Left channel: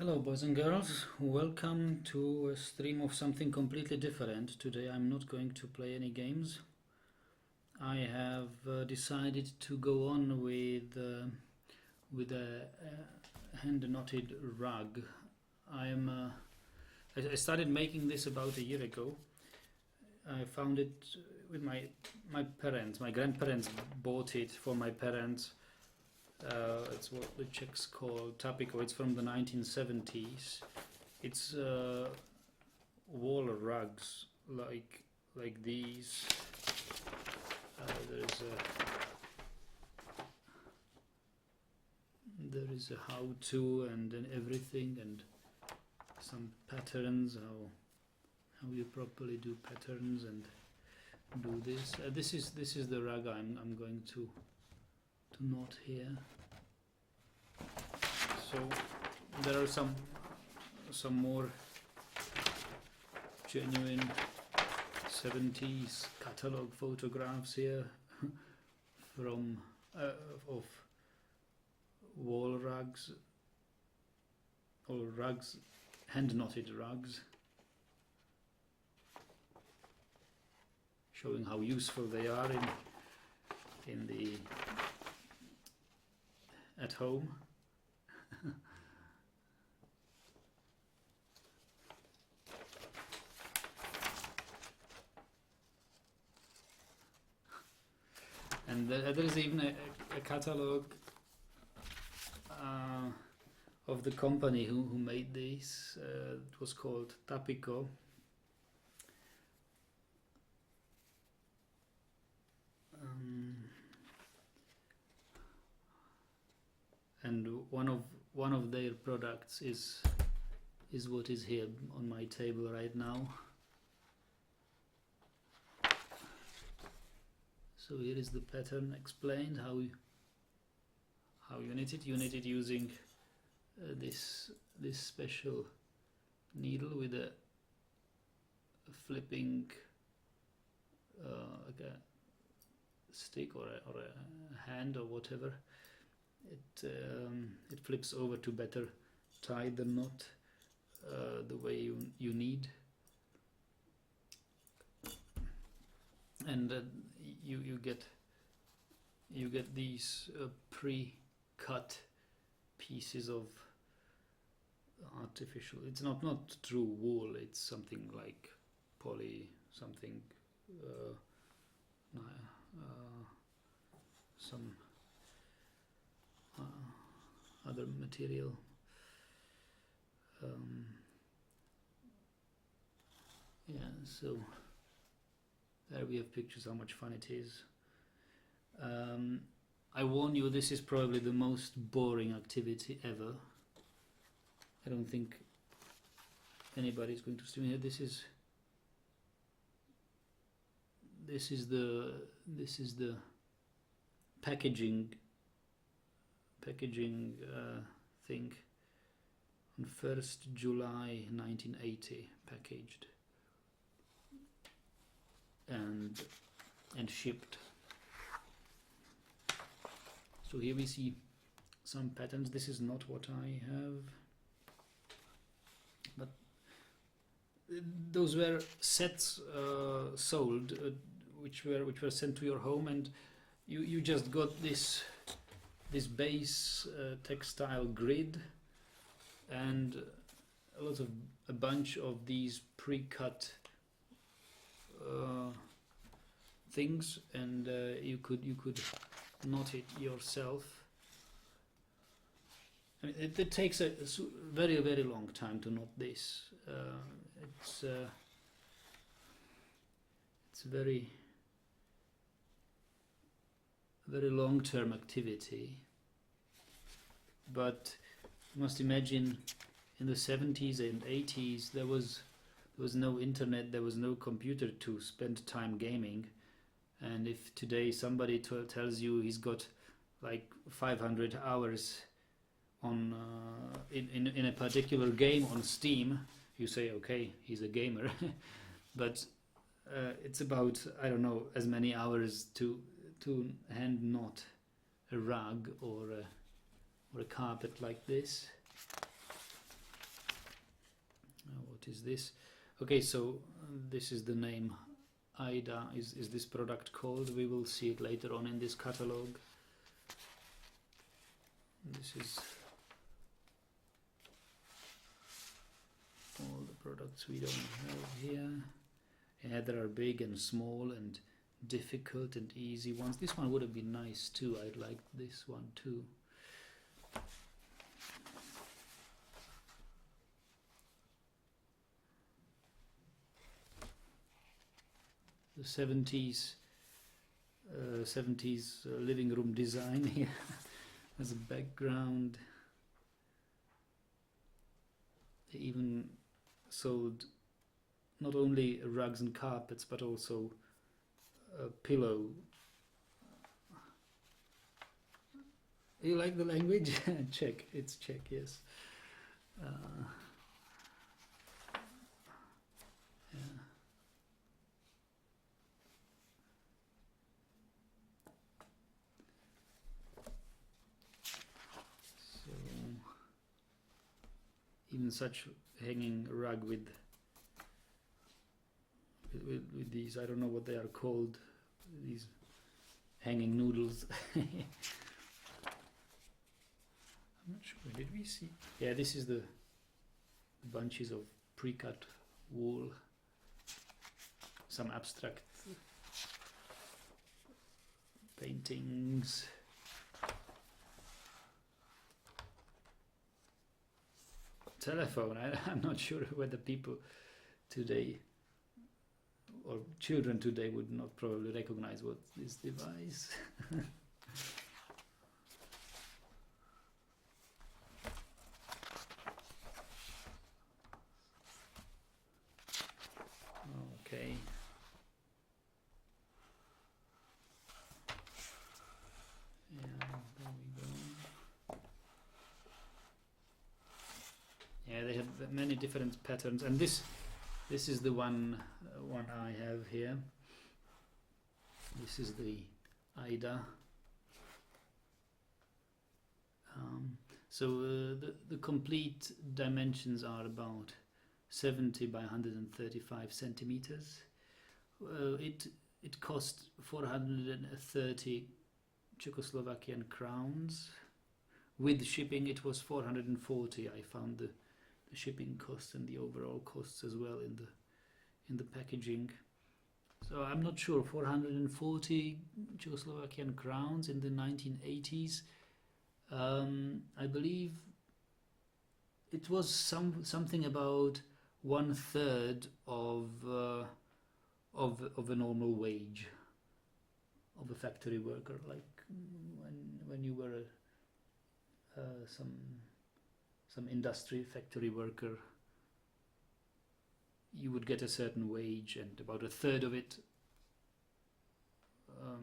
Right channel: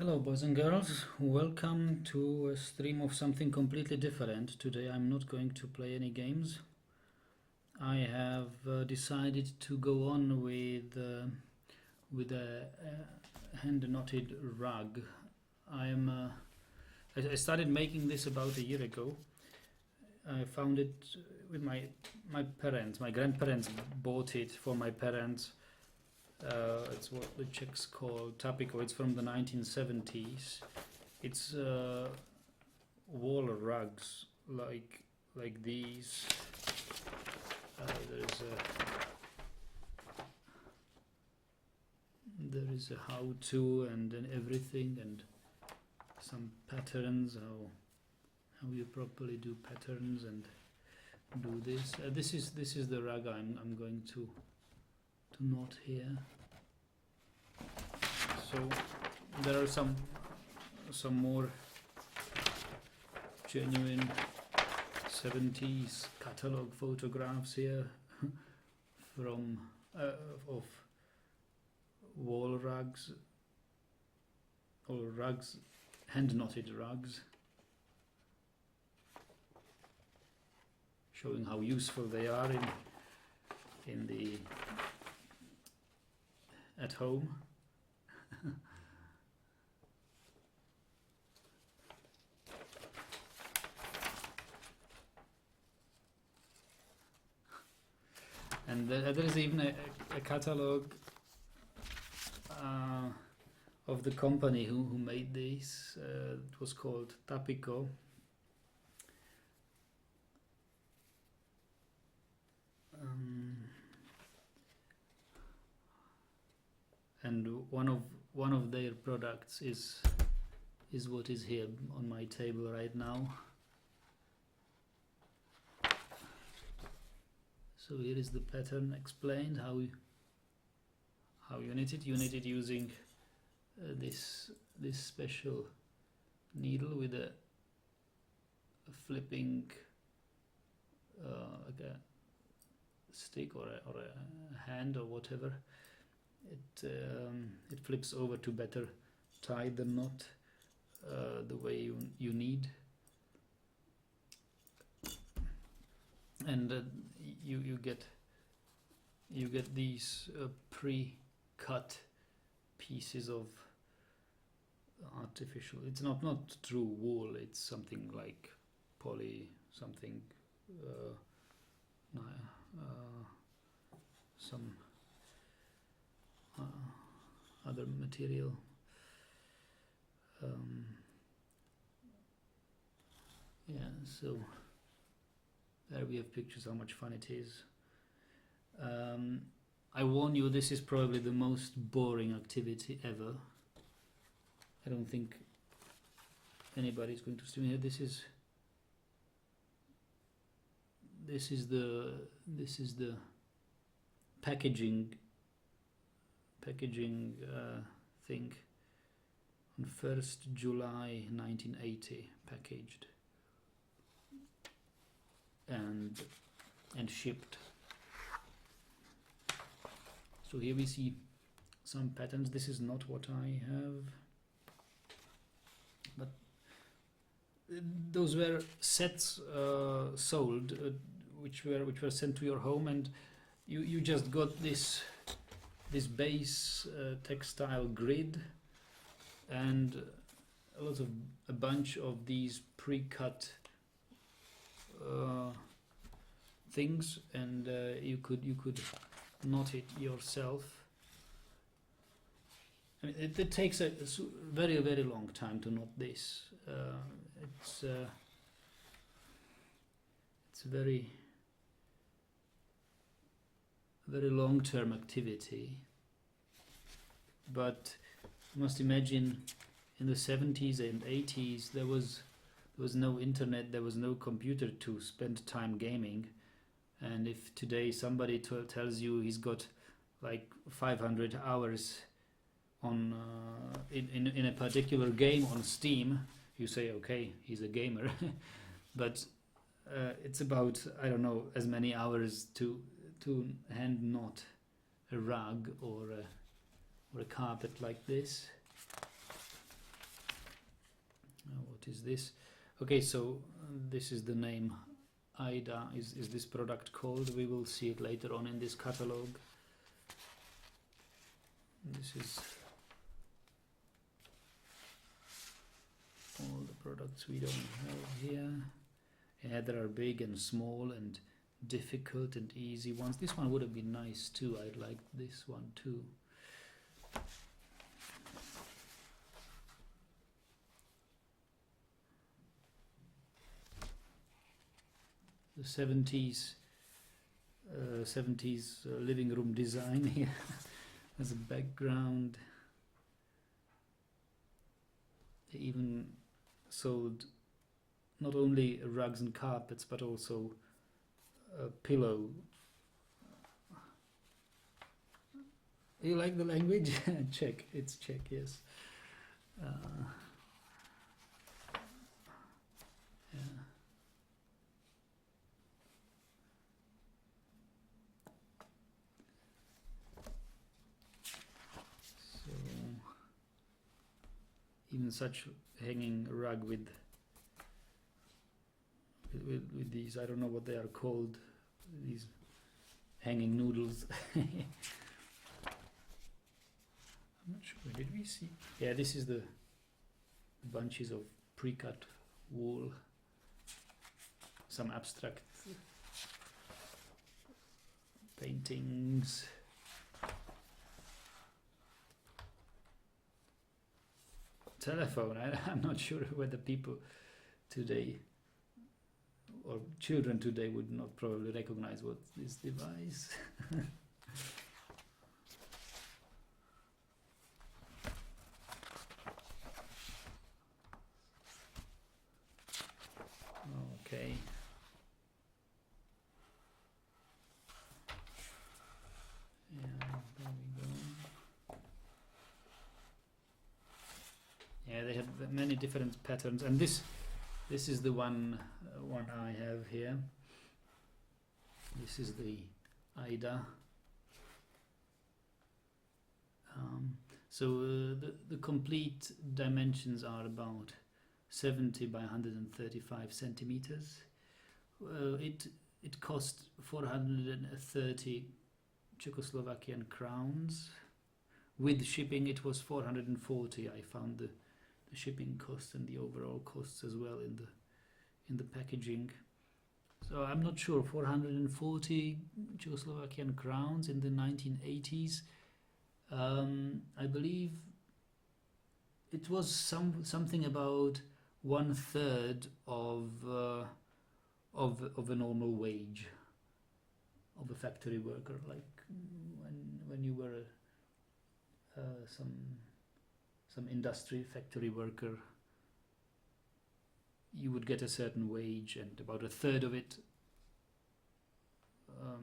Hello, boys and girls. Welcome to a stream of something completely different. Today I'm not going to play any games. I have decided to go on with a hand-knotted rug. I started making this about a year ago. I found it with my parents. My grandparents bought it for my parents. It's what the Czechs call tapiko. It's from the 1970s. It's wall rugs like these. There is a how-to and then everything and some patterns, how you properly do patterns and do this. This is the rug I'm going to knot here. So there are some more genuine 70s catalog photographs here from of wall rugs or rugs, hand knotted rugs, showing how useful they are in the at home. And there is even a catalogue of the company who made this. It was called Tapiko. And one of their products is what is here on my table right now. So here is the pattern explained, how you knit it. You knit it using this special needle with a flipping like a stick or a hand or whatever. It flips over to better tie the knot the way you need. And you get these pre-cut pieces of artificial. It's not true wool. It's something like poly something. Some other material. Yeah, so there we have pictures how much fun it is. I warn you, this is probably the most boring activity ever. I don't think anybody's going to stream here. This is the packaging thing on 1st July 1980, packaged and shipped. So here we see some patterns. This is not what I have, but those were sets sold, which were sent to your home, and you just got this base textile grid and a bunch of these pre-cut things, and you could knot it yourself. I mean, it takes a very long time to knot this. It's very long-term activity, but you must imagine in the 70s and 80s there was no internet, there was no computer to spend time gaming, and if today somebody tells you he's got like 500 hours on in a particular game on Steam, you say okay, he's a gamer. But it's about, I don't know, as many hours to hand knot a rug or a carpet like this. is this? Okay, so this is the name. Aida is this product called. We will see it later on in this catalog. This is all the products we don't have here. Yeah, there are big and small and difficult and easy ones. This one would have been nice too. I'd like this one too. The 70s living room design here as a background. They even sold not only rugs and carpets but also a pillow. You like the language? Czech, it's Czech, yes. Yeah. So even such hanging rug with these, I don't know what they are called, these hanging noodles. I'm not sure, did we see? Yeah, this is the bunches of pre-cut wool, some abstract paintings. Telephone, I'm not sure whether people today or children today would not probably recognize what this device. Okay. Yeah, there we go. Yeah, they have many different patterns, and this is the one I have here. This is the Aida. So the complete dimensions are about 70 by 135 centimeters. It cost 430 Czechoslovakian crowns. With shipping, it was 440. I found the shipping costs and the overall costs as well in the packaging. So I'm not sure, 440 Czechoslovakian crowns in the 1980s. I believe it was something about 1/3 of a normal wage of a factory worker, like when you were some industry factory worker, you would get a certain wage, and about 1/3 of it,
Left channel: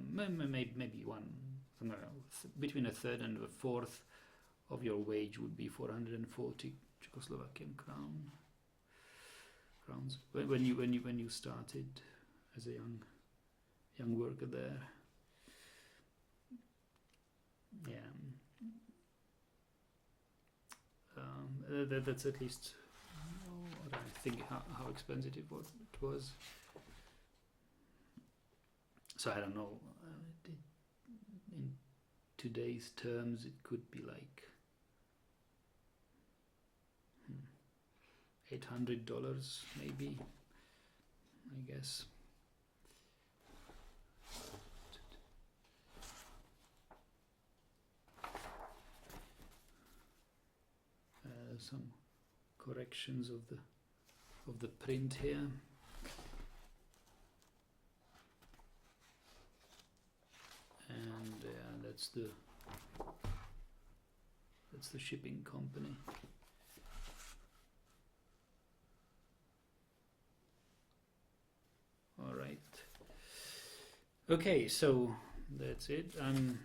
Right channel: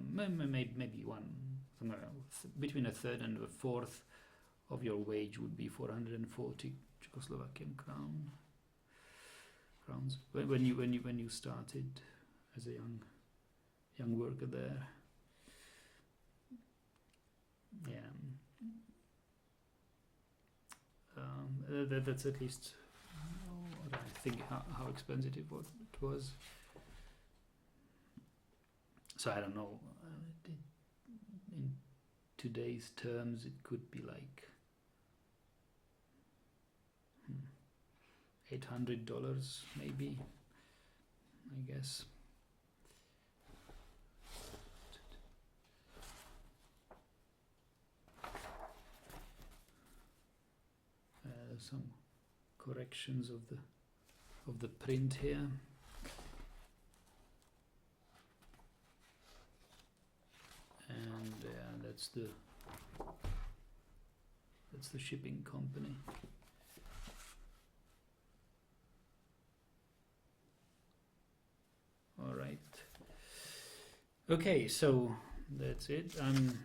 maybe between 1/3 and 1/4 of your wage would be 440 Czechoslovakian crowns when you started as a young worker there. Yeah. That's at least what I think, how expensive it was. So I don't know, in today's terms it could be like $800 maybe, I guess. Some corrections of the print here. And that's the shipping company. All right. Okay, so that's it. I'm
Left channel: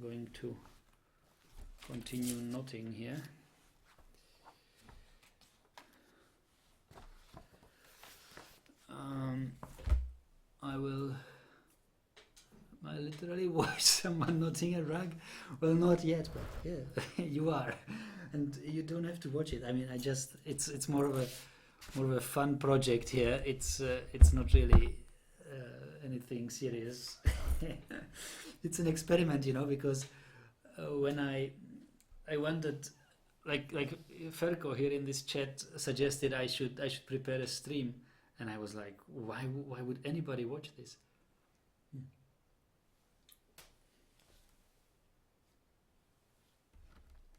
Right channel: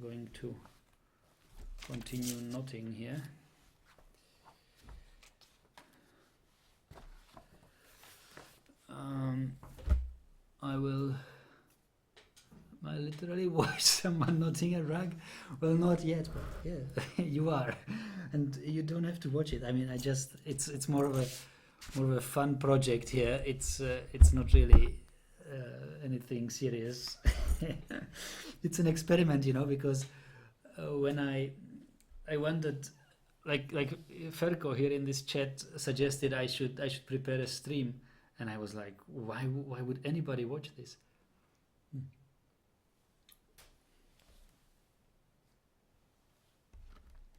going to continue knotting here. I literally watched someone knotting a rug. Well, not yet, but yeah, you are, and you don't have to watch it. I mean, it's more of more of a fun project here. It's not really anything serious. It's an experiment, because when I wanted, like Ferko here in this chat suggested I should prepare a stream, and I was like, why would anybody watch this?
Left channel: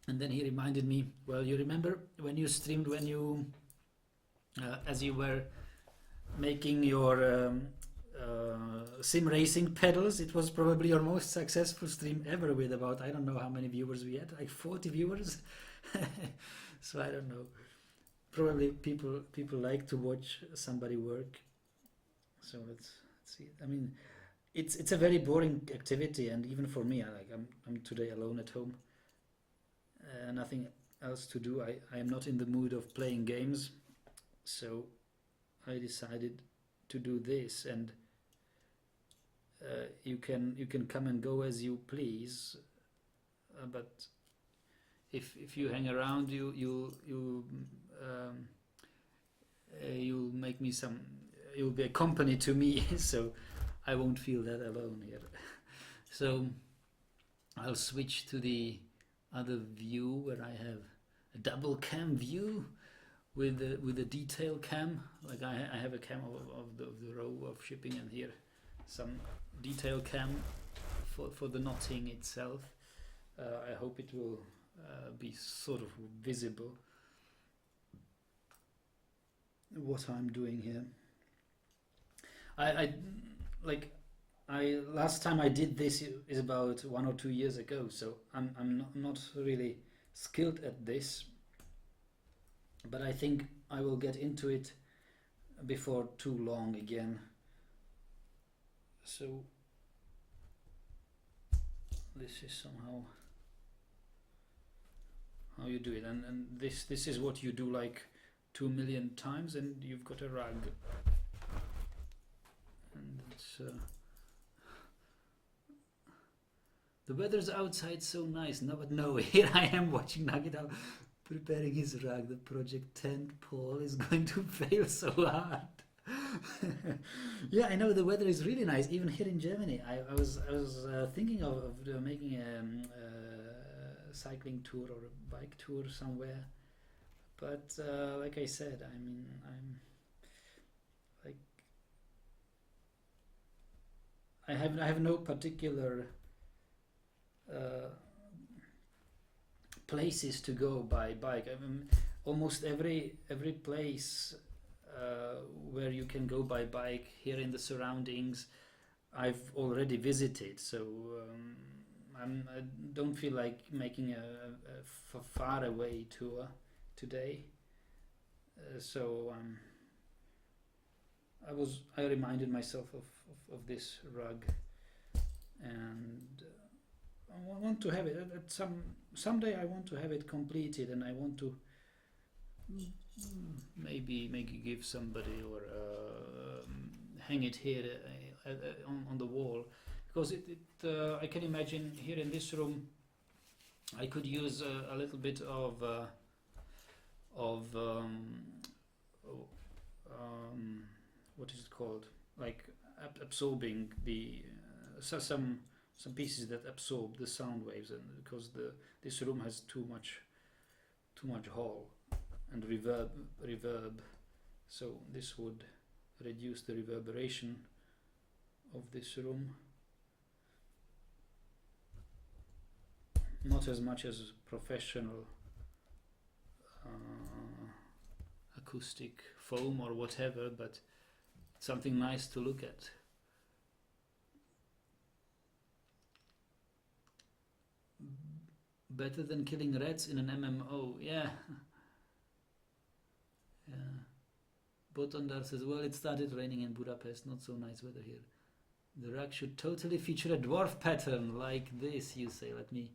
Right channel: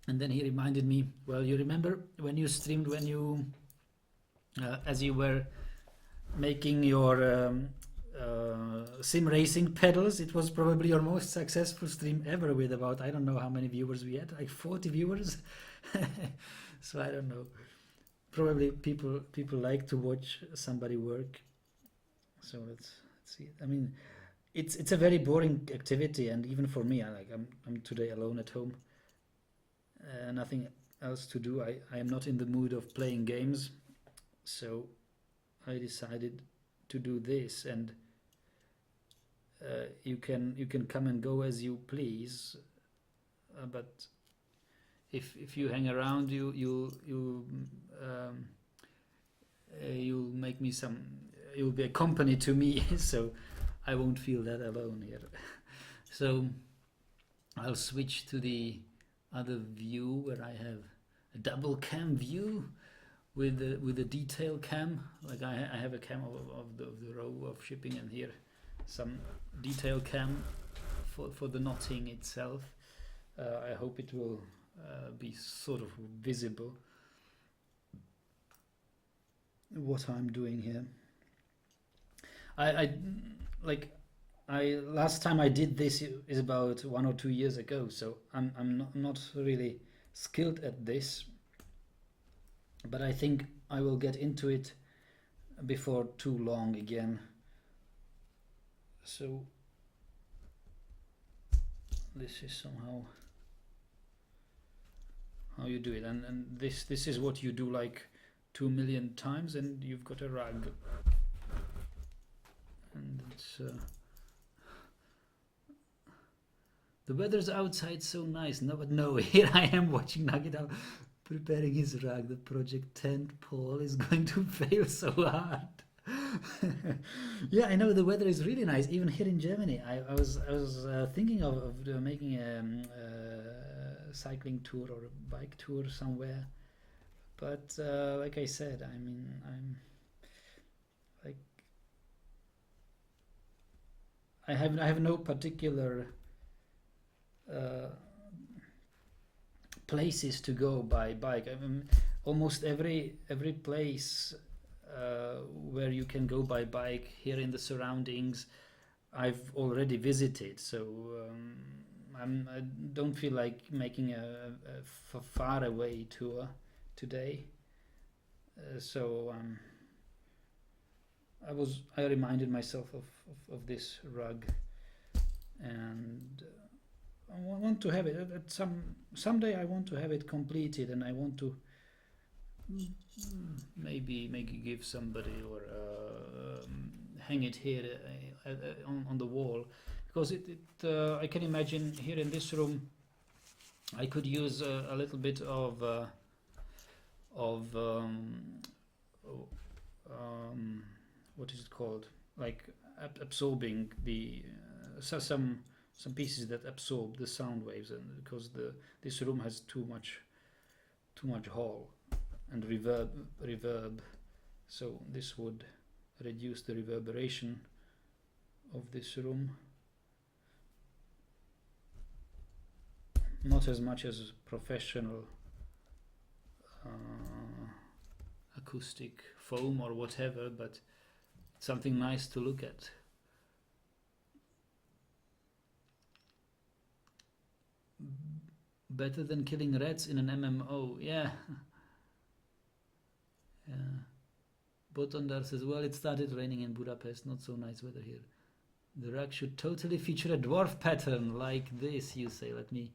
And then he reminded me, well, you remember when you streamed, when you as you were making your sim racing pedals, it was probably your most successful stream ever, with about, I don't know how many viewers we had, like 40 viewers. So I don't know, probably people like to watch somebody work. So let's see. I mean, it's a very boring activity, and even for me, I'm today alone at home, nothing else to do. I am not in the mood of playing games, so I decided to do this. And you can come and go as you please, but if you hang around, you'll make me some. You'll be a company to me, so I won't feel that alone here. So I'll switch to the other view where I have a double cam view with a detail cam. Like I have a cam of the row of shipping, and here some detail cam for the knotting itself. I hope it will be sort of visible what I'm doing here. I last time I did this is about 1 or 2 years ago, so I'm not really skilled at this, but I think I will get into it before too long again. So this is somehow how you do it, and this is what you do like 2 million times, and you've got a rug. And it's the weather's outside so nice. No, but no, here I am watching Nagita preparing his rug. The project tent pole is going to fail so hard. Yeah, I know the weather is really nice, even here in Germany. I was thinking of making a cycling tour or a bike tour somewhere, but like I said, I mean, I'm like, I have no particular places to go by bike. I mean, almost every place where you can go by bike here in the surroundings, I've already visited. So I don't feel like making a far away tour today. So I reminded myself of this rug, and I want to have it at someday. I want to have it completed, and I want to maybe give somebody, or hang it here on the wall, because I can imagine here in this room I could use a little bit of what is it called, like absorbing the some pieces that absorb the sound waves, and because this room has too much hall and reverb, so this would reduce the reverberation of this room. Not as much as professional acoustic foam or whatever, but something nice to look at. Better than killing rats in an MMO, yeah. Yeah. Botondar says, well, it started raining in Budapest, not so nice weather here. The rug should totally feature a dwarf pattern like this, you say. Let me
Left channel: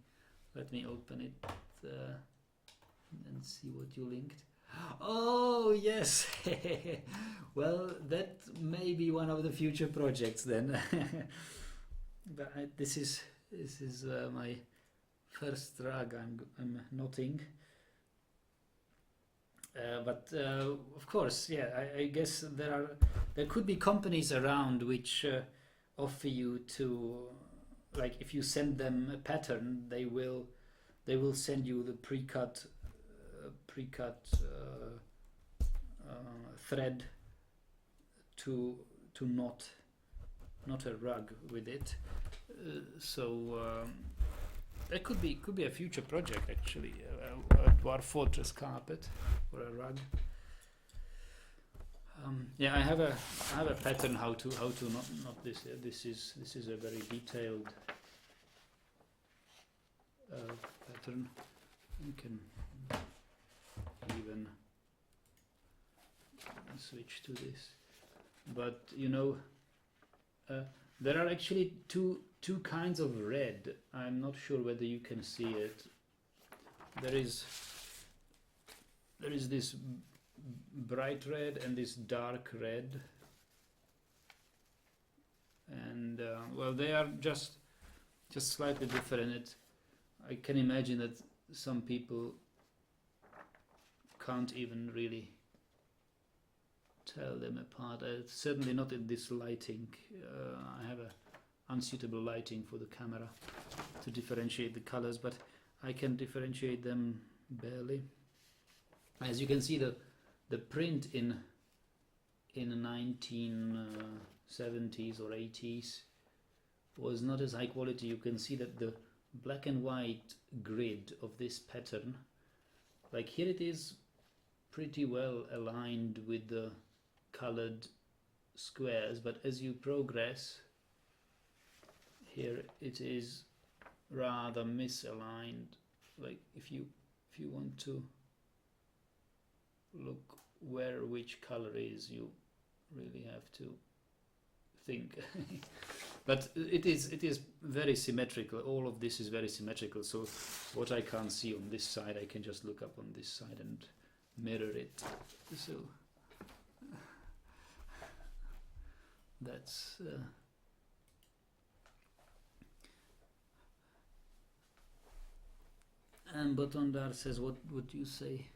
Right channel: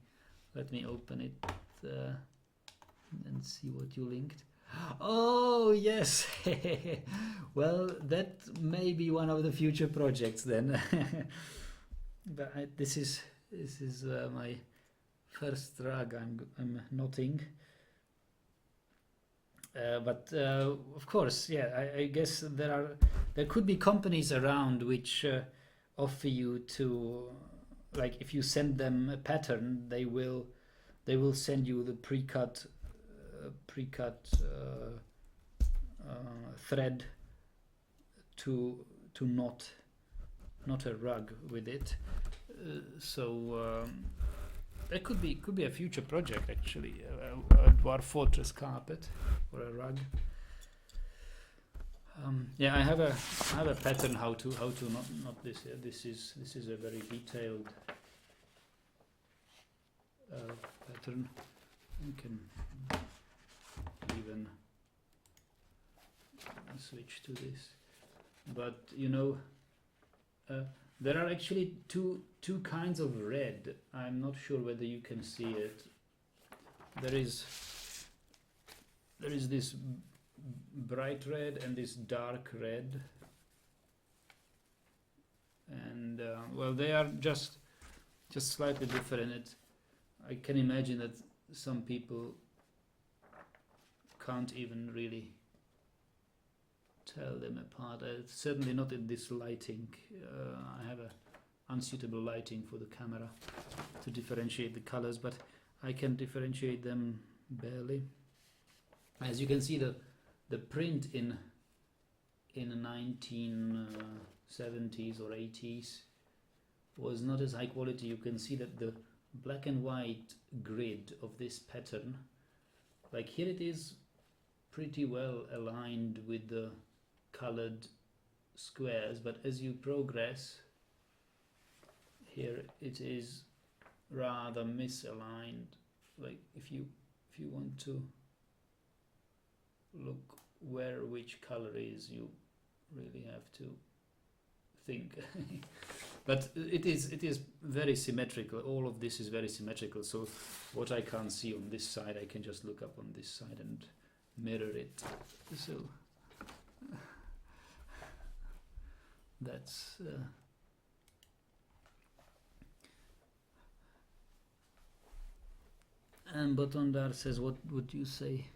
open it and see what you linked. Oh yes. Well, that may be one of the future projects then. But this is my first rug I'm knotting, But of course, yeah, I guess there could be companies around which offer you to, like, if you send them a pattern, they will send you the precut thread to knot a rug with it. So that could be a future project actually, a dwarf fortress carpet or a rug. Yeah, I have a pattern how to not this. This is a very detailed pattern. You can even switch to this, but you know, there are actually two kinds of red. I'm not sure whether you can see it. There is this bright red and this dark red, and well, they are just slightly different. I can imagine that some people can't even really tell them apart. Certainly not in this lighting. I have a unsuitable lighting for the camera to differentiate the colors, but I can differentiate them barely. As you can see, the print in the 1970s or 80s was not as high quality. You can see that the black and white grid of this pattern, like here it is pretty well aligned with the colored squares, but as you progress here it is rather misaligned. Like if you want to look where which color is, you really have to think. But it is very symmetrical. All of this is very symmetrical, so what I can't see on this side I can just look up on this side and mirror it. So that's and Botondar says, what would you say?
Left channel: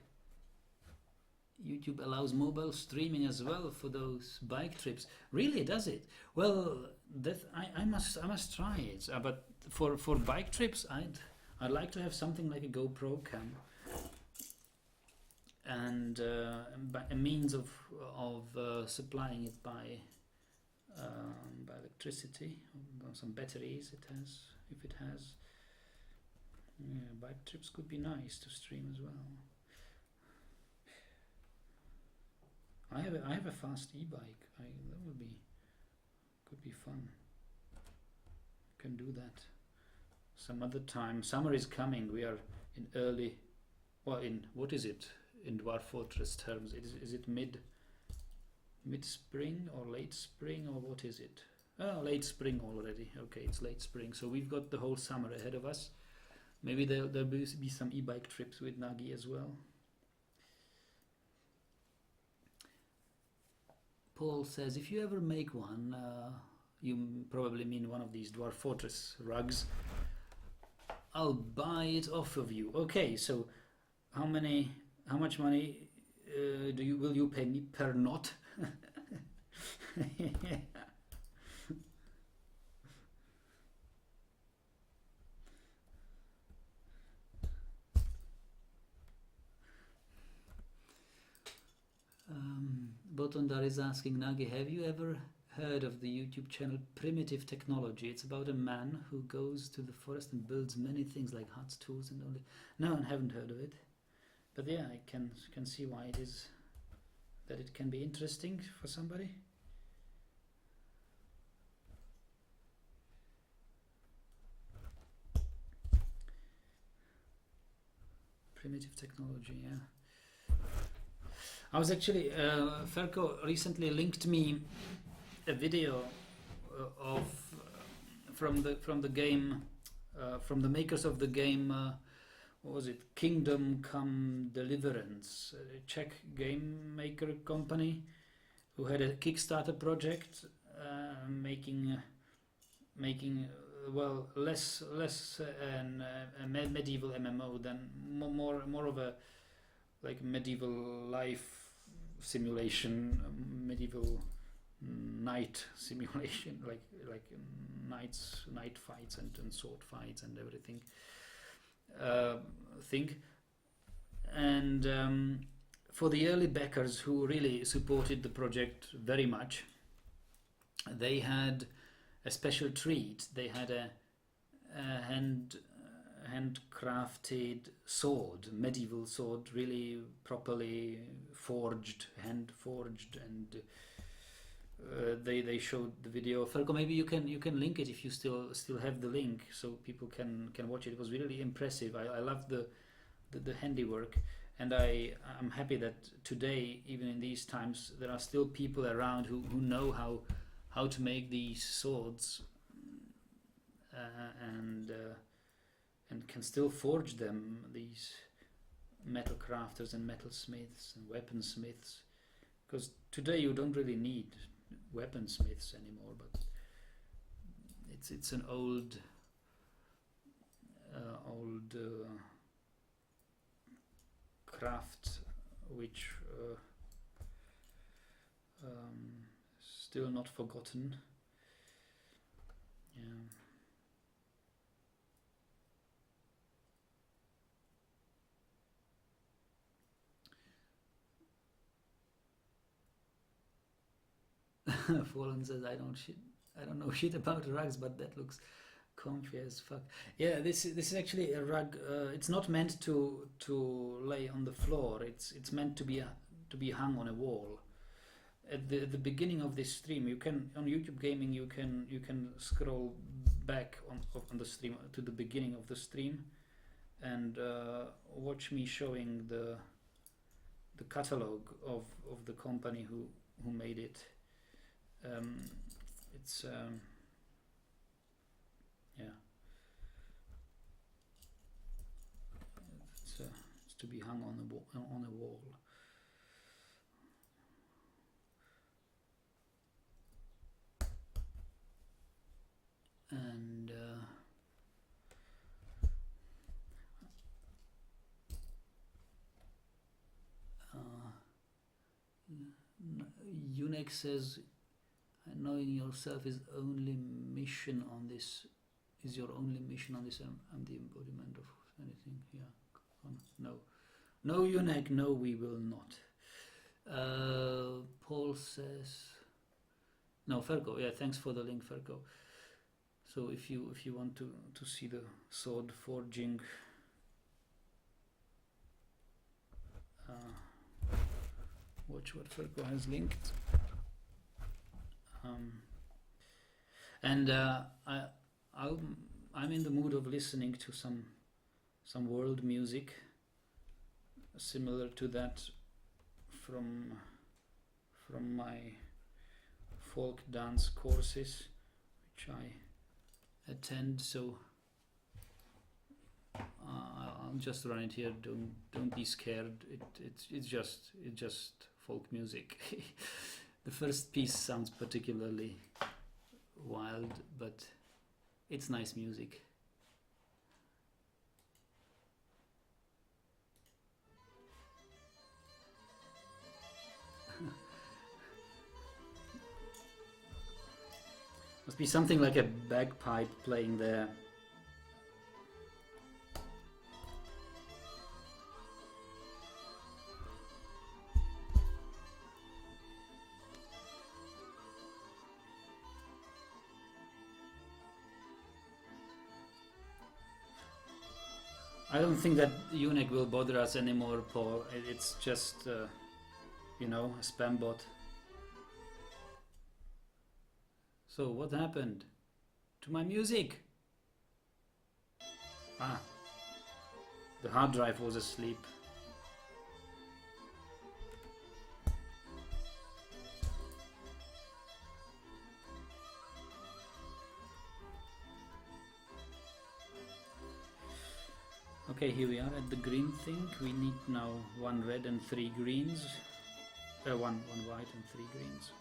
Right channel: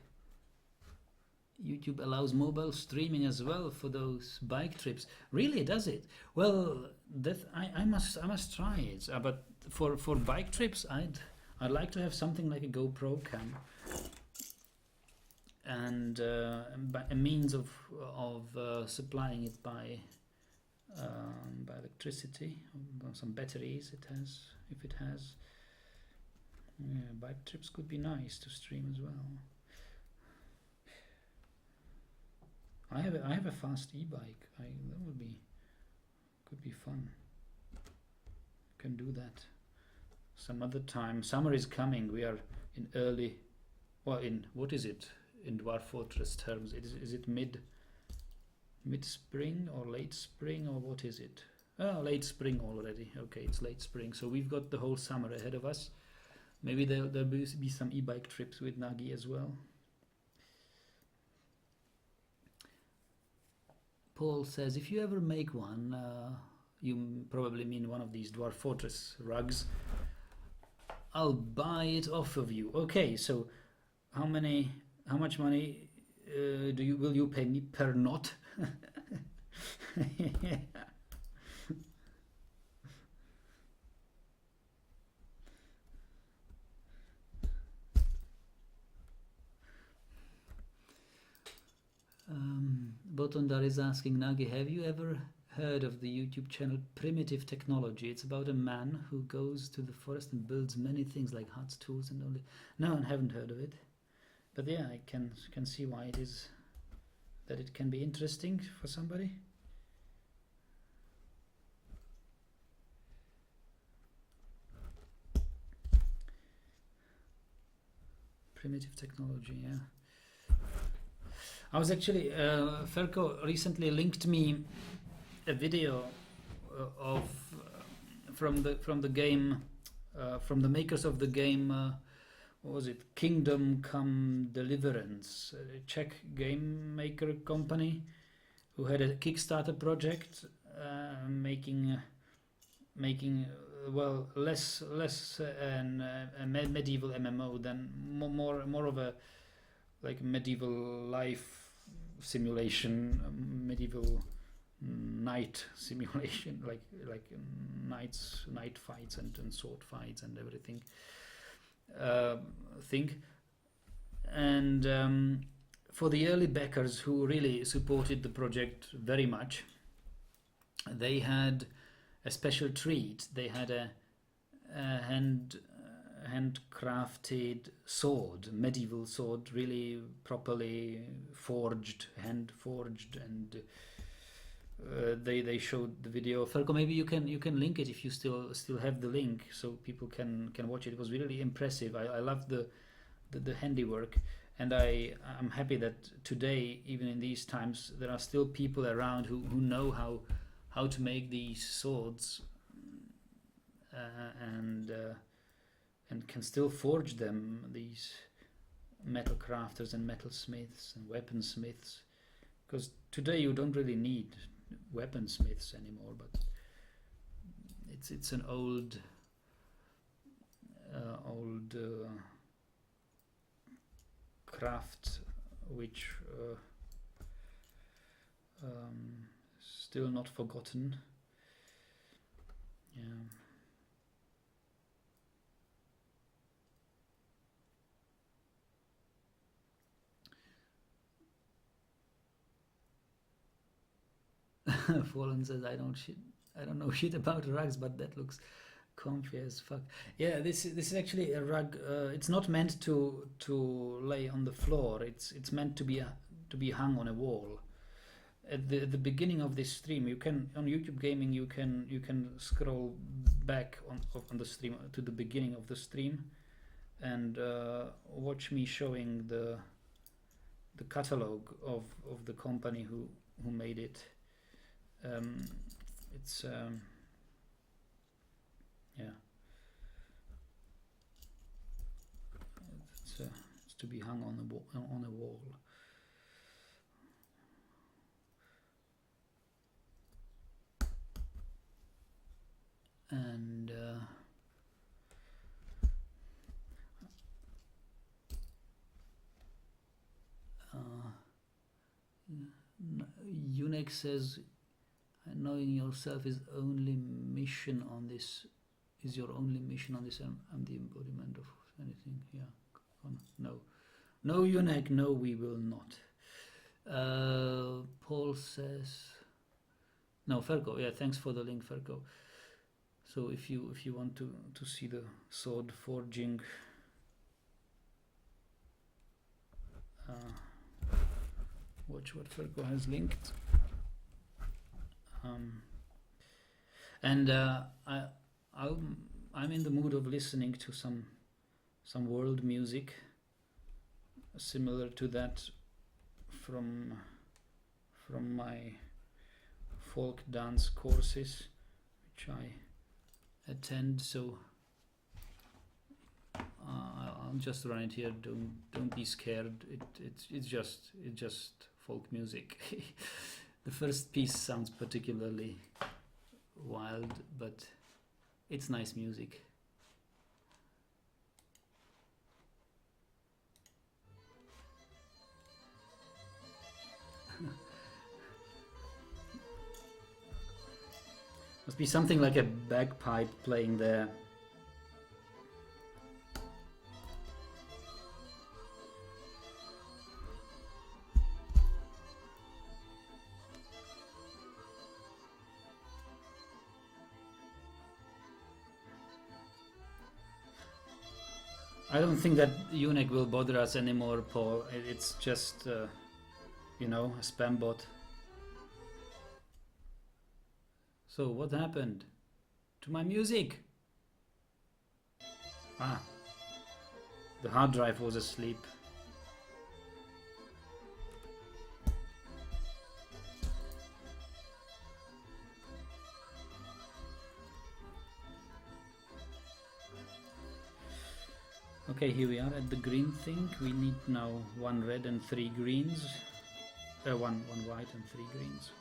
YouTube allows mobile streaming as well for those bike trips. Really, does it? Well, that I must try it. But for bike trips, I'd like to have something like a GoPro cam, and a means of supplying it by electricity, or some batteries. If it has. Yeah, bike trips could be nice to stream as well. I have a fast e-bike. That could be fun. Can do that some other time. Summer is coming. We are in early, well, in what is it in Dwarf Fortress terms? Is it mid spring or late spring, or what is it? Oh, late spring already. Okay, it's late spring. So we've got the whole summer ahead of us. Maybe there'll be some e-bike trips with Nagi as well. Paul says, if you ever make one, you probably mean one of these Dwarf Fortress rugs, I'll buy it off of you. Okay, so how much money will you pay me per knot? Botondar is asking, Nagi, have you ever heard of the YouTube channel Primitive Technology? It's about a man who goes to the forest and builds many things like huts, tools, and all that. No, I haven't heard of it. But yeah, I can see why it is that it can be interesting for somebody. Primitive Technology, yeah. I was actually, Ferko recently linked me a video from the game, from the makers of the game, what was it, Kingdom Come Deliverance, a Czech game maker company who had a Kickstarter project making well, less a medieval MMO than more of a like medieval life simulation, medieval night simulation, like night fights and sword fights and everything thing. And for the early backers who really supported the project very much, they had a special treat. They had a handcrafted sword, medieval sword, really properly forged, hand forged, and they showed the video. Ferko, maybe you can link it if you still have the link, so people can watch it. It was really impressive. I love the handiwork, and I'm happy that today, even in these times, there are still people around who know how to make these swords, and can still forge them. These metal crafters and metal smiths and weaponsmiths, because today you don't really need weaponsmiths anymore, but it's an old craft which still not forgotten. Yeah. Fallen says, I don't know shit about rugs, but that looks comfy as fuck. Yeah, this is actually a rug. It's not meant to lay on the floor. It's meant to be hung on a wall. At the beginning of this stream, you can, on YouTube Gaming, you can scroll back on the stream to the beginning of the stream, and watch me showing the catalog of the company who made it. It's yeah, it's to be hung on a wall. And Unex says, knowing yourself is only mission on this. Is your only mission on this? I'm the embodiment of anything. Yeah. No, Unek. No, we will not. Paul says, no, Ferko. Yeah, thanks for the link, Ferko. So if you want to see the sword forging, watch what Ferko has linked. And I'm in the mood of listening to some world music similar to that from my folk dance courses, which I attend. So I'll just run it here. Don't be scared. It's just folk music. The first piece sounds particularly wild, but it's nice music. Must be something like a bagpipe playing there. I don't think that Unek will bother us anymore, Paul. It's just, a spam bot. So what happened to my music? The hard drive was asleep. Okay, here we are at the green thing. We need now 1 red and 3 greens. One white and 3 greens.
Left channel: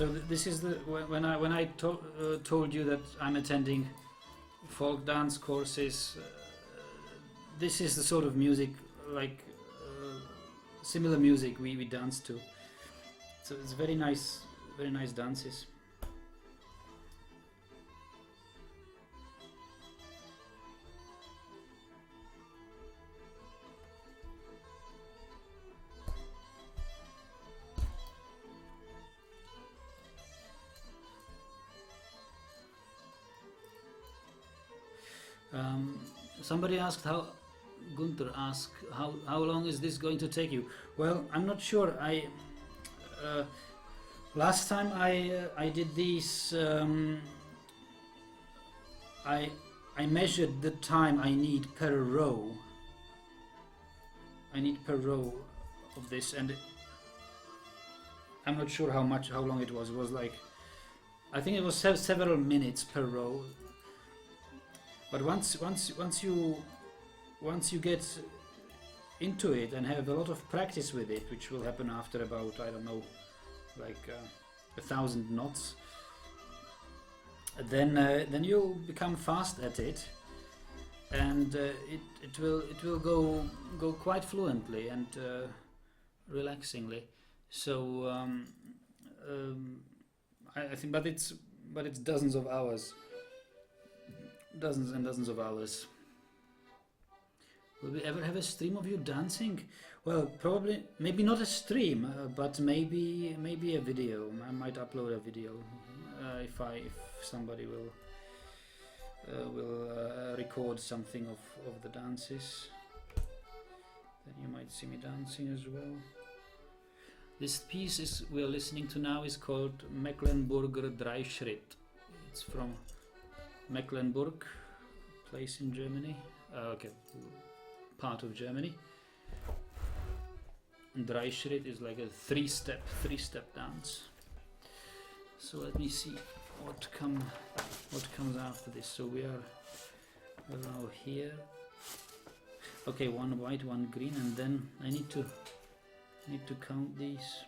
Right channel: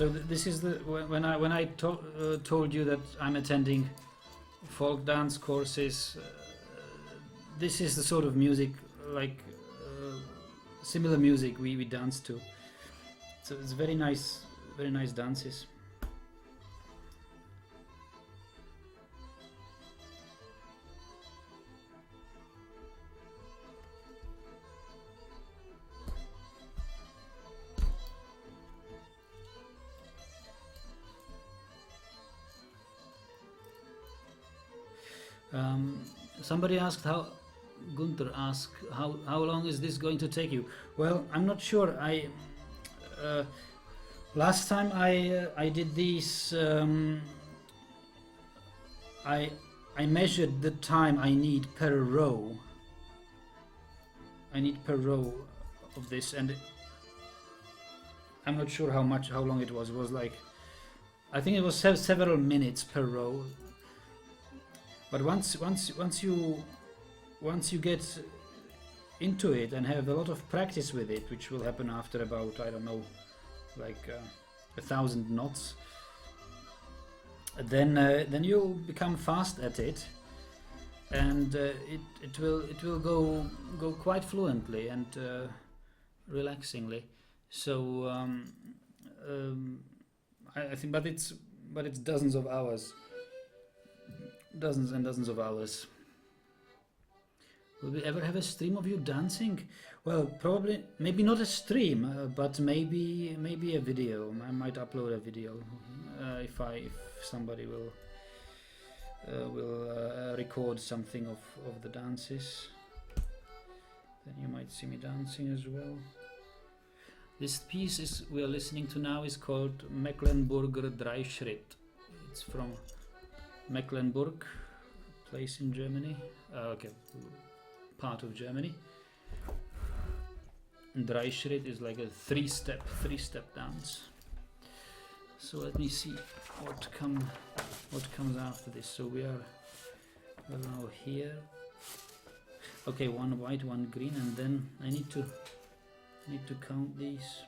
So this is the when I told you that I'm attending folk dance courses. This is the sort of music, like similar music we dance to. So it's very nice dances. Somebody asked Gunther asked how long is this going to take you? Well, I'm not sure. Last time I did these, I measured the time I need per row. I need per row of this, and I'm not sure how long it was. It was like, I think it was several minutes per row. But once you get into it and have a lot of practice with it, which will happen after about, I don't know, like 1,000 knots, then you'll become fast at it, and it will go quite fluently and relaxingly. So I think, but it's dozens of hours. Dozens and dozens of hours. Will we ever have a stream of you dancing? Well, probably, maybe not a stream, but maybe a video. I might upload a video if somebody will record something of the dances. Then you might see me dancing as well. This piece we are listening to now is called Mecklenburger Dreischritt. It's from Mecklenburg, place in Germany. Okay, part of Germany. And Dreischritt is like a three-step dance. So let me see what comes after this. So we are now here. Okay, one white, one green, and then I need to count these.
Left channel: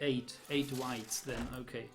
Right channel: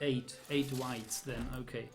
8 whites then. Okay.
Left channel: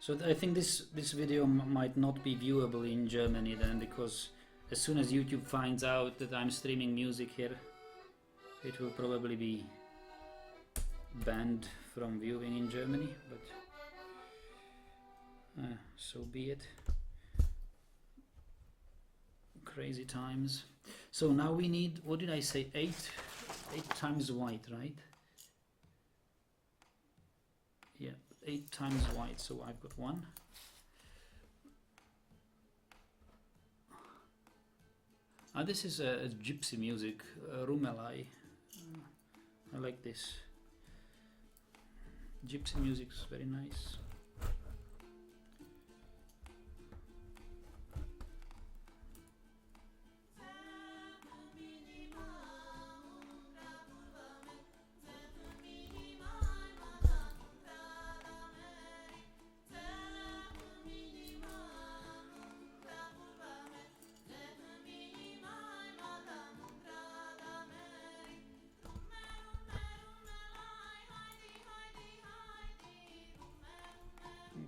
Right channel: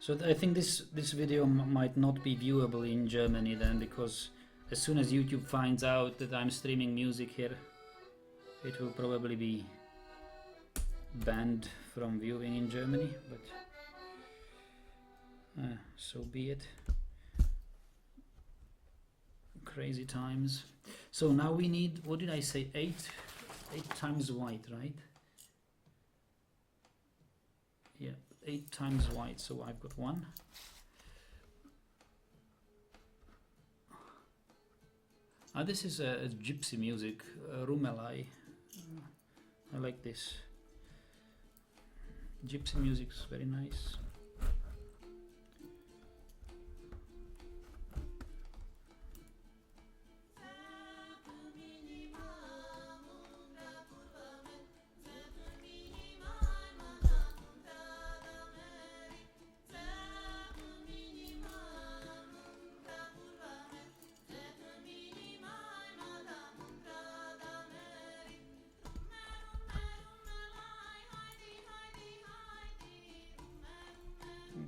So I think this video might not be viewable in Germany then, because as soon as YouTube finds out that I'm streaming music here, it will probably be banned from viewing in Germany, but so be it. Crazy times. So now we need, what did I say, 8 times white, right? Yeah, 8 times white, so I've got 1. This is a gypsy music, Rumelai. I like this. Gypsy music is very nice.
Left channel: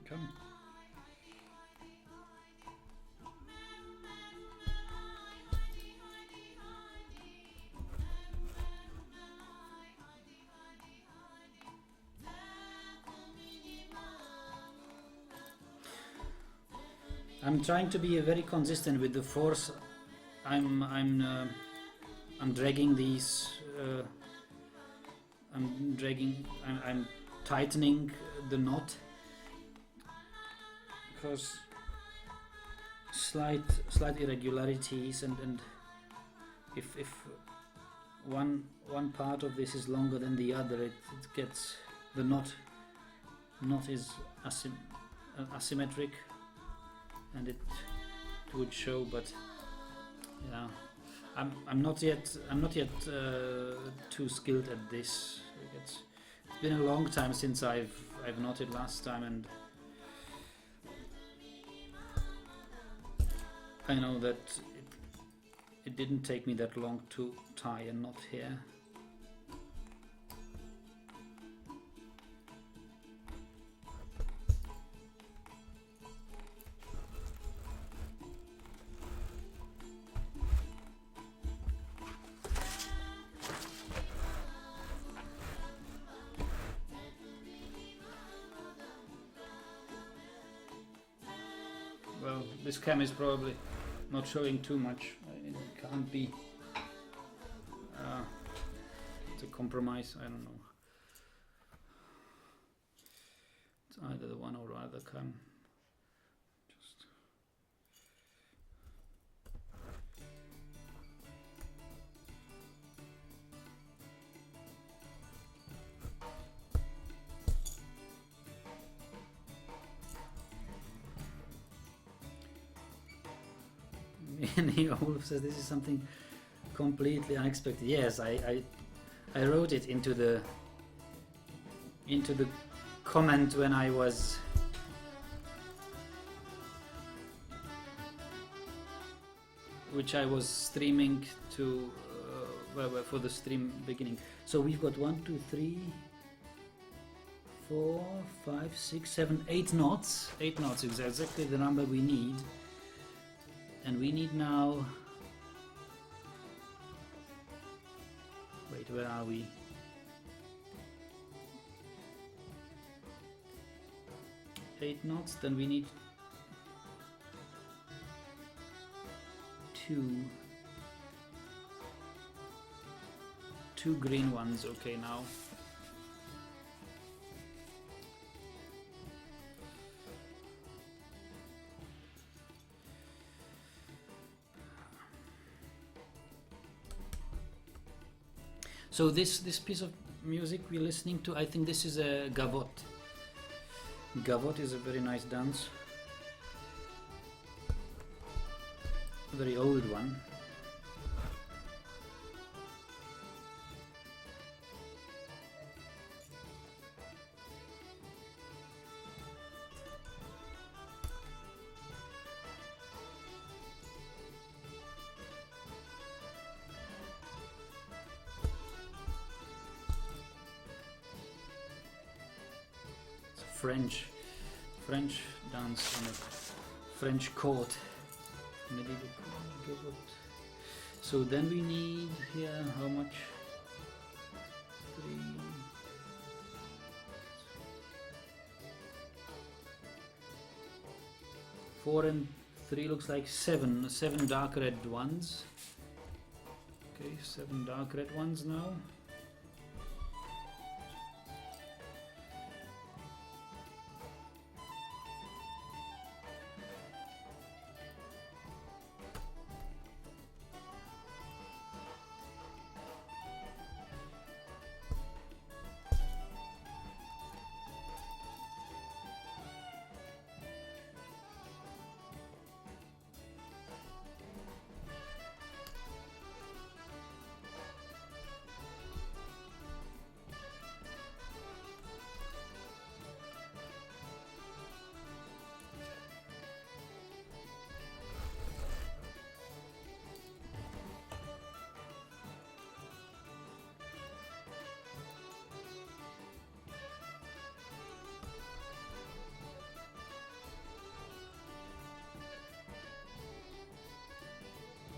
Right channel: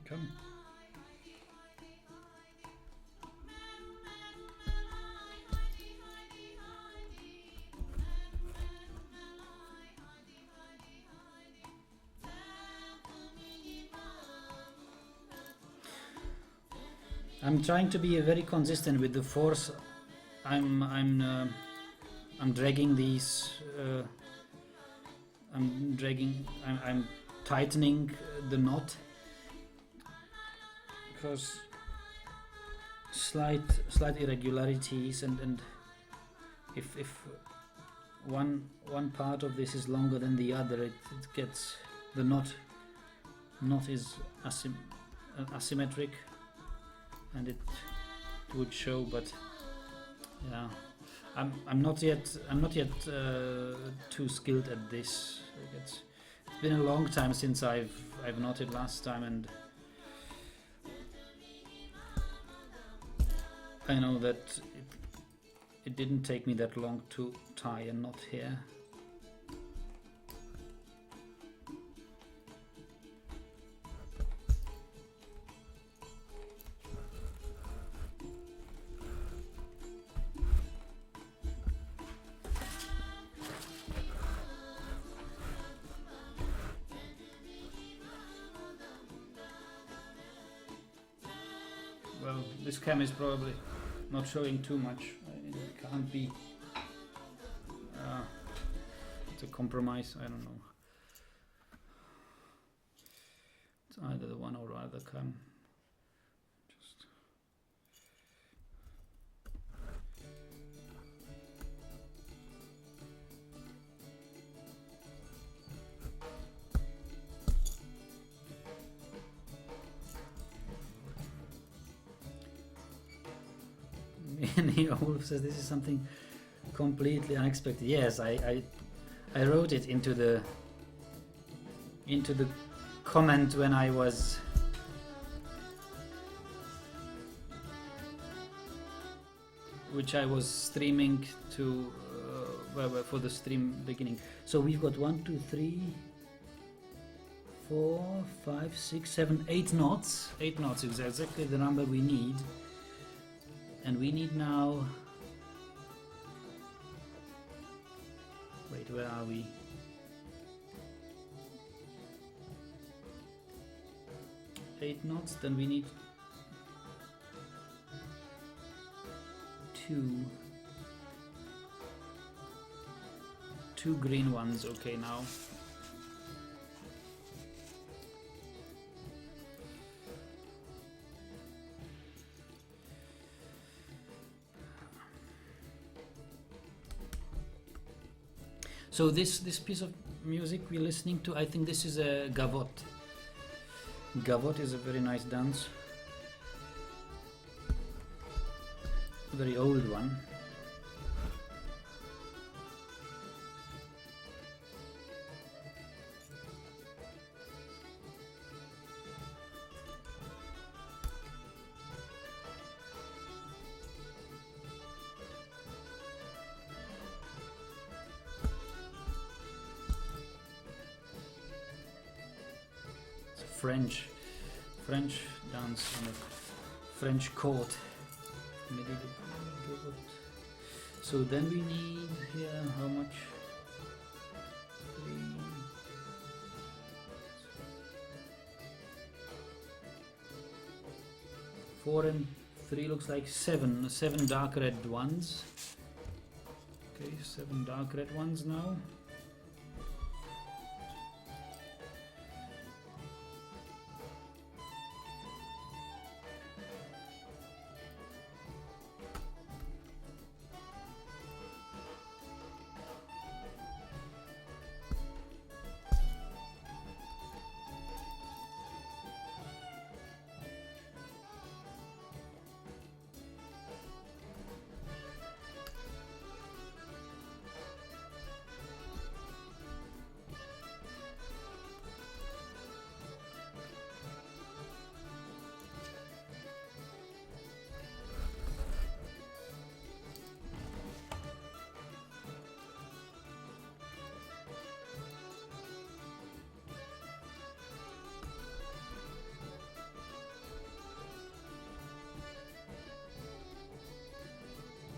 Come. I'm trying to be very consistent with the force. I'm dragging these. I'm tightening the knot cause slight irregularities, and if one part of this is longer than the other, it gets, the knot is asymmetric, and it would show. But yeah, I'm not yet too skilled at this. It's been a long time since I've knotted last time, and I know that it didn't take me that long to tie a knot here. Well, this cam is probably not showing too much. It can't be. It's a compromise. I don't know. It's either the one or the other cam. Just. Olaf says this is something completely unexpected. Yes, I wrote it into the comment when I was streaming to for the stream beginning. So we've got 1, 2, 3, 4, 5, 6, 7, 8 knots. 8 knots is exactly the number we need. And we need now, wait, where are we? Eight knots, then we need two green ones. Okay, now. So this piece of music we're listening to, I think this is a gavotte. Gavotte is a very nice dance. A very old one. French dance on a French court. So then we need here how much? 3, 4 and 3 looks like 7 dark red ones. Okay, 7 dark red ones now.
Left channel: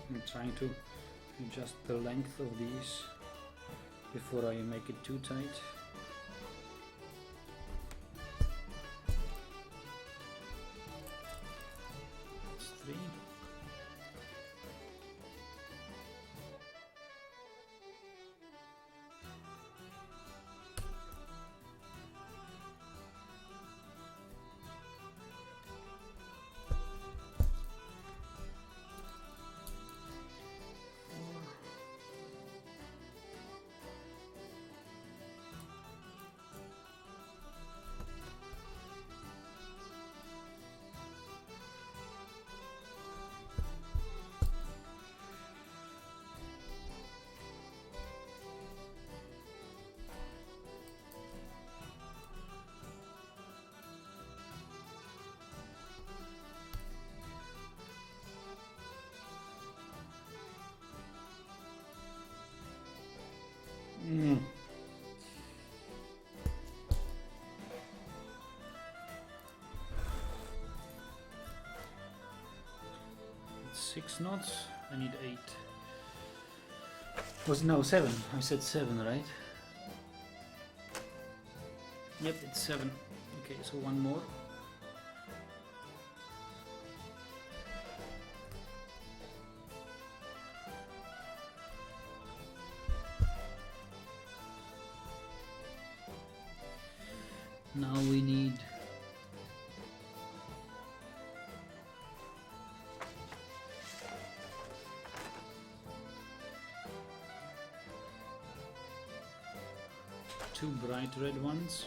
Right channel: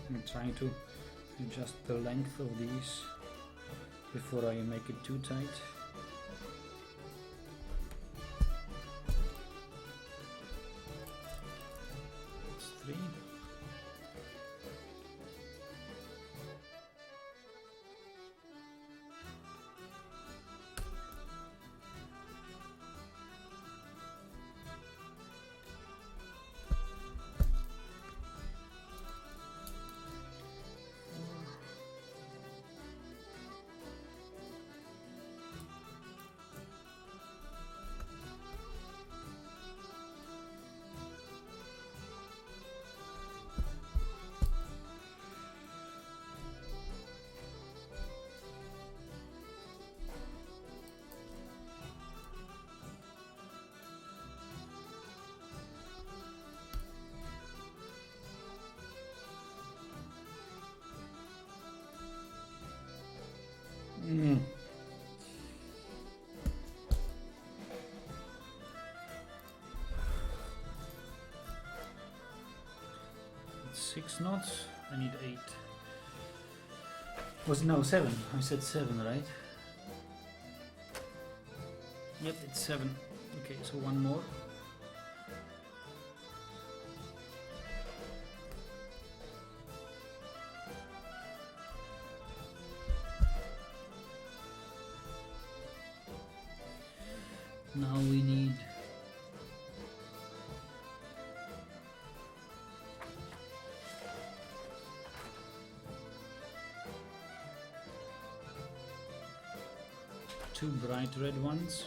I'm trying to adjust the length of these before I make it too tight. That's 3. 6 knots. I need 8. Was no 7. I said 7, right? Yep, it's 7. Okay, so one more. Now we need 2 bright red ones.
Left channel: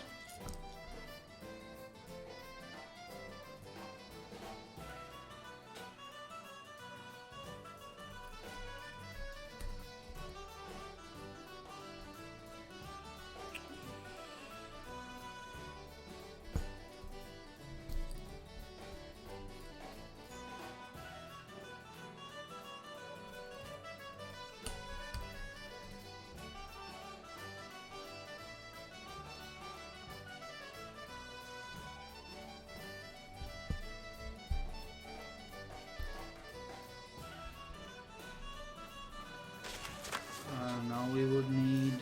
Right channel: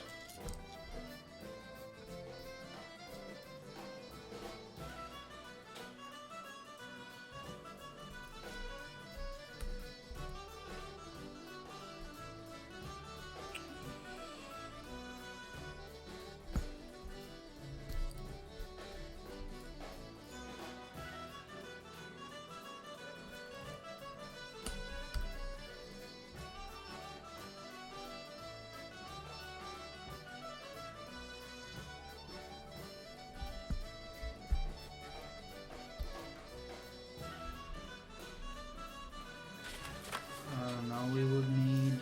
Now we would need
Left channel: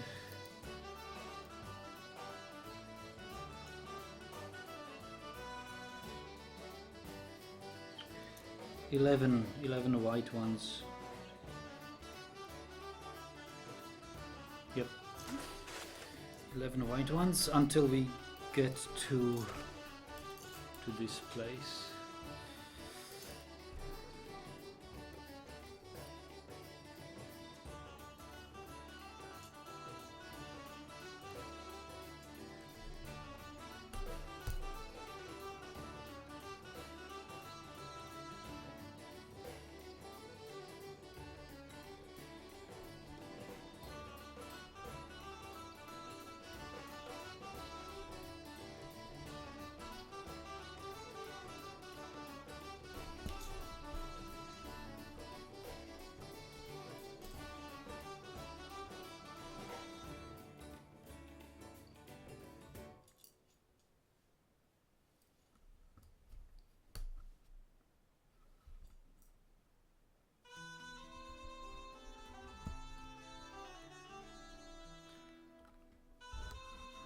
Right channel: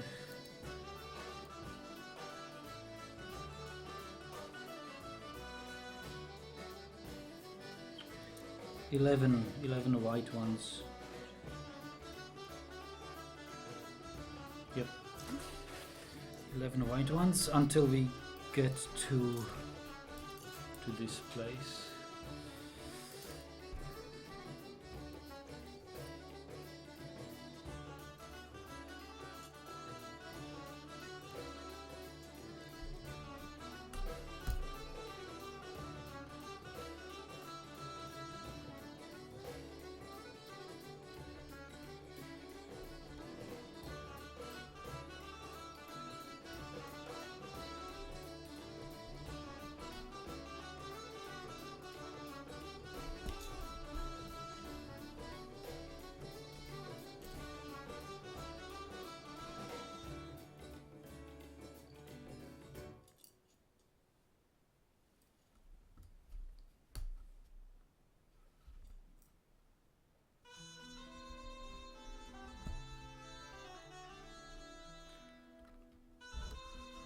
11 white ones. Yep, 11 white ones until we get to this place.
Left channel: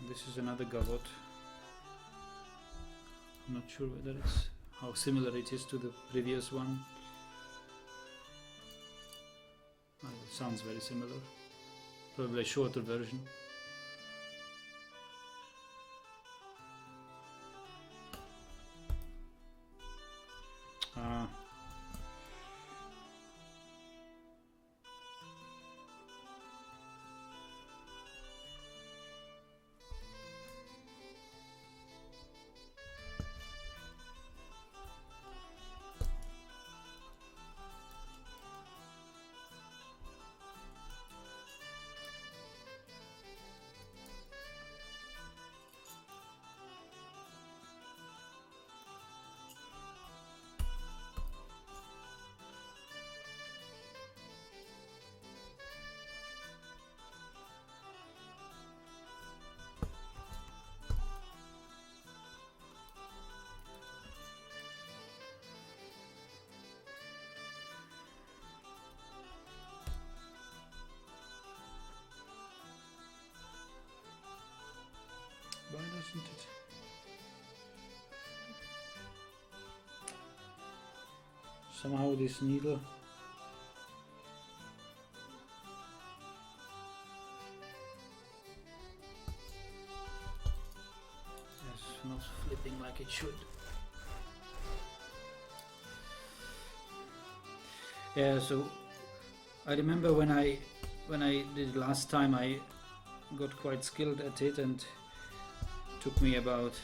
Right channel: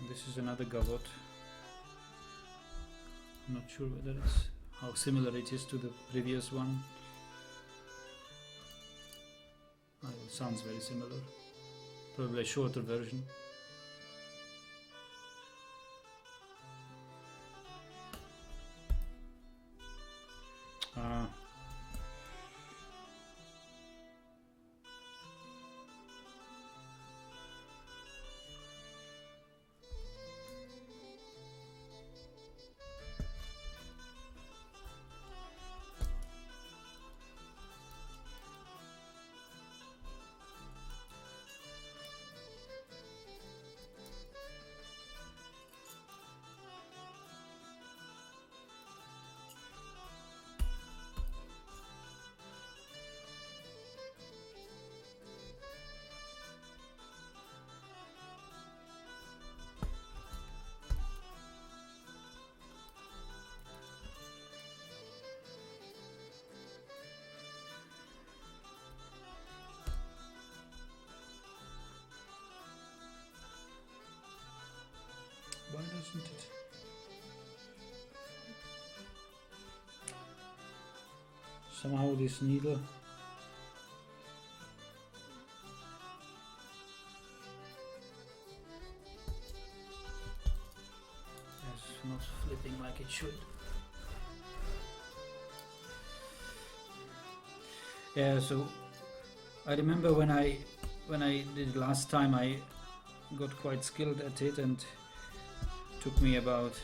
This is another goblet. I'm not sure whether it's how similar it is to the previous one. Oh, it sounds very similar. Probably a shorter version. Ah. Why doesn't it? Somehow this needle is not flipping like it should. Yeah, so I remember when I did it last time, I got quite skilled at it, and took me about,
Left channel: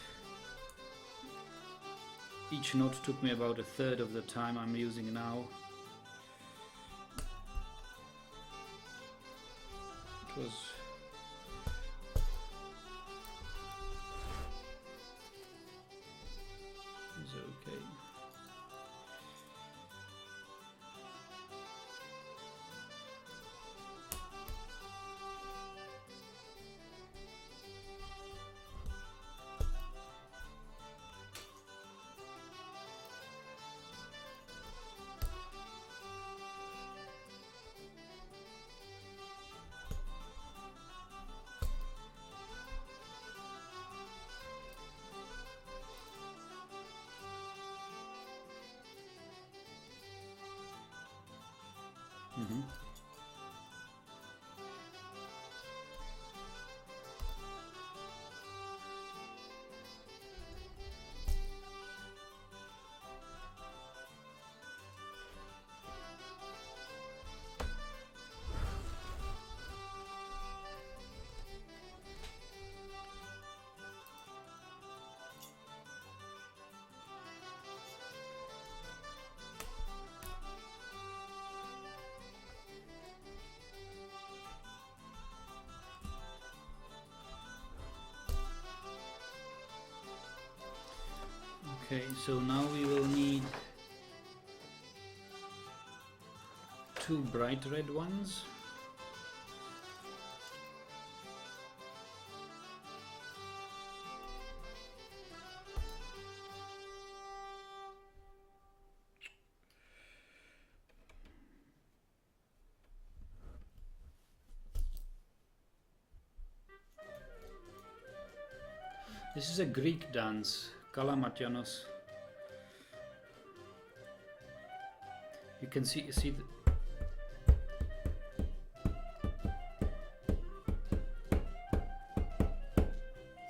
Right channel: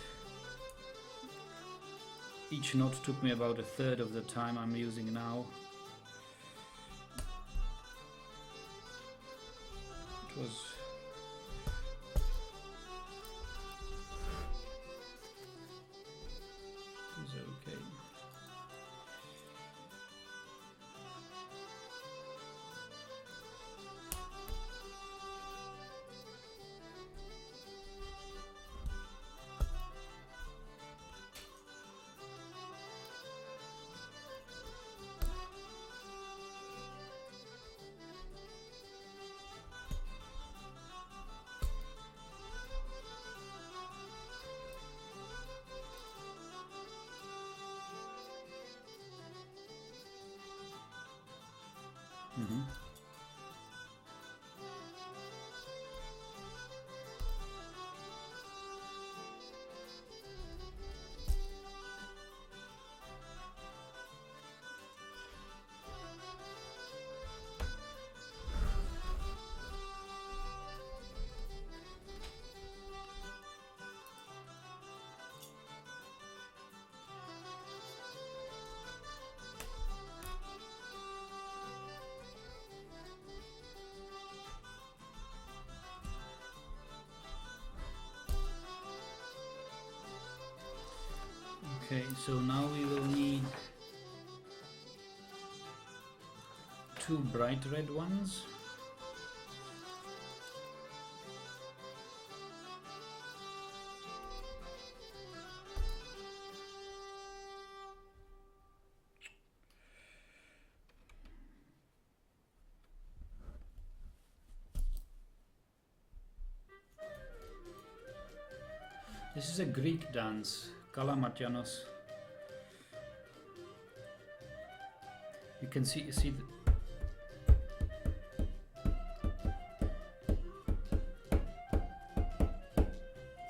each knot took me about a third of the time I'm using now. It was okay. Mm-hmm. Okay, so now we will need 2 bright red ones. This is a Greek dance, Kalamatianos. You can see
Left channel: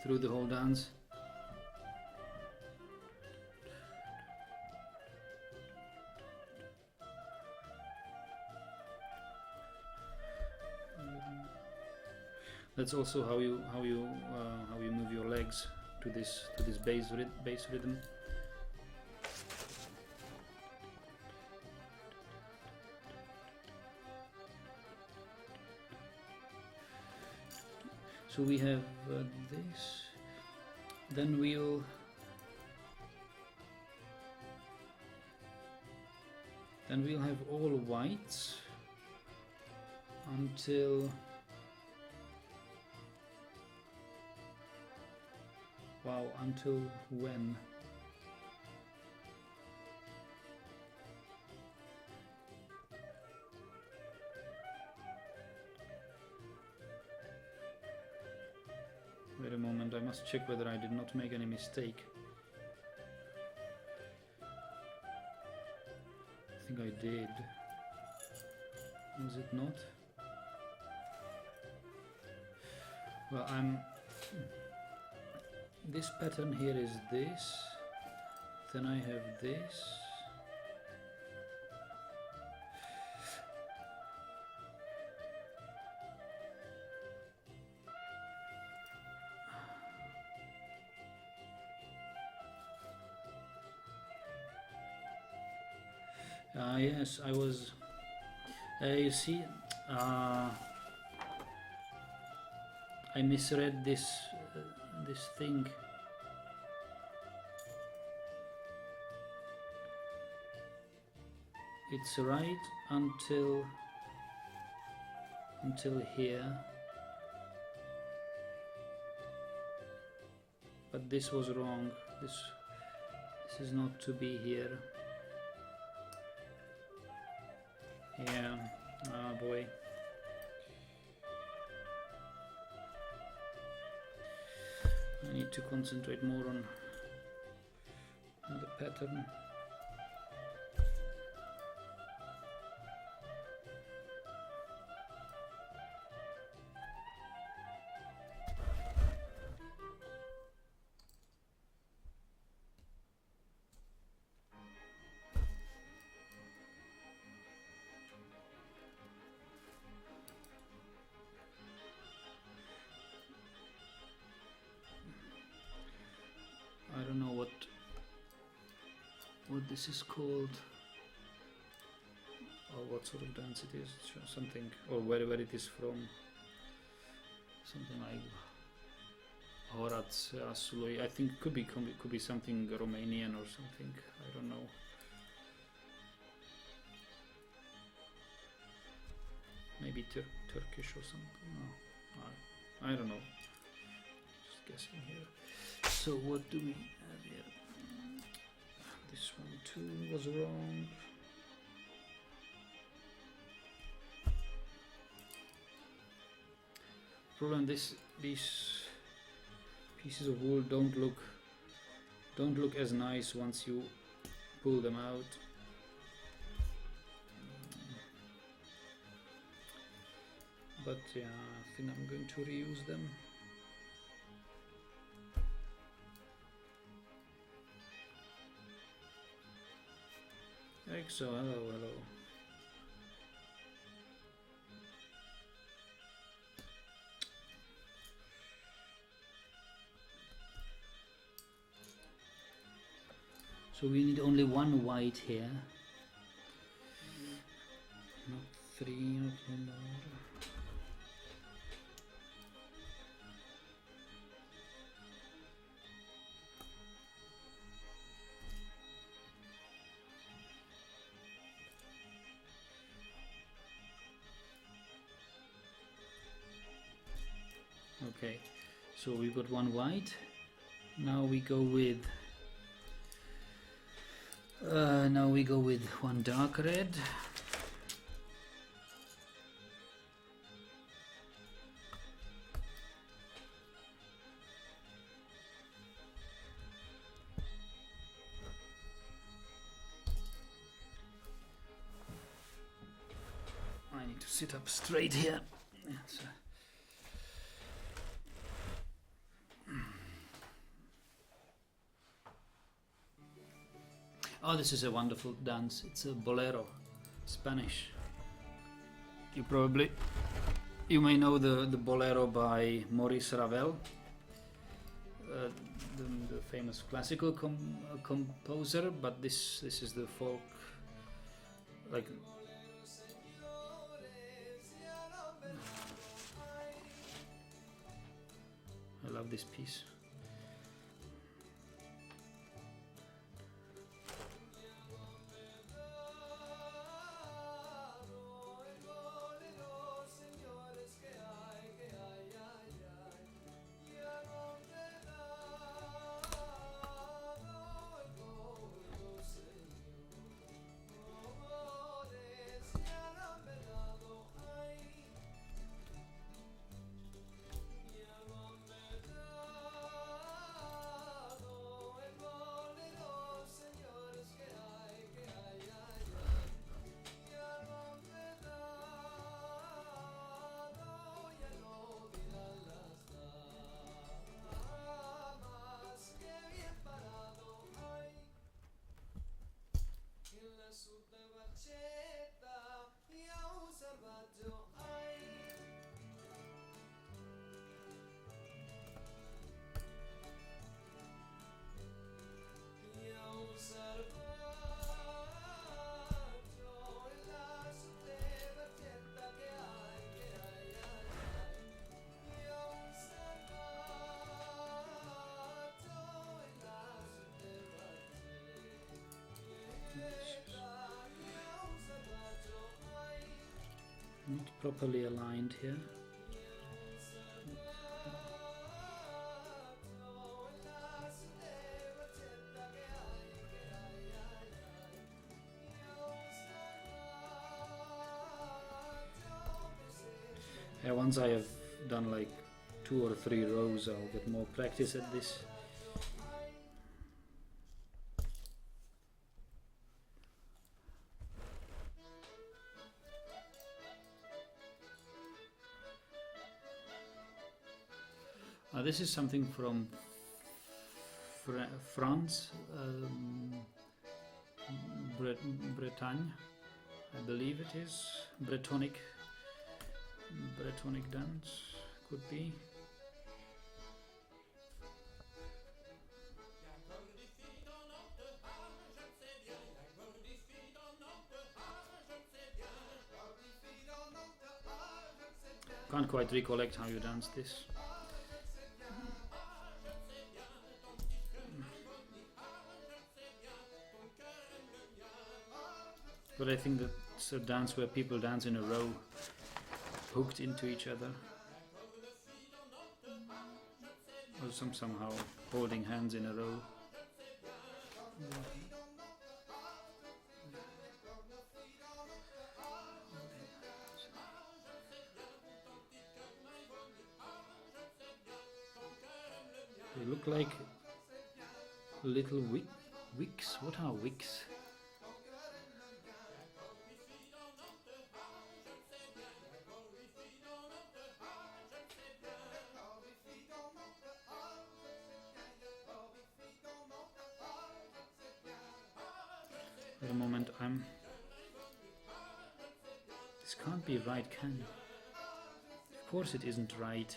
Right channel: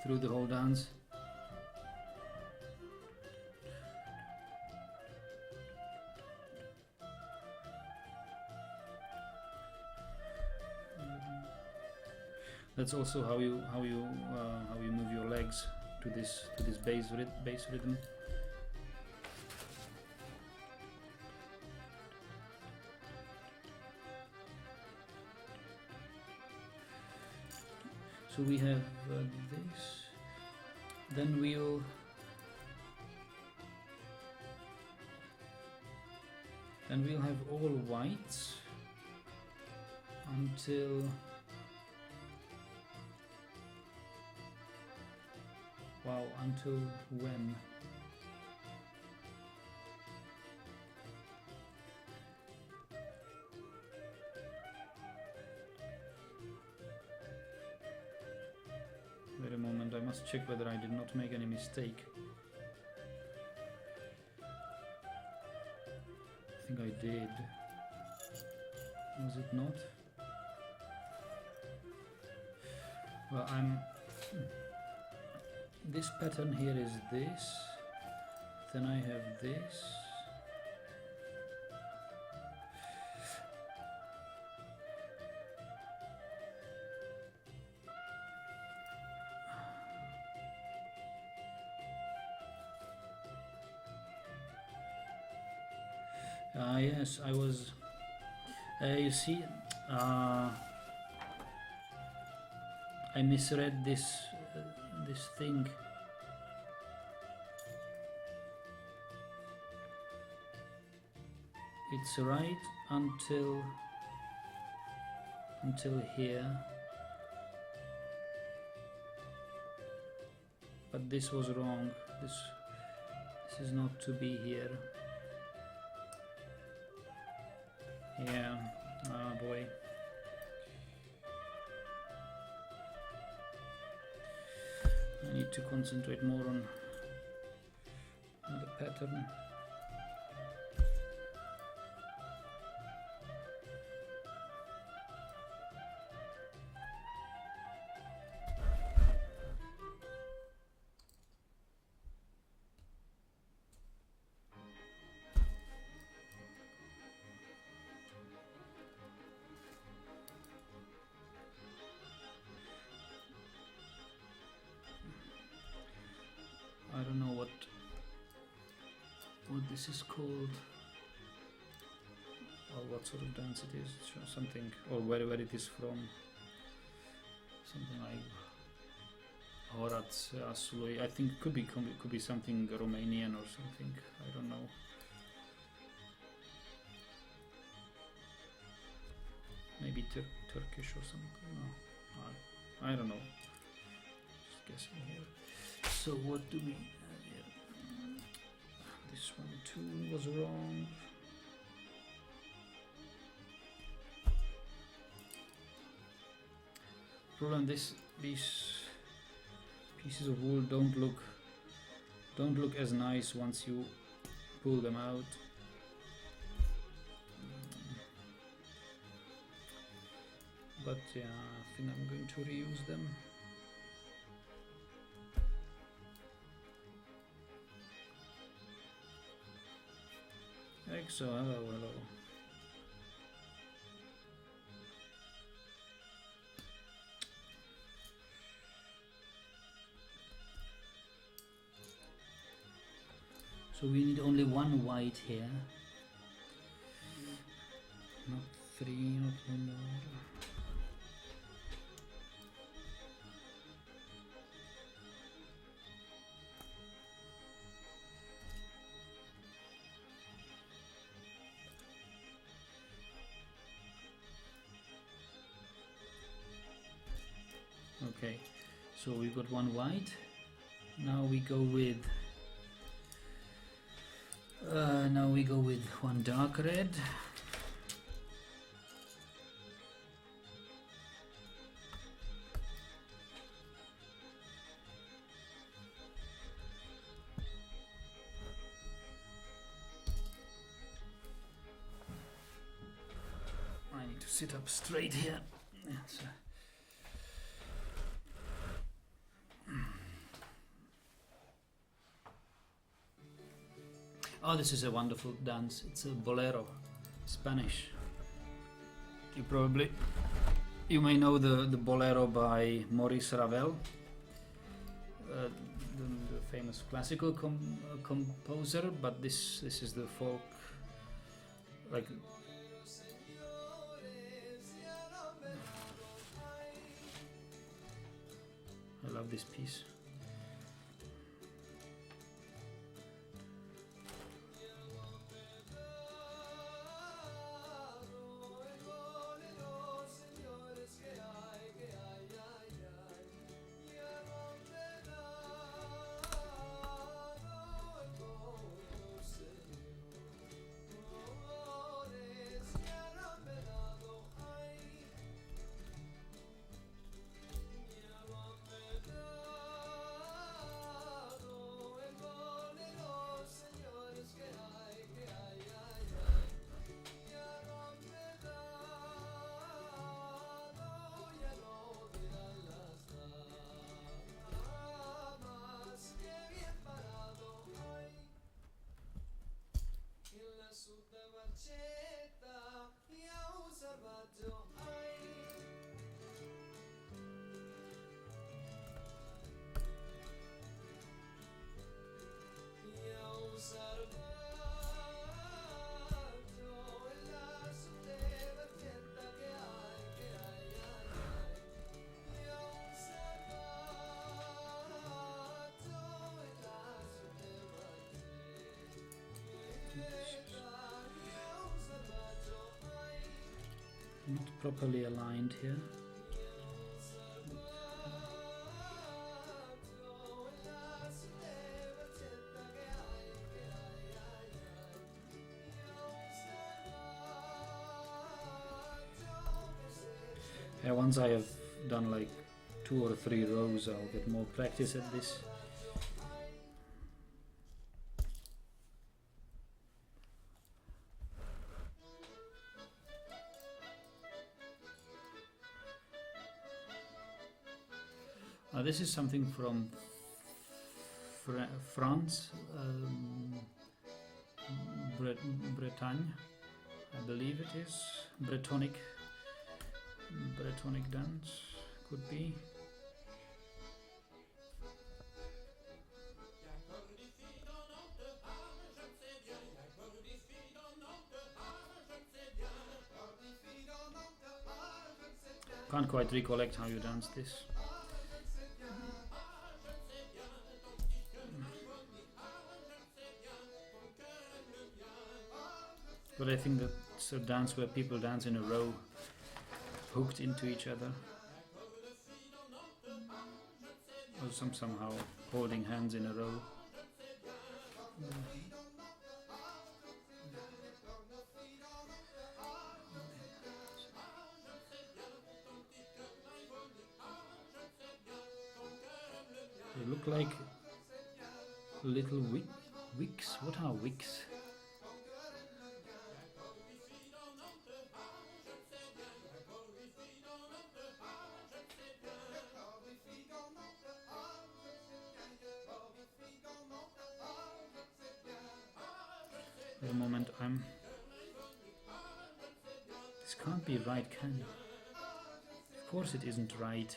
through the whole dance. That's also how you move your legs to this bass rhythm. So we have this. Then we'll have all whites until, wow, until when? Wait a moment, I must check whether I did not make any mistake. I think I did. Was it not? Well, this pattern here is this, then I have this, yes, I was, you see, I misread this thing. It's right until here, but this was wrong. This is not to be here. Yeah, oh boy. I need to concentrate more on the pattern. I don't know what this is called, or what sort of dance it is. Something, or where it is from. Something like Horace Asuloi. I think could be something Romanian or something. I don't know. Maybe Turkish or something. No, I don't know. Just guessing here. So what do we have here? This one too was wrong. Problem, these pieces of wool don't look as nice once you pull them out. but yeah, I think I'm going to reuse them. Exo, hello, hello. So we need only one white here. Not three, not more. Okay, so we got one white. Now we go with one dark red. I need to sit up straight here. Yes. Oh, this is a wonderful dance. It's a bolero, Spanish. You may know the bolero by Maurice Ravel, the famous classical composer. But this is the folk, like. I love this piece. Not properly aligned here. Yeah, once I have done like 2 or 3 rows, I'll get more practice at this. This is something from France, Bretagne, I believe it is. Bretonic dance, could be. Can't quite recollect how you dance this. But I think that's a dance where people dance in a row, hooked into each other, or somehow holding hands in a row. They look like little wicks. What are wicks? For the moment I'm... This can't be right, can it? Of course it isn't right.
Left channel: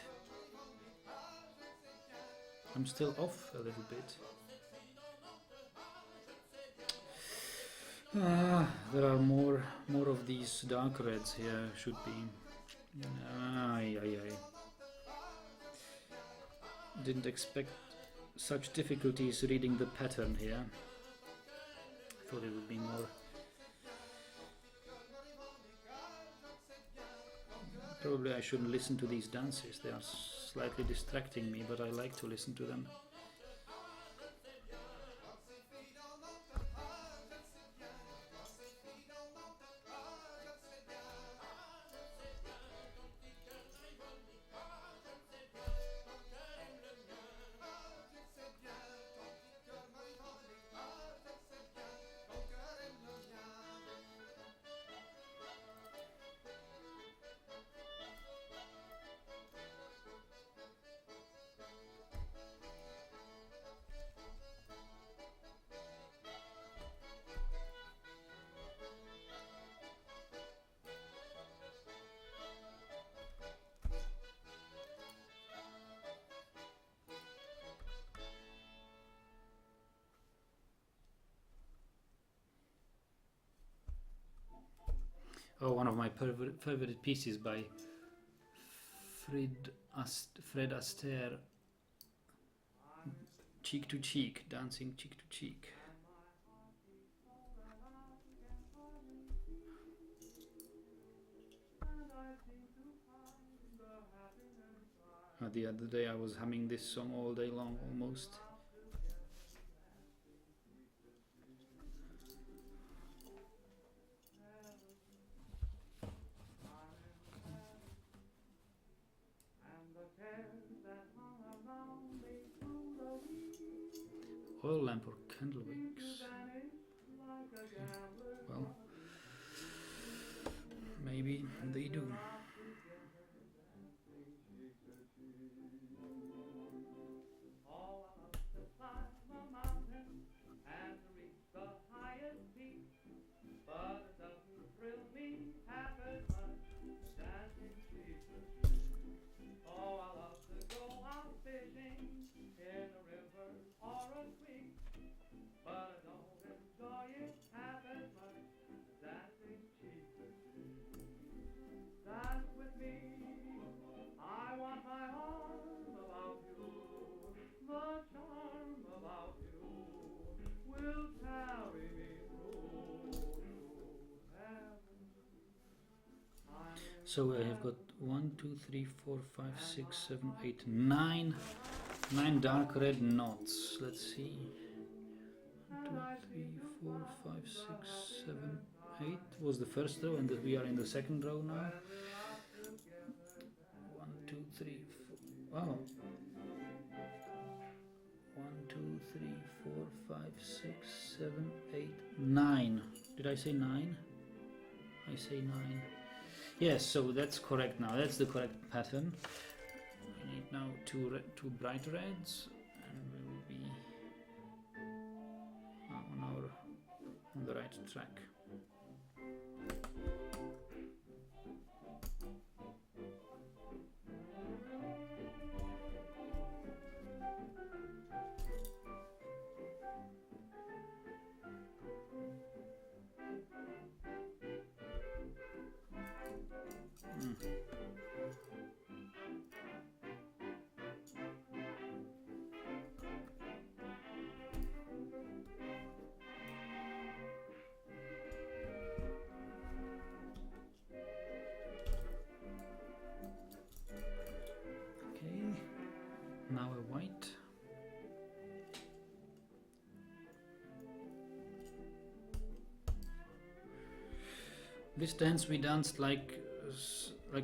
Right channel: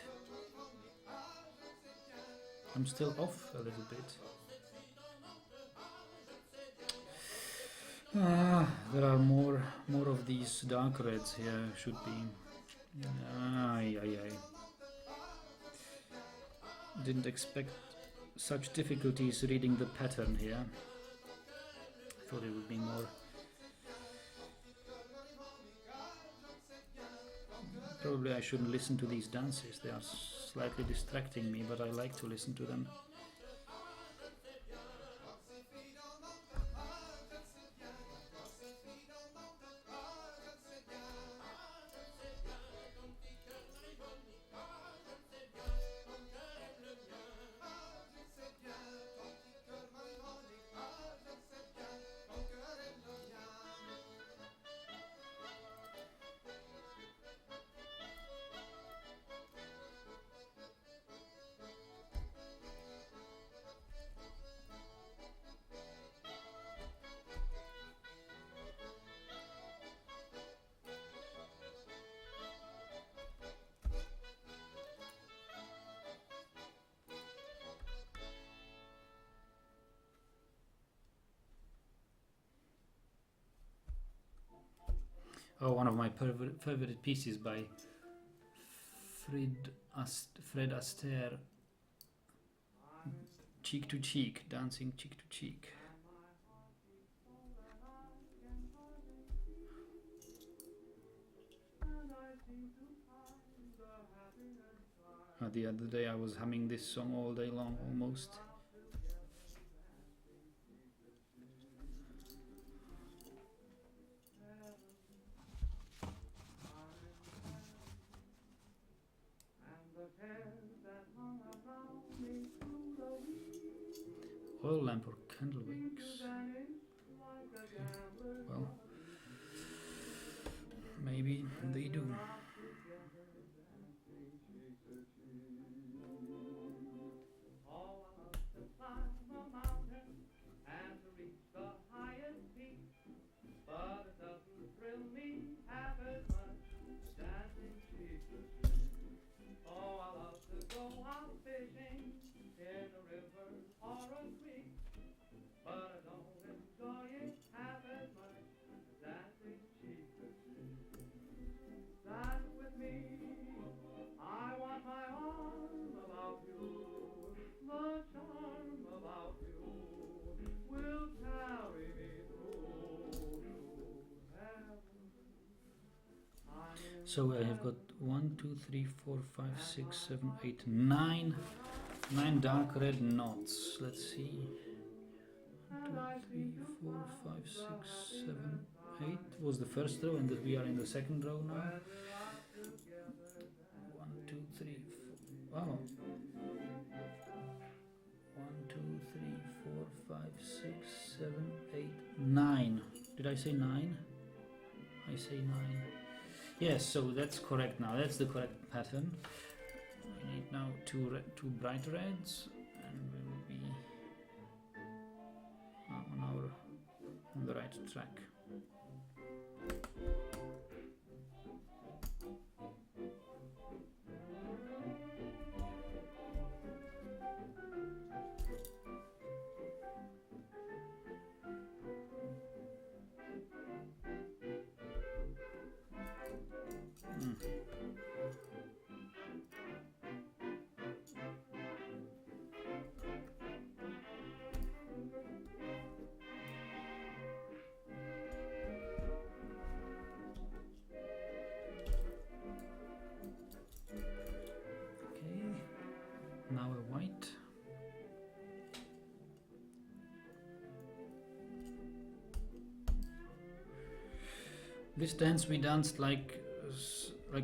I'm still off a little bit. There are more of these dark reds here, should be. Ay. Didn't expect such difficulties reading the pattern here. I thought it would be more... Probably I shouldn't listen to these dances, they are slightly distracting me, but I like to listen to them. Oh, one of my favorite pieces by Fred Astaire, Cheek to Cheek, dancing cheek to cheek. The other day I was humming this song all day long almost. Oil lamp or candle wicks? Okay. Well, maybe they do. So I have got 1, 2, 3, 4, 5, 6, 7, 8, 9 dark red knots. Let's see. 1, 2, 3, 4, 5, 6, 7, 8 was the first row, and we are in the second row now. 1, 2, 3, 4. Wow. 1, 2, 3, 4, 5, 6, 7, 8, 9. Did I say 9? I say 9. Yes, so that's correct now. That's the correct pattern. We need now two bright reds, and we will be on the right track. Now a white. This dance we danced like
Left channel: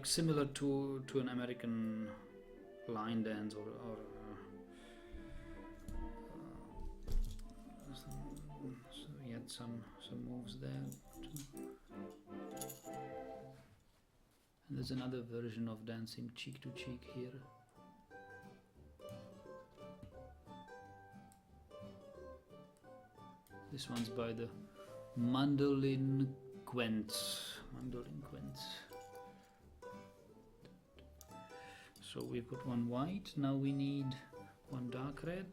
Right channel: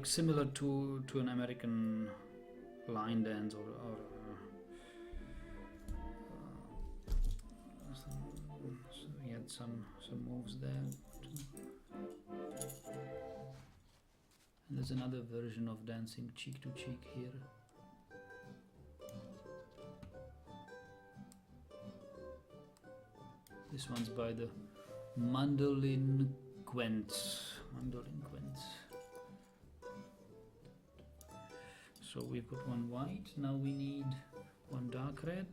similar to an American line dance, or so we had some moves there too. And there's another version of dancing cheek to cheek here. This one's by the Mandolin Gwent. Mandolin Gwent. So we've got one white, now we need one dark red.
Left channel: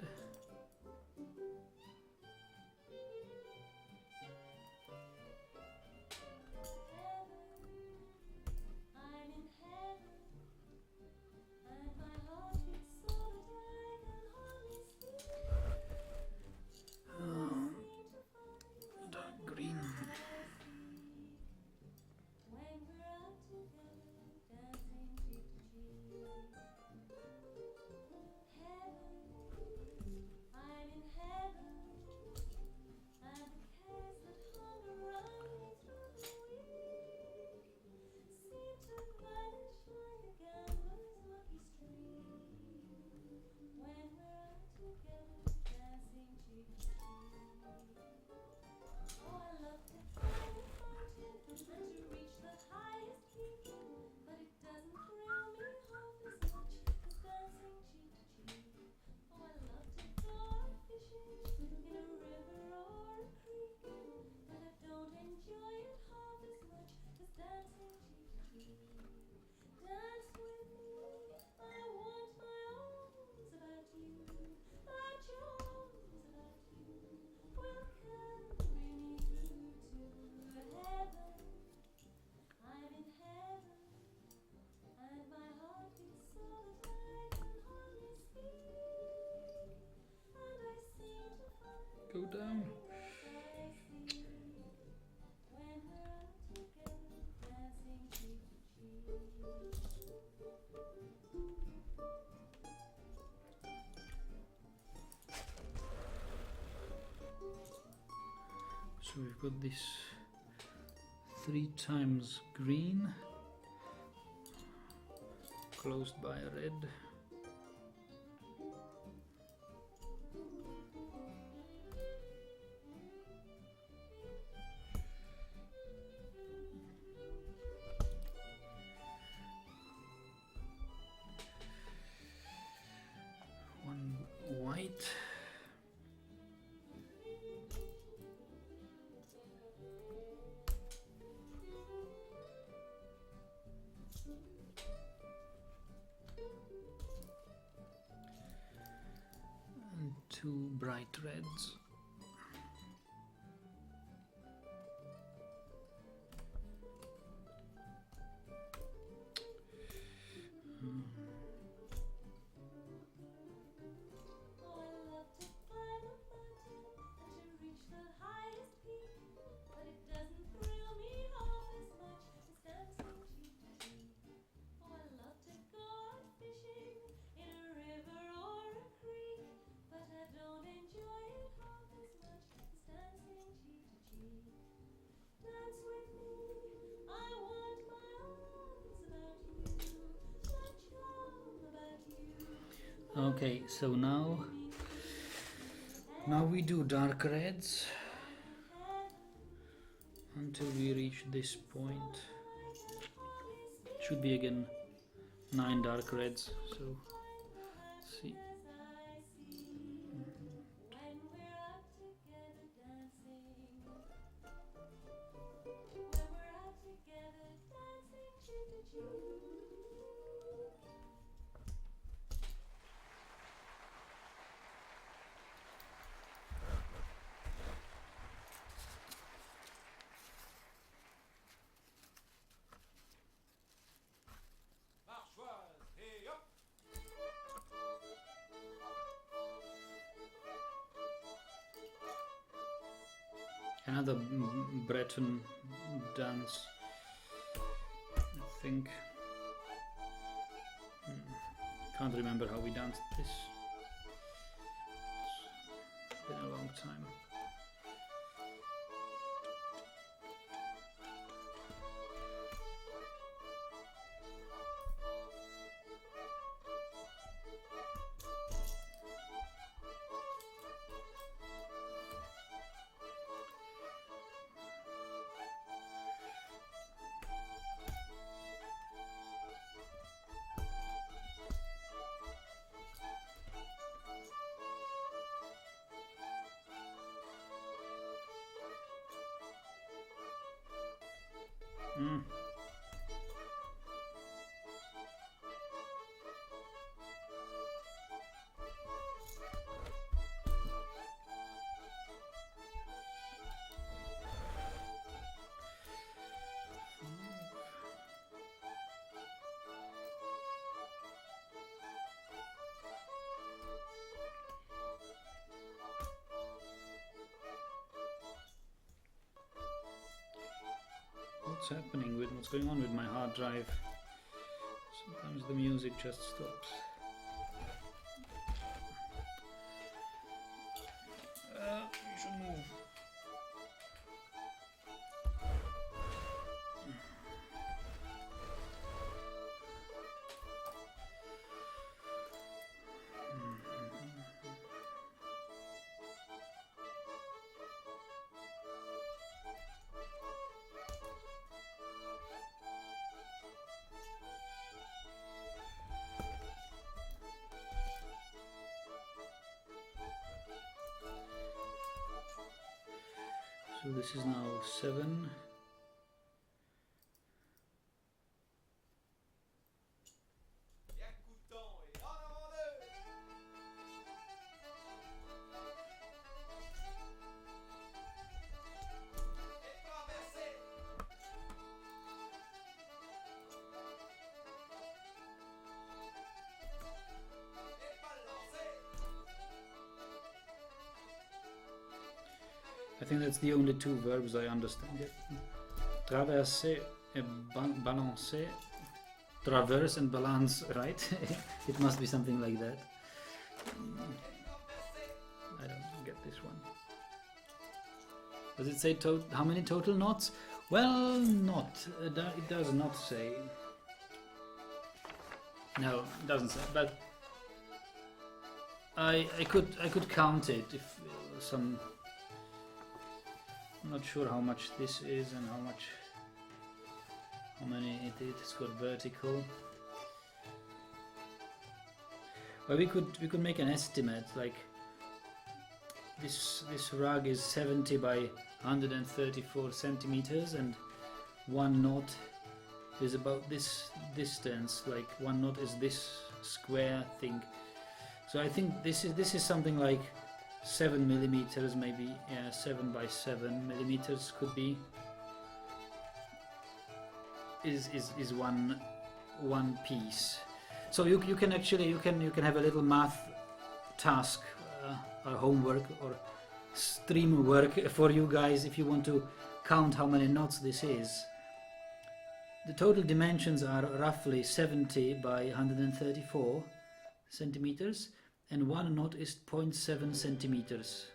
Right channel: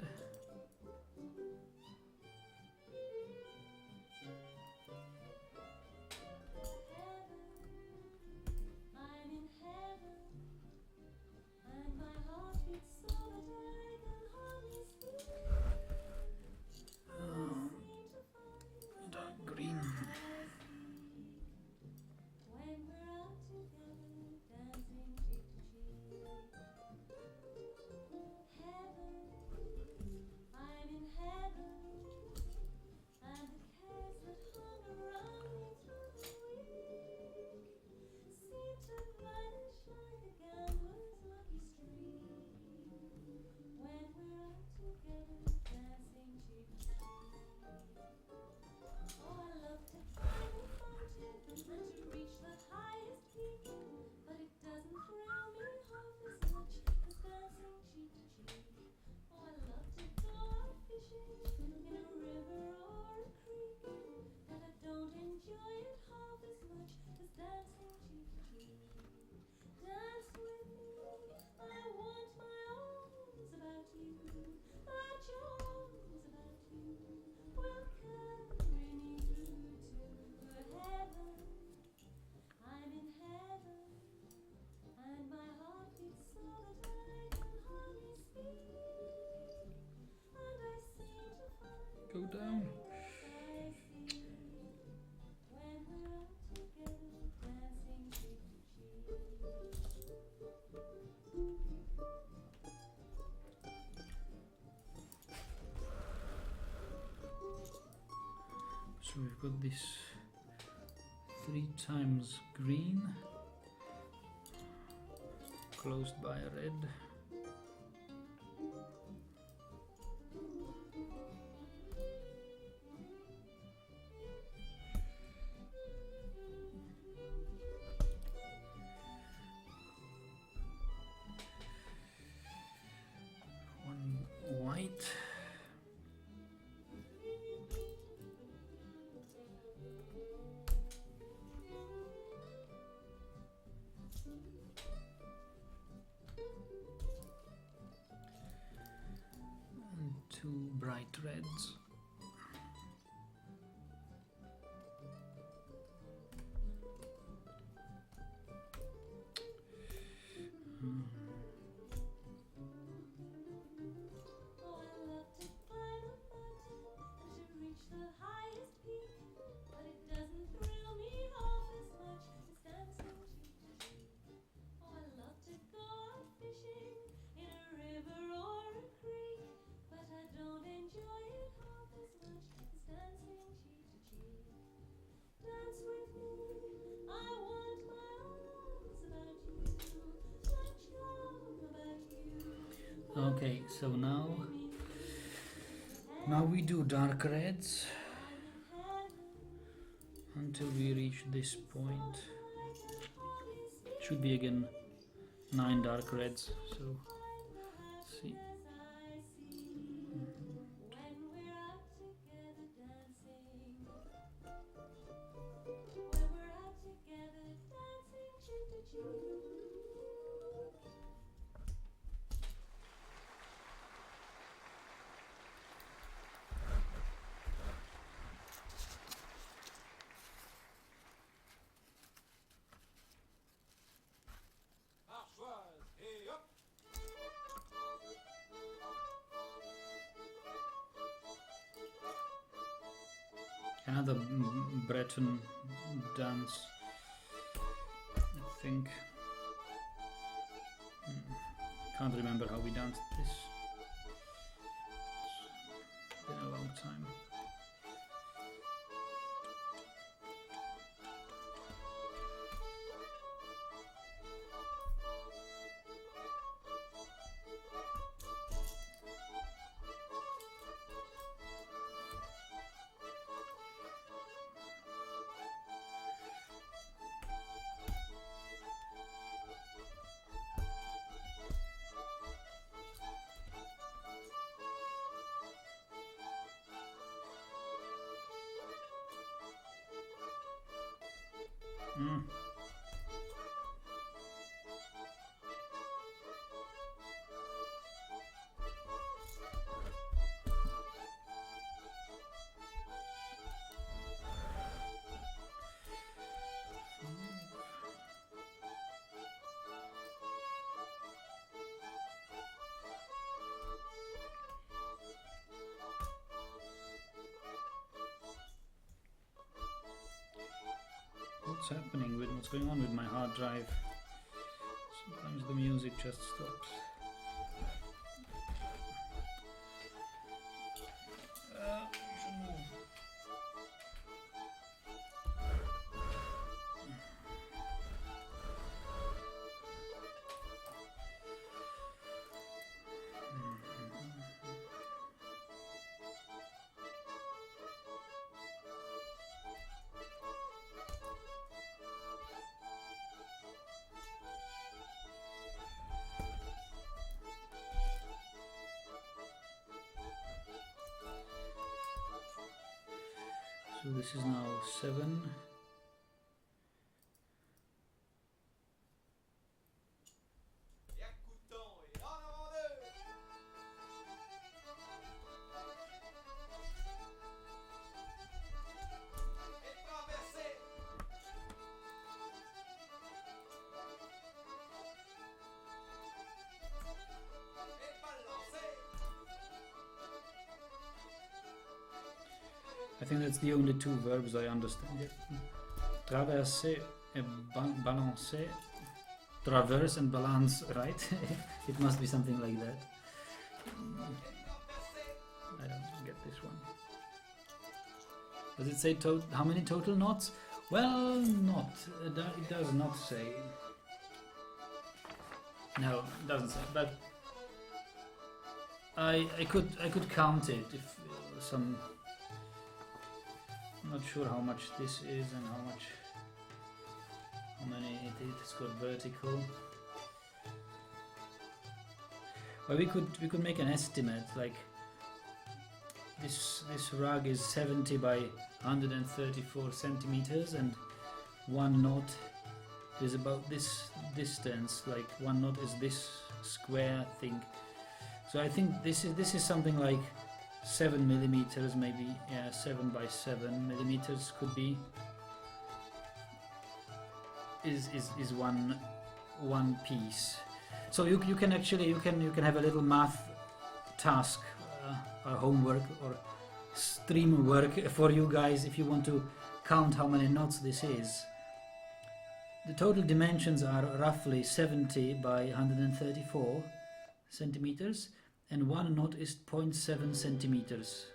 Dark green. Go down. So we've got this 3 times green closed by red. One white. And 2 bright reds. Okay, so now we do dark reds until we reach this point. Should be again 9 dark reds, so let's see. Another Breton dance, I think. Can't remember how we danced this. It's been a long time. Mm. What's happening with what's going on with my hard drive? Sometimes the music just stops. You should move. So this is now 7. I think that's the only two verbs I understand. Yeah. Traverser and balancer. Traverse and balance, right? It must be something like that. I don't get this one. Does it say how many total knots? Well, not. It does not say. No, it doesn't say. But I could count it if some. I'm not sure how much this is and how many it's got vertical. But we could make an estimate, like this rug is 70 by 134 centimeters, and 1 knot is about this distance. Like 1 knot is this square thing. So I think this is something like 7 millimeters, maybe. Yeah, 7 by 7 millimeters could be. Is one piece. So you can actually you can have a little math task, or homework, or stream work for you guys if you want to count how many knots this is. The total dimensions are roughly 70 by 134 centimeters. And 1 knot is 0.7 centimeters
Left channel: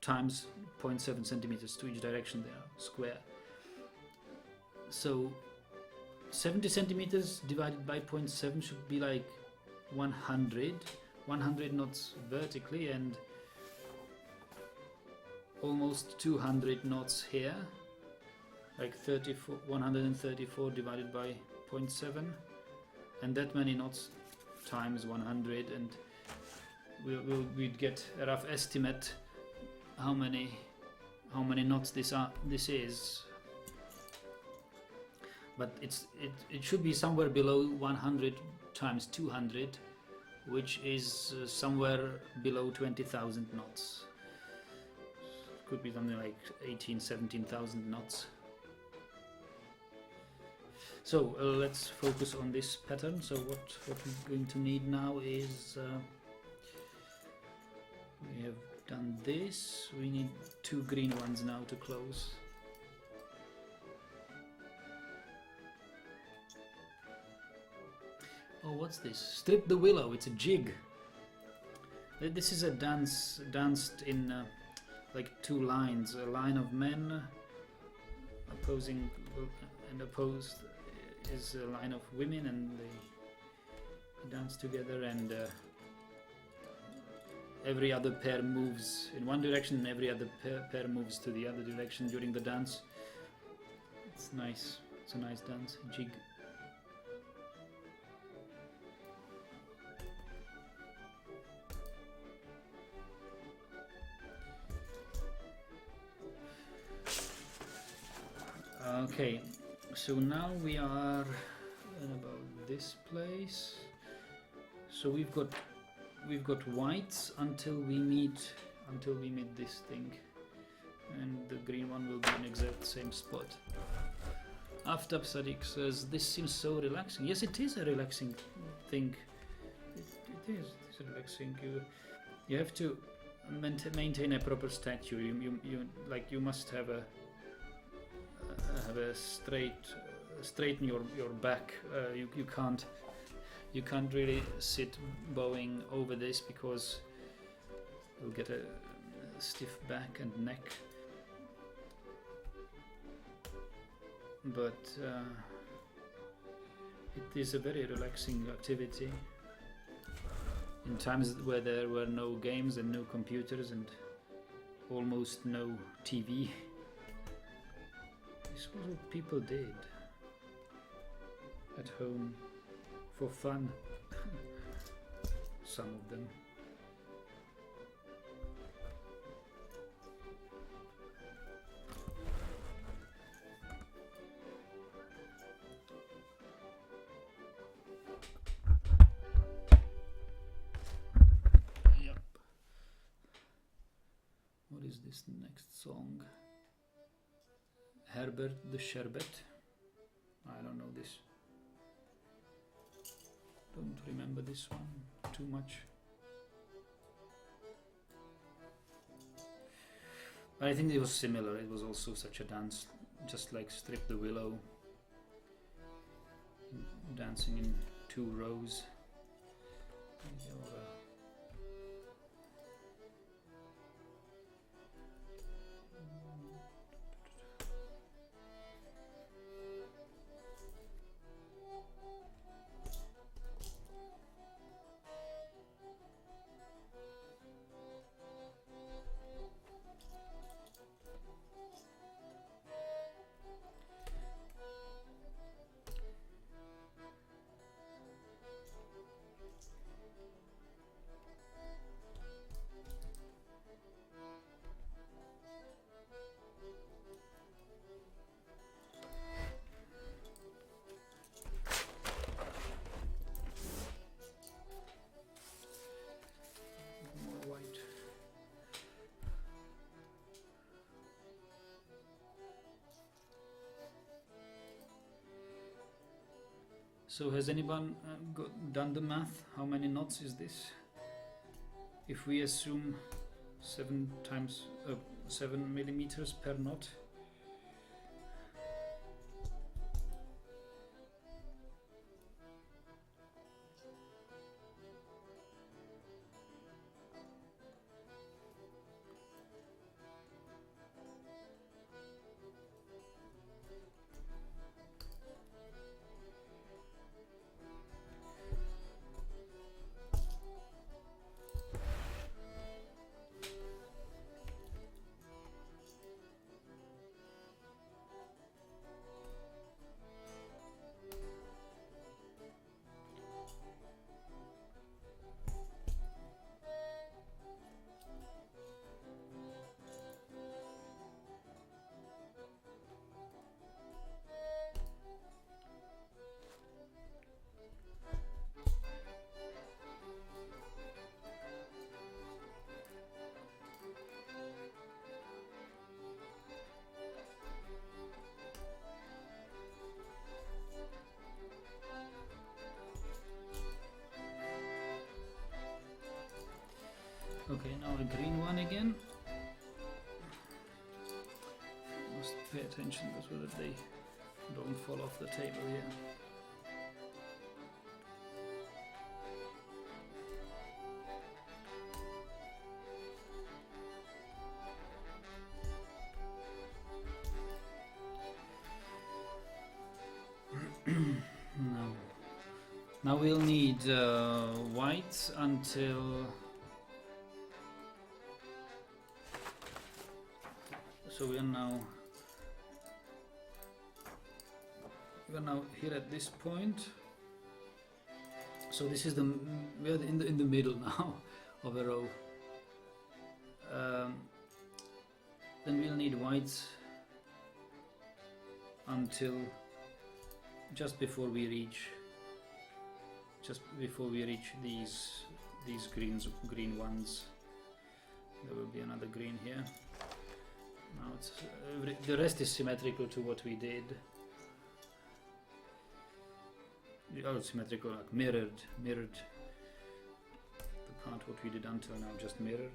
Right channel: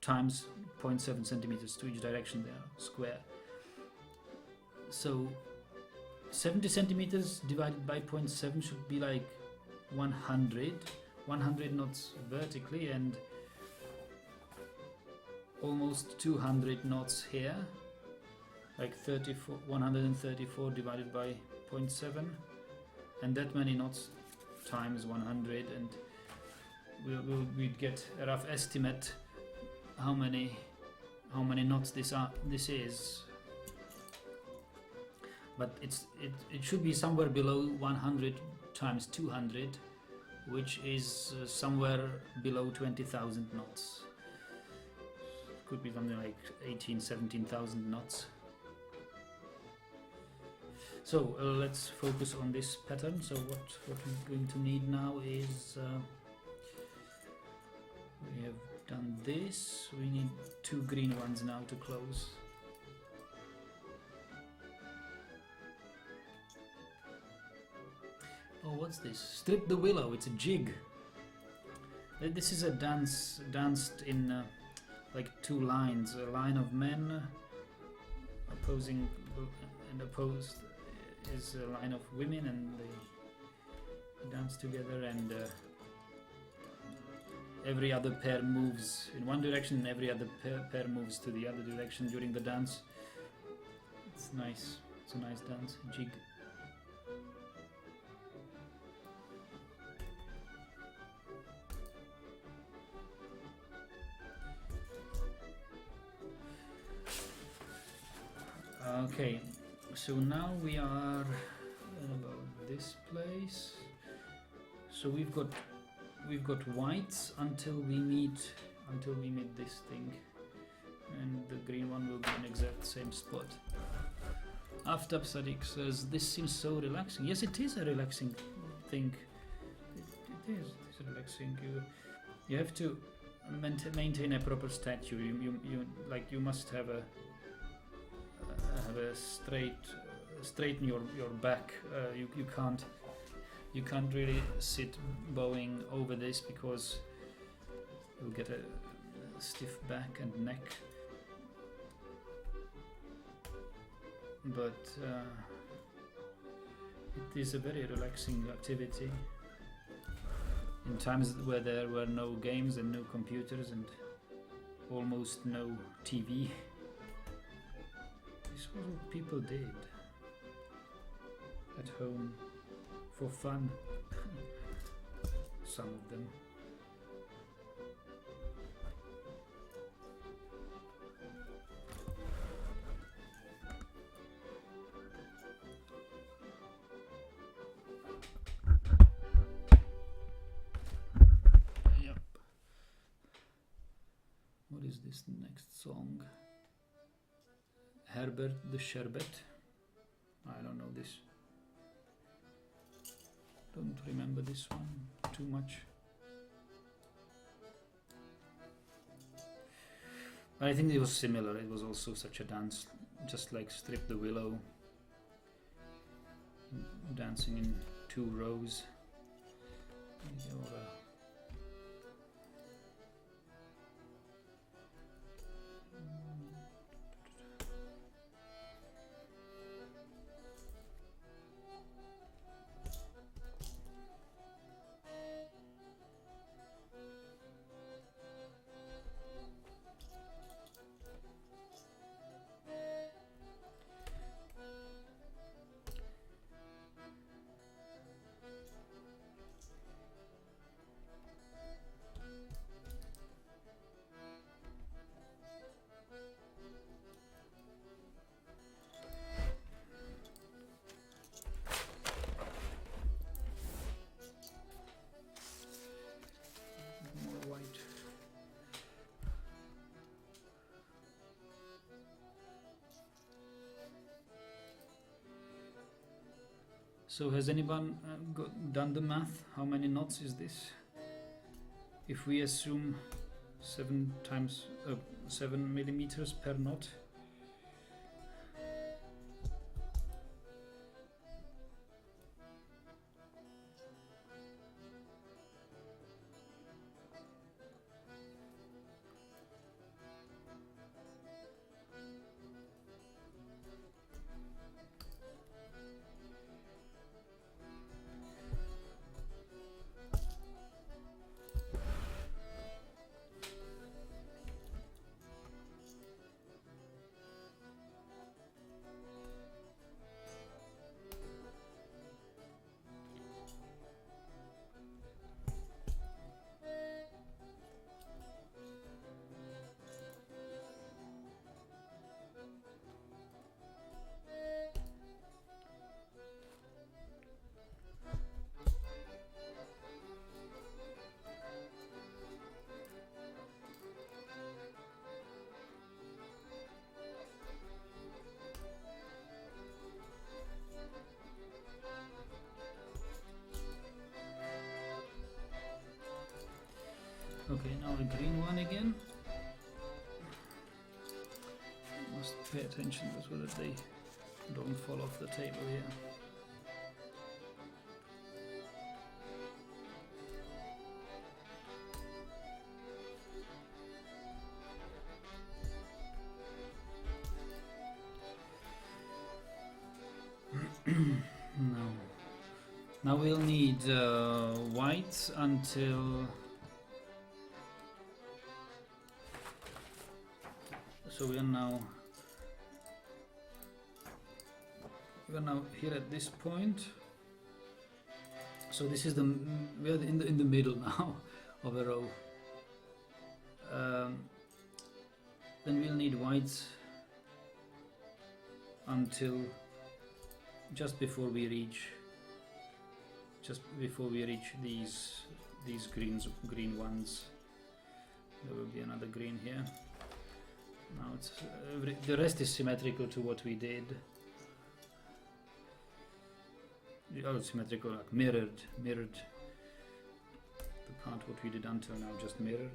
times 0.7 centimeters to each direction there, square. So 70 centimeters divided by 0.7 should be like 100 knots vertically, and almost 200 knots here, like 134 divided by 0.7, and that many knots times 100, and we'd get a rough estimate how many knots this is. But it should be somewhere below 100 times 200, which is somewhere below 20,000 knots. Could be something like 17,000 knots. So let's focus on this pattern. So what we're going to need now is we have done this. We need 2 green ones now to close. Oh, what's this? Strip the willow. It's a jig. This is a dance danced in like 2 lines. A line of men opposing and opposed is a line of women, and they dance together, and every other pair moves in one direction, and every other pair moves to the other direction during the dance. It's nice. It's a nice dance, jig. Okay, so now we are at about this place. So we've got whites until we meet this thing, and the green one will be in exact same spot. Aftab Sadiq says, this seems so relaxing. Yes, it is a relaxing thing. It is relaxing. You have to maintain a proper stature. You must have a straighten your back. You can't really sit bowing over this because you'll get a stiff back and neck. But it is a very relaxing activity in times where there were no games and no computers and almost no TV. This was what people did at home for fun. Some of them. Yep. What is this next song? Herbert the Sherbet. I don't know this. Don't remember this one too much. I think it was similar. It was also such a dance, just like Strip the Willow, dancing in 2 rows. More white. So has anyone done the math? How many knots is this? If we assume 7 millimeters per knot. Okay, now the green one again. Must pay attention so that they don't fall off the table here. Now we'll need whites until. So we are now here at this point. So this is we are in the middle now of a row. Then we'll need whites until just before we reach these green ones. There will be another green here. Now it's the rest is symmetrical to what we did. Oh, symmetrical, like mirrored. The part what we did until now just mirrored.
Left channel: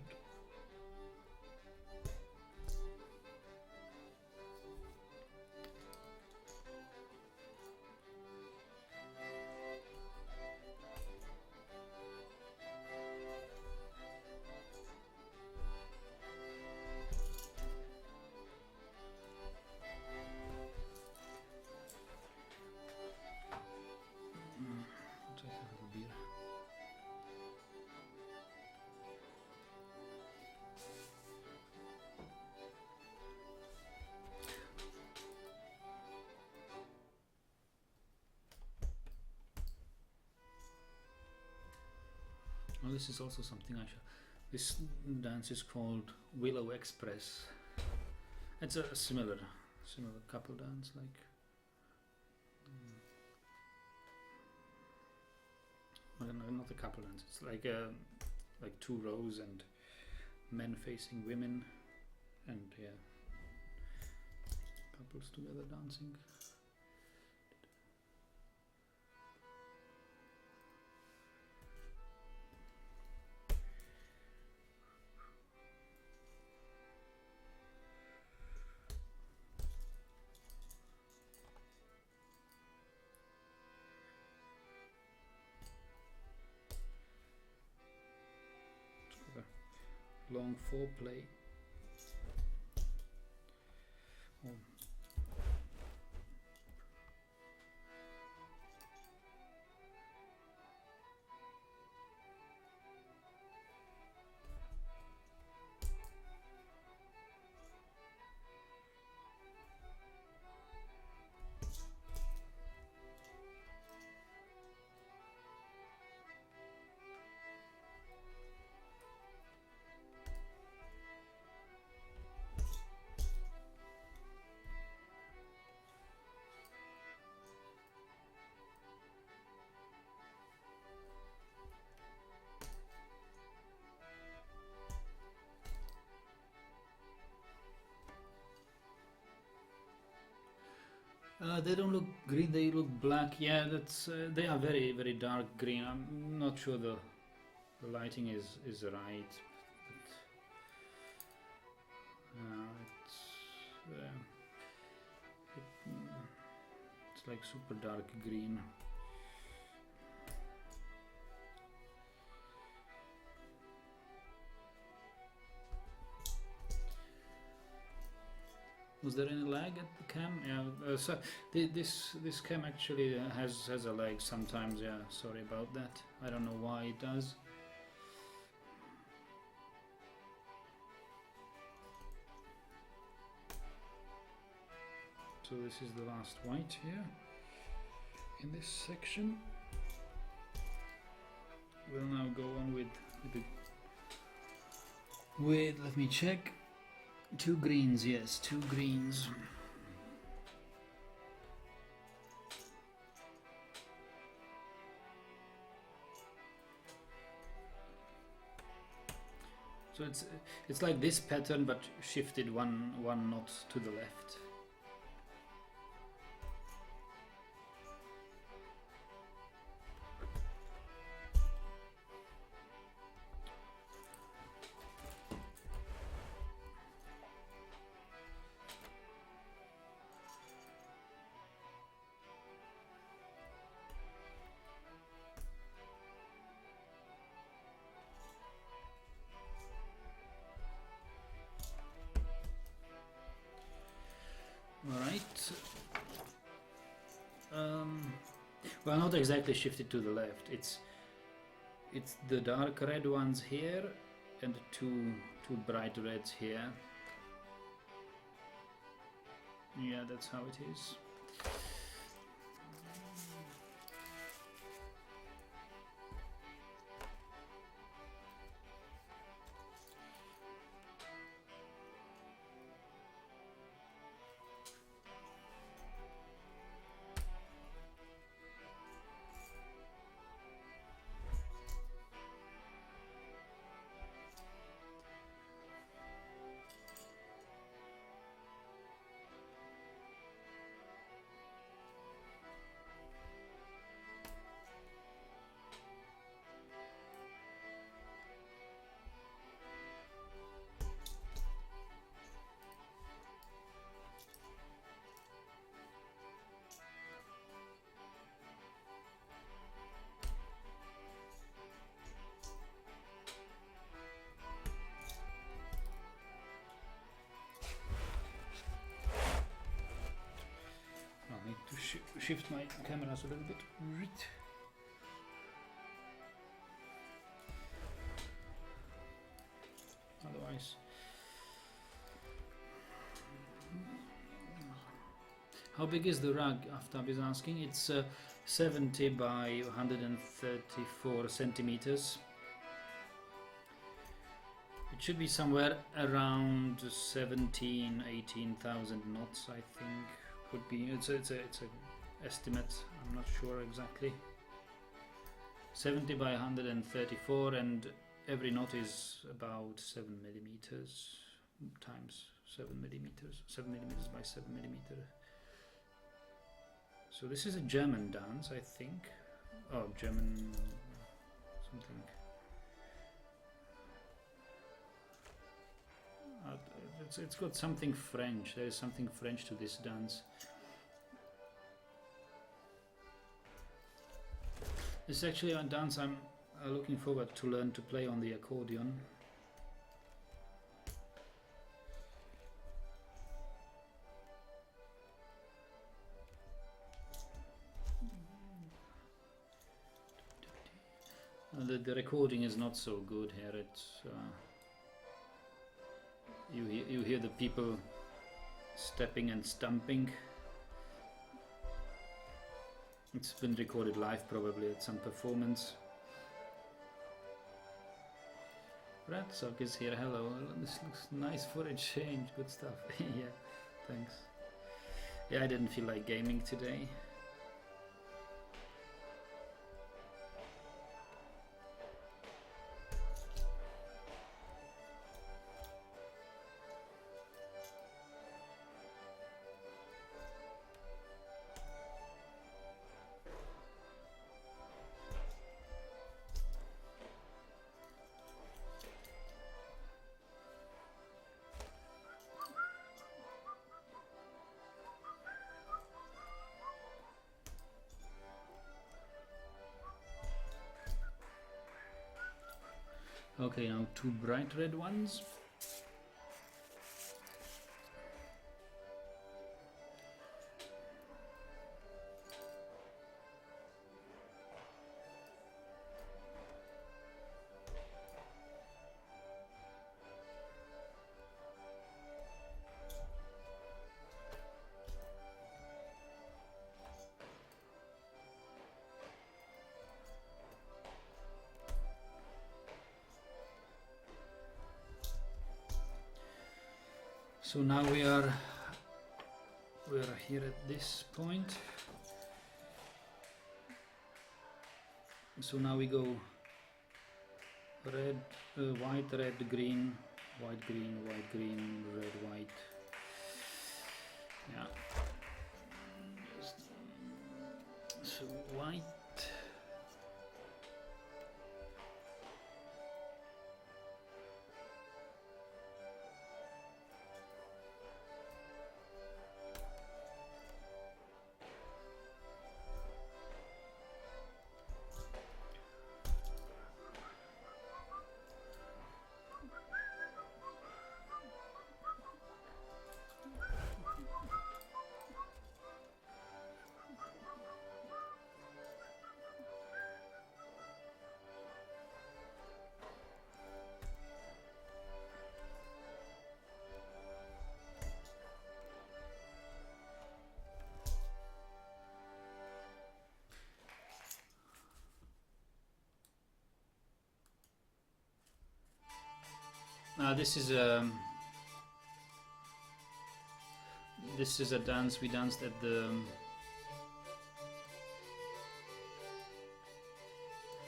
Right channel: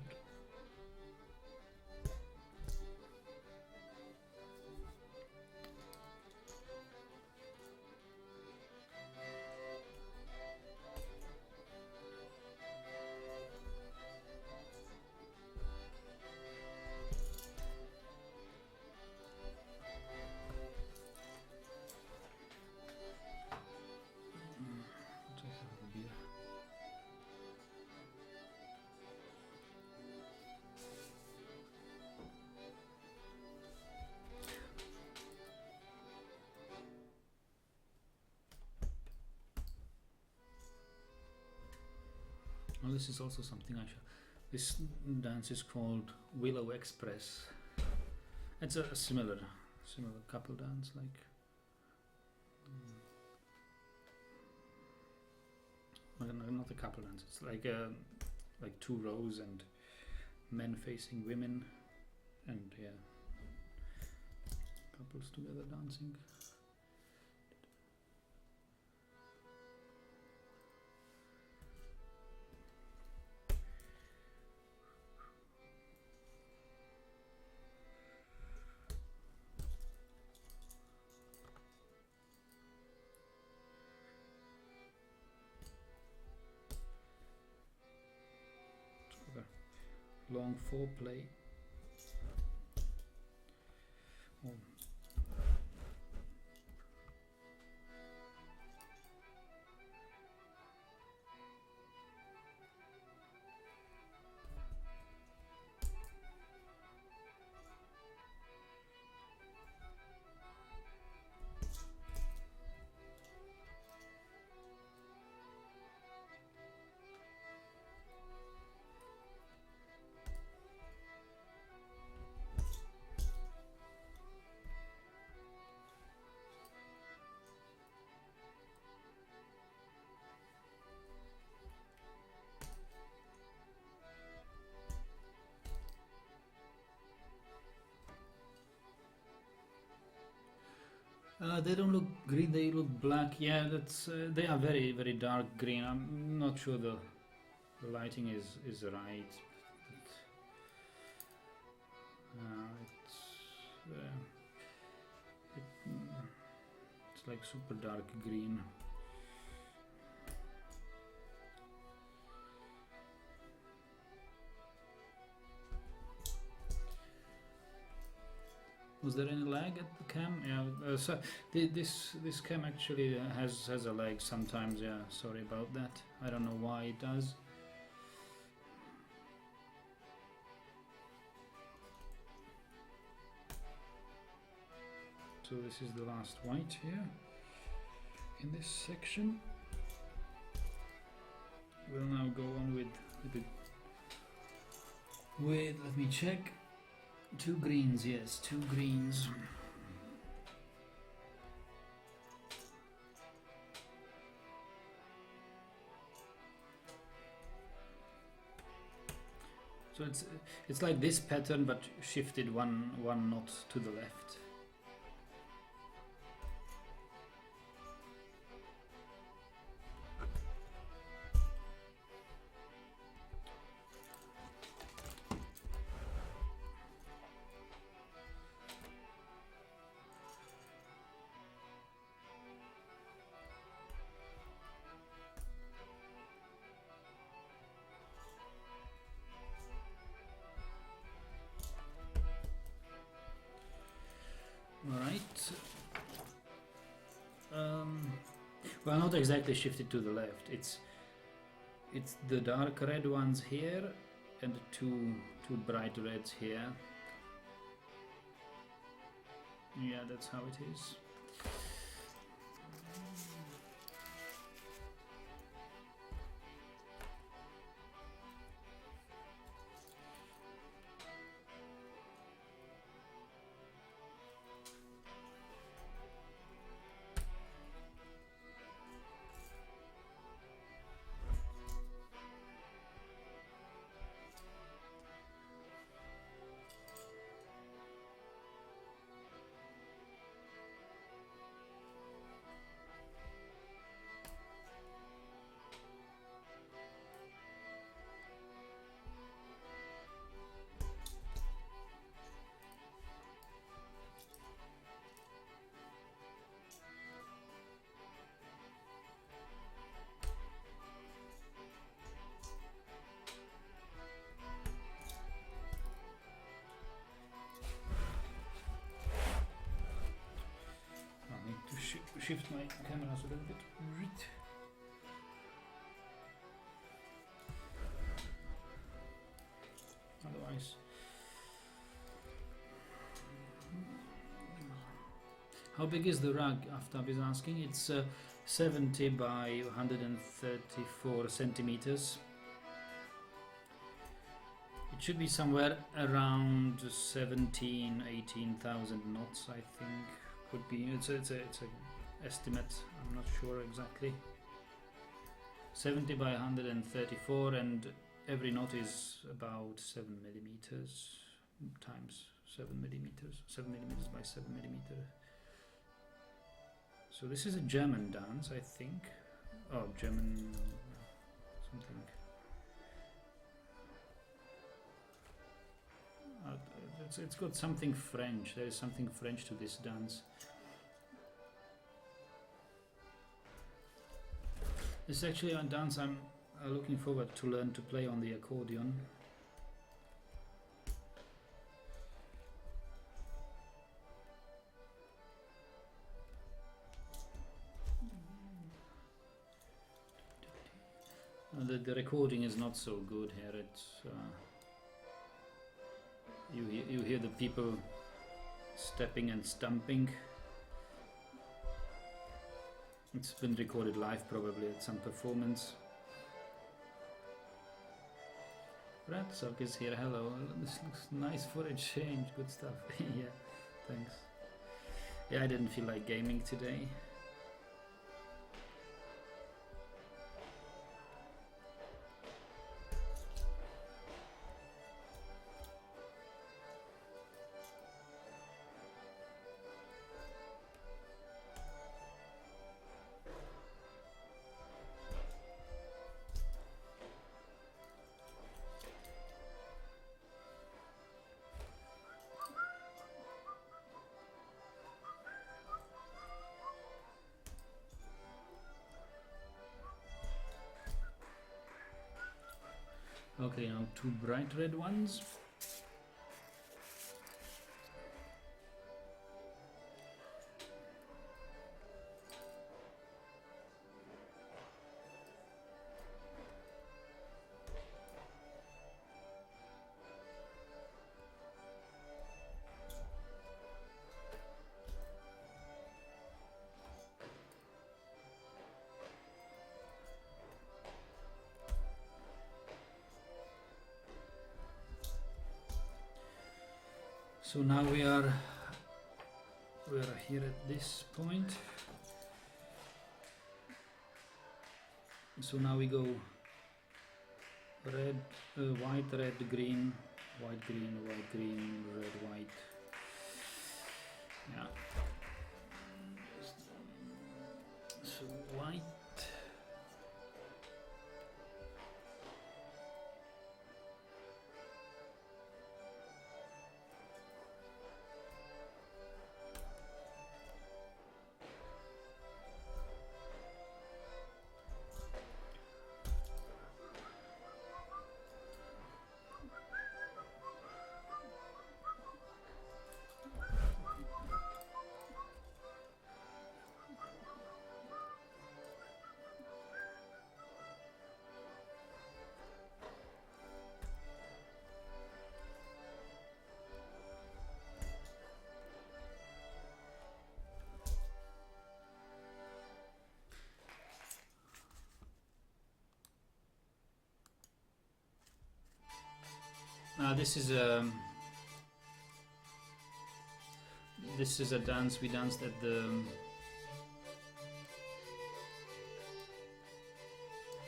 Oh, this is also something I should. This dance is called Willow Express. It's a similar couple dance, like. Not a couple dance. It's like two rows and men facing women, and yeah, couples together dancing. Long foreplay. Oh. They don't look green, they look black. Yeah, that's they are very, very dark green. I'm not sure the lighting is right. It's like super dark green. Was there any lag at the cam? Yeah, so this cam actually has a lag sometimes. Yeah, sorry about that. I don't know why it does. So this is the last white here in this section. We'll now go on with let me check. 2 greens, yes, 2 greens. So it's like this pattern, but shifted one knot to the left. Alright. Well, not exactly shifted to the left. It's the dark red ones here and two bright reds here. Yeah, that's how it is. shift my cameras a little bit. Otherwise, how big is the rug? Aftab is asking. It's 70 by 134 centimeters. It should be somewhere around 18,000 knots, I think. Could be. It's a estimate. I'm not sure exactly. 70 by 134, and every knot is about 7 millimeters times 7 millimeters. 7 millimeters by 7 millimeters. So this is a German dance, I think. Oh, German something. It's got something French. There is something French to this dance. It's actually a dance I'm looking forward to learn to play on the accordion. The recording is not so good here. It's you hear the people stepping and stumping. It's been recorded live, probably at some performance. Ratsock is here. Hello. This looks nice for a change. Good stuff. Yeah, thanks. Yeah, I didn't feel like gaming today. Okay, now two bright red ones. So now we are here at this point. So now we go red, white, red, green, white, green, white, green, red, white. Yeah. So white. This is a dance we danced at the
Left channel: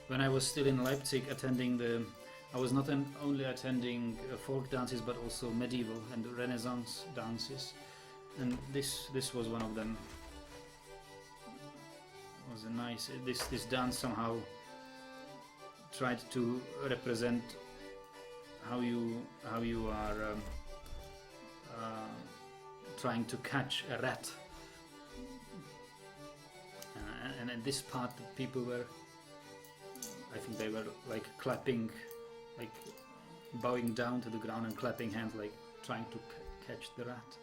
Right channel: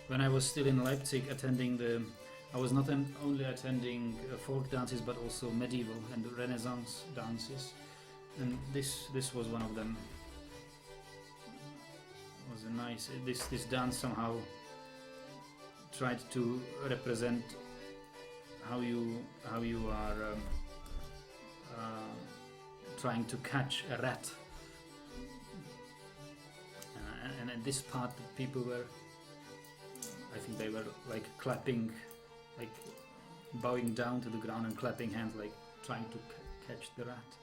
when I was still in Leipzig attending I was not only attending folk dances but also medieval and Renaissance dances, and this was one of them. It was a nice this dance somehow tried to represent how you are trying to catch a rat, and at this part the people were, I think they were like clapping, like bowing down to the ground and clapping hands, like trying to catch the rat.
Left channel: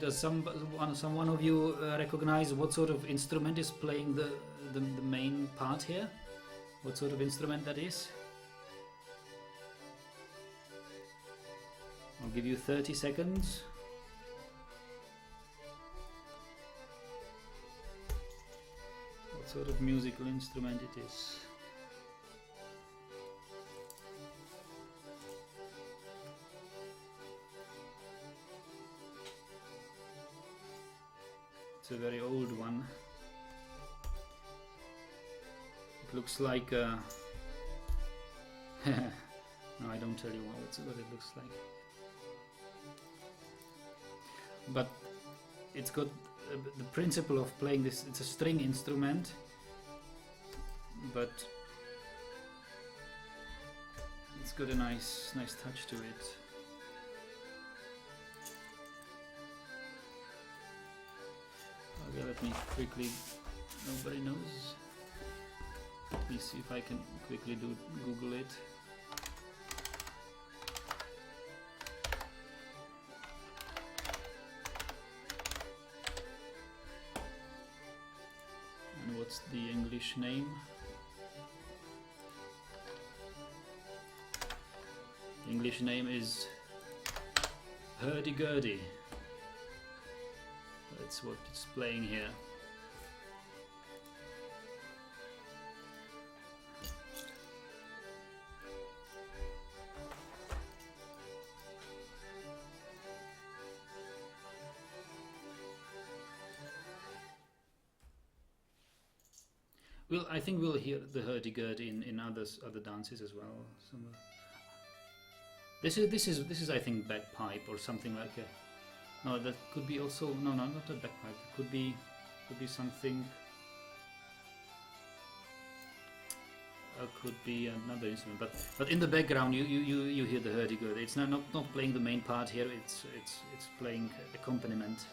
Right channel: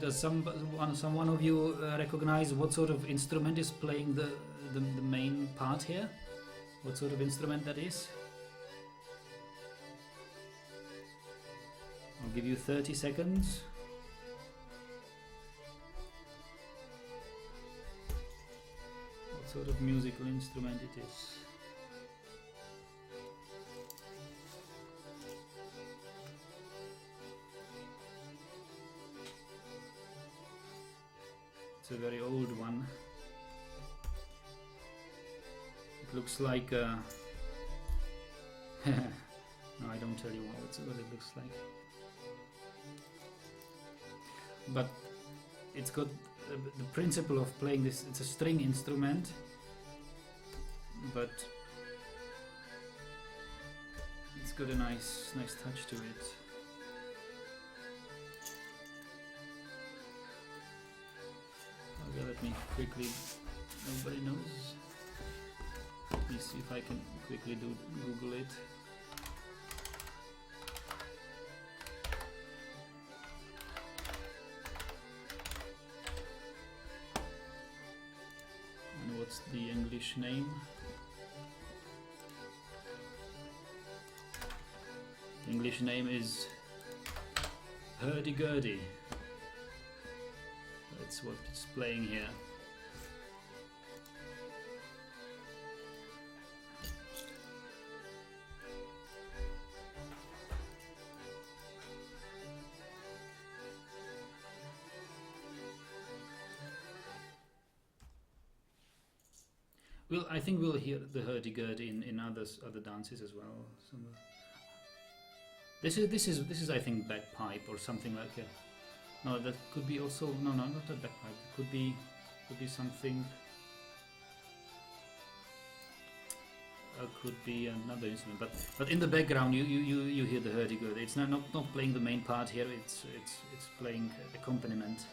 Does someone of you recognize what sort of instrument is playing the main part here? What sort of instrument that is? I'll give you 30 seconds. What sort of musical instrument it is? It's a very old one. It looks like no, I don't tell you what it looks like. But it's got the principle of playing this. It's a string instrument, but it's got a nice touch to it. Okay, let me quickly. Nobody knows. Let me see if I can quickly Google it. And what's the English name? The English name is hurdy-gurdy. That's what it's playing here. Well, I think we'll hear the hurdy-gurdy in other dances as well. This is I think bagpipe or something like a. No, that could be also no, not a bagpipe. It could be something. Could be another instrument, but in the background you hear the hurdy-gurdy. It's not playing the main part here. It's playing accompaniment.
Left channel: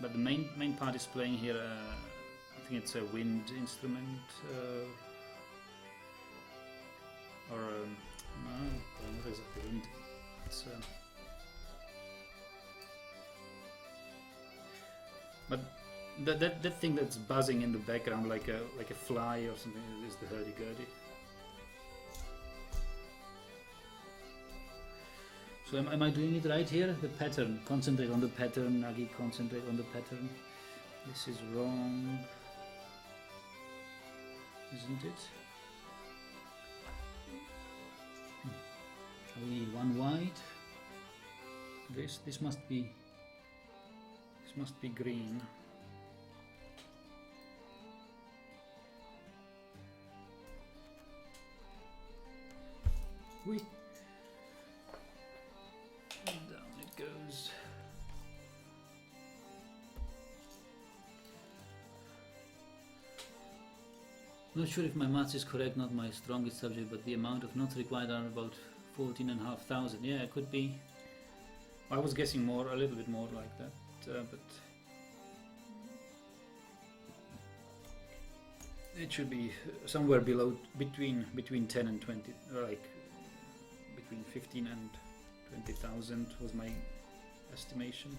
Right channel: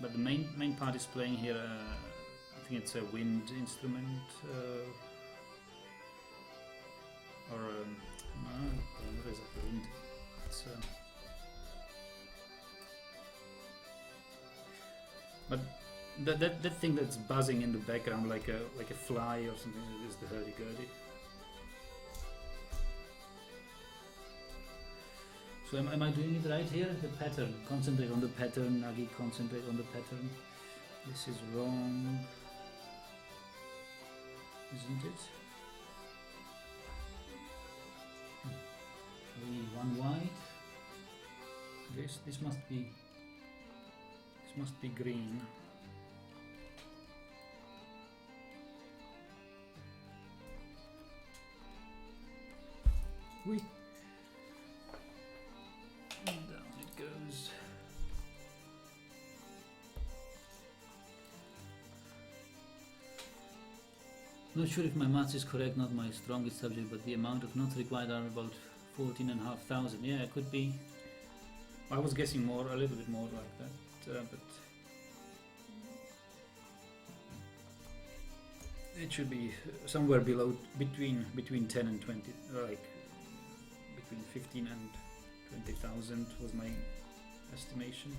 But the main part is playing here. I think it's a wind instrument, or no, what is it? The wind. It's but that thing that's buzzing in the background like a fly or something is the hurdy-gurdy. So am I doing it right here? The pattern. Concentrate on the pattern, Nagi, concentrate on the pattern. This is wrong, isn't it? One white. This must be green. Oui. And down it goes. Not sure if my maths is correct, not my strongest subject, but the amount of notes required are about 14,500. Yeah, it could be. I was guessing more, a little bit more like that, but it should be somewhere below, between 10 and 20, like between 15 and 20,000 was my estimation.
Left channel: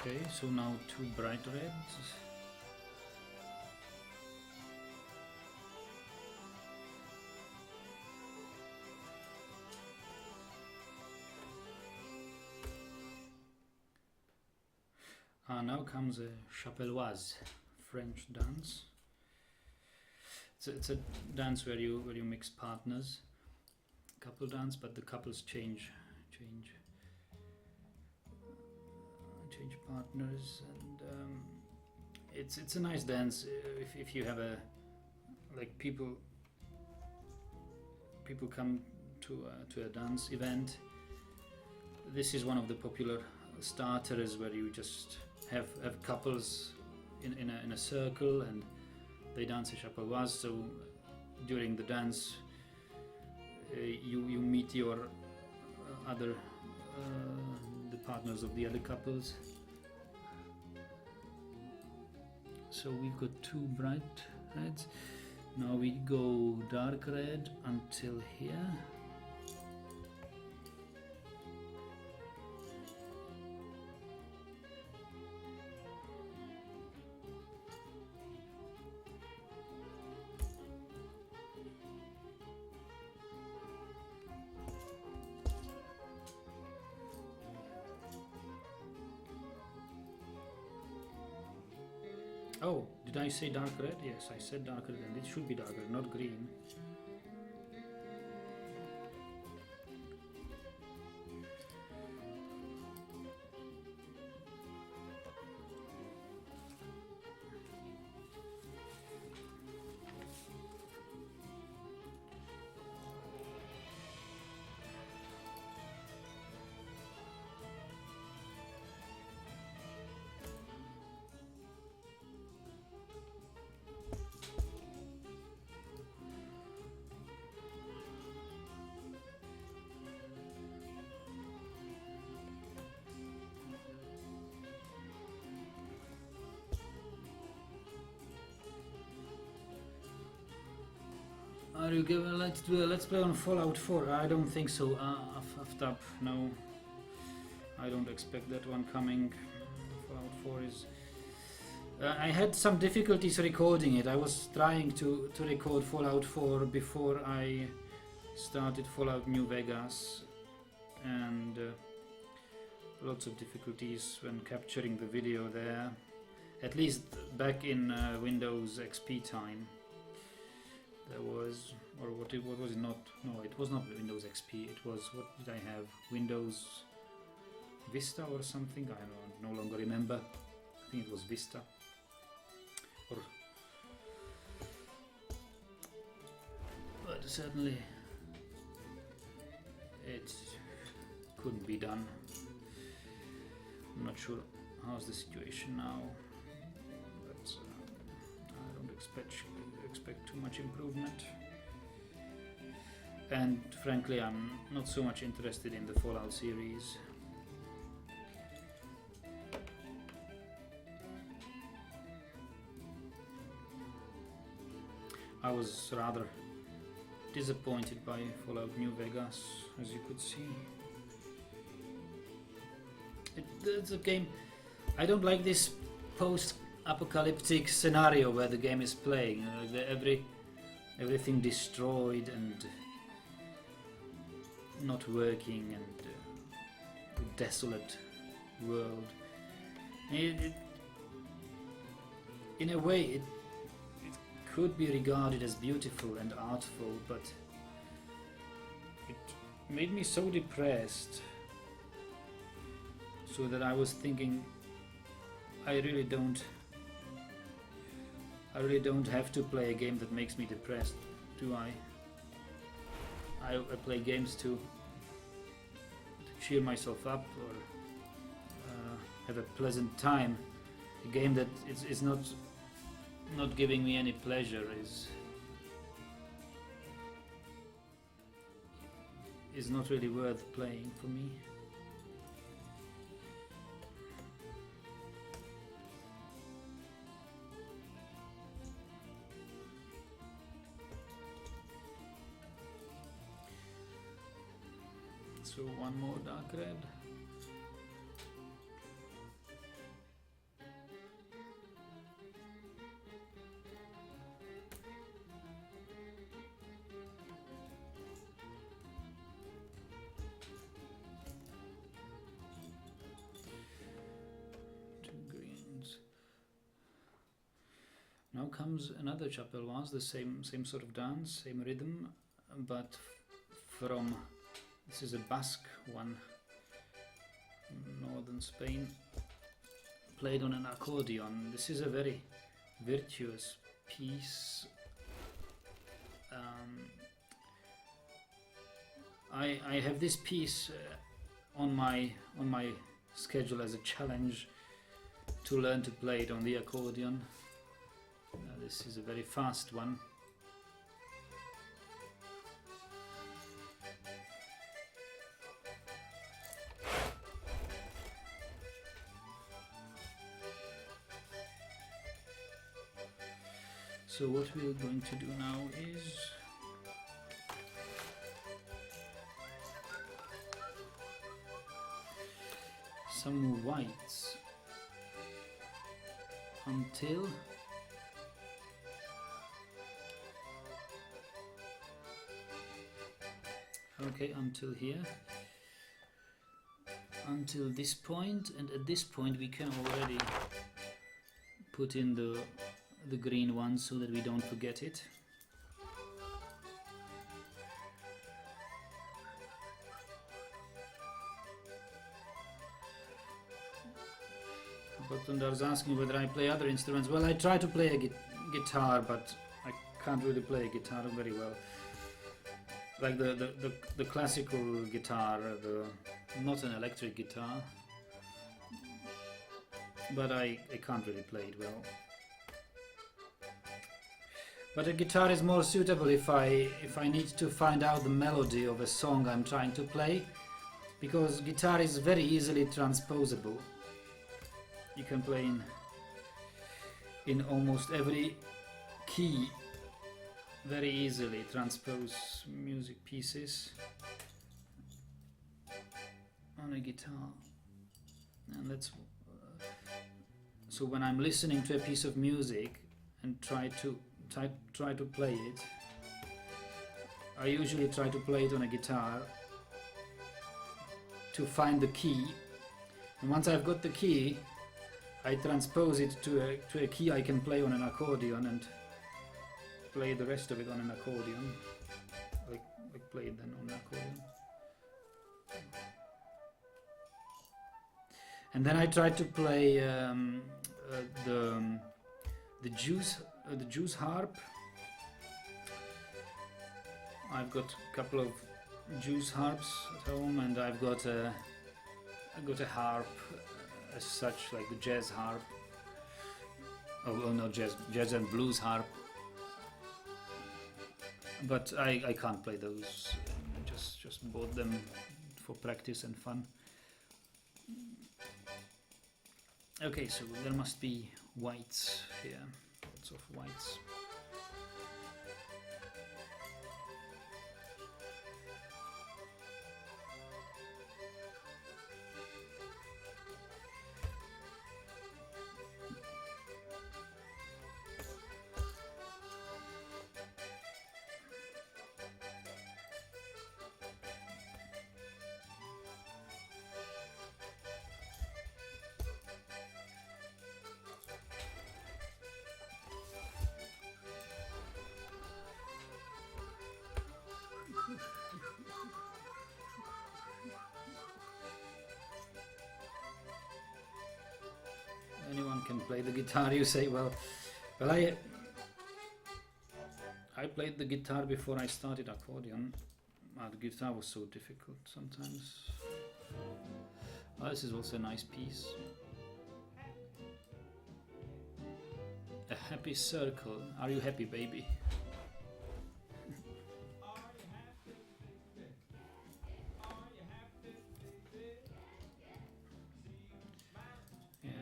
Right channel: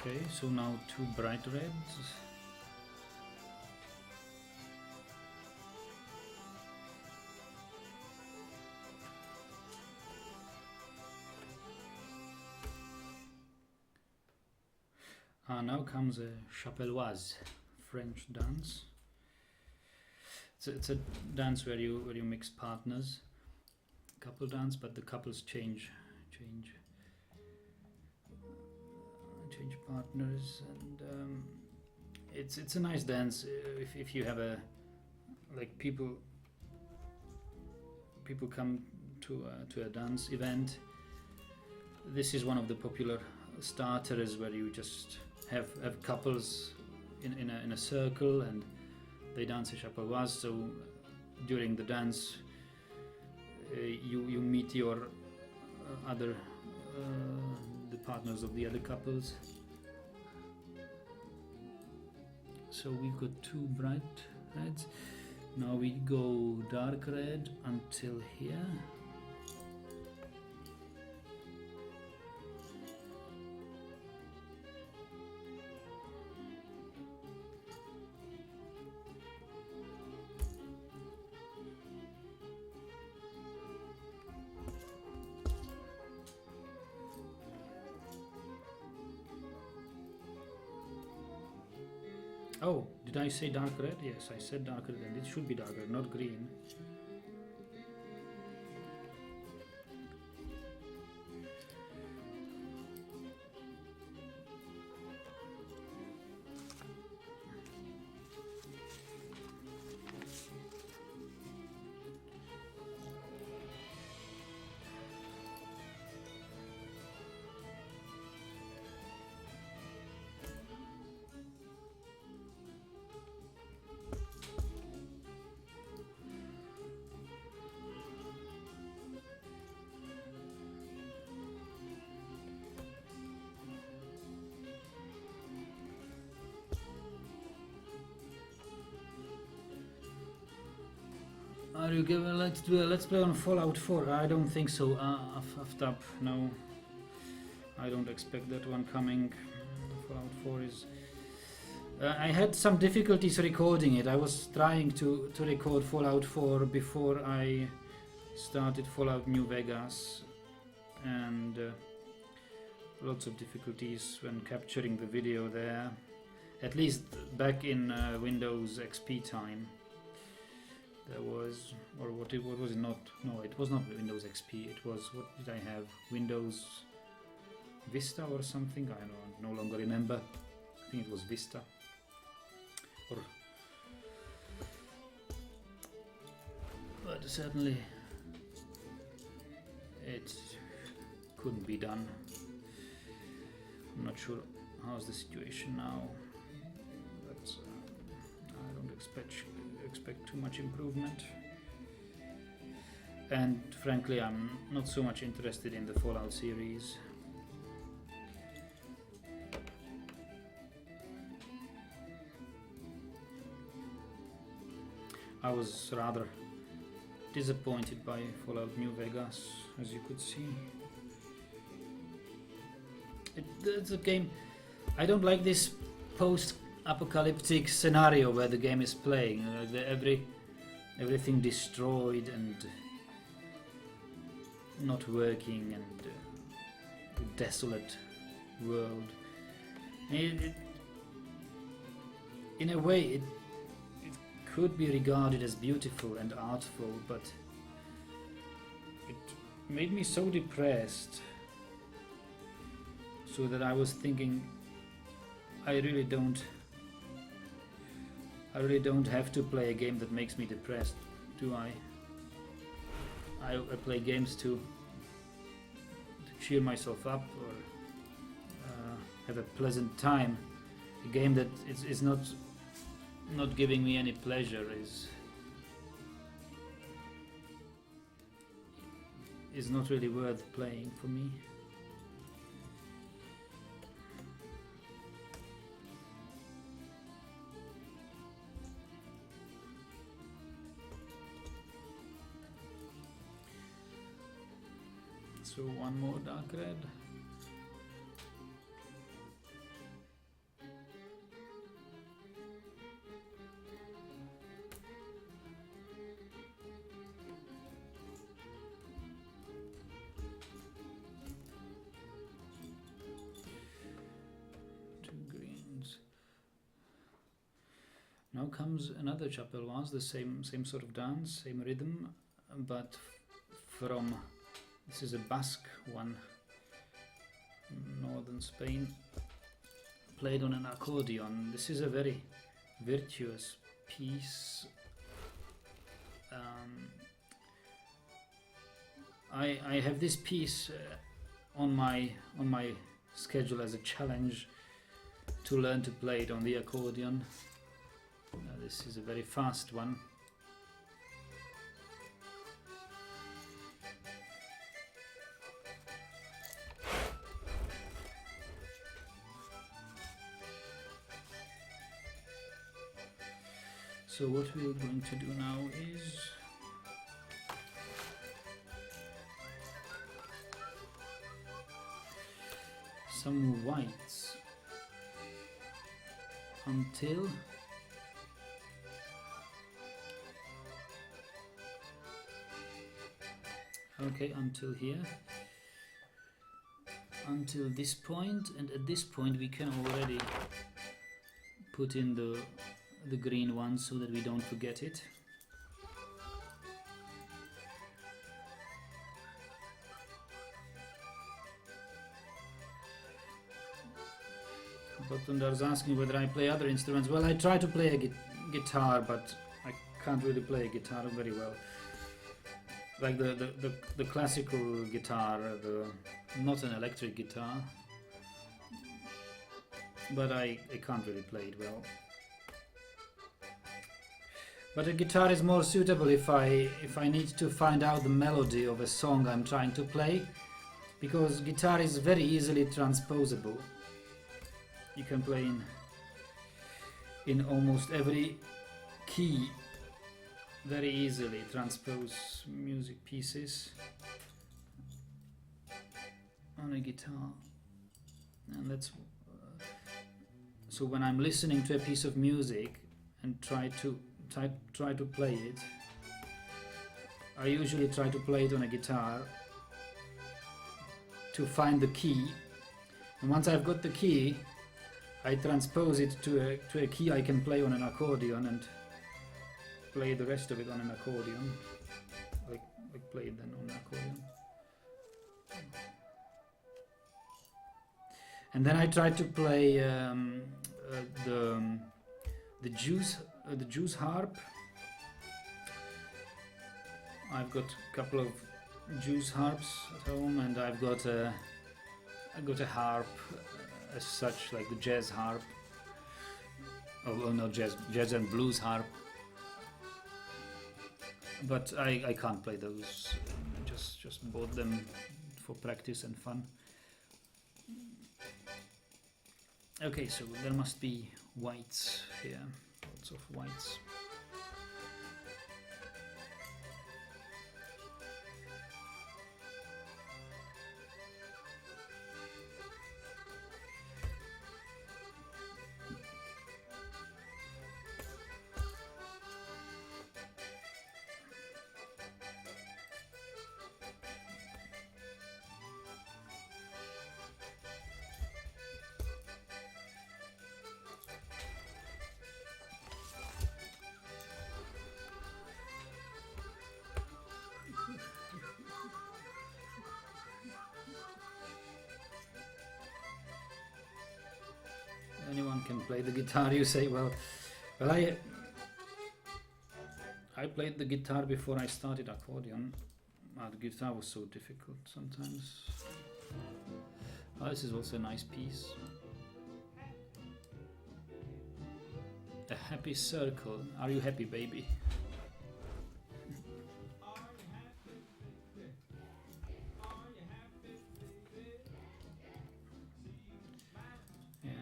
Okay, so now two bright reds. Now comes a chapelloise, French dance. It's a dance where you mix partners, couple dance, but the couples change partners, and it's a nice dance if you have a like people come to a dance event. This is one of the popular starters where you just have couples in a circle and they dance a chapelloise. So during the dance you meet your other the partners of the other couples. So we've got two bright reds. Now we go dark red until here. Oh, did I say dark red? Yes, I said dark red, and it should be dark red, not green. Are you given? Let's play on Fallout 4. I don't think so. Aftab, no. I don't expect that one coming. Fallout 4 is. I had some difficulties recording it. I was trying to record Fallout 4 before I started Fallout New Vegas, and lots of difficulties when capturing the video there. At least back in Windows XP time. There was, or what was it not? No, it was not Windows XP. It was, what did I have? Windows Vista or something? I no longer remember. I think it was Vista. But certainly it couldn't be done. I'm not sure how's the situation now, but I don't expect too much improvement, and frankly I'm not so much interested in the Fallout series. I was rather disappointed by Fallout New Vegas, as you could see. It's a game, I don't like this post-apocalyptic scenario where the game is playing, everything destroyed and not working, and a desolate world. In a way it could be regarded as beautiful and artful, but it made me so depressed, so that I was thinking, I really don't have to play a game that makes me depressed, do I? I play games to cheer myself up, or have a pleasant time. A game that is not giving me any pleasure is not really worth playing for me. So one more dark red. Two green. comes another chapel was the same sort of dance, same rhythm, but from, this is a Basque one, northern Spain, played on an accordion. This is a very virtuous piece. I have this piece on my schedule as a challenge to learn to play it on the accordion. This is a very fast one. So what we're going to do now is some whites until until here, until this point, and at this point we can already put in the green one so that we don't forget it. Bottundar's asking whether I play other instruments. Well, I try to play a guitar, but I can't really play a guitar very well. Like the classical guitar, not an electric guitar, but I can't really play it well. But a guitar is more suitable if I need to find out the melody of a song I'm trying to play, because guitar is very easily transposable. You can play in almost every key, very easily transpose music pieces on a guitar, and that's so when I'm listening to a piece of music and try to play it, I usually try to play it on a guitar to find the key, and once I've got the key, I transpose it to a key I can play on an accordion and play the rest of it on an accordion, like play it then on an accordion. And then I try to play the Jew's harp. I've got a couple of Jew's harps at home, and I've got a harp as such, like the jazz harp. Oh no, jazz and blues harp. But I can't play those. I just bought them for practice and fun. Okay, so there must be whites here, lots of whites. Anyone can play the guitar, you say. Well, I played the guitar before I started accordion. The guitar was so difficult sometimes. This is also a nice piece. A happy circle. Are you happy, baby?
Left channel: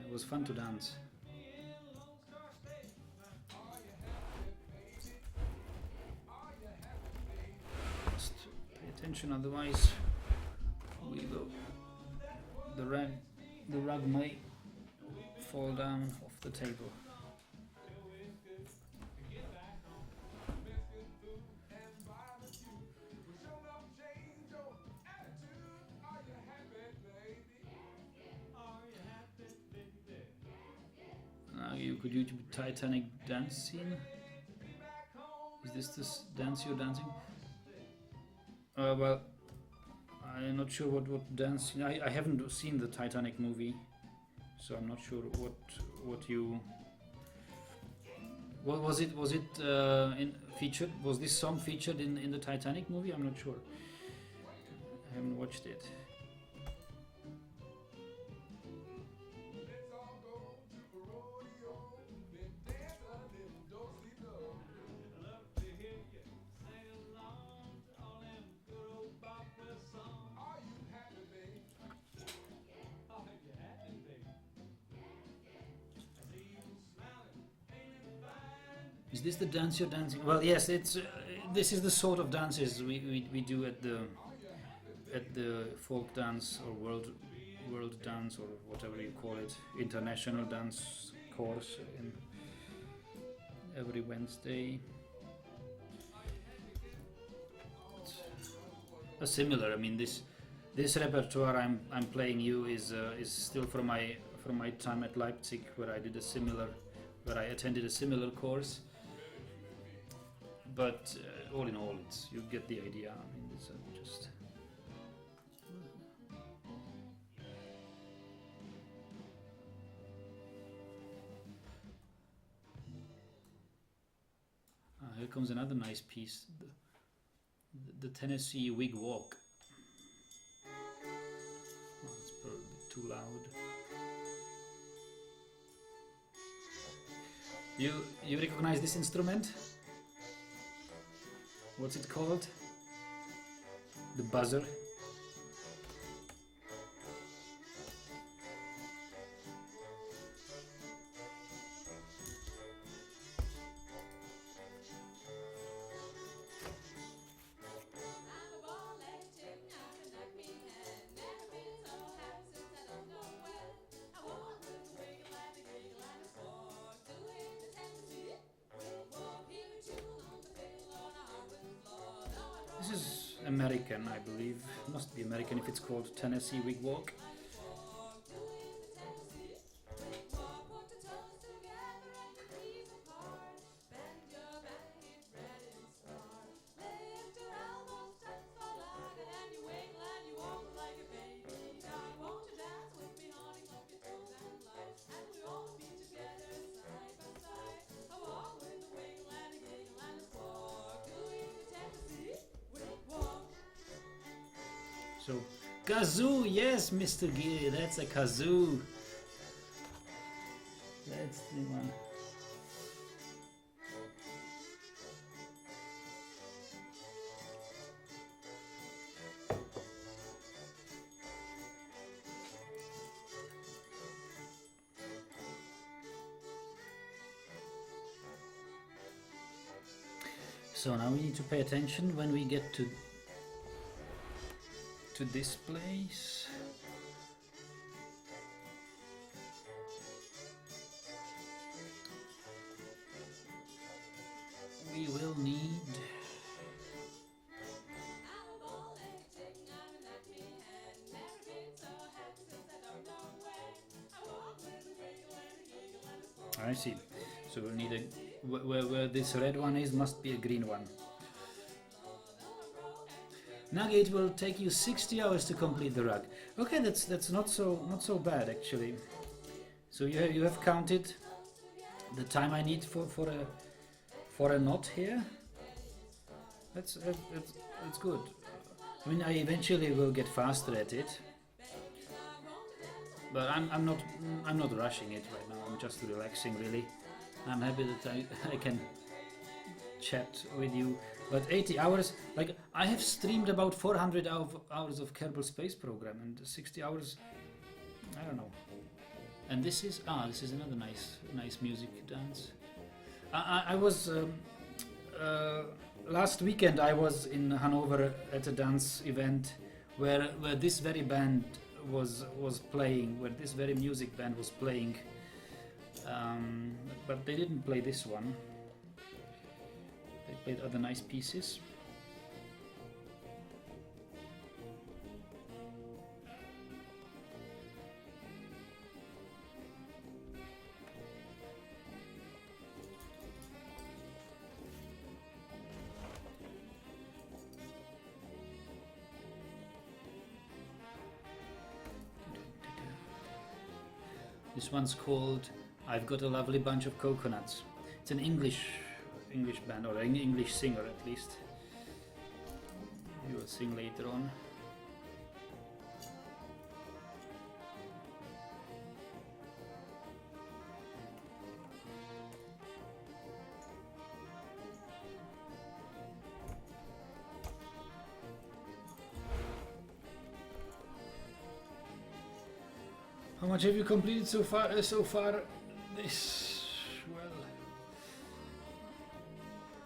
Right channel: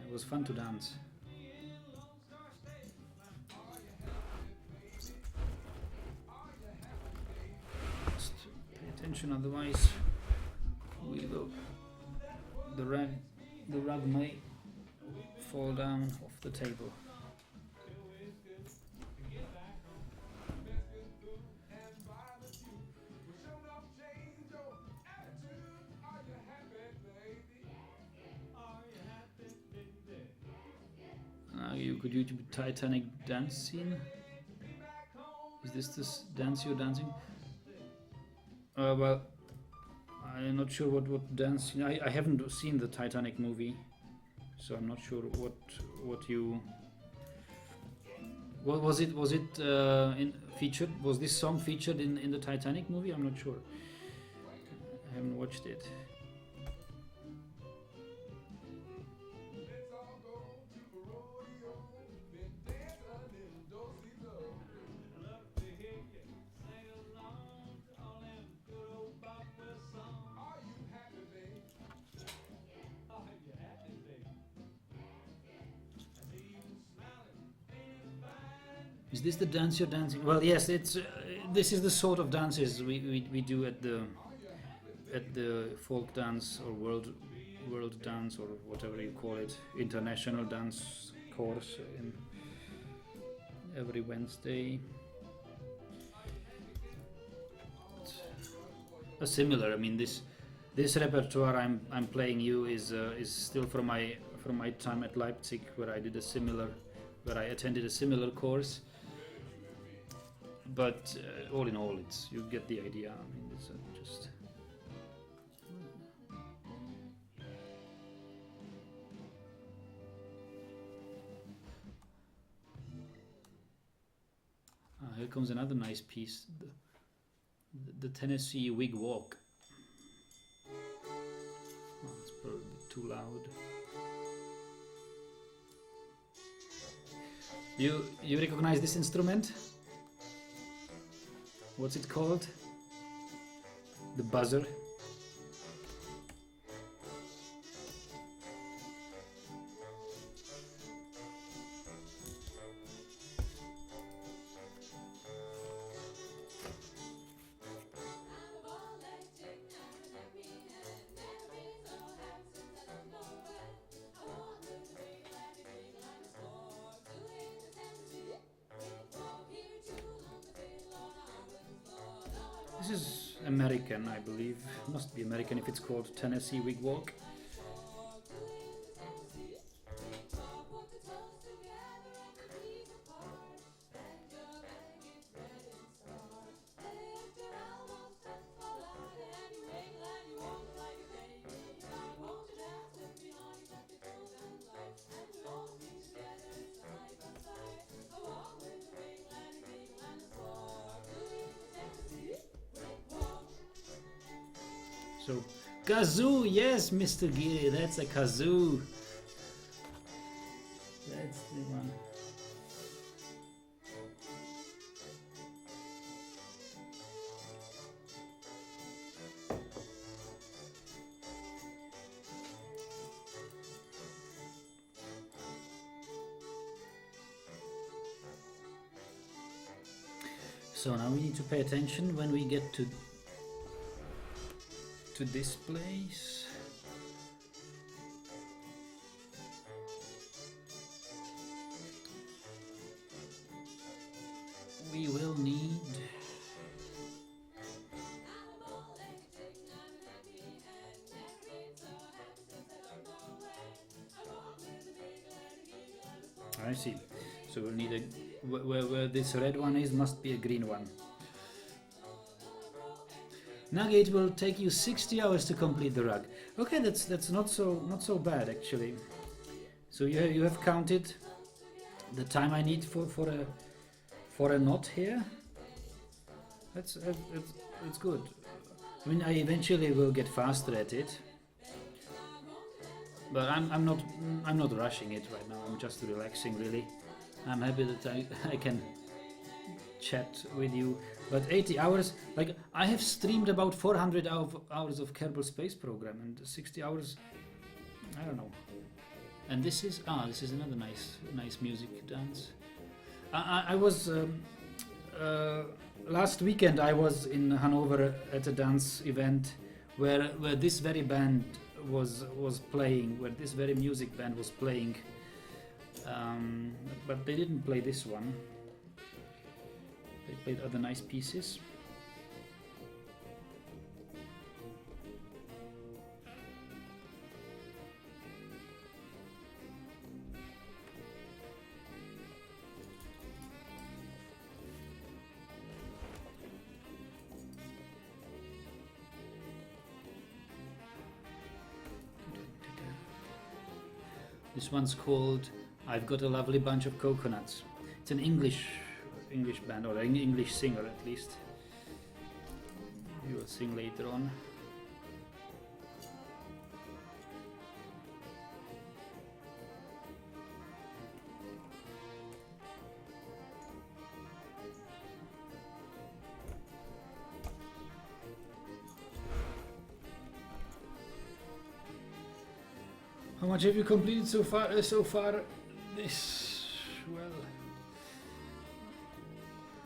It was fun to dance. Just pay attention, otherwise the rug may fall down off the table. Could YouTube Titanic dance scene? Is this the dance you're dancing? Well, I'm not sure what dance. I haven't seen the Titanic movie, so I'm not sure what you. What was it? Was it in featured? Was this song featured in the Titanic movie? I'm not sure. I haven't watched it. Is this the dance you're dancing? Well, yes. It's this is the sort of dances we do at the folk dance or world dance or whatever you call it, international dance course in every Wednesday. A similar. I mean, this repertoire I'm playing you is still from my time at Leipzig, where I attended a similar course. But all in all, you get the idea. I mean, it's just. Here comes another nice piece. The Tennessee Wig Walk. Oh, it's probably a bit too loud. You recognize this instrument? What's it called? The buzzer. This is American, I believe. Must be American if it's called Tennessee Wig Walk. So, kazoo, yes, Mr. Geary, that's a kazoo. That's the one. So now we need to pay attention when we get to this place. We will need I see. So we'll need a where this red one is must be a green one. Nugget will take you 60 hours to complete the rug. Okay, that's not so bad actually. So you have counted the time I need for a knot here. That's good. I mean, I eventually will get faster at it, but I'm not rushing it right now. I'm just relaxing really. I'm happy that I can chat with you. But 80 hours, like I have streamed about 400 hours of Kerbal Space Program, and 60 hours, I don't know. And this is another nice music dance. I was last weekend I was in Hanover at a dance event where this very band was playing, where this very music band was playing, but they didn't play this one. They played other nice pieces. This one's called I've Got a Lovely Bunch of Coconuts. It's an English band, or an English singer at least. He will sing later on. How much have you completed so far? This, well,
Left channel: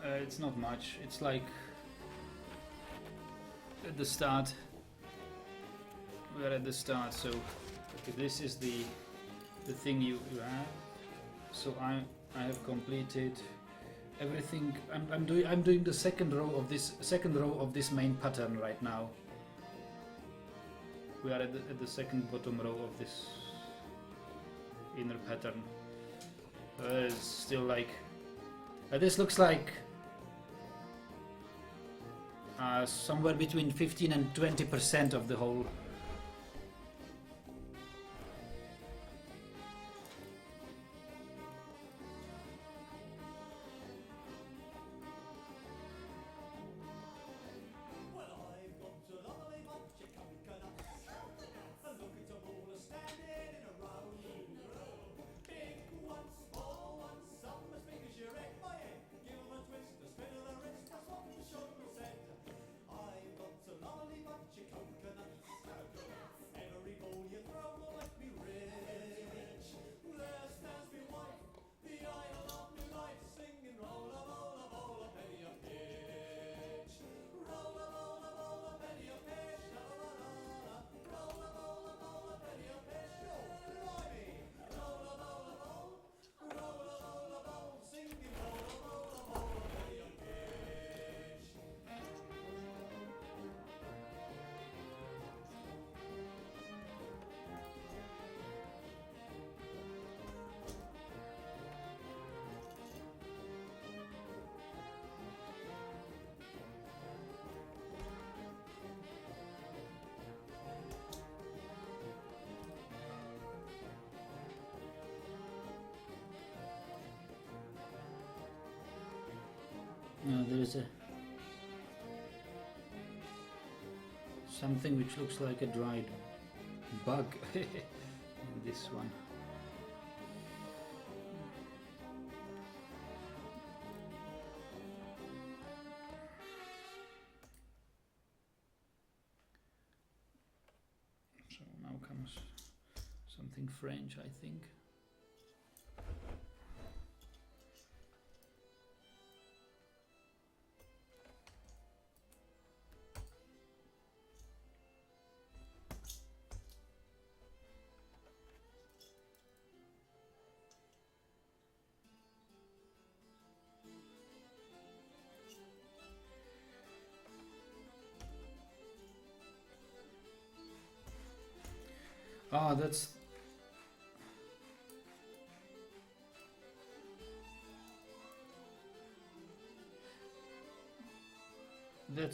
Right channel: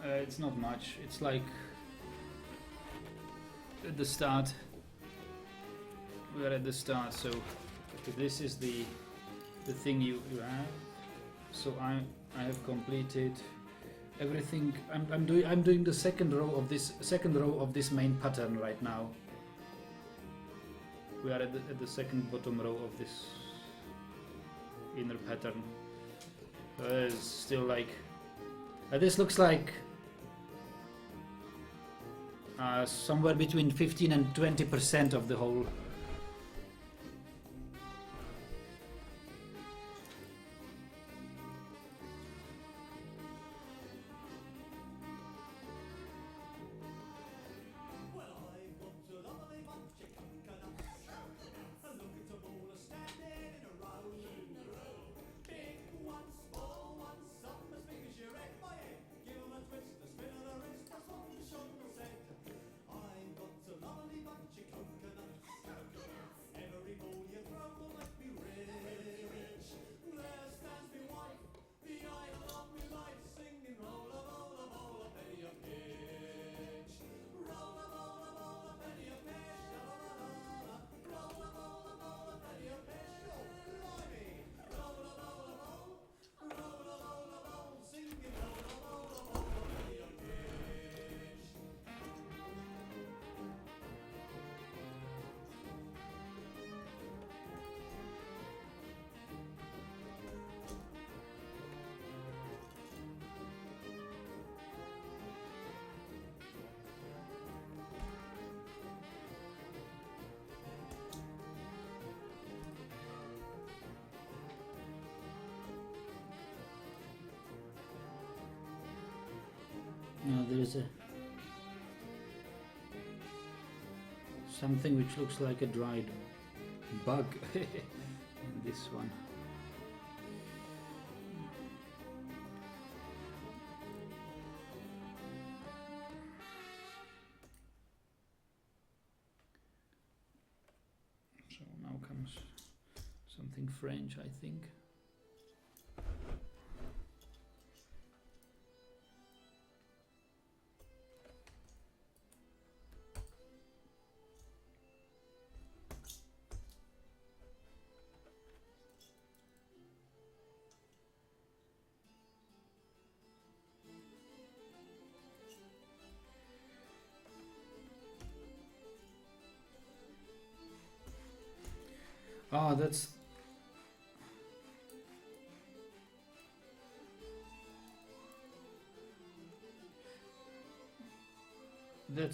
it's not much. It's like at the start. We are at the start, so okay, this is the thing you have. So I have completed everything. I'm doing the second row of this main pattern right now. We are at the second bottom row of this inner pattern. It's still like this looks like somewhere between 15 and 20% of the whole. Now there is something which looks like a dried bug in this one. So now comes something French, I think. Ah, that's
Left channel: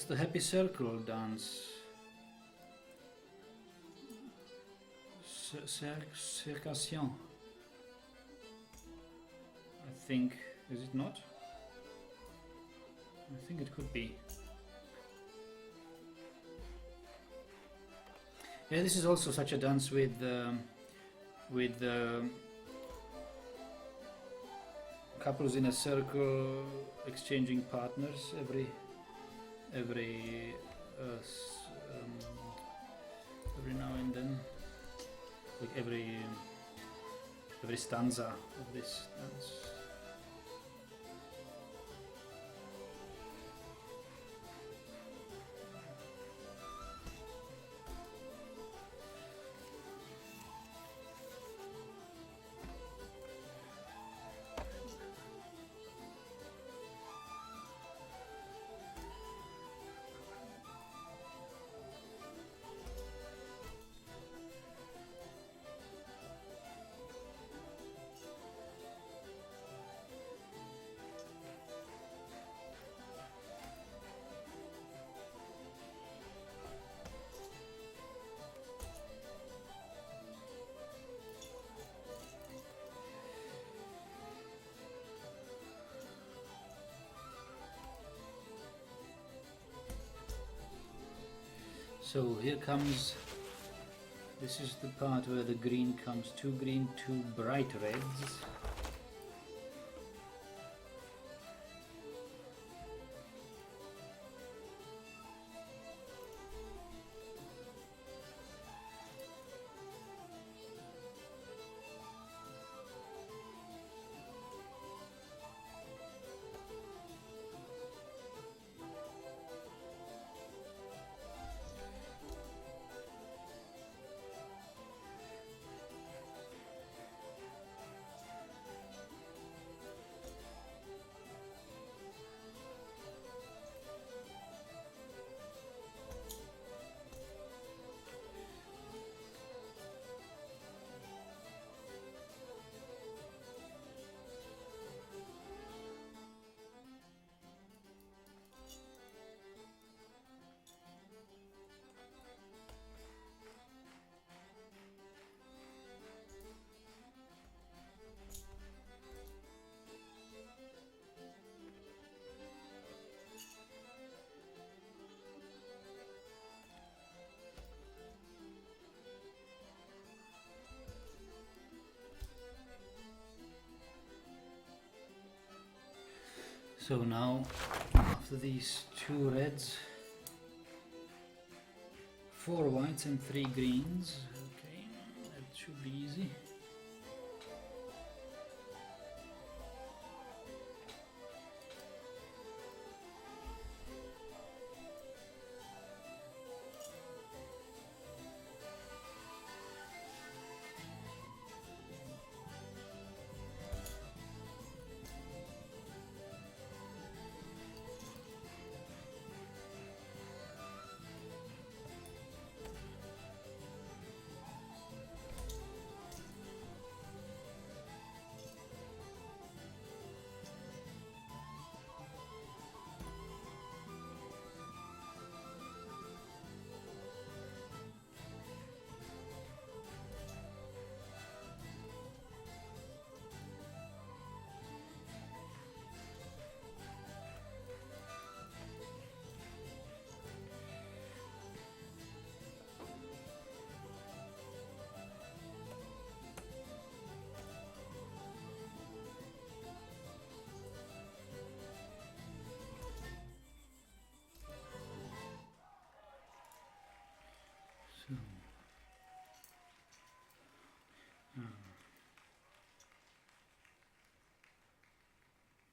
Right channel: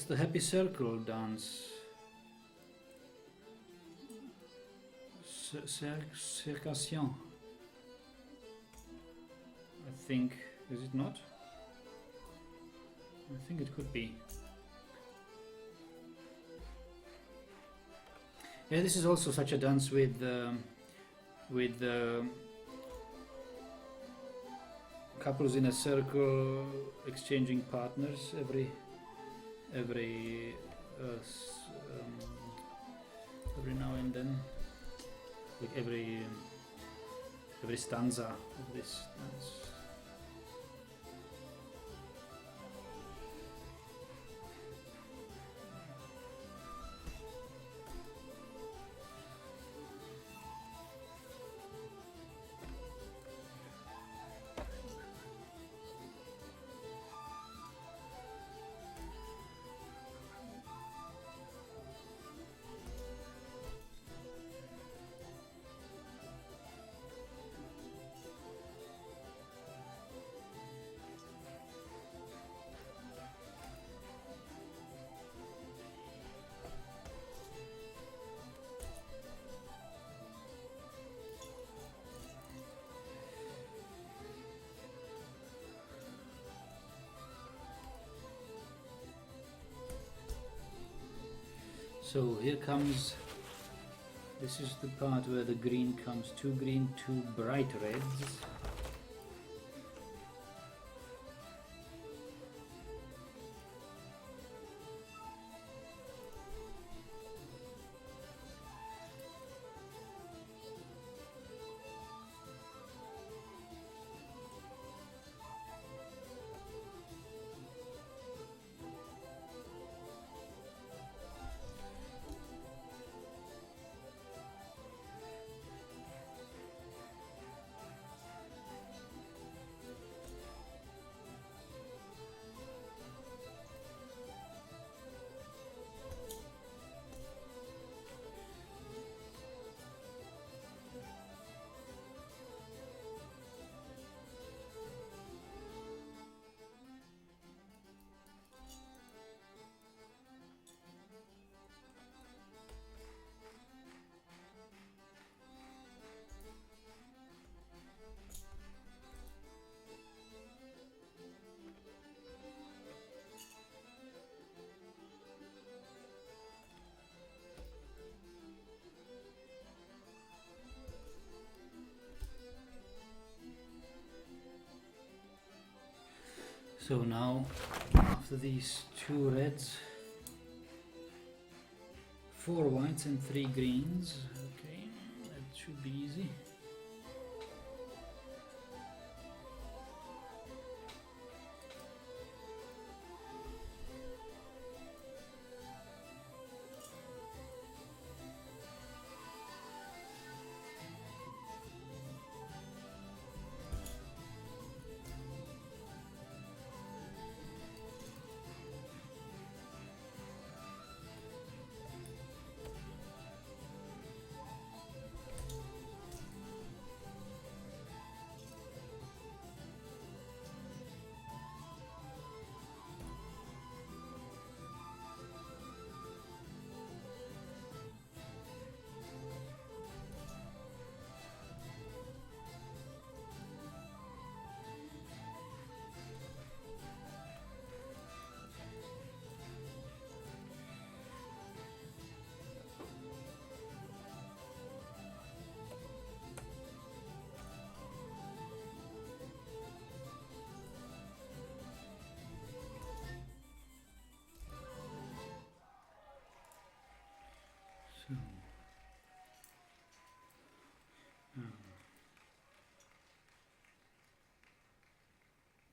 the Happy Circle dance. Circation. I think, is it not? I think it could be. Yeah, this is also such a dance with couples in a circle exchanging partners every now and then, like every stanza of this dance. So here comes, this is the part where the green comes, 2 green, 2 bright reds. So now, after these 2 reds, 4 whites and 3 greens. Okay, that should be easy. So,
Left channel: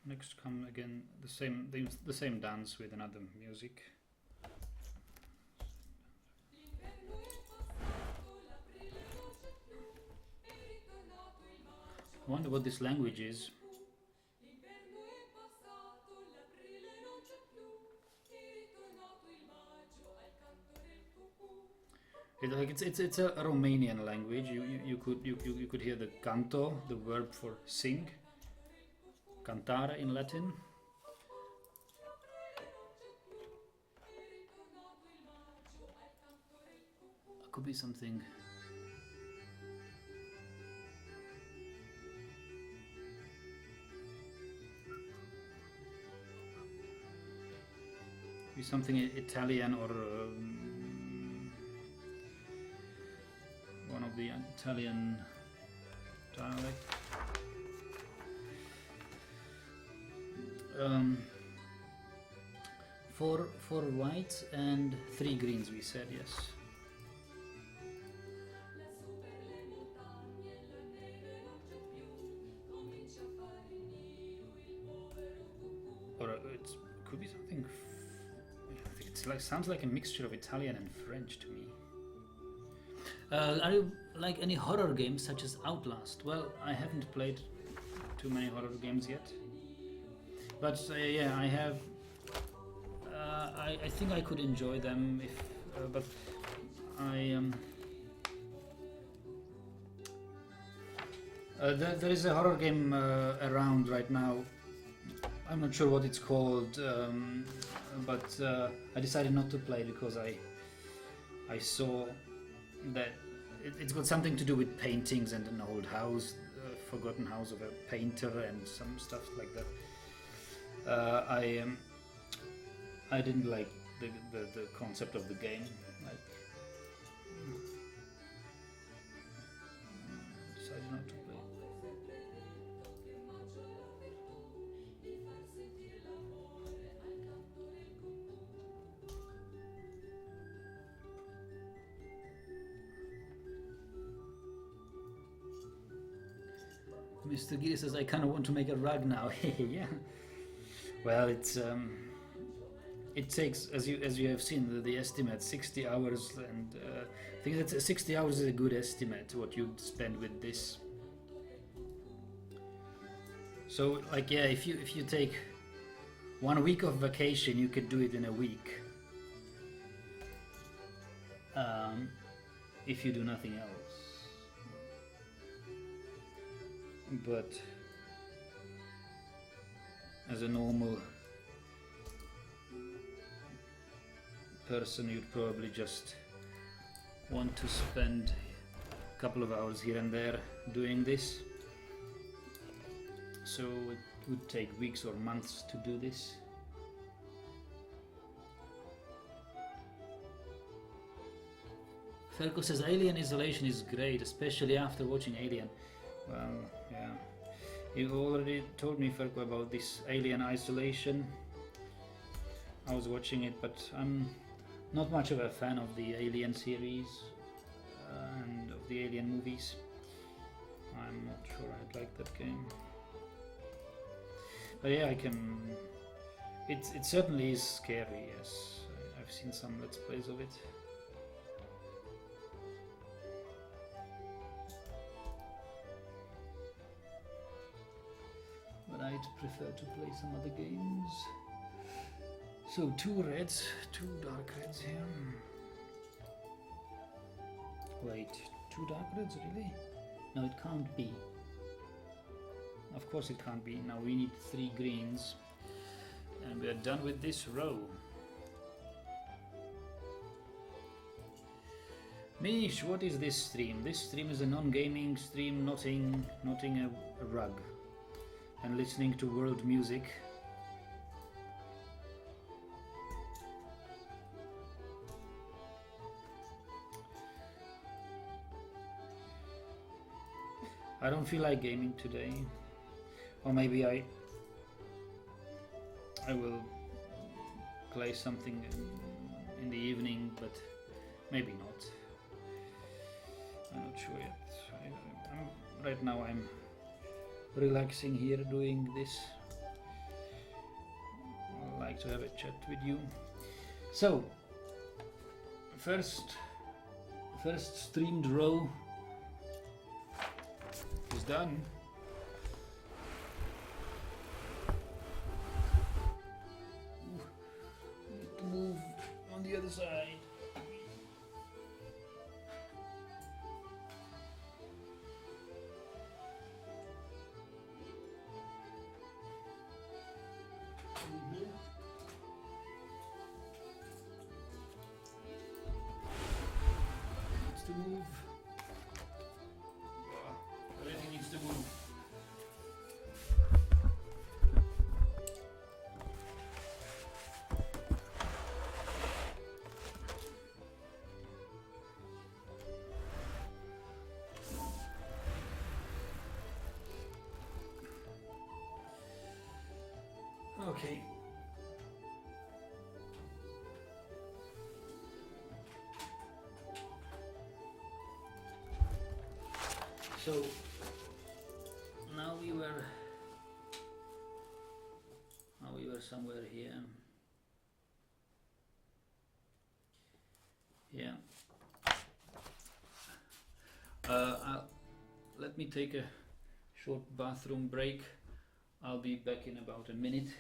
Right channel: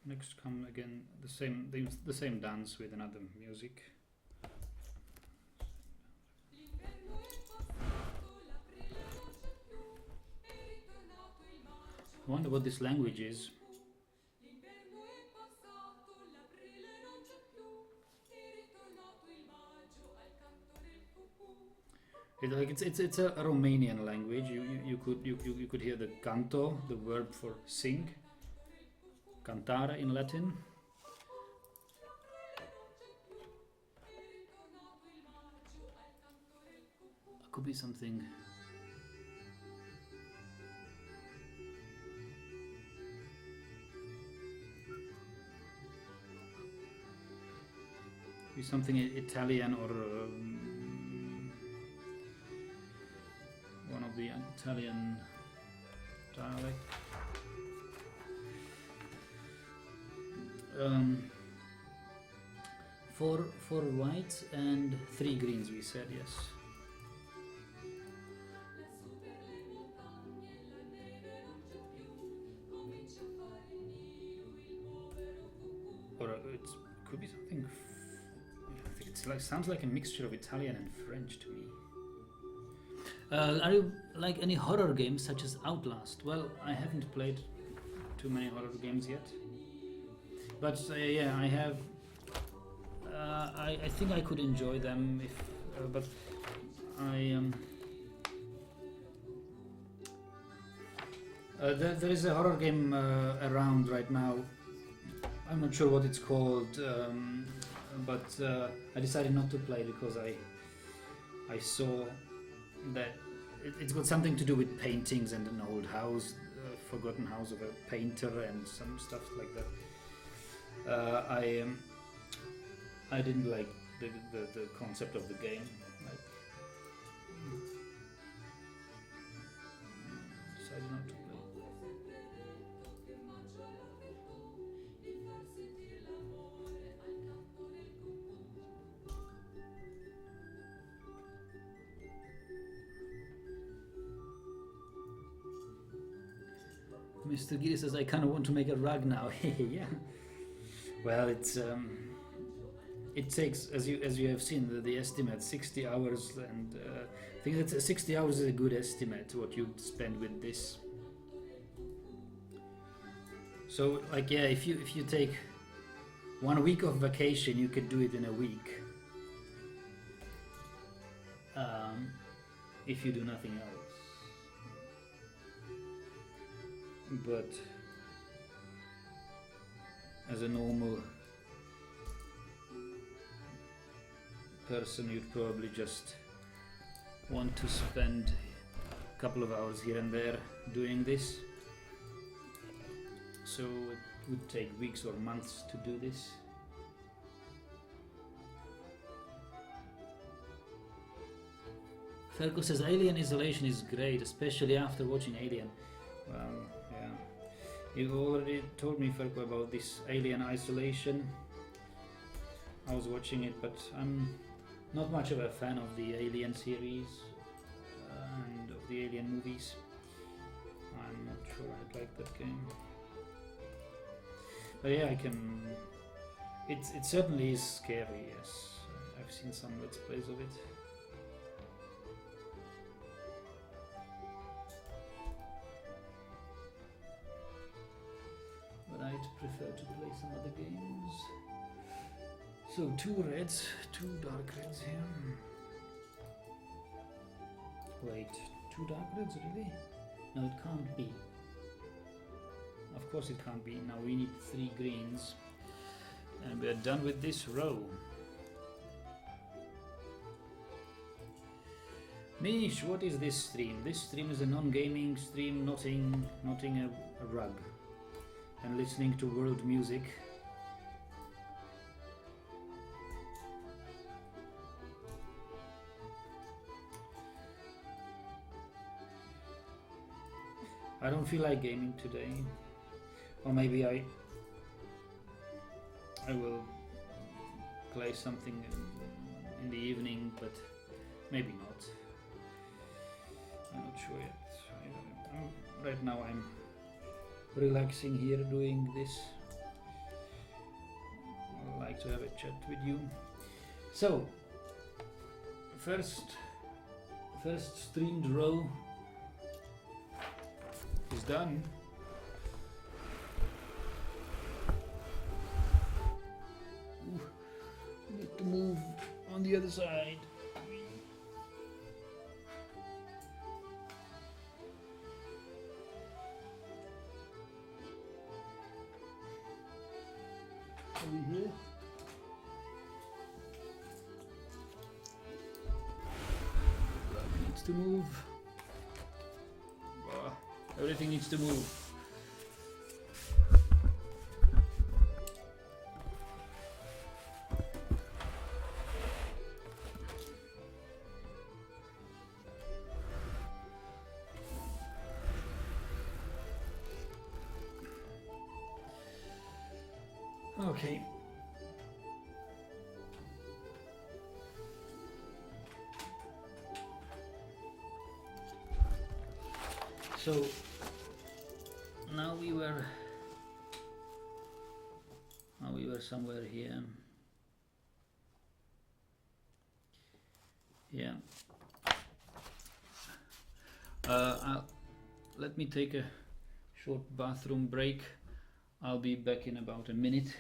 next come again the same dance with another music. I wonder what this language is. It's a Romanian language. You could hear the canto, the verb for sing, cantare in Latin. Could be something. Be something Italian or one of the Italian dialect. Four whites and 3 greens, we said, yes. Or it could be something. Sounds like a mixture of Italian and French to me. Are you like any horror games such as Outlast? Well, I haven't played too many horror games yet, but yeah, I have. I think I could enjoy them if, but there is a horror game around right now. I'm not sure what it's called, but I decided not to play because I saw that it's got something to do with paintings and an old house, forgotten house of a painter and some stuff like that. I didn't like the concept of the game. Mr. Giri says, I kind of want to make a rug now. Yeah. Well, it takes, as you have seen, the estimate 60 hours, and I think that 60 hours is a good estimate what you'd spend with this. So, like, yeah, if you take 1 week of vacation, you could do it in a week. If you do nothing else. But as a normal person, you'd probably just want to spend a couple of hours here and there doing this. So it would take weeks or months to do this. Fergus says Alien Isolation is great, especially after watching Alien. Well, yeah. You already told me, Fergus, about this Alien Isolation. I was watching it, but I'm not much of a fan of the Alien series and of the Alien movies. I'm not sure I'd like that game. But yeah, I can... It certainly is scary, yes. I've seen some Let's Plays of it. But I'd prefer to play some other games. So 2 reds, 2 dark reds here. Wait, 2 dark reds, really? No, it can't be. Of course it can't be. Now we need 3 greens. And we are done with this row. Mish, what is this stream? This stream is a non-gaming stream, knotting a rug and listening to world music. I don't feel like gaming today, or maybe I will play something in the evening, but maybe not. I'm not sure yet. Right now I'm relaxing here doing this. I'd like to have a chat with you. So, first streamed row is done. Ooh, need to move on the other side. Over here. Needs to move. Everything needs to move. Okay. So now we were somewhere here. Yeah. Let me take a short bathroom break. I'll be back in about a minute.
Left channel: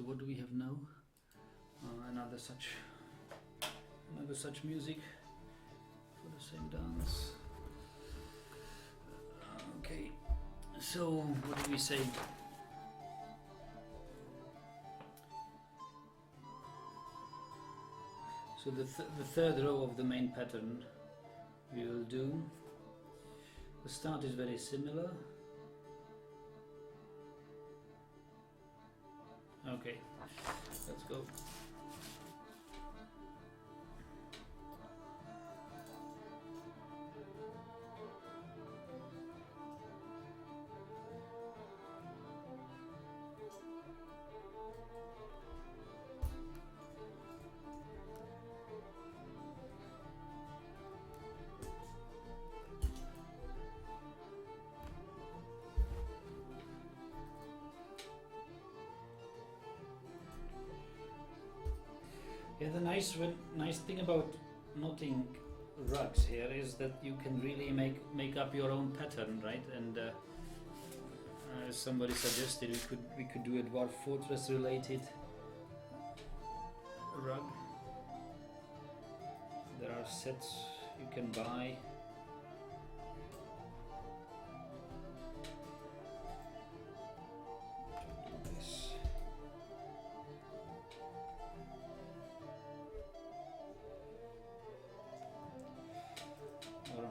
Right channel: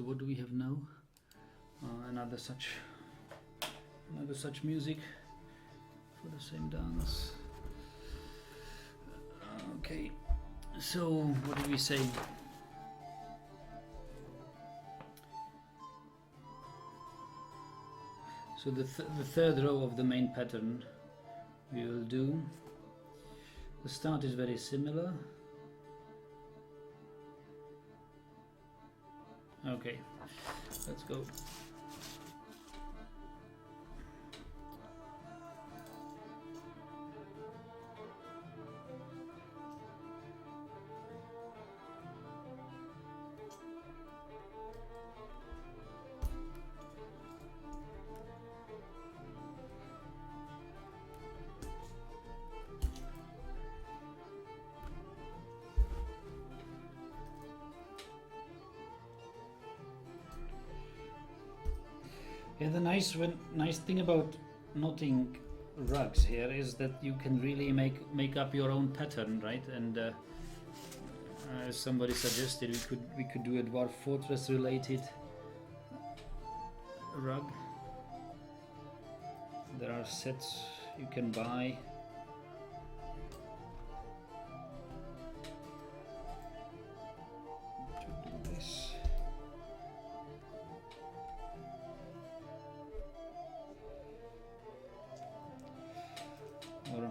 So what do we have now? Another such music for the same dance. Okay, so what do we say? So the third row of the main pattern we will do. The start is very similar. Okay, let's go. Yeah, the nice thing about knotting rugs here is that you can really make up your own pattern, right? And as somebody suggested, we could do a Dwarf Fortress related rug. There are sets you can buy. To do this. Or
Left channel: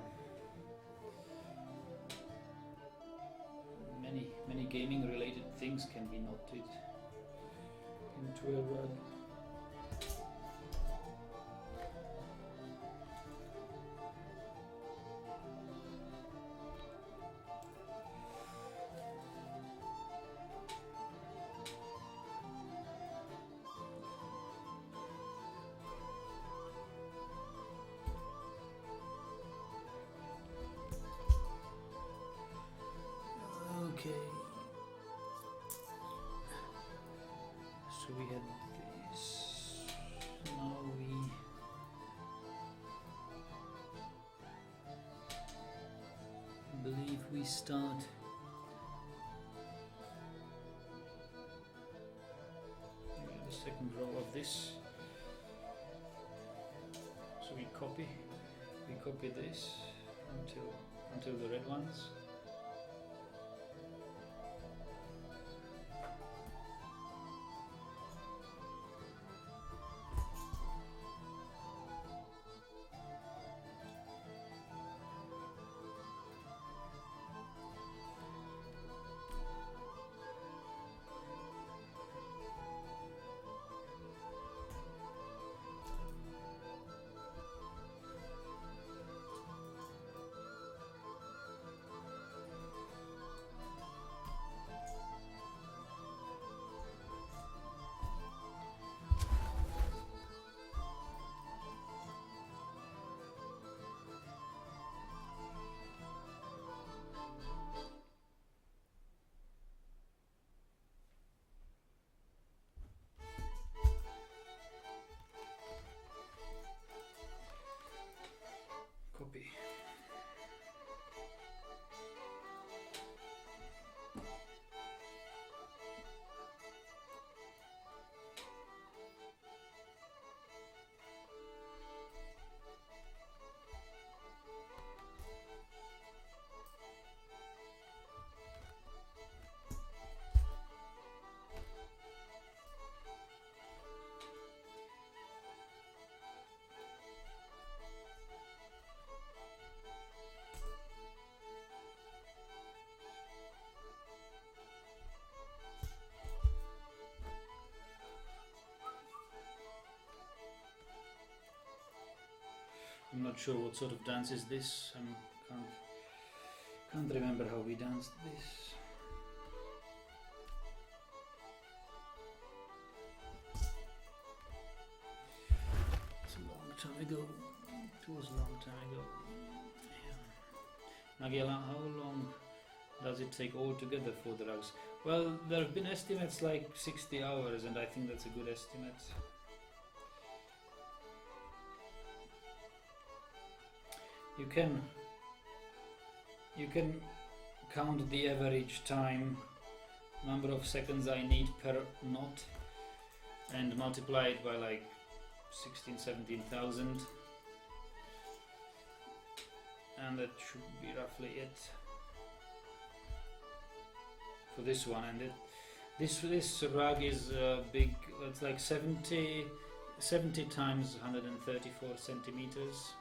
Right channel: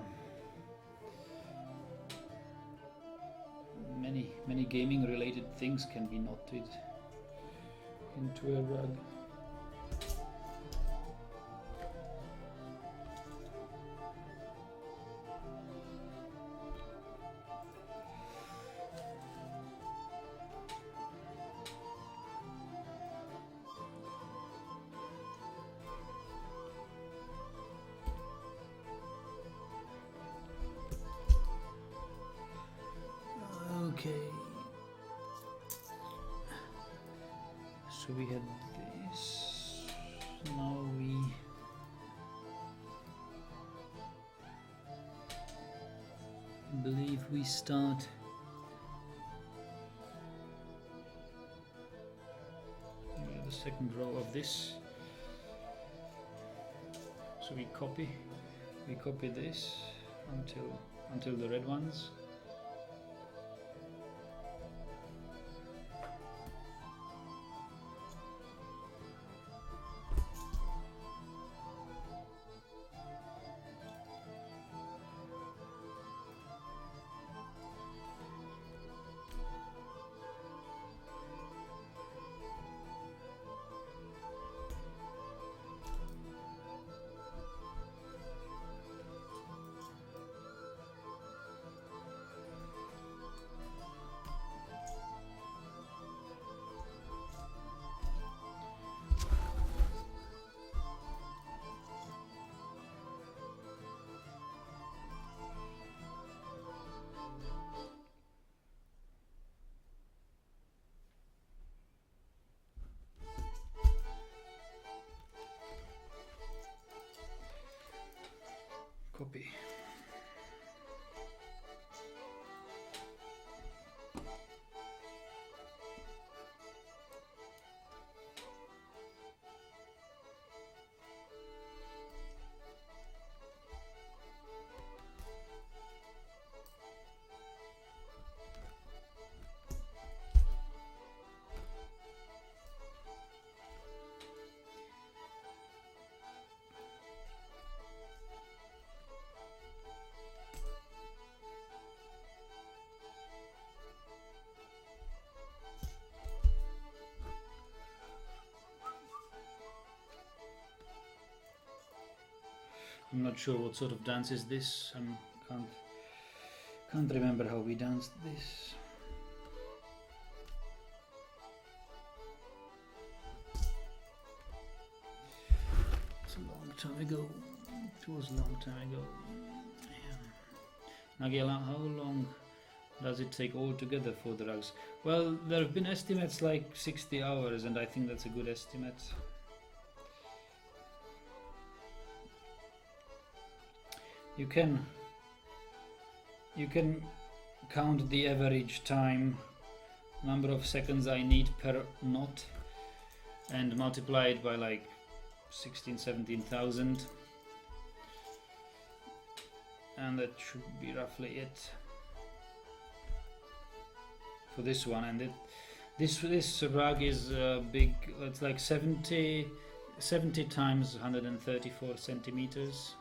many gaming related things can be knotted into a rug. Okay, so we had this, now we believe we start the second row of this, so we copy this until the red ones. Copy. I'm not sure what sort of dance is this. Can't remember how we danced this. It's a long time ago. It was a long time ago. Yeah. Nagela, how long does it take altogether for the rugs? Well, there have been estimates like 60 hours, and I think that's a good estimate. You can count the average time, number of seconds I need per knot, and multiply it by like 17,000, and that should be roughly it for this one. And this rug is big. It's like 70 times 134 centimeters.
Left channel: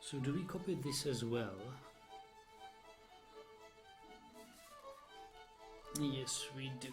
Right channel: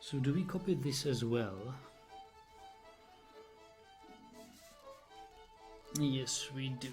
So do we copy this as well? Yes, we do.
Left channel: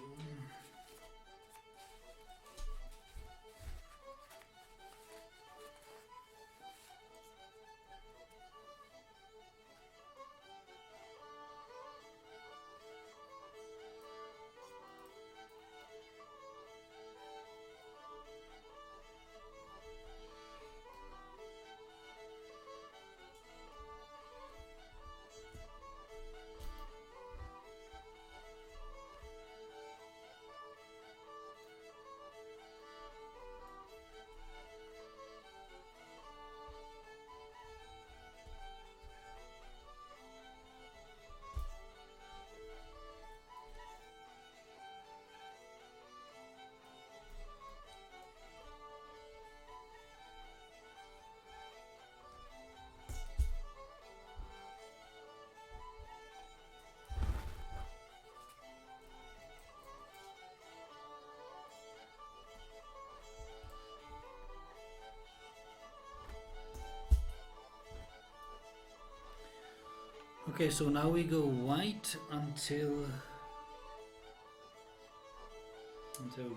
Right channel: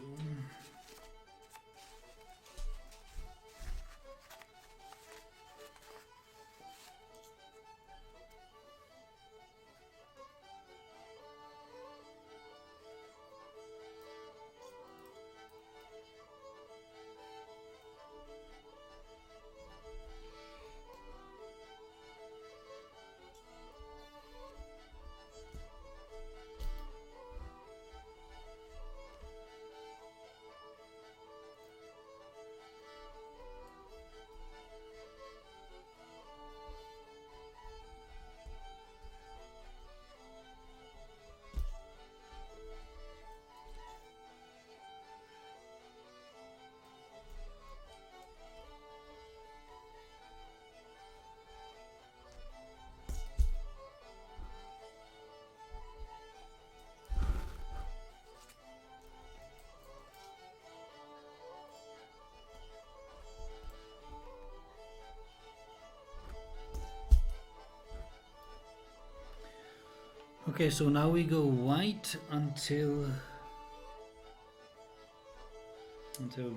Okay, so now we go white until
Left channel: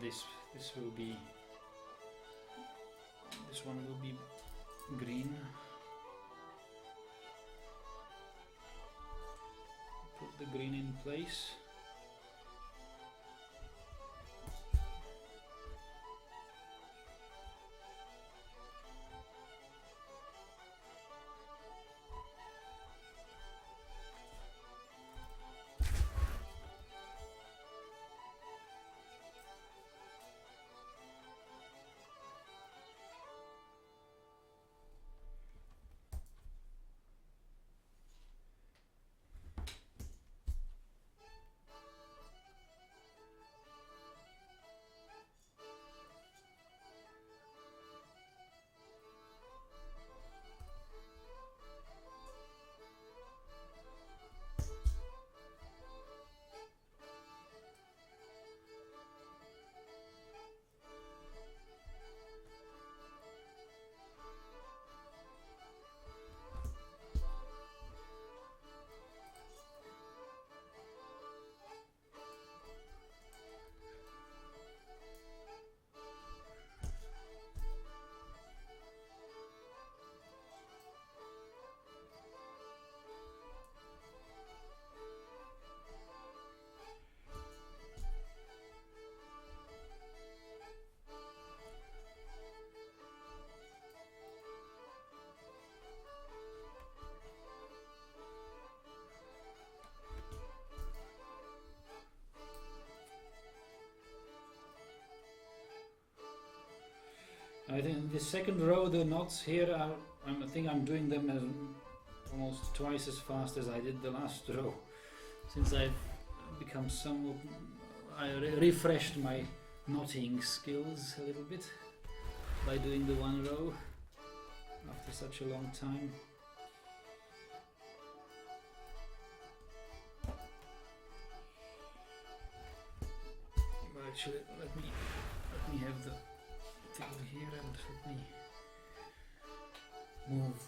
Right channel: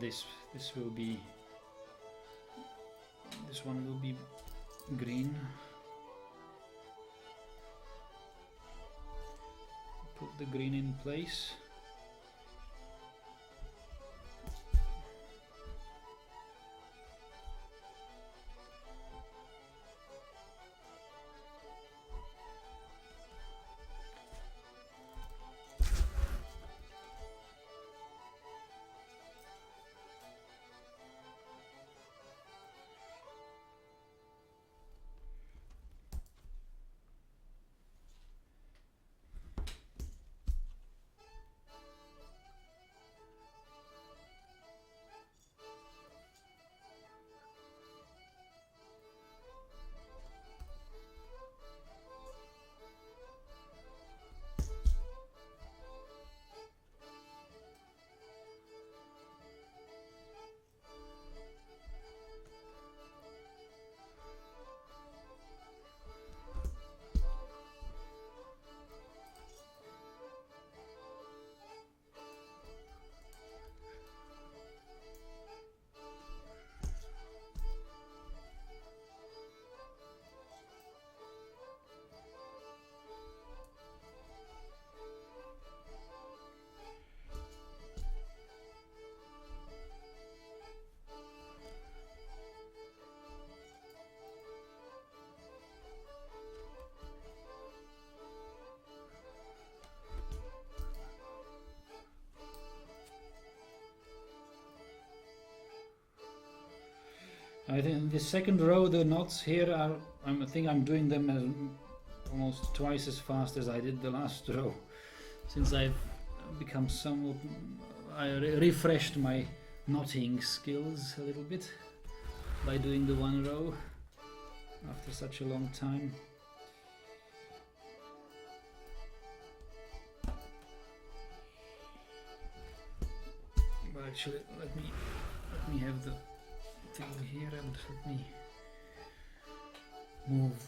this will be, this one will be green. Put the green in place. I think the second row, the knots here are, I think I'm doing them as almost twice as fast as I did the last row, since I've become somewhat, I refreshed my knotting skills a little bit by doing the one row after such a long time. But actually, let me have the thing here and let me move.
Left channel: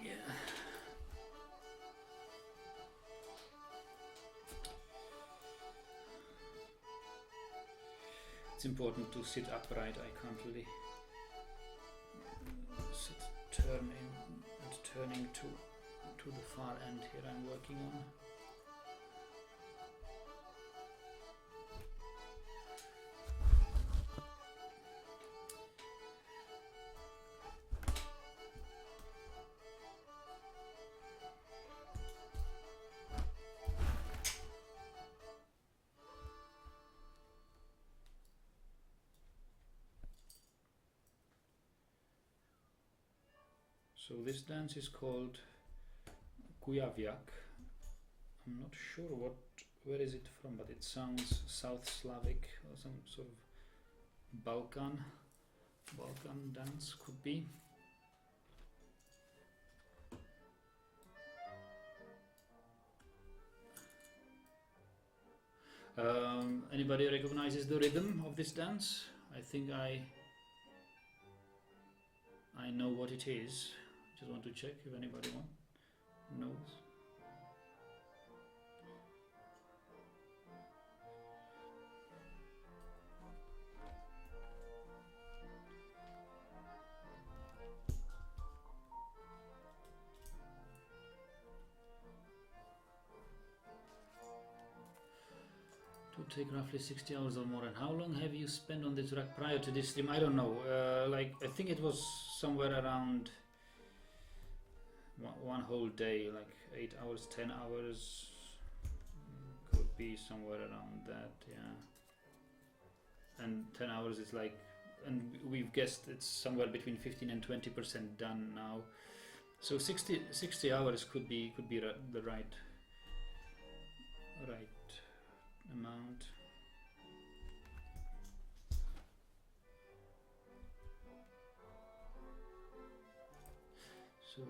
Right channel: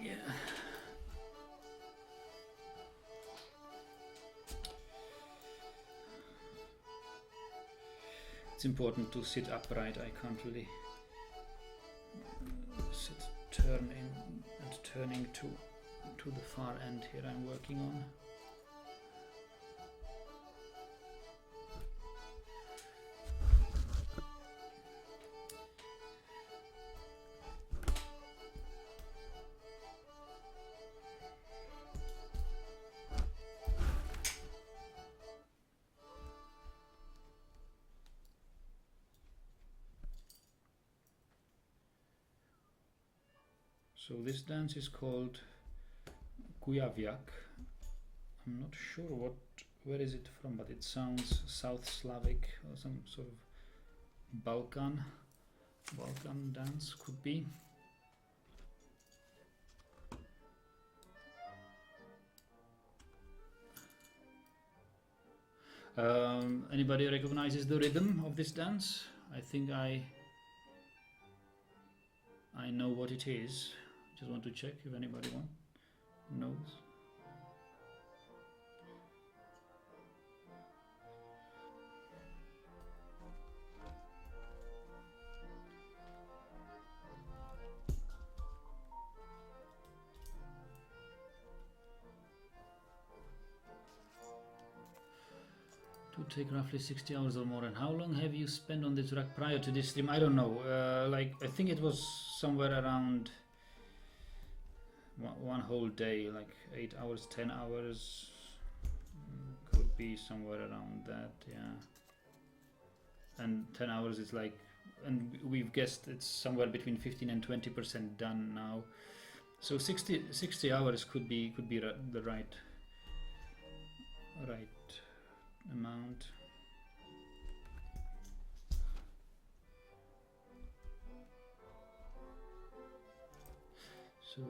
Yeah. It's important to sit upright. I can't really sit turning to the far end here I'm working on. So this dance is called Kujawiak. I'm not sure where is it from, but it sounds South Slavic or some sort of Balkan dance could be. Anybody recognizes the rhythm of this dance? I think I know what it is. Just want to check if anybody knows. To take roughly 60 hours or more. And how long have you spent on this track prior to this stream? I don't know. Like I think it was somewhere around one whole day, like 8 hours, 10 hours. Could be somewhere around that, yeah. And 10 hours is like, and we've guessed it's somewhere between 15 and 20% done now. So 60 hours could be the right amount. So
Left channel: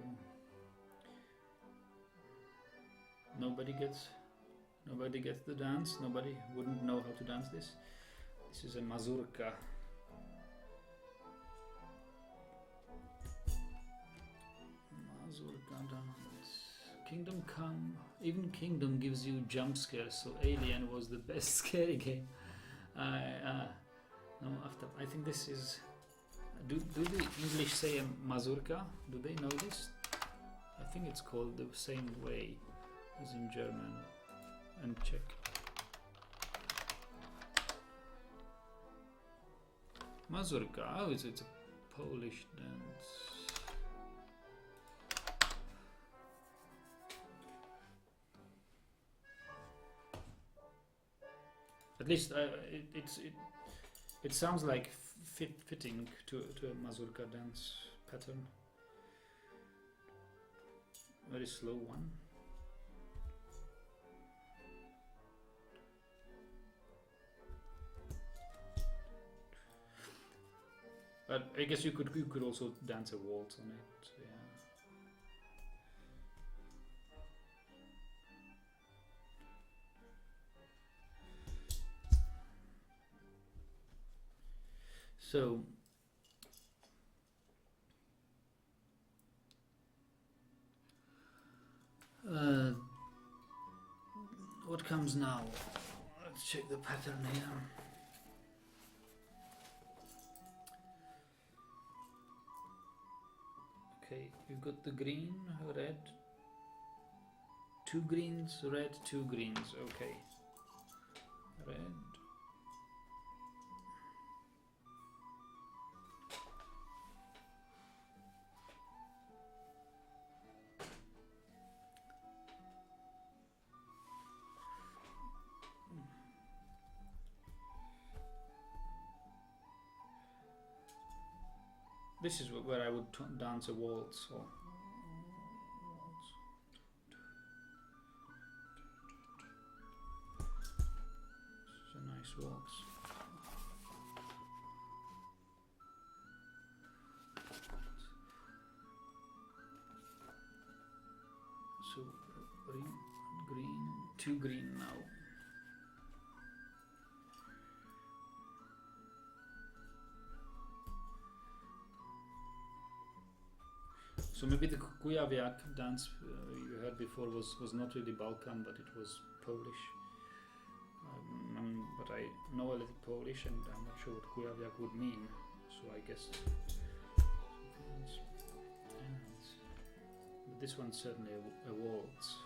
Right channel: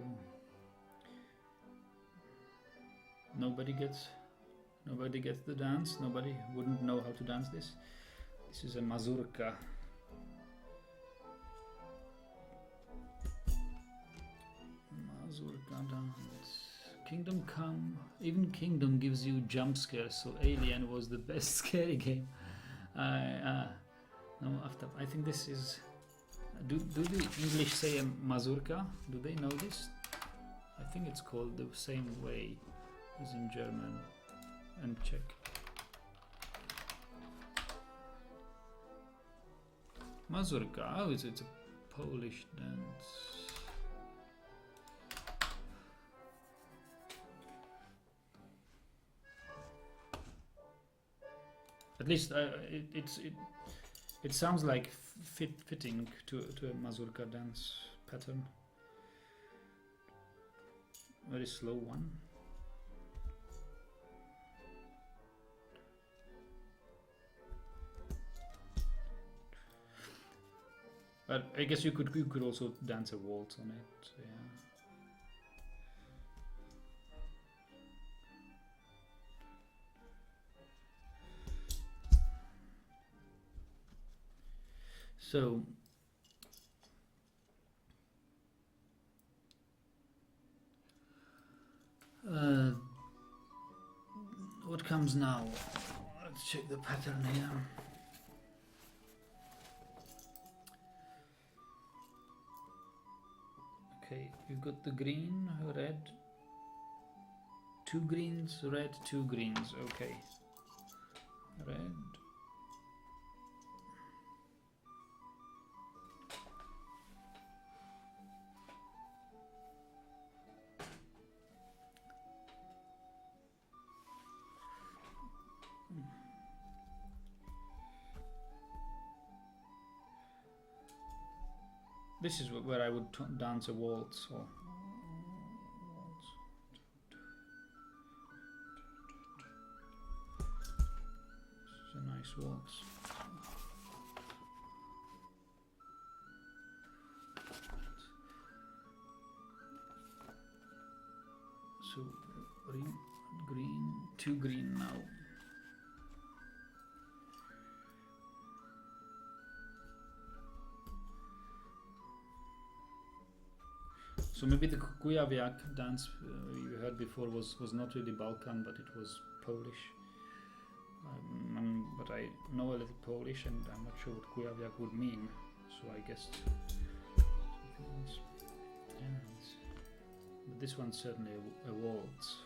nobody gets the dance. Nobody wouldn't know how to dance this. This is a mazurka. Mazurka dance. Kingdom Come. Even Kingdom gives you jump scares, so Alien was the best scary game. No, after I think this is. Do the English say a mazurka? Do they know this? I think it's called the same way as in German and Czech. Mazurka. Oh, it's a Polish dance. At least it sounds like fitting to a mazurka dance pattern. Very slow one. But I guess you could also dance a waltz on it. Yeah. So what comes now? Let's check the pattern here. Okay, you've got the green, red, 2 greens, red, 2 greens. Okay, red. This is where I would dance a waltz or waltz. This is a nice waltz. So green, 2 green now. So maybe the Kujawiak dance you heard before was not really Balkan, but it was Polish. But I know a little Polish, and I'm not sure what Kujawiak would mean. So I guess something else. Yeah, but this one's certainly a waltz.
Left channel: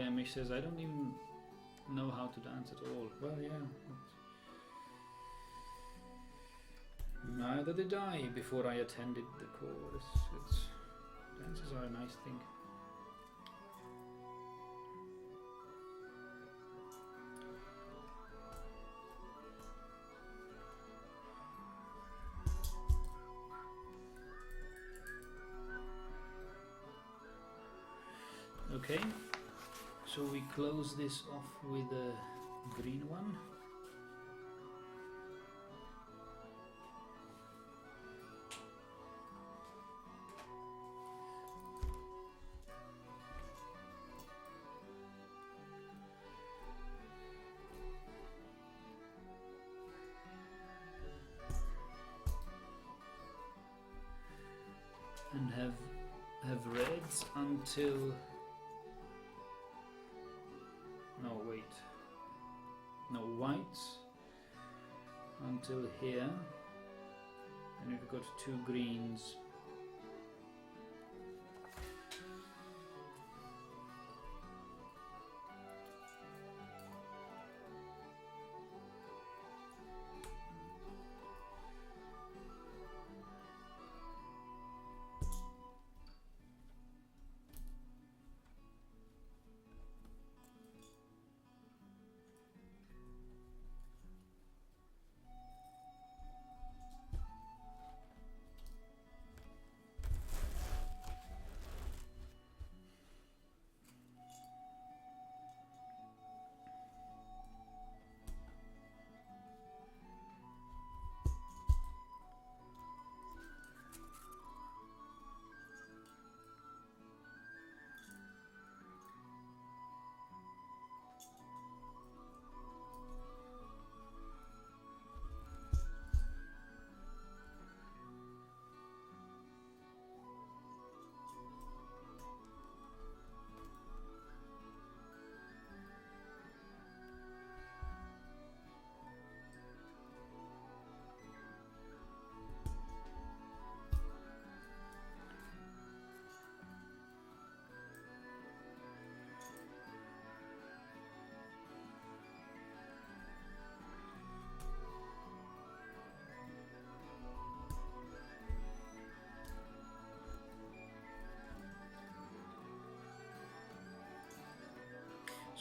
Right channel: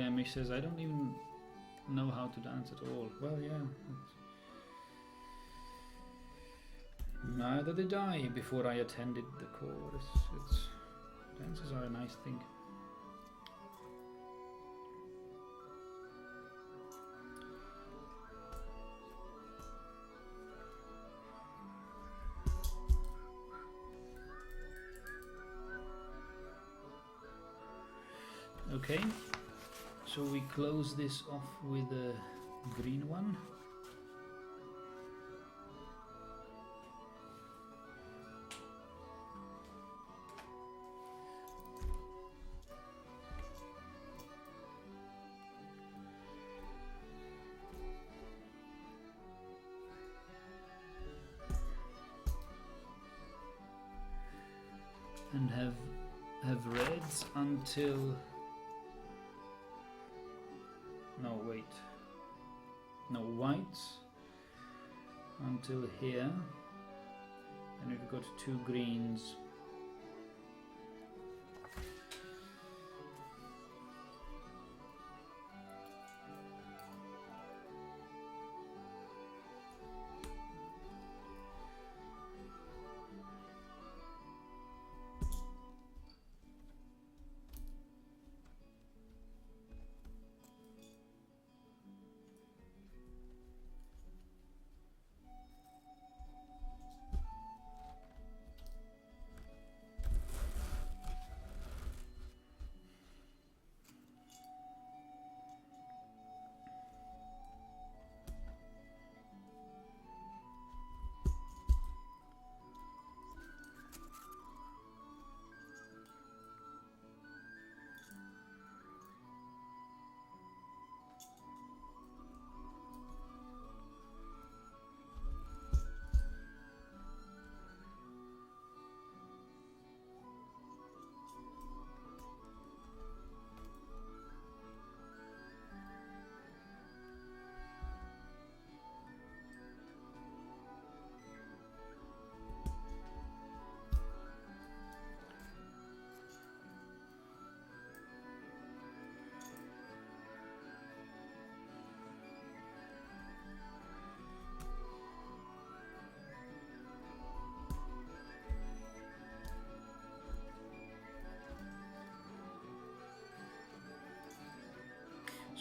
Yeah, Mish says, I don't even know how to dance at all. Well, yeah. Neither did I before I attended the course. Dances are a nice thing. Okay, so we close this off with a green one. And have reds until... No, wait. No, whites until here. And we've got 2 greens.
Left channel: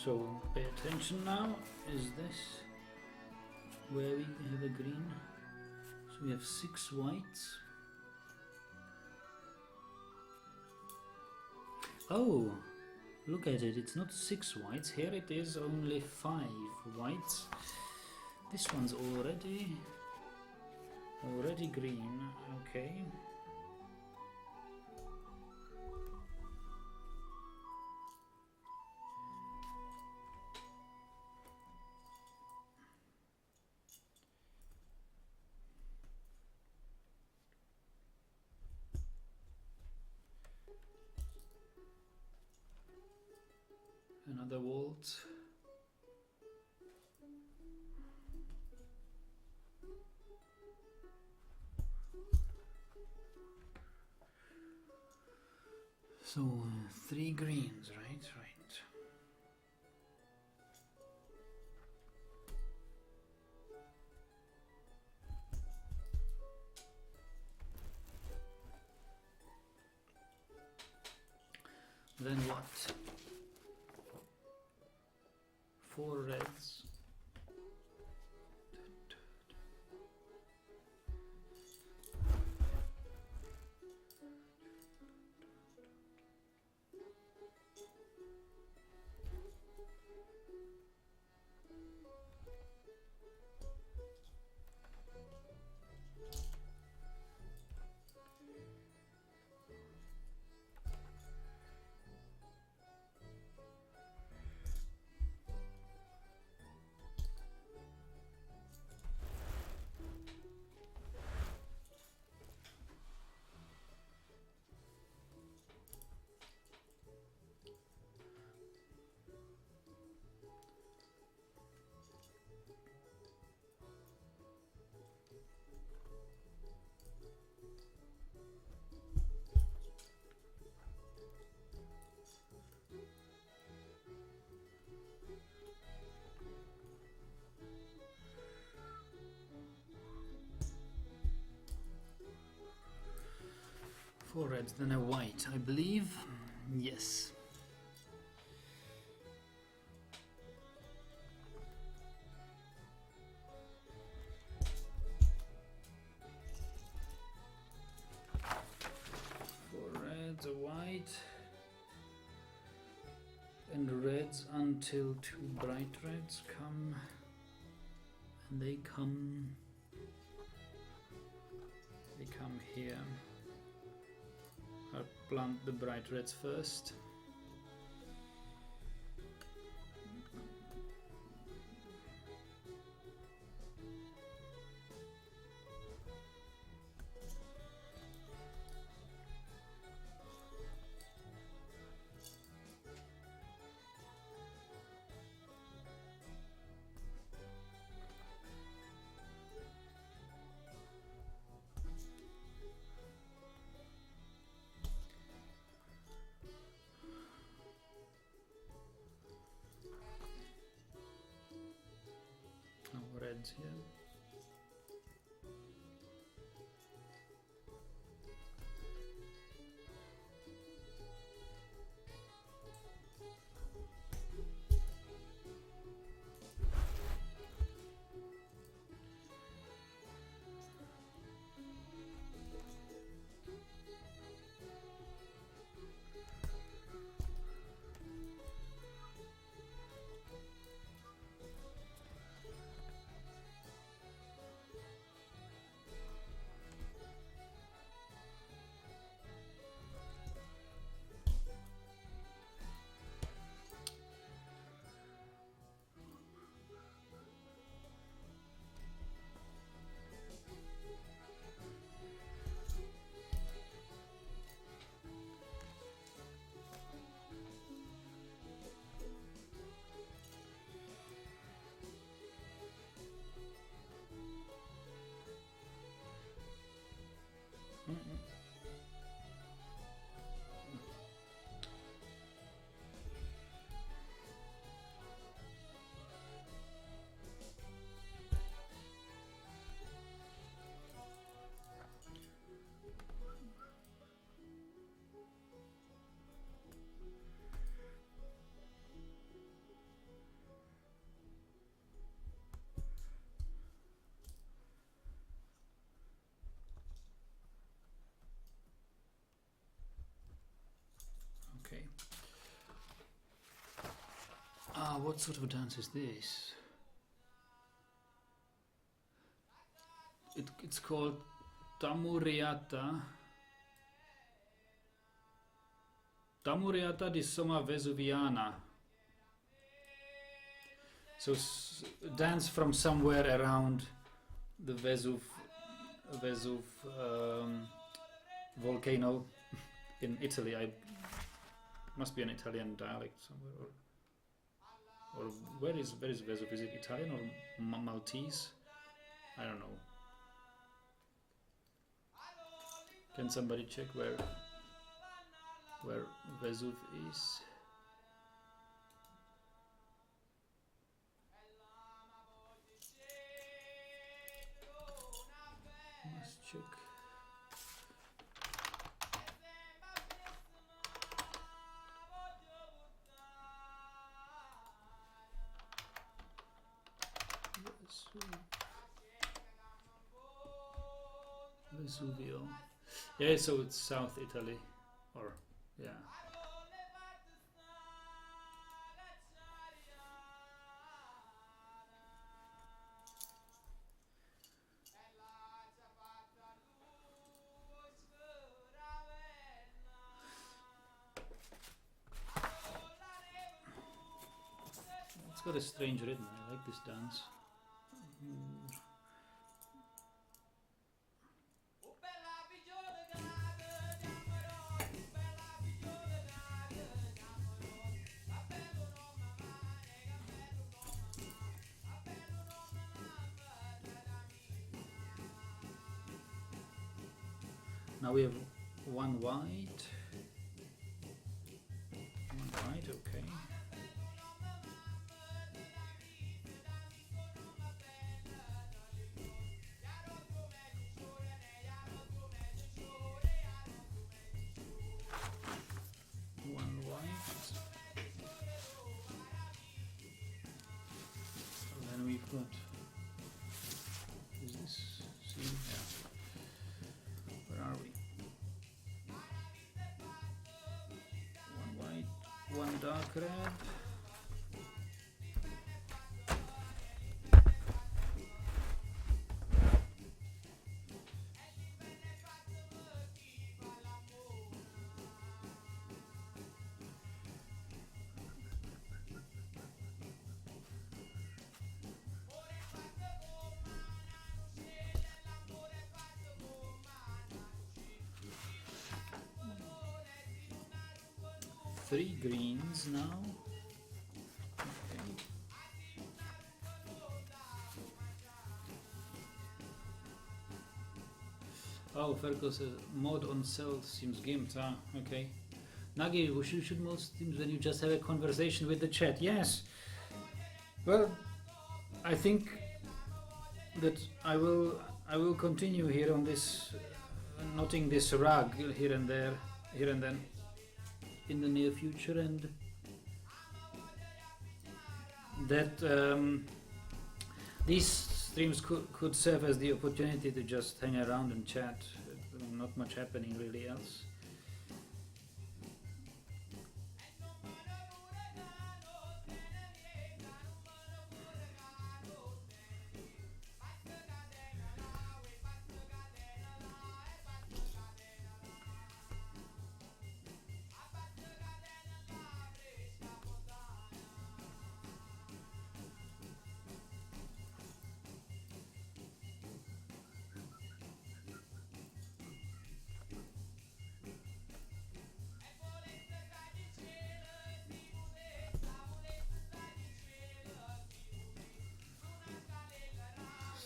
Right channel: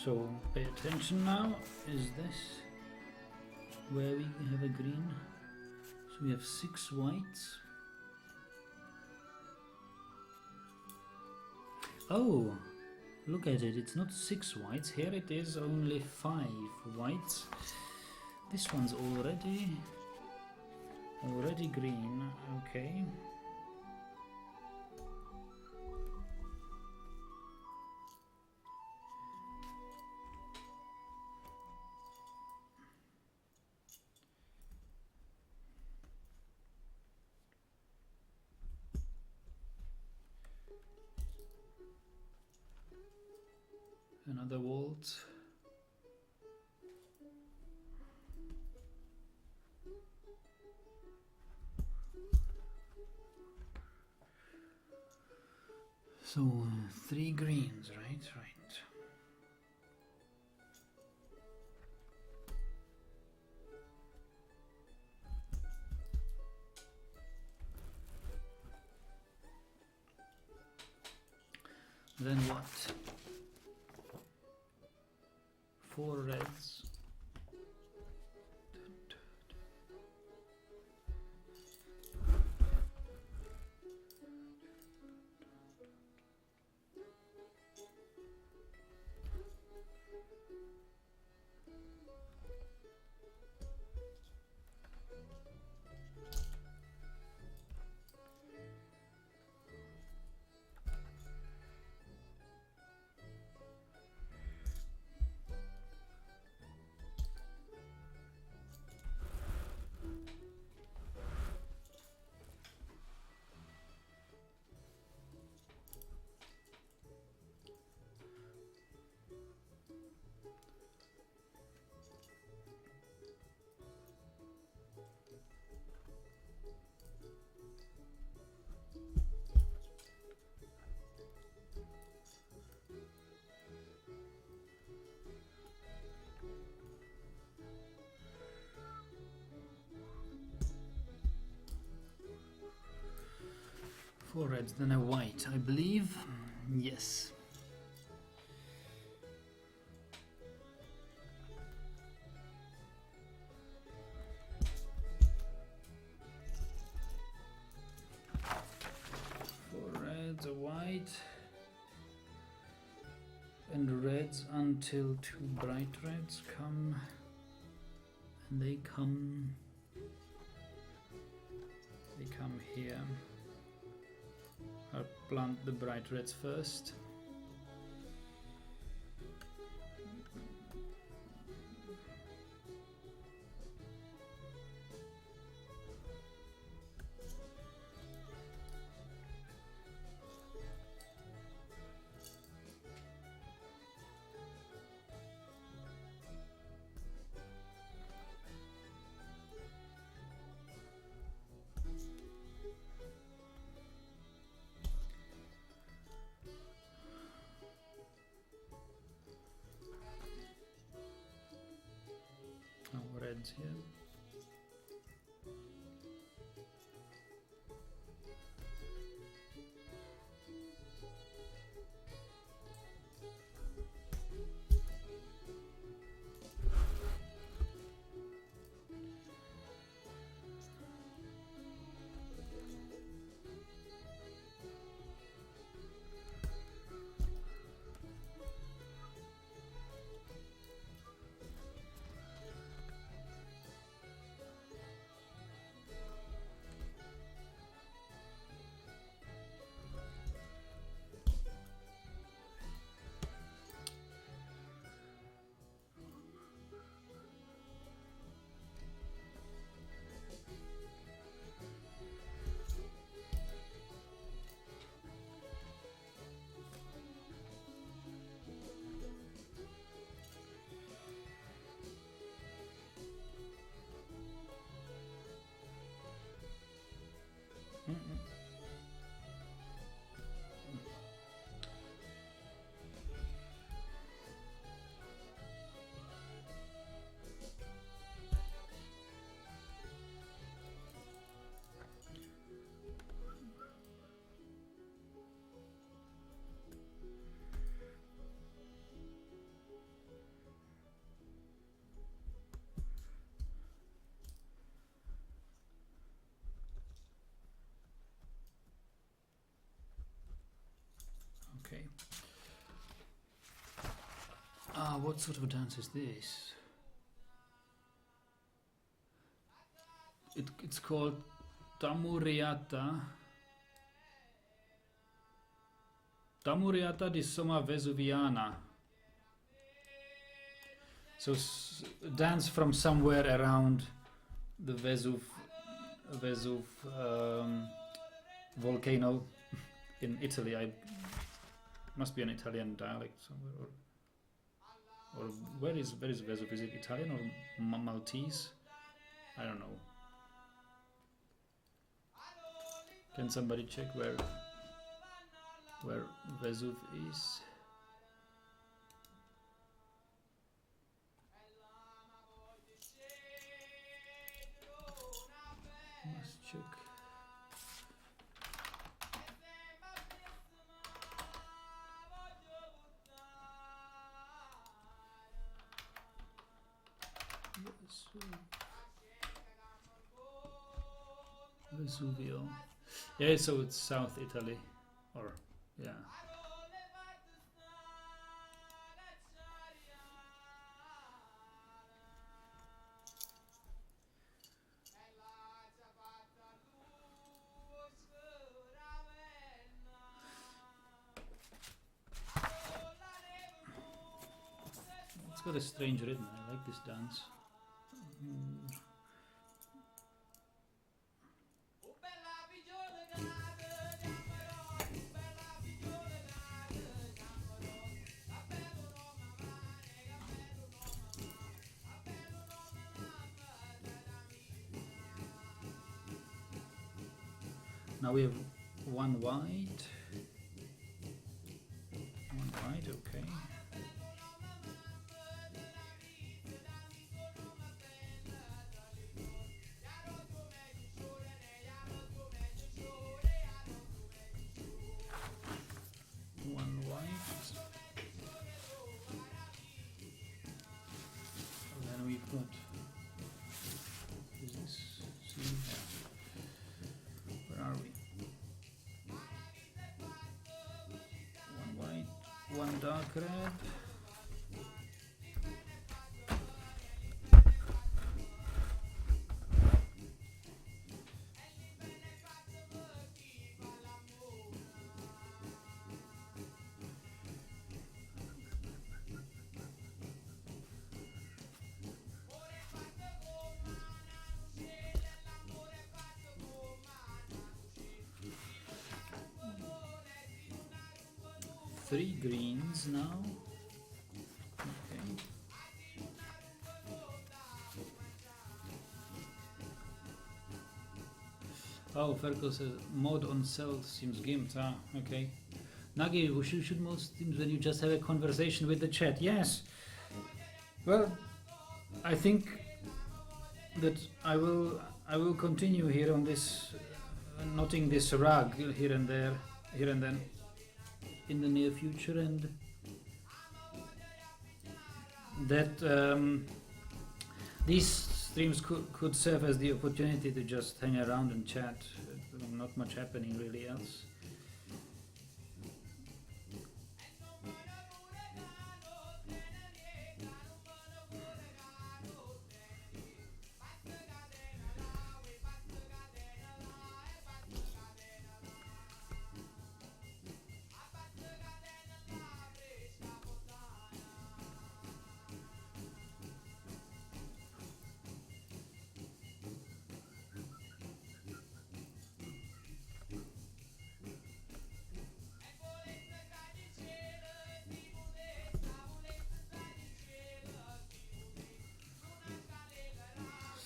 So pay attention now. Is this where we have a green? So we have 6 whites. Oh, look at it. It's not 6 whites. Here it is only 5 whites. This one's already green. Okay. Another waltz. So 3 greens, right? Right. Then what? 4 reds. 4 reds, then a white, I believe. Yes. A white and reds until 2 bright reds come, and they come here. I'll plant the bright reds first. Reds here. Okay. What sort of dance is this? It's called Tamuriata. Tamuriata di Somma Vesuviana. So dance from somewhere around the Vesuv volcano in Italy. I must be an Italian dialect somewhere, or where is Vesuv? Is it Italian or Maltese? I don't know. Can somebody check where Vesuv is? Must check. Vesuvio. Yeah, so it's South Italy, or yeah. It's got a strange rhythm. I like this dance. Now we have one white. One white, okay. What? Is this? See? Yeah. Where are we? One white, one dark red. Three greens now. Okay. Oh, Ferko says mod on cell seems gimped. Ah, okay. Nagi, we should most things when you just have a conversation with the chat. Yes. Well, I think that I will continue here on this, knotting this rug here and there, here and then, in the near future, and that these streams could serve as the opportunity to just hang around and chat. Not much happening really else.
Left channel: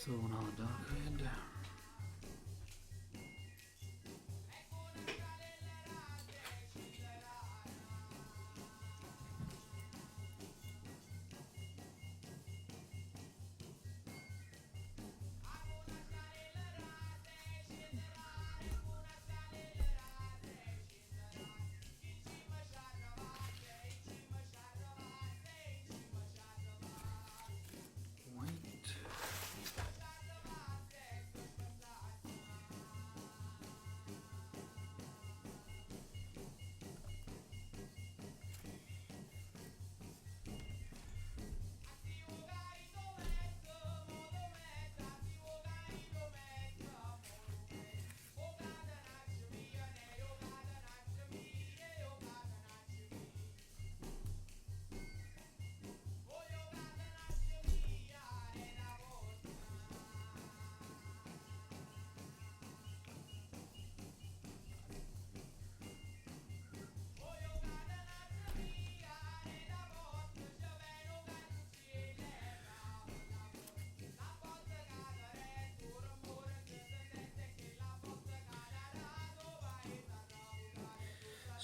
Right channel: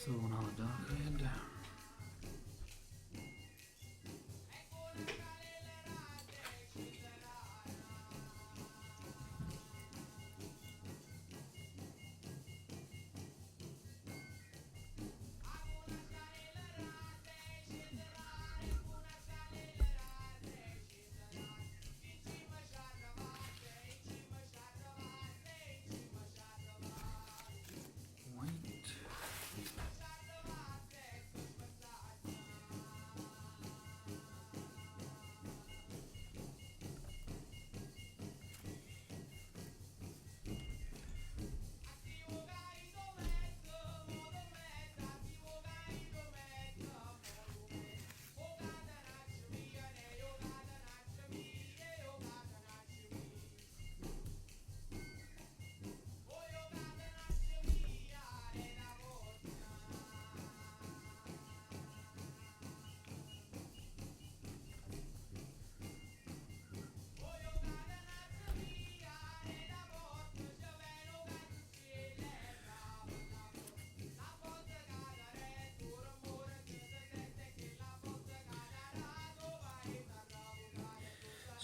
So now dark red.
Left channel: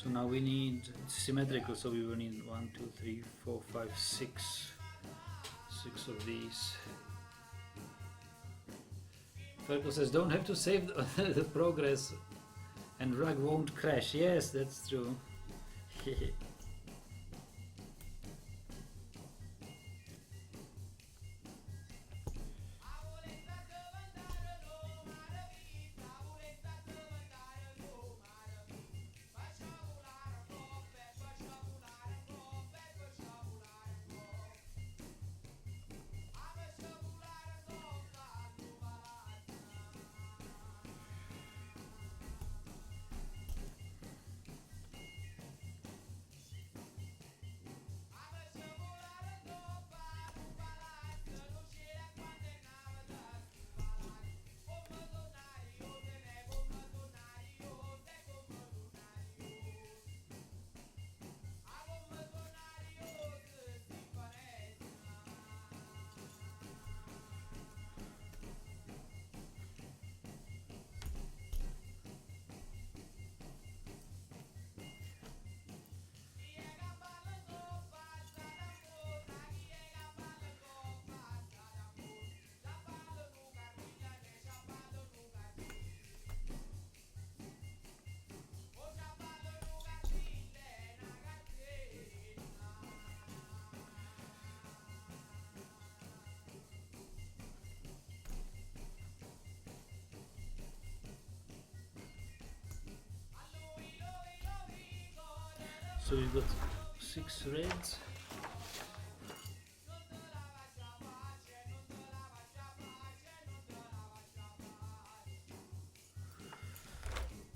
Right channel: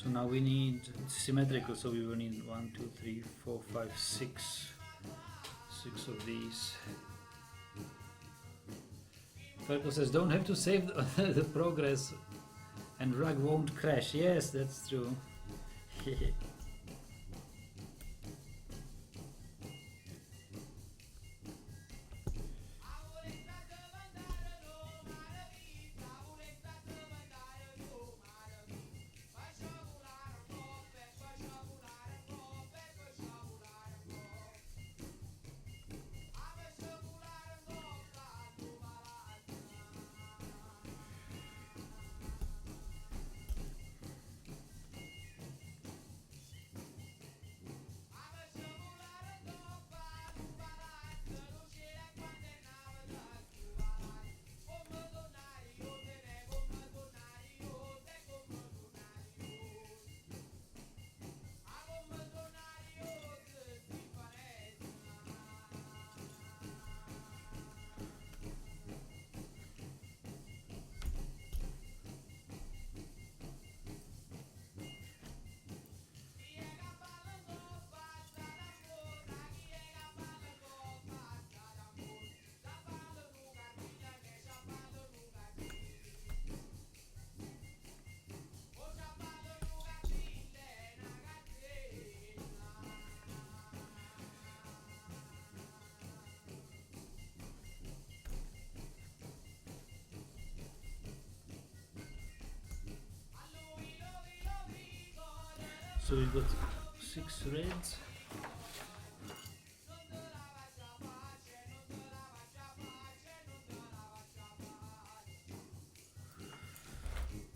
So now we need, it's symmetrical, so we will need 1, 2, 3, 4, 5, 6. 6 of these. Ferko says, don't have to save the progress and rug won't crash. Yes, that's true. So we've got 6 reds.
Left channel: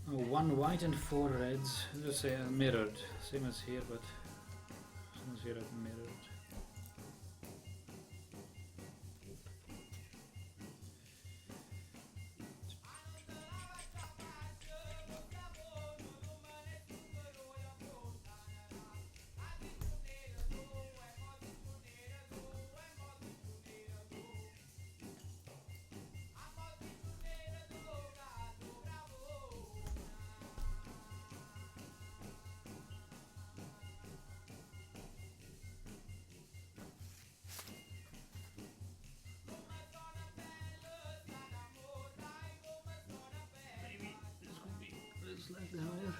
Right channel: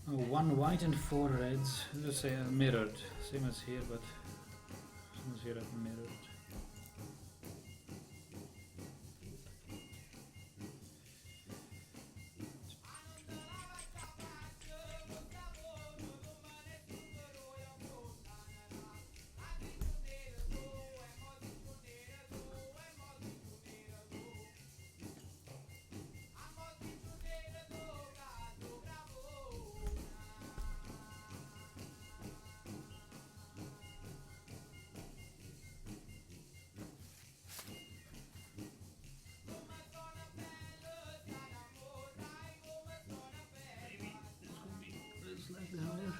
Oh, 1 white and 4 reds. Let's say mirrored, same as here, but same as here at mirrored. Slightly higher.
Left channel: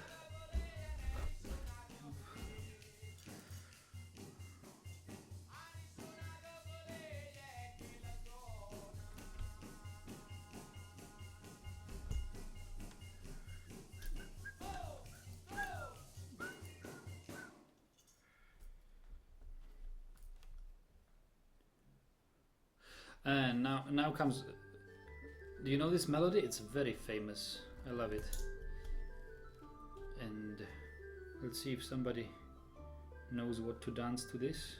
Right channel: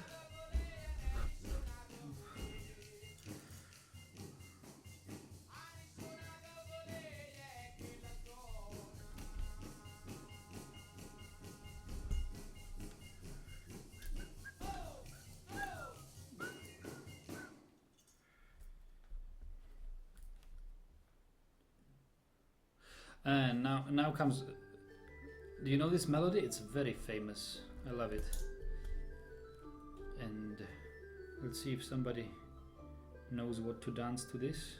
And now comes. Do you know this melody? It's very famous. I love it. And let's see if somebody knows what to dance to this.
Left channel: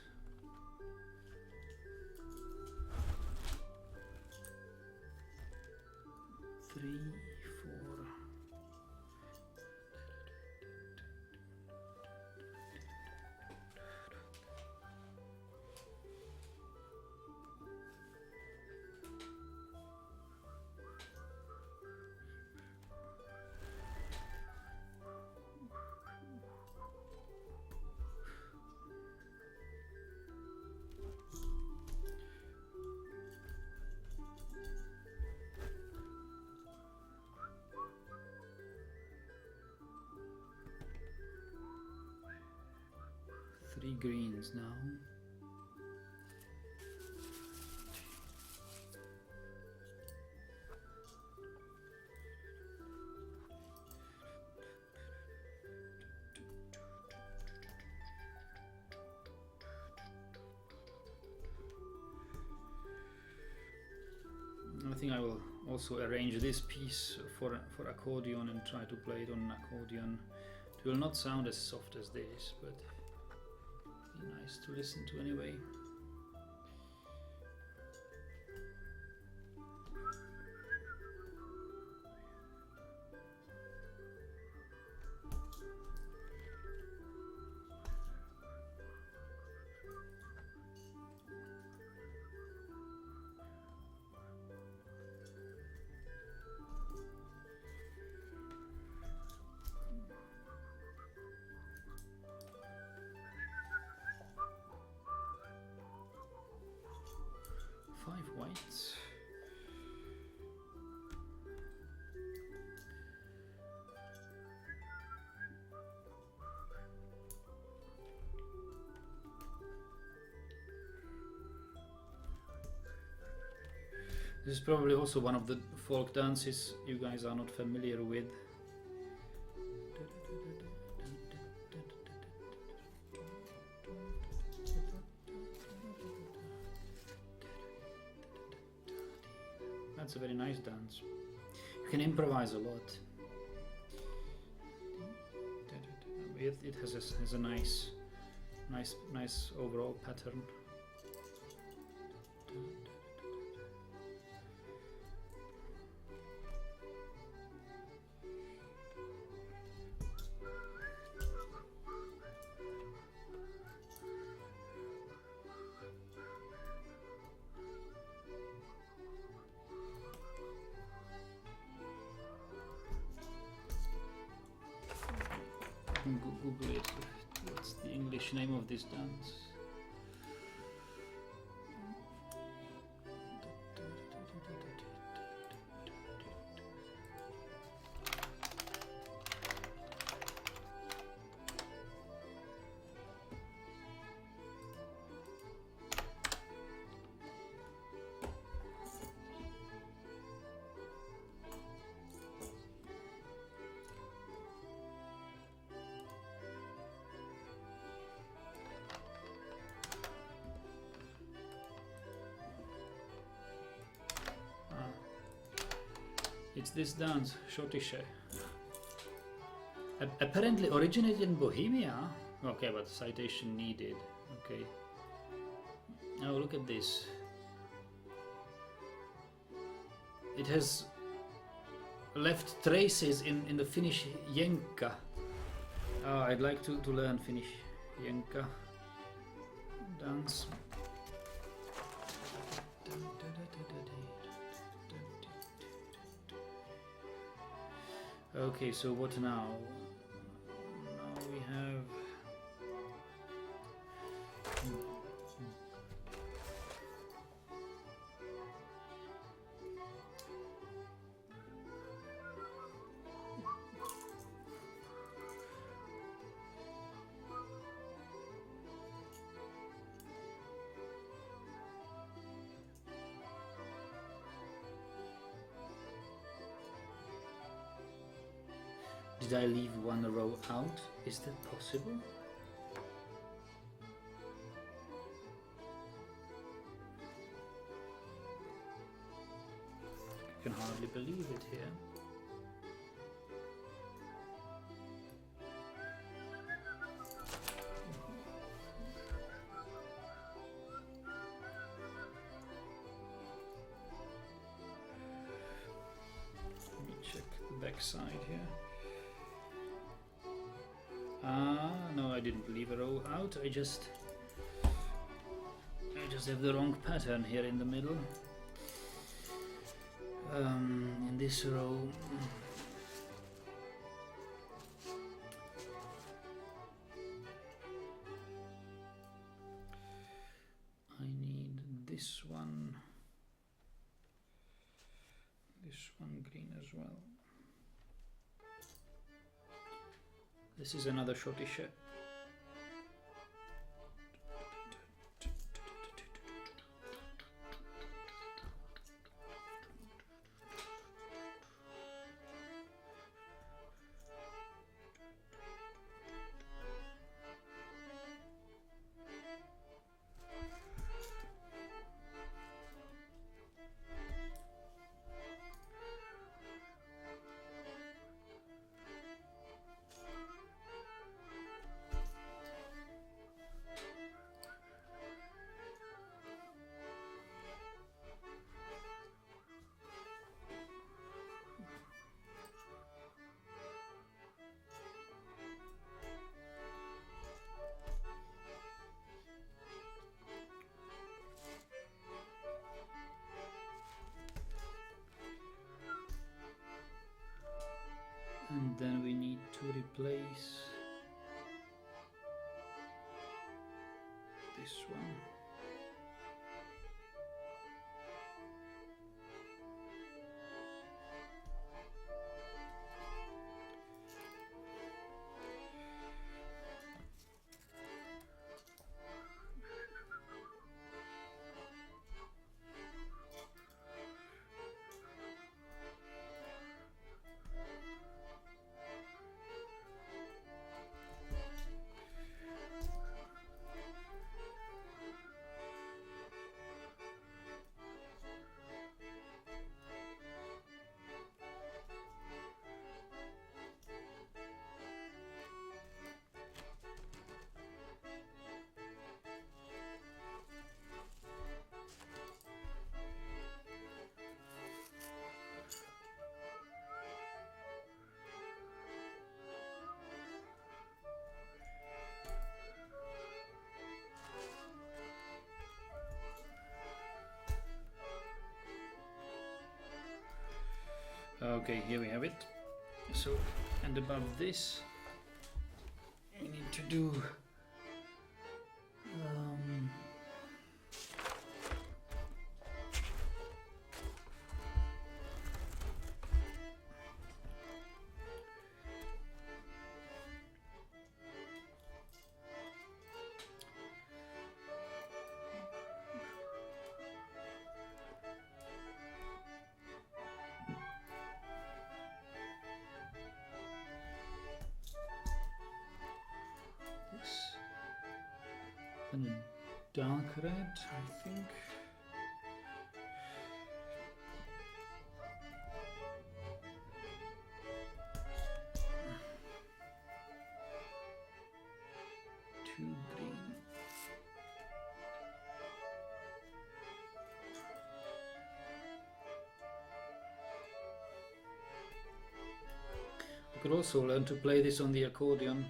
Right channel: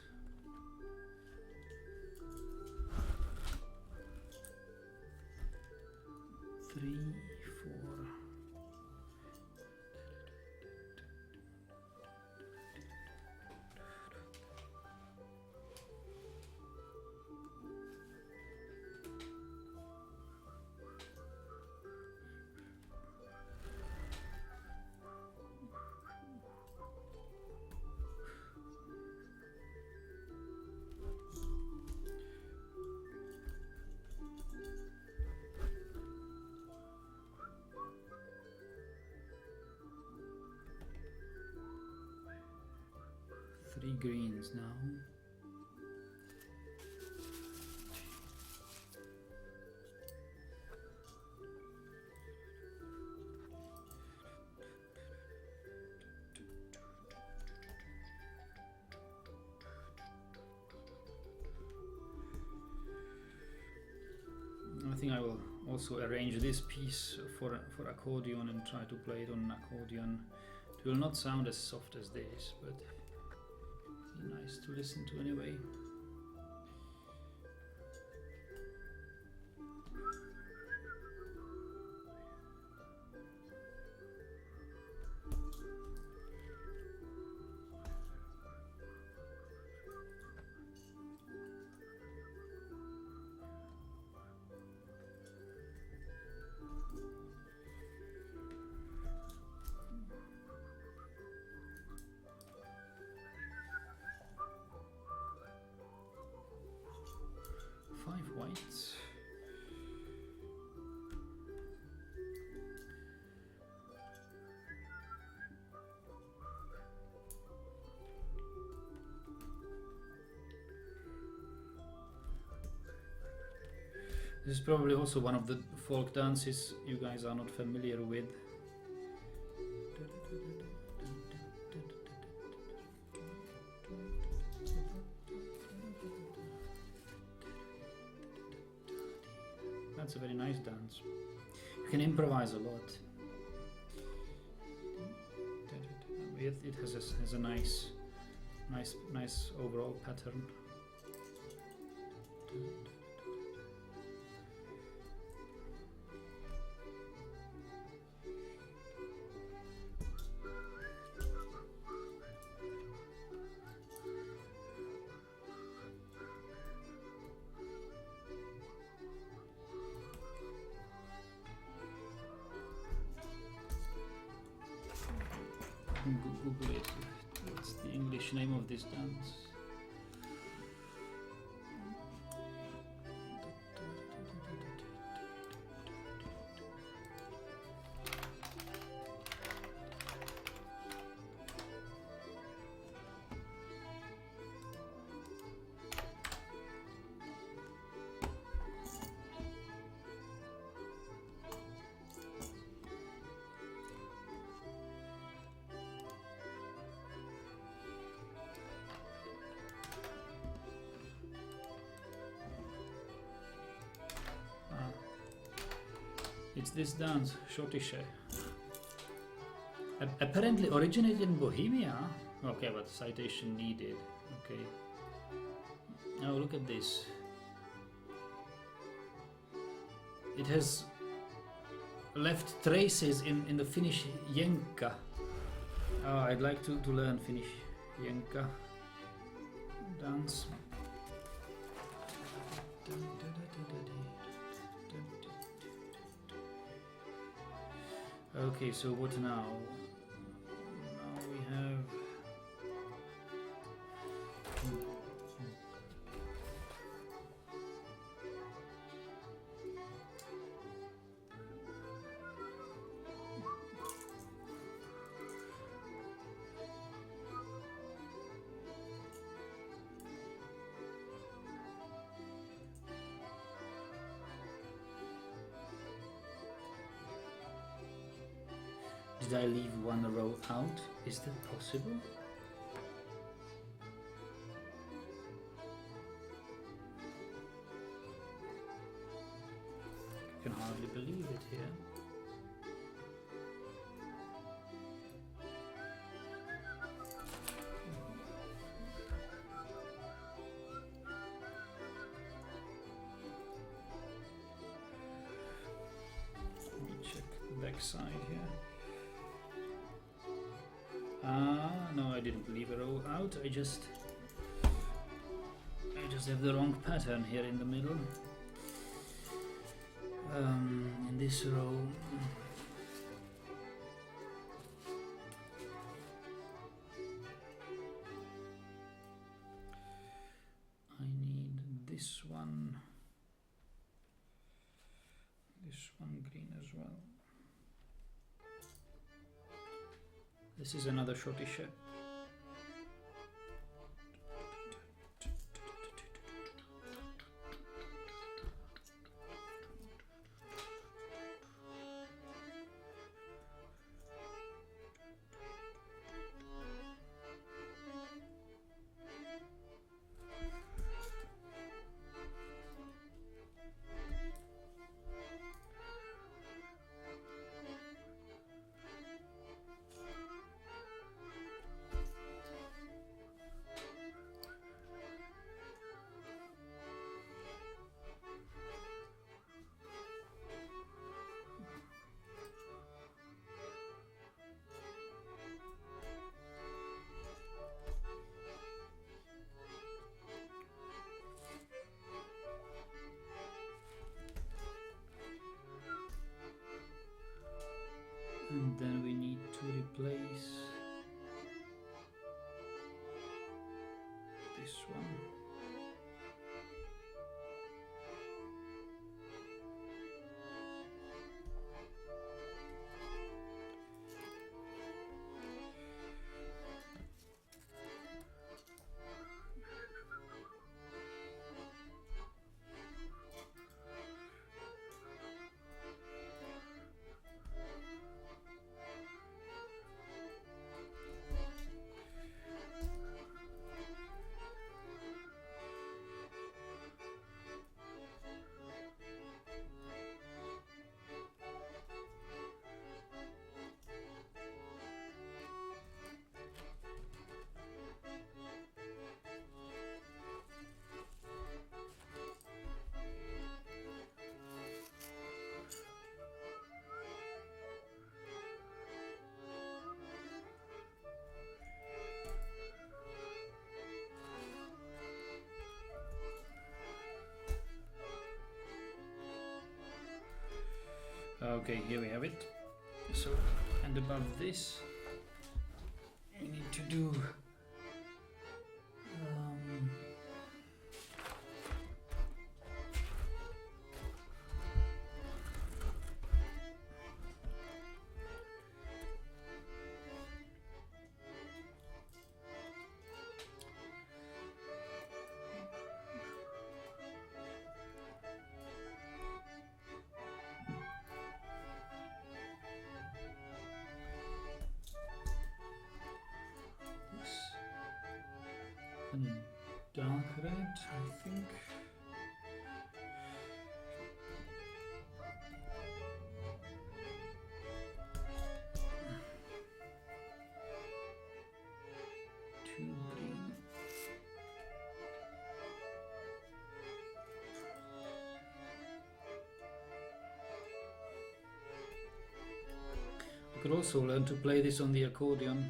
Three, 4. Three greens now. I think I will also arrange this piece for accordion and try to play it on an accordion. It will not sound as soft as this, but be nice to listen to anyway. Five whites. This is probably also one of the folk dances you guys are not familiar with. That's a very nice dance. You can improvise a lot. It has a nice overall pattern. Google it. What's the English name of this dance? It's this dance, Schottische. Apparently originated in Bohemia. Okay, but citation needed. Okay. Now look at this. It has left traces in the Finnish jenka. Oh, I'd like to learn Finnish jenka dance. Okay, so what now? Now we have... Did I leave one row out? Is that possible? I can hardly believe it here. Let me check the back side here. No, I didn't leave a row out. I just have the wrong pattern here in the middle. In this row, I need this one green as well. This is another Schottische. And then we need to replace this one. Okay, here we have it. So, and above this, we need to do and a dark red, I think. could also learn to play this on the accordion.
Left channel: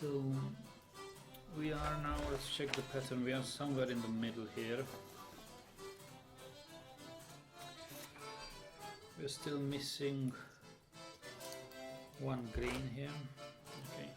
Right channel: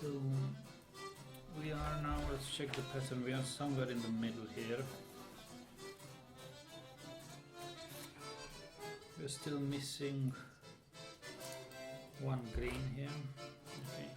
So we are now, let's check the pattern, we are somewhere in the middle here. We're still missing one green here. Okay.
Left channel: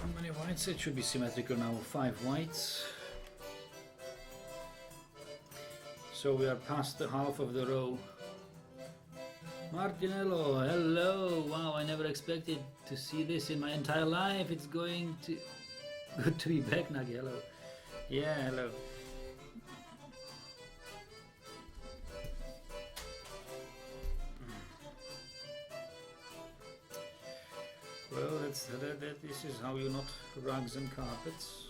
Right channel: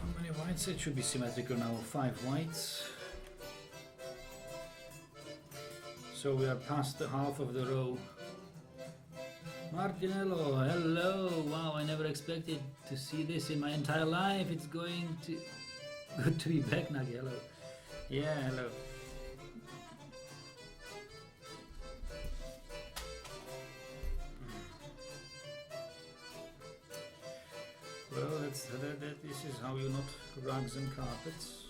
How many whites? It should be symmetrical now. 5 whites. So we are past the half of the row. Martinello, hello! Wow, I never expected to see this in my entire life. It's going to... Good to be back, Nagi, hello. Yeah, hello. Well, this is how you knot rugs and carpets.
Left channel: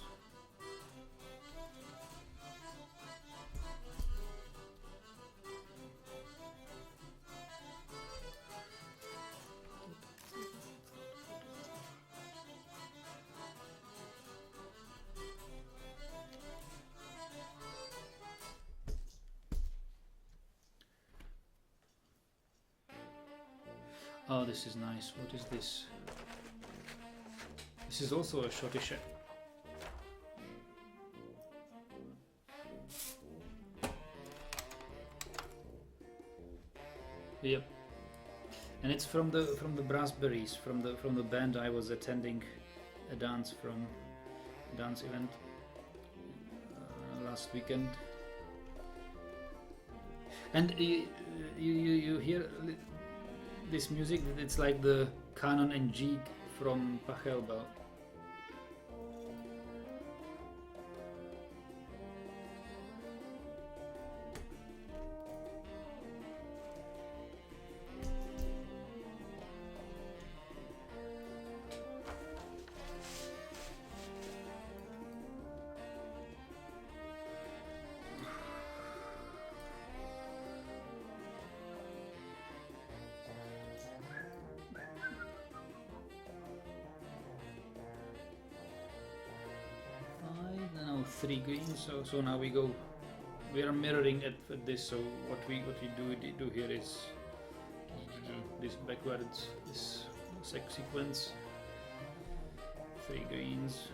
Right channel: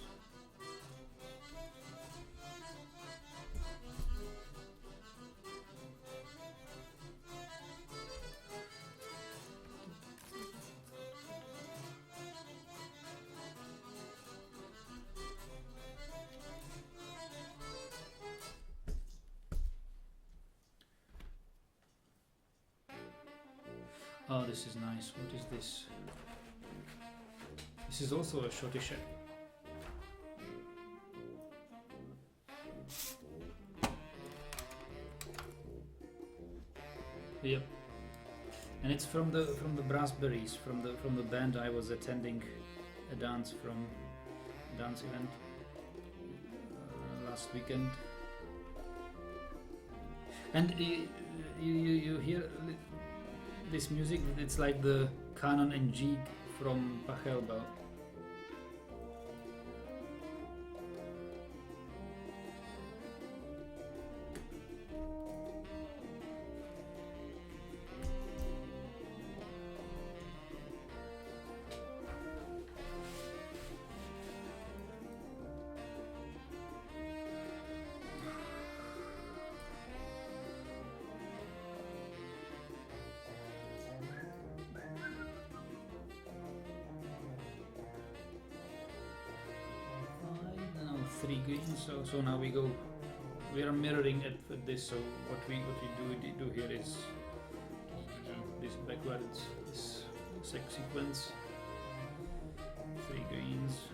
Oh, this is nice. What is this? This is also a schottische. Yep. And it's from the Brassberries, from the band I was attending a dance event last weekend. And you hear this music, it's like the Canon and G from Pachelbel. Three greens, so now we are mirroring at this. So what we do here is this backwards, this sequence, 3 greens.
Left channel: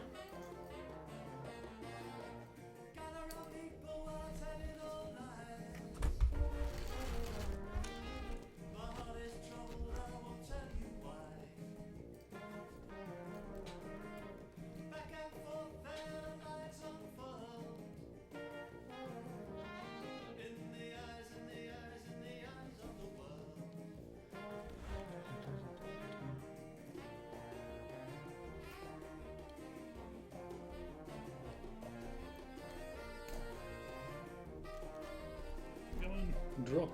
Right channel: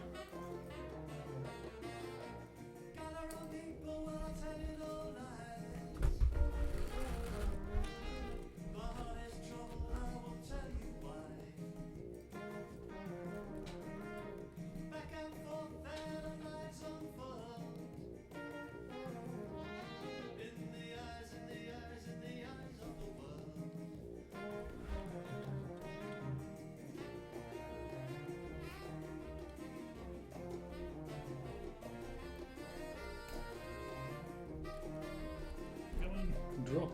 drop.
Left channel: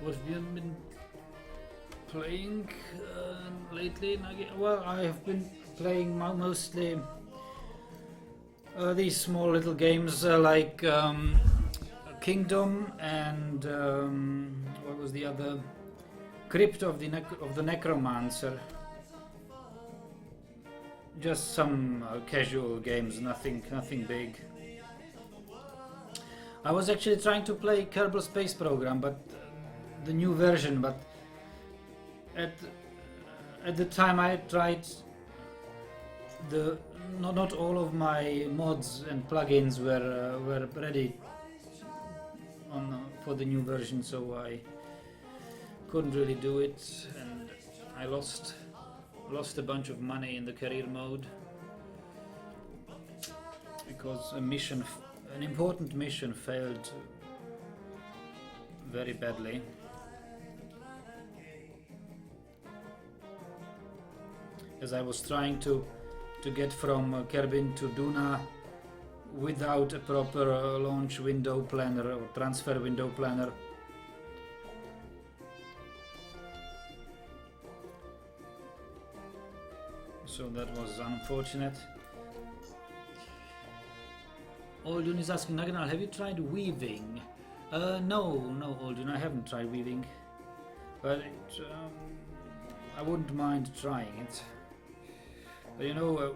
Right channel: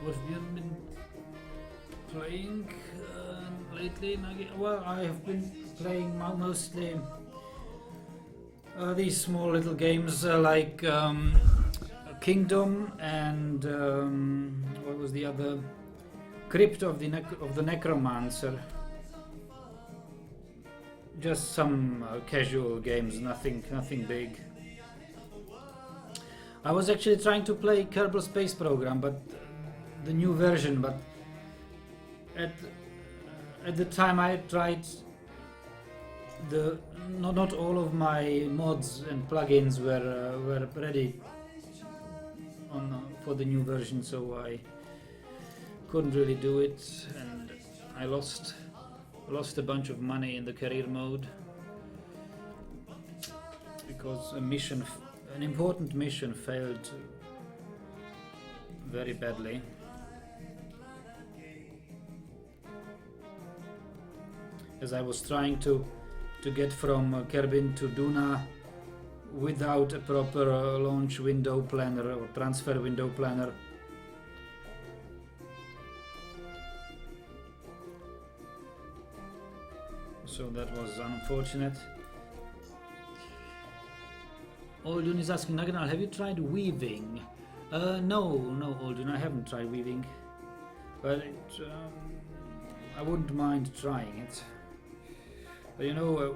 What have you been playing lately, Nagi? Well, I have been playing mostly these small little games like Kingdom and what was the other? Crypt of the Necromancer. Just some casual games, nothing big. I was actually trying to play Kerbal Space Program, but the new version, but at the time I tried not all of my mods and plugins were ready for the new version, so I couldn't really do it, and I lost a bunch of money in the career mode because an important mission failed very badly. As I was trying to get from Kerbin to Duna without a proper launch window planner or transfer window planner. So that was unfortunate. Oldun is asking, Naganal, have you tried weaving? No, Oldun, I haven't tried weaving, but I wouldn't mind trying it. But you know,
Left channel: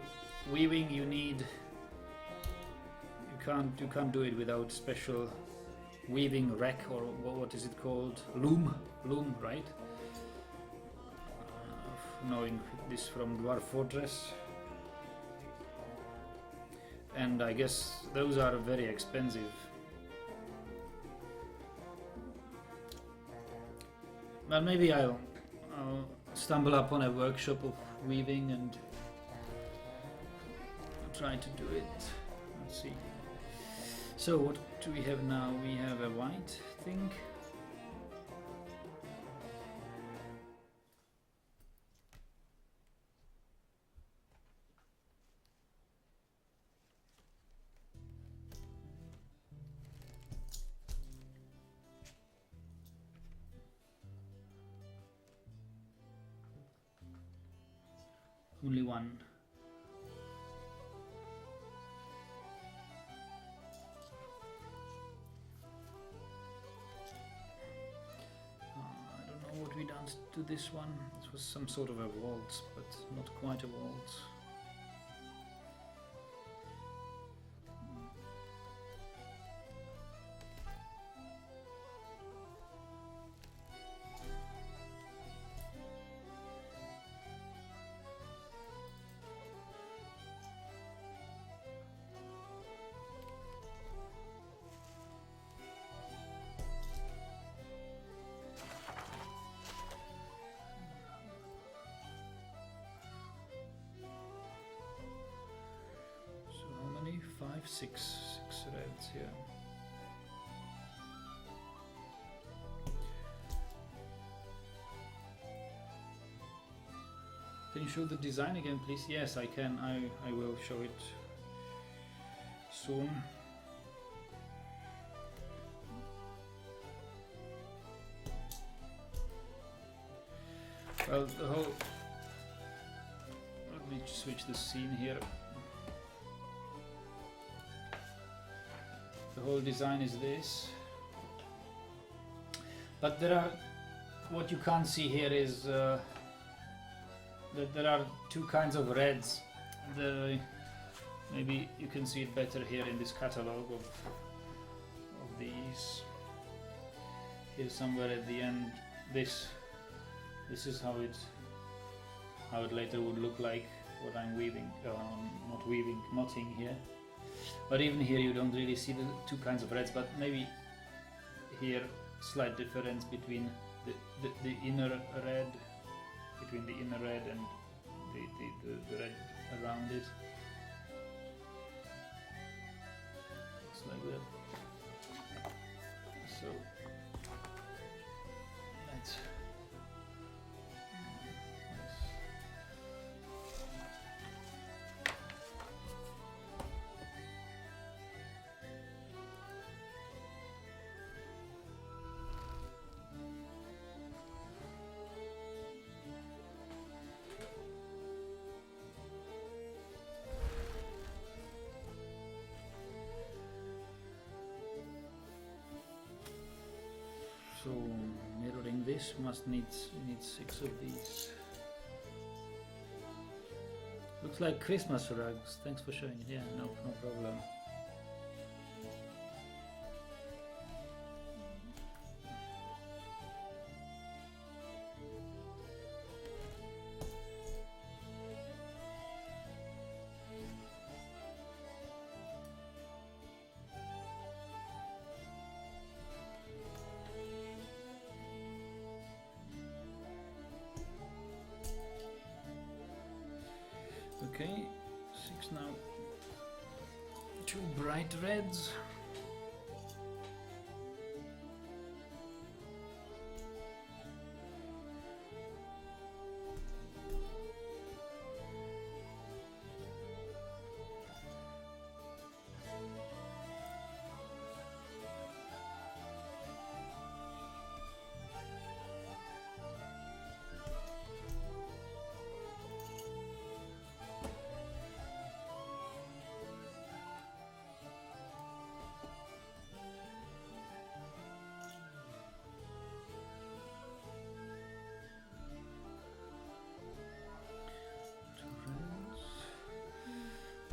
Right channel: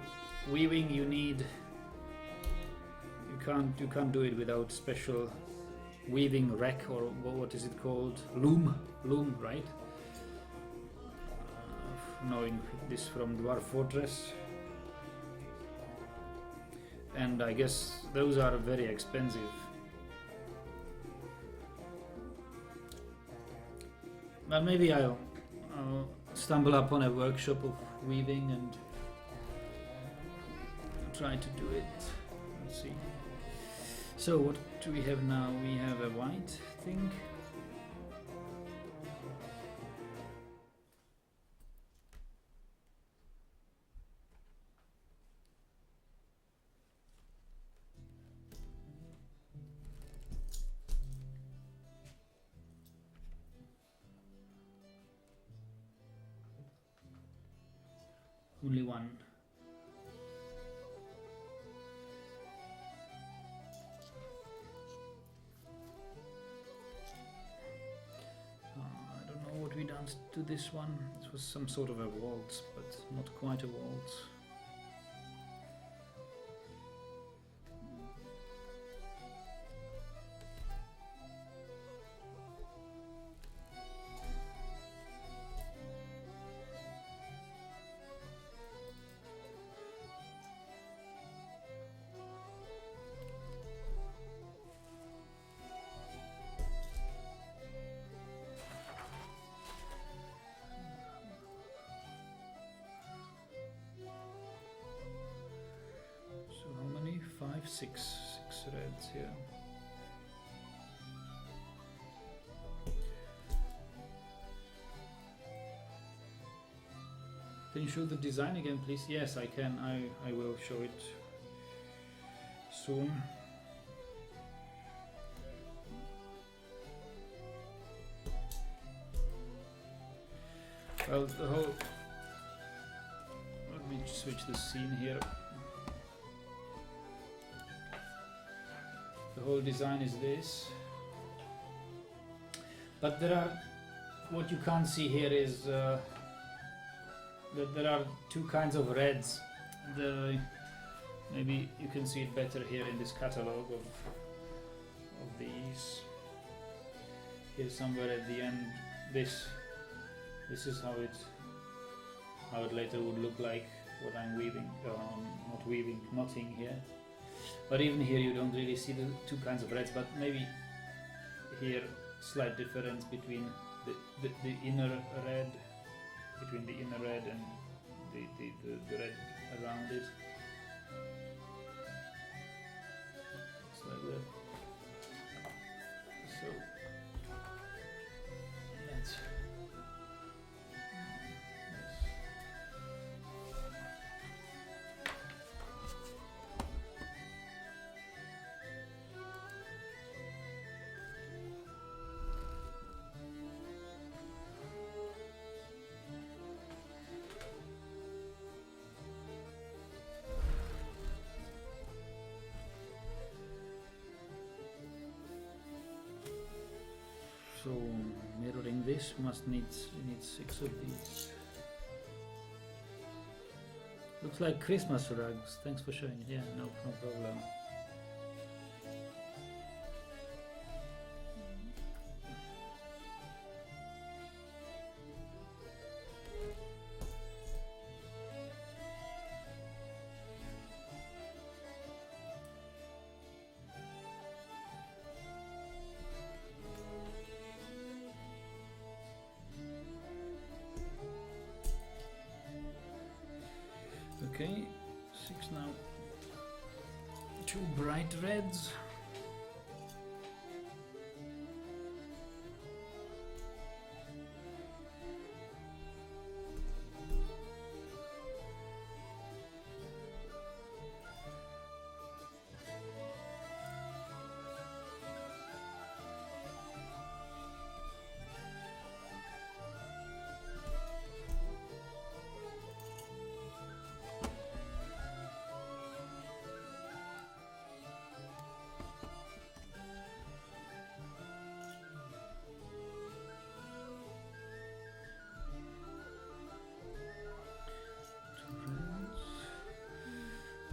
weaving you can't do it without special weaving rack, or what is it called? Loom, right? Knowing this from Dwarf Fortress, and I guess those are very expensive. But maybe I'll stumble upon a workshop of weaving and try to do it. Let's see. So what do we have now? We have a white thing. Only one. I don't know what we done to this one. This was some sort of a waltz, but not quite a waltz. Six reds here. Can you show the design again, please? Yes, I can. I will show it soon. Well, the whole... Let me switch the scene here. The whole design is this, but there are, what you can't see here is that there are two kinds of reds. Maybe you can see it better here in this catalog of these. Here somewhere at the end, this is how it later would look like. What I'm weaving, not weaving, knotting here. But even here you don't really see the two kinds of reds, but maybe here slight difference between the inner red, between the inner red and the red around it. Looks like that. So let's so mirroring this must need 6 of these. Looks like Christmas rugs. Thanks for showing it. Yeah, no problem. Okay, 6 now. 2 bright reds.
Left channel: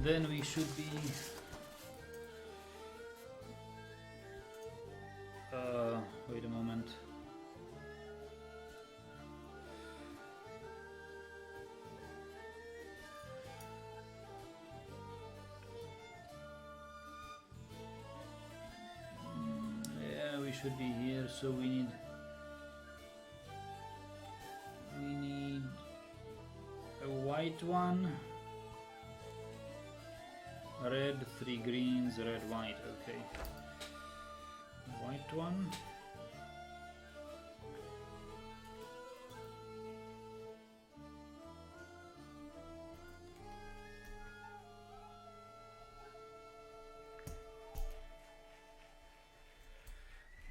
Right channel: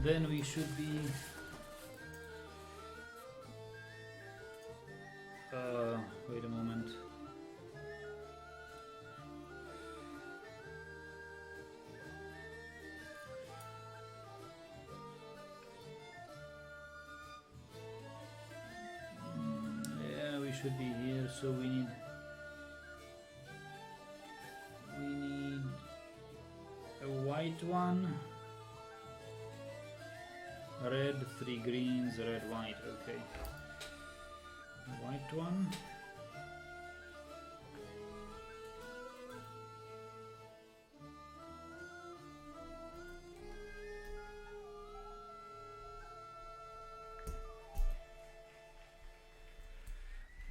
Then we should be wait a moment. Yeah, we should be here, so we need a white one. Red, 3 greens, red, white, okay. White one.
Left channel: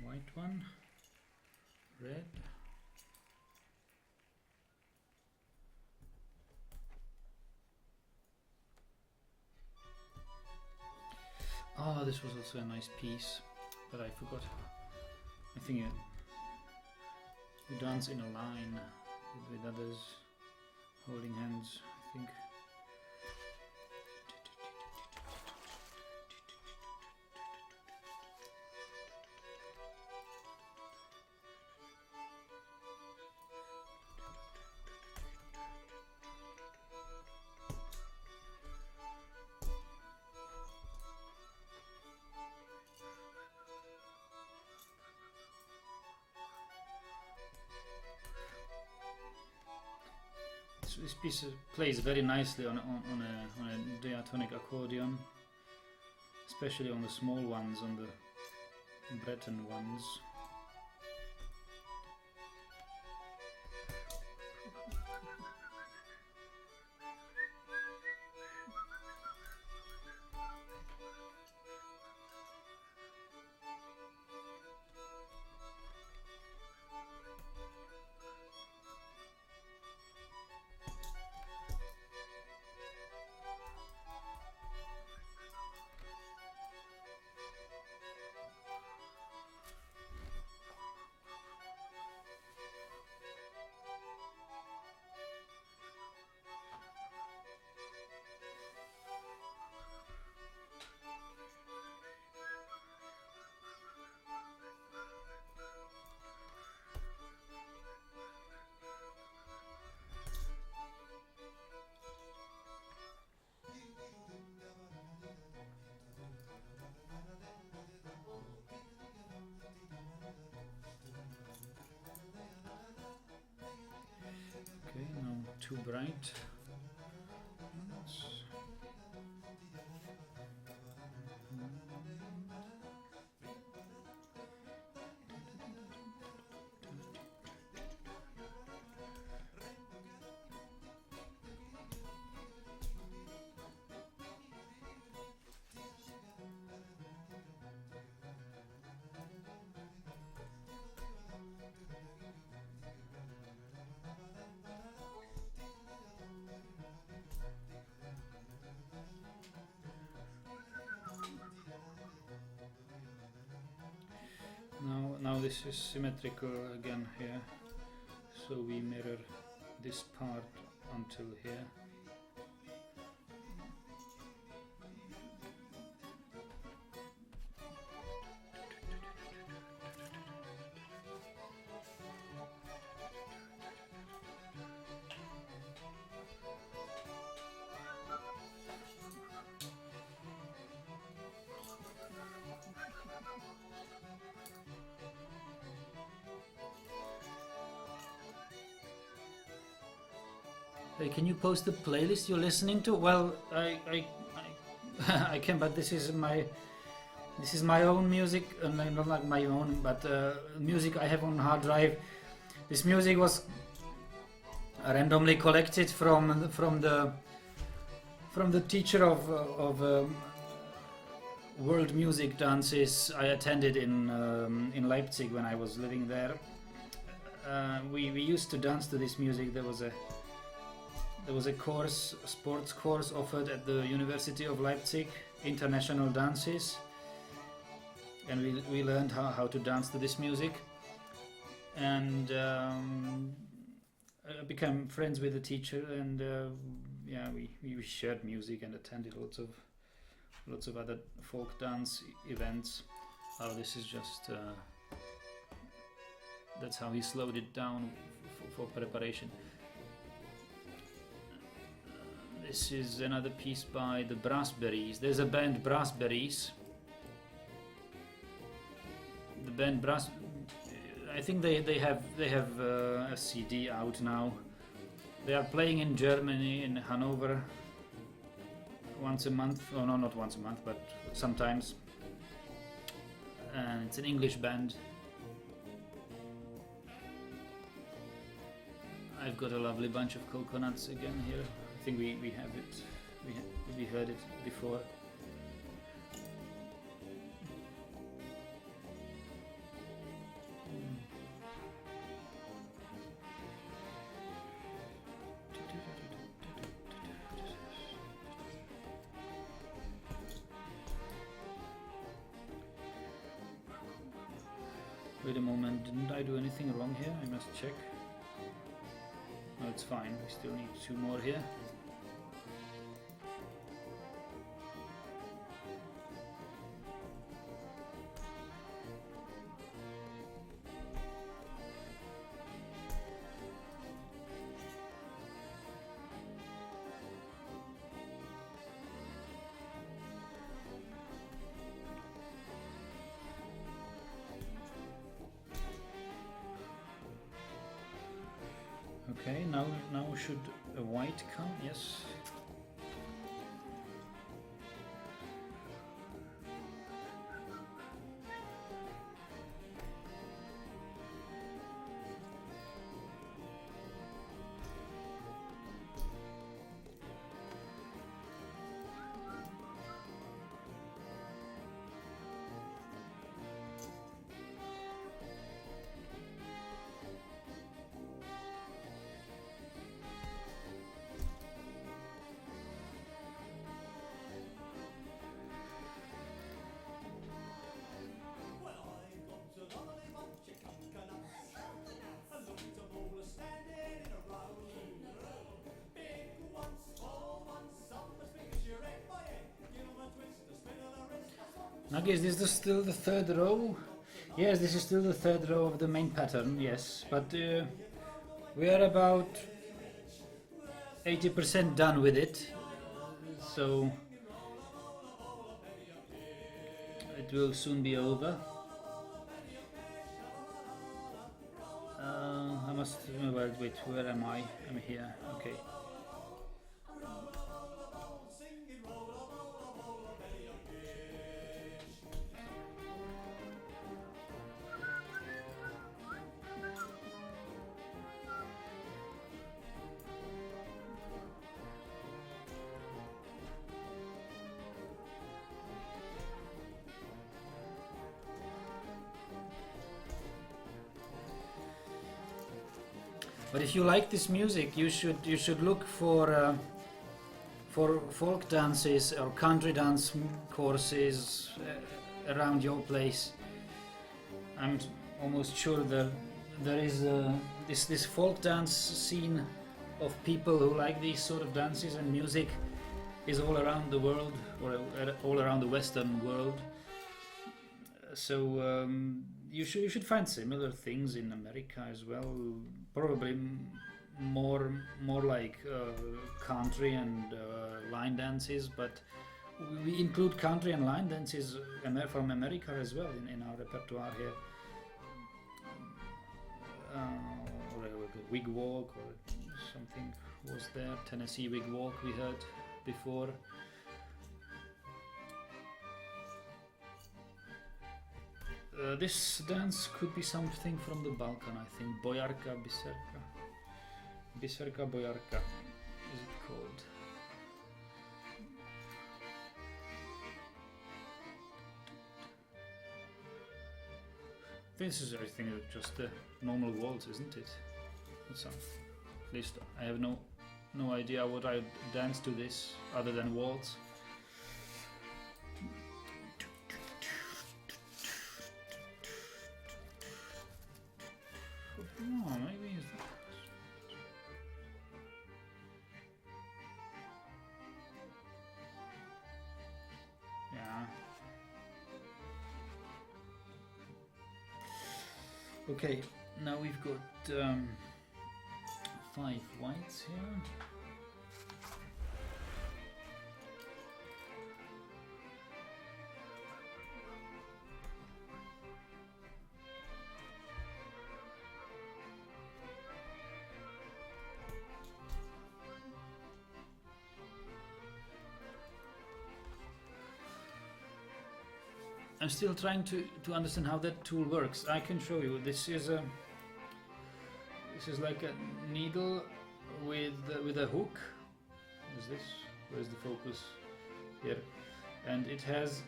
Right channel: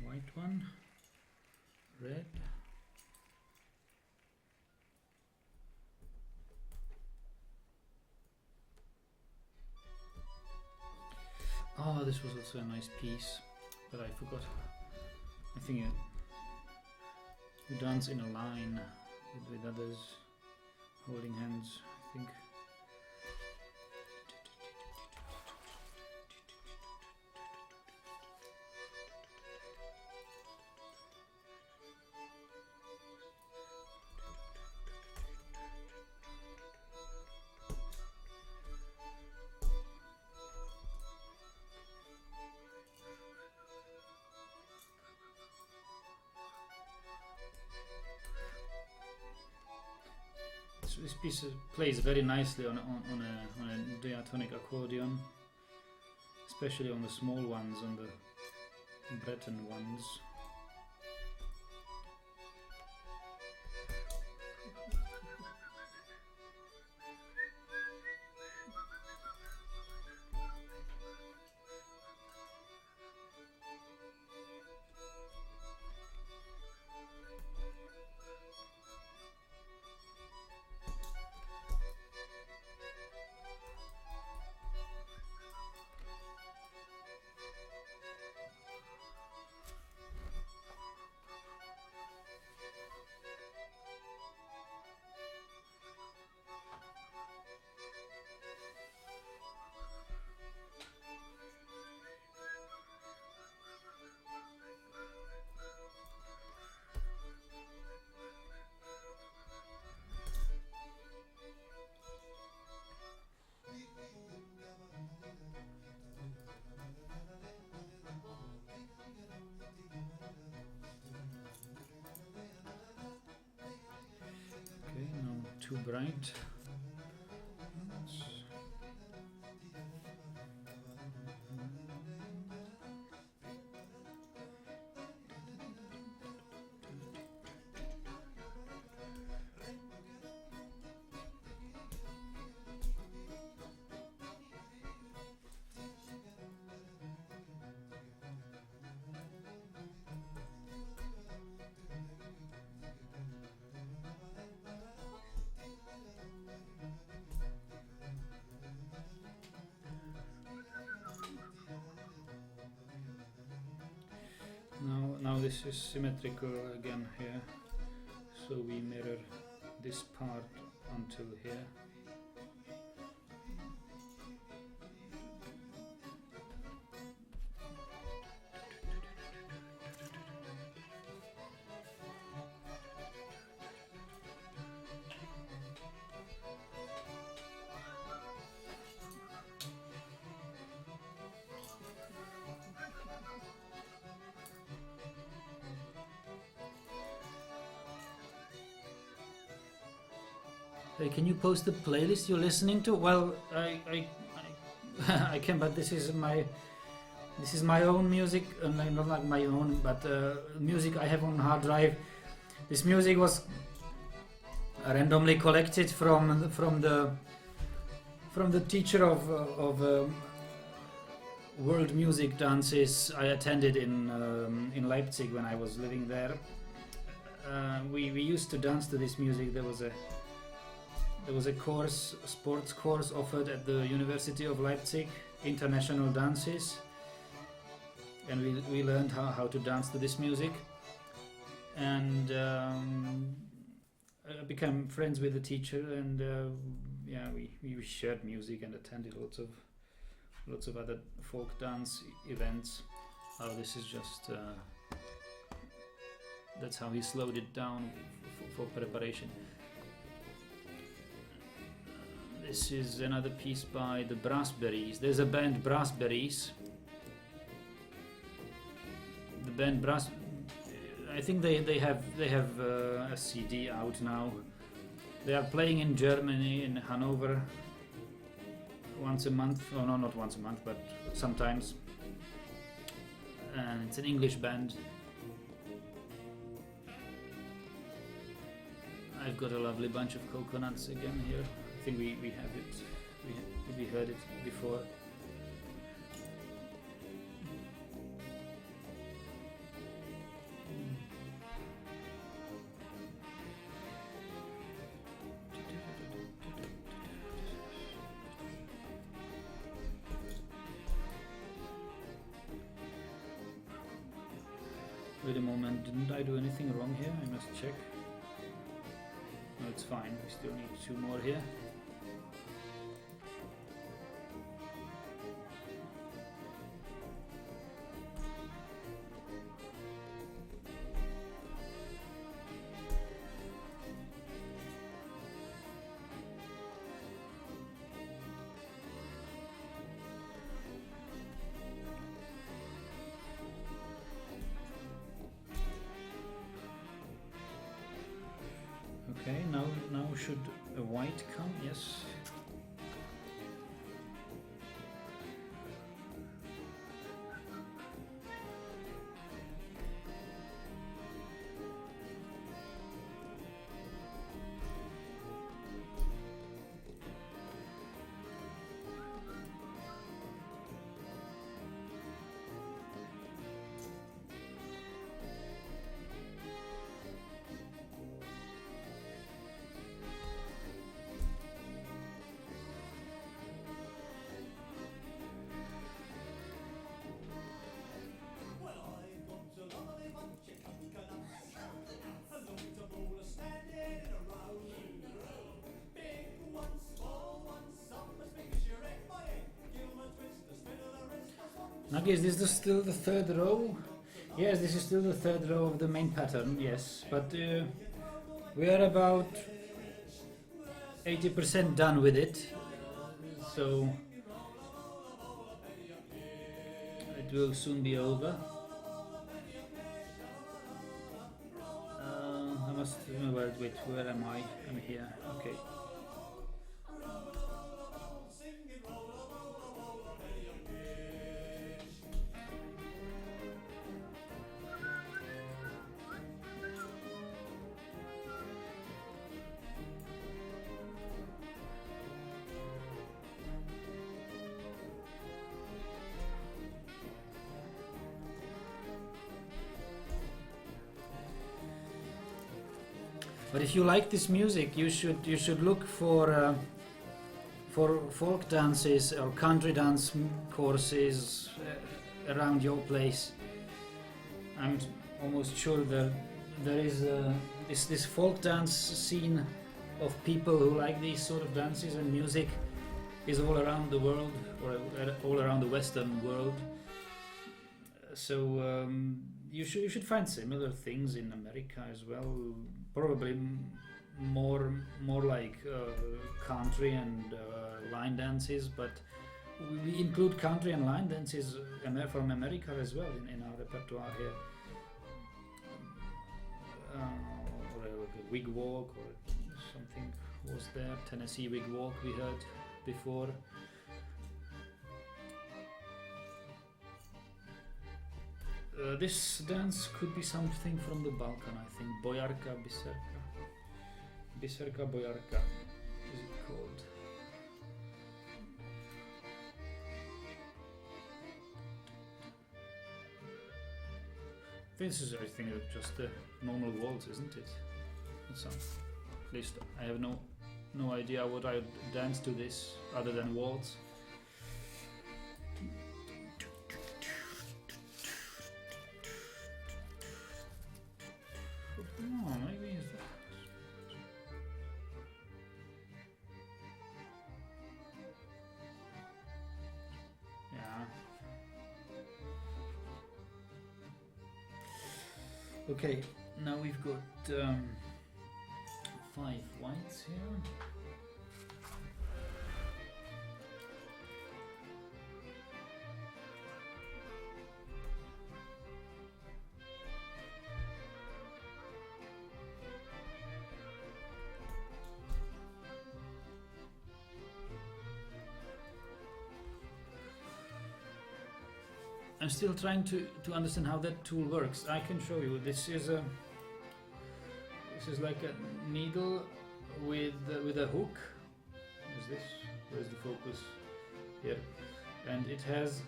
White one. Red. Oh, this was also a nice piece, but I forgot. I think you dance in a line with others holding hands, I think. This piece plays very nicely on a diatonic accordion, especially on the small ones, on the Breton ones. too bright. Now this is symmetrical again here, so we mirror this part until here. Hey, can you post the playlist you're listening to? Well, I I can, but this is my own music, not like my own, but music I have on hard drive. This music was randomly collected from the teacher of world music dances I attended in Leipzig when I was living there. We used to dance to this music. There was a course, sports course offered at the University of Leipzig, international dances, and we learned how to dance to this music, and I became friends with the teacher, and yeah, we shared music and attended lots of other folk dance events. Oh, this is just that's how he slowed it down for preparation. This is another piece by the Brassberries. There's a band, Brassberries. The band Brass, I think they have a CD out now. They are playing in Germany, in Hanover, once a month. Oh no, not once a month, but sometimes. And it's an English band. I've got a lovely bunch of coconuts again here. I think we have it. We heard it before. Wait a moment, didn't I do anything wrong here? I must check. No, it's fine. We still need 2 more here. Okay, now should a white come? Yes. Nagi, is this still the 3rd row? Yes, this is still the 3rd row of the main pattern, yes, but we are about 80% done with it, so it will soon be over. I must. Wait, where am I? I'm here. Okay. But if you like this music, you should look for folk dances or country dance courses around your place. I'm almost sure that there is this folk dance scene of people who like these sort of dances and music is all around the world, or all around the Western world. So you should find similar things in America as well. Probably more like country and line dances, but we include country and line dances from America as well in our repertoire here. Or a wig walk or something was there. Tennessee wig walk we heard before. This dance could be something from the Balkan, I think. Bojarka, Biserka. Biserka, Bojarka is it called. This is, I think, just a normal waltz, isn't it? At least I have no idea what I would dance to this other than waltz. Oh, maybe is that. Yeah. Okay, now we've got 5 whites here. I'm still trying to understand how that tool works. I can show you. This is like a needle with a hook. Is this? Where's the focus? Here, and it has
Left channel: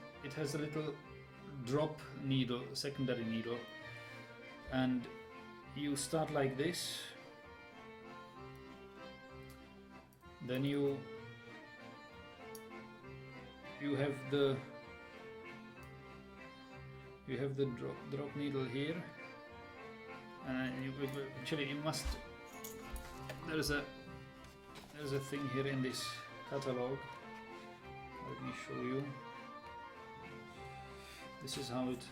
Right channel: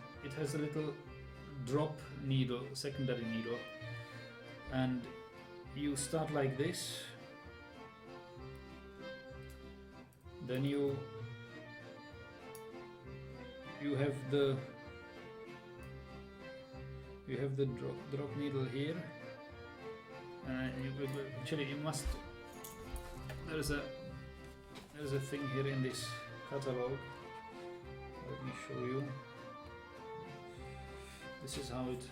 a little drop needle, secondary needle, and you start like this. Then you have the drop needle here, and actually you must. There's a thing here in this catalog. Let me show you. This is how it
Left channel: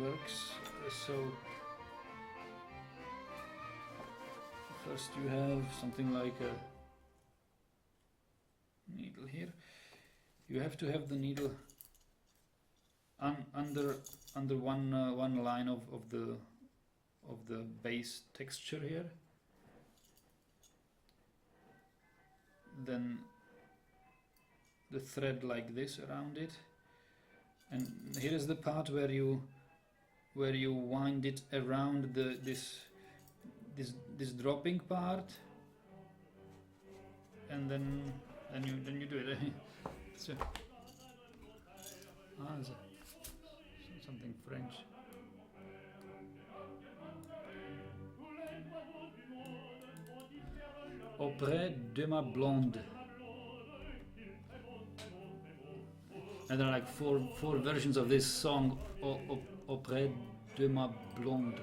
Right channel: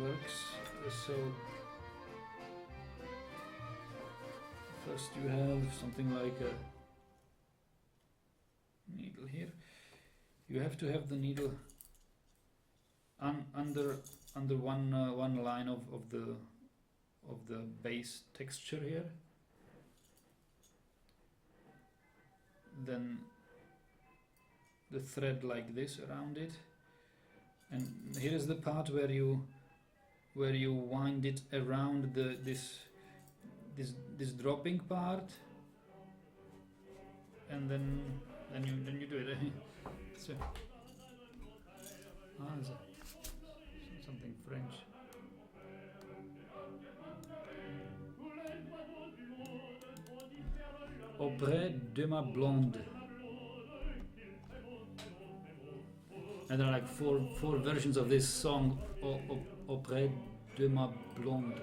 works. So first you have something like a needle here. You have to have the needle under one line of the base texture here. Then the thread like this around it, and here is the part where you wind it around this dropping part, and then you do it. So, something French. Auprès de ma blonde. And there are like four versions of this song. Auprès de ma blonde.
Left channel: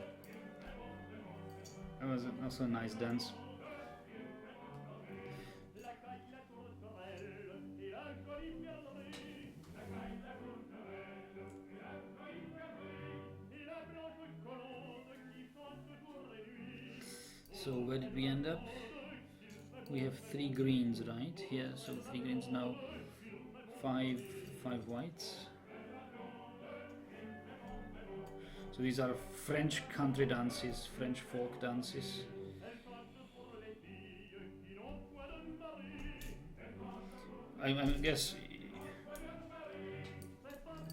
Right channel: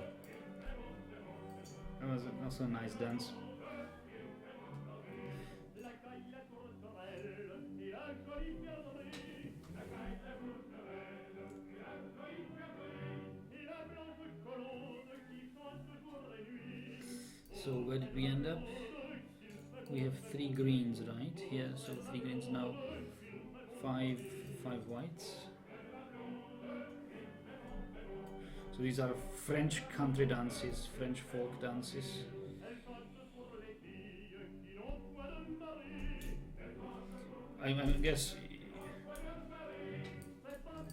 That was also a nice dance. So where did we end up? We have 3 greens right here, so 3 greens now, 5 whites. So So these are French country dances, French folk dances. I guess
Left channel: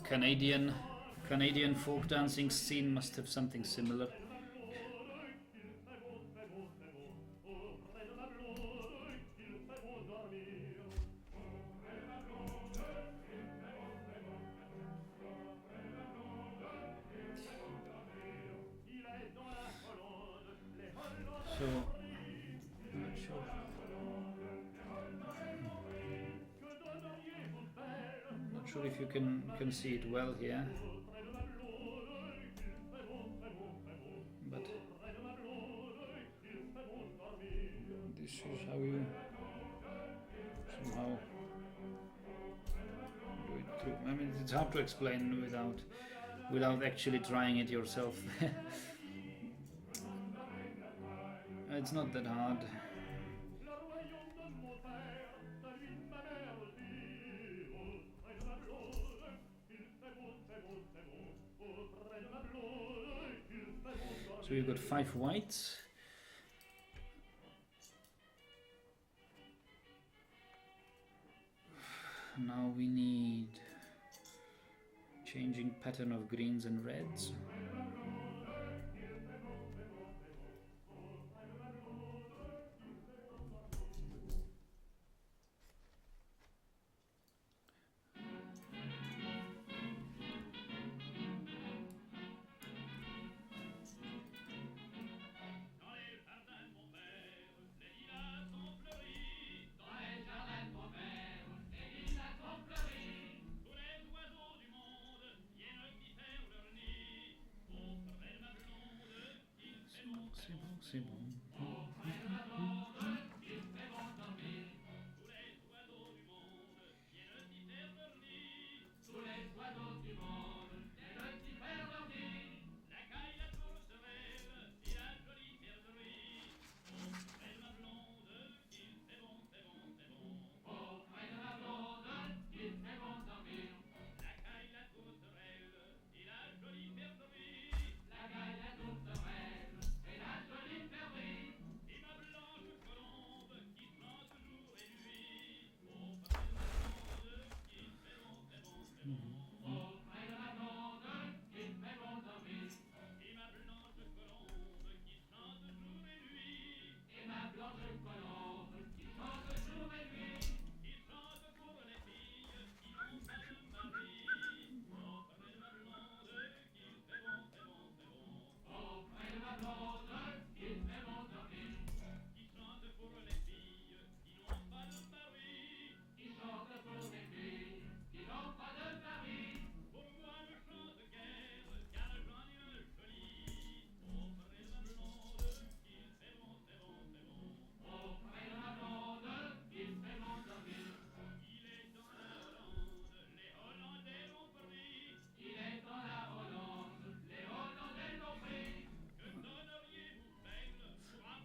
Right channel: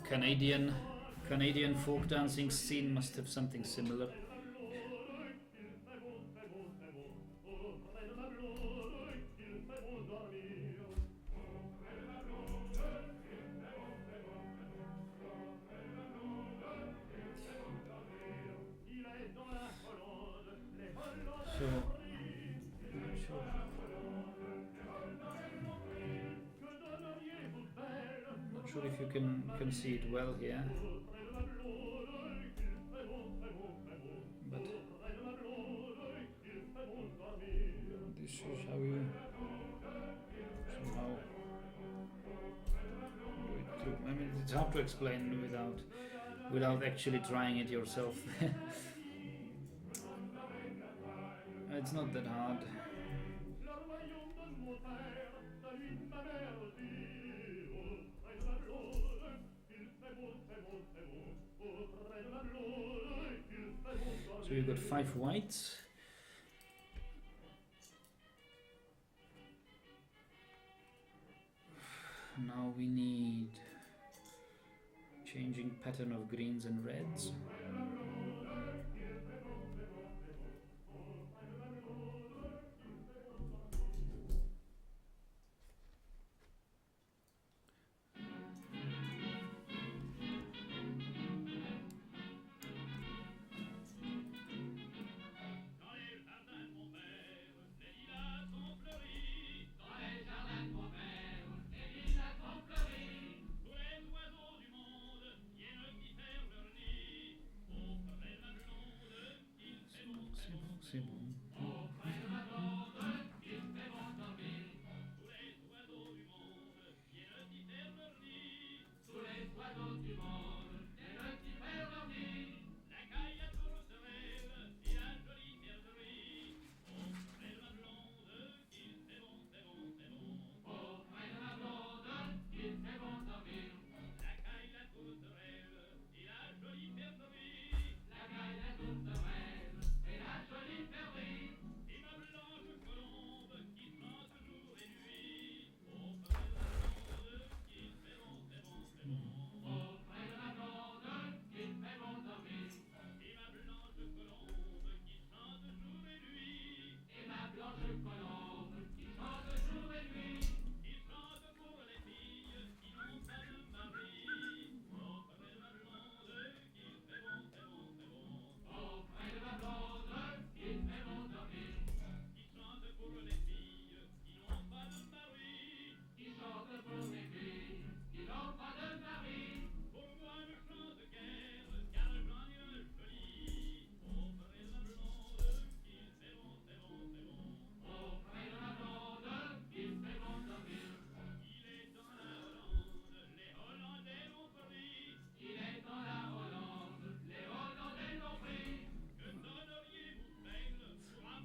Canadian folk dancing scene must have something similar. So, not sure if you can see it well here, but this is how you somehow do it through. I mean, it's hard to explain without actually trying it yourself. It's not that hard. So you've got 5 whites. Now we need changing pattern of greens and reds. C'est bon.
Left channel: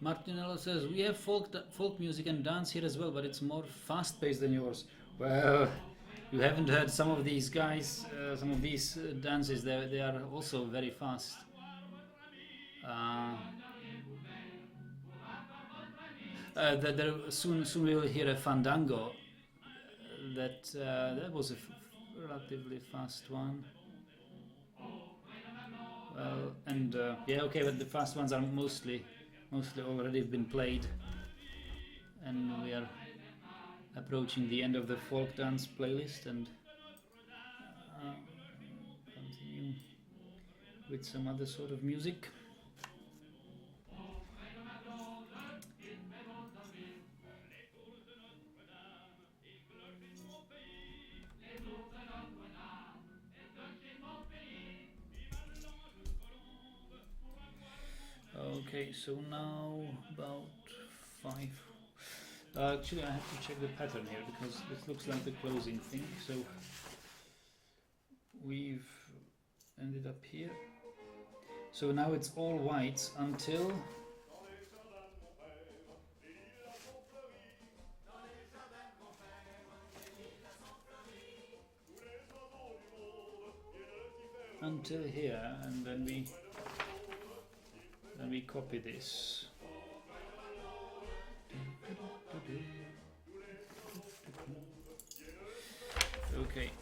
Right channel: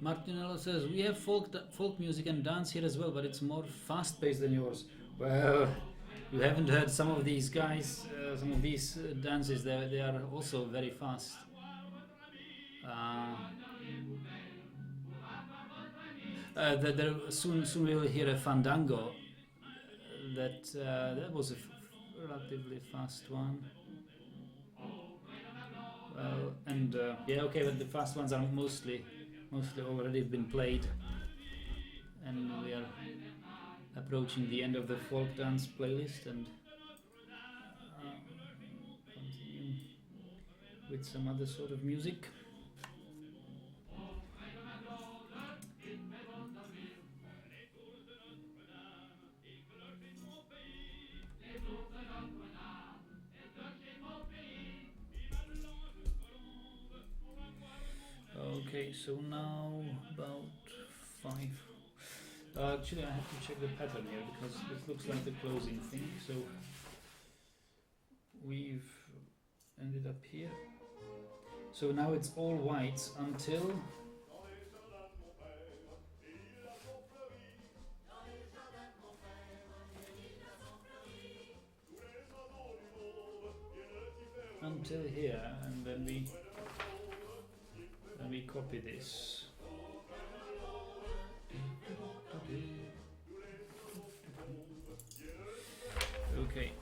Martinello says, we have folk music and dance here as well, but it's more fast-paced than yours. Well, you haven't heard some of these guys, some of these dances, they are also very fast. Soon we will hear a fandango. That was a relatively fast one. Well, and yeah, okay, but the fast ones are mostly already been played, and we are approaching the end of the folk dance playlist, and continue with some other sort of music. Okay, so now about 5. Actually, I have to check the pattern here because this looks like the closing thing. So we've ended up here. So now it's all whites until until here, and then we copy this. Okay.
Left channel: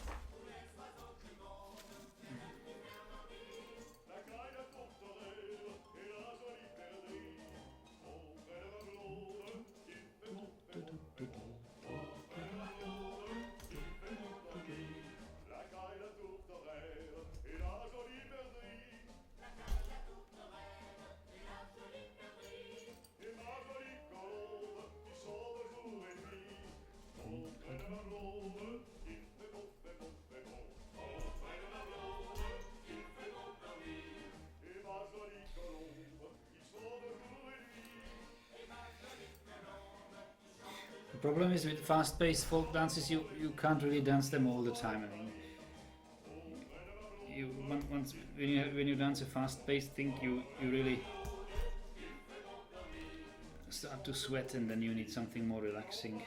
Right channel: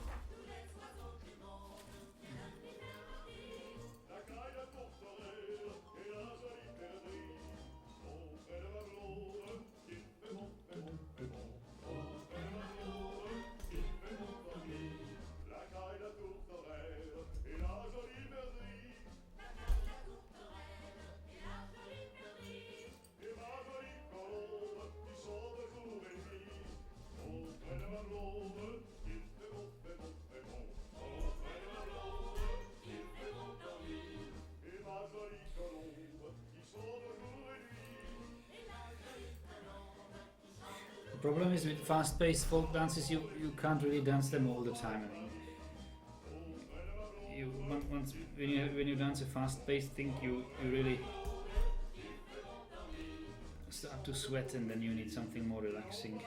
The problem is with fast-paced folk dances, you can't really dance them all the time. I mean, once when you dance a fast-paced thing, you really start to sweat, and then you need something more relaxing.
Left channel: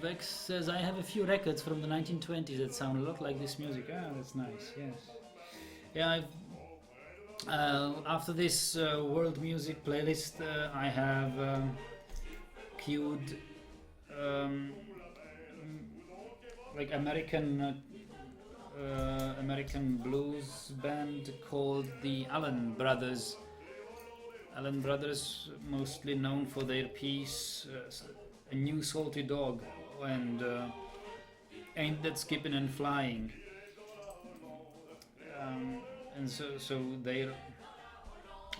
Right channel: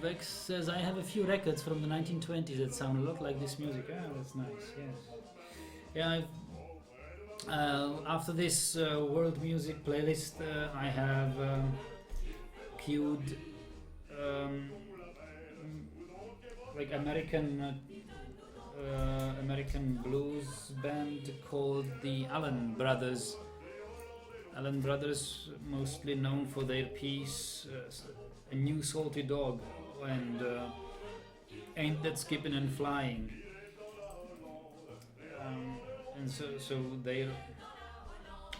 Vex says, I have a few records from the 1920s that sound a lot like this music. Ah, that's nice, yes. Yeah, after this world music playlist, I have queued like American blues band called the Allen Brothers. Allen Brothers, mostly known for their piece A New Salty Dog and Ain't That Skippin' and Flying. And so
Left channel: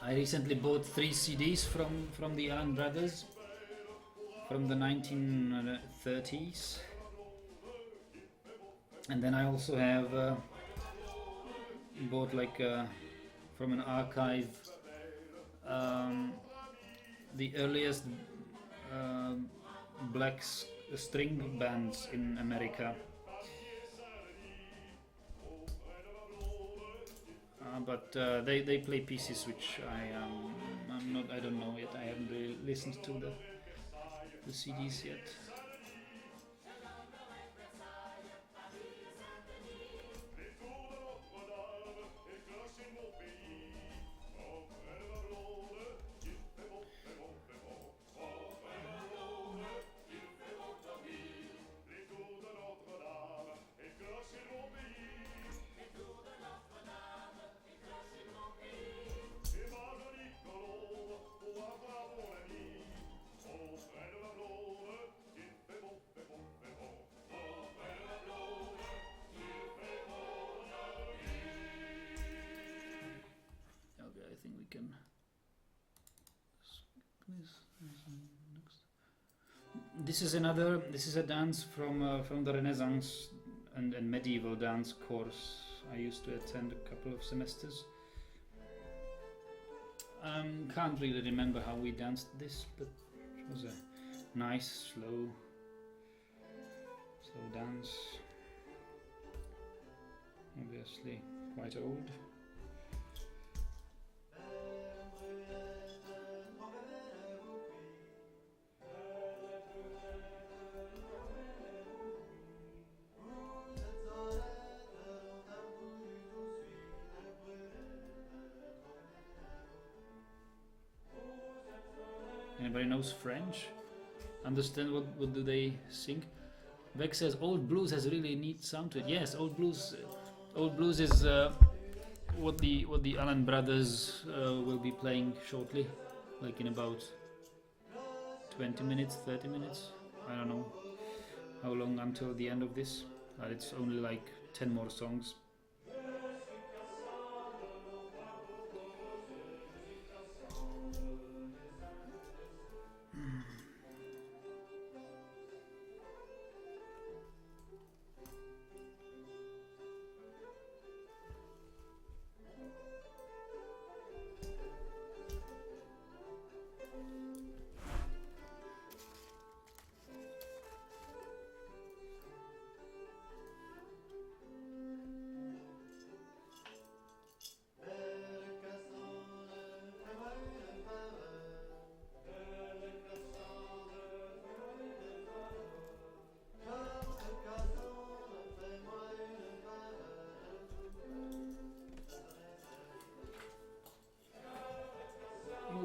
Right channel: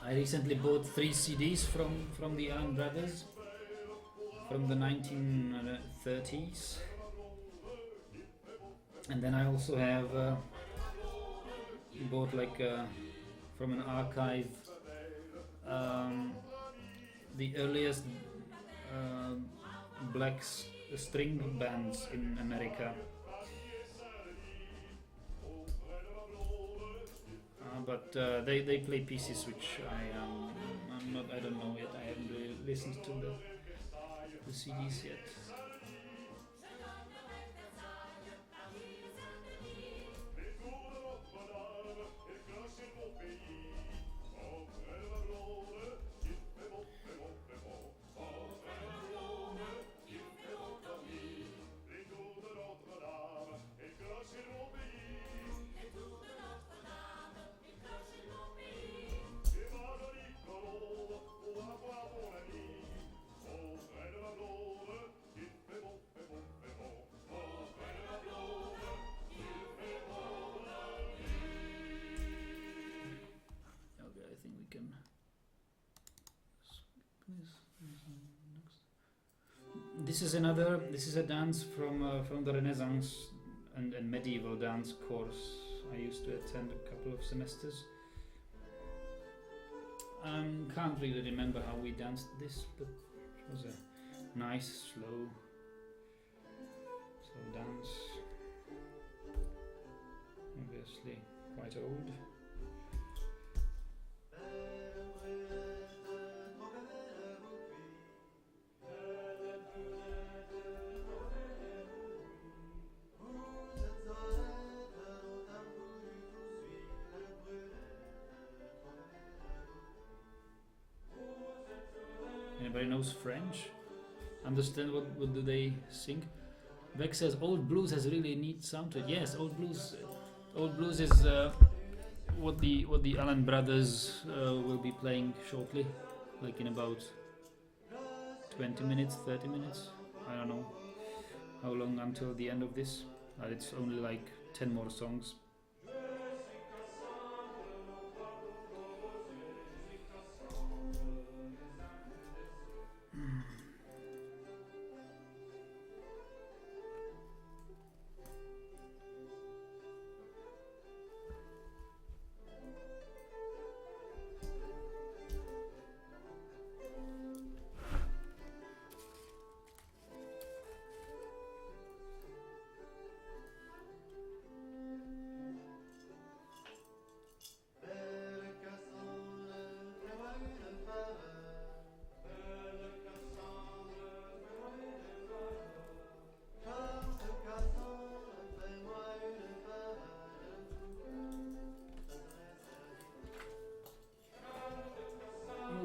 I recently bought 3 CDs from the Allen Brothers from the 1930s, and then I also have bought like from an archive the earliest black string bands in America. But they play pieces which I don't know yet. I haven't really listened to the CDs yet. This is a dance from the Renaissance and medieval dance course I used to attend a couple of semesters. Can't really remember how we danced this, but it was a nice slow dance. Obviously quite old. Anybody knows French? Understand what do they sing? Beck says old blues has a really neat sound to it. Yes, old blues is what the Allen Brothers will be playing shortly, like in about 20 minutes, 30 minutes. I don't know how long until the end of this. It's only like 10 more songs.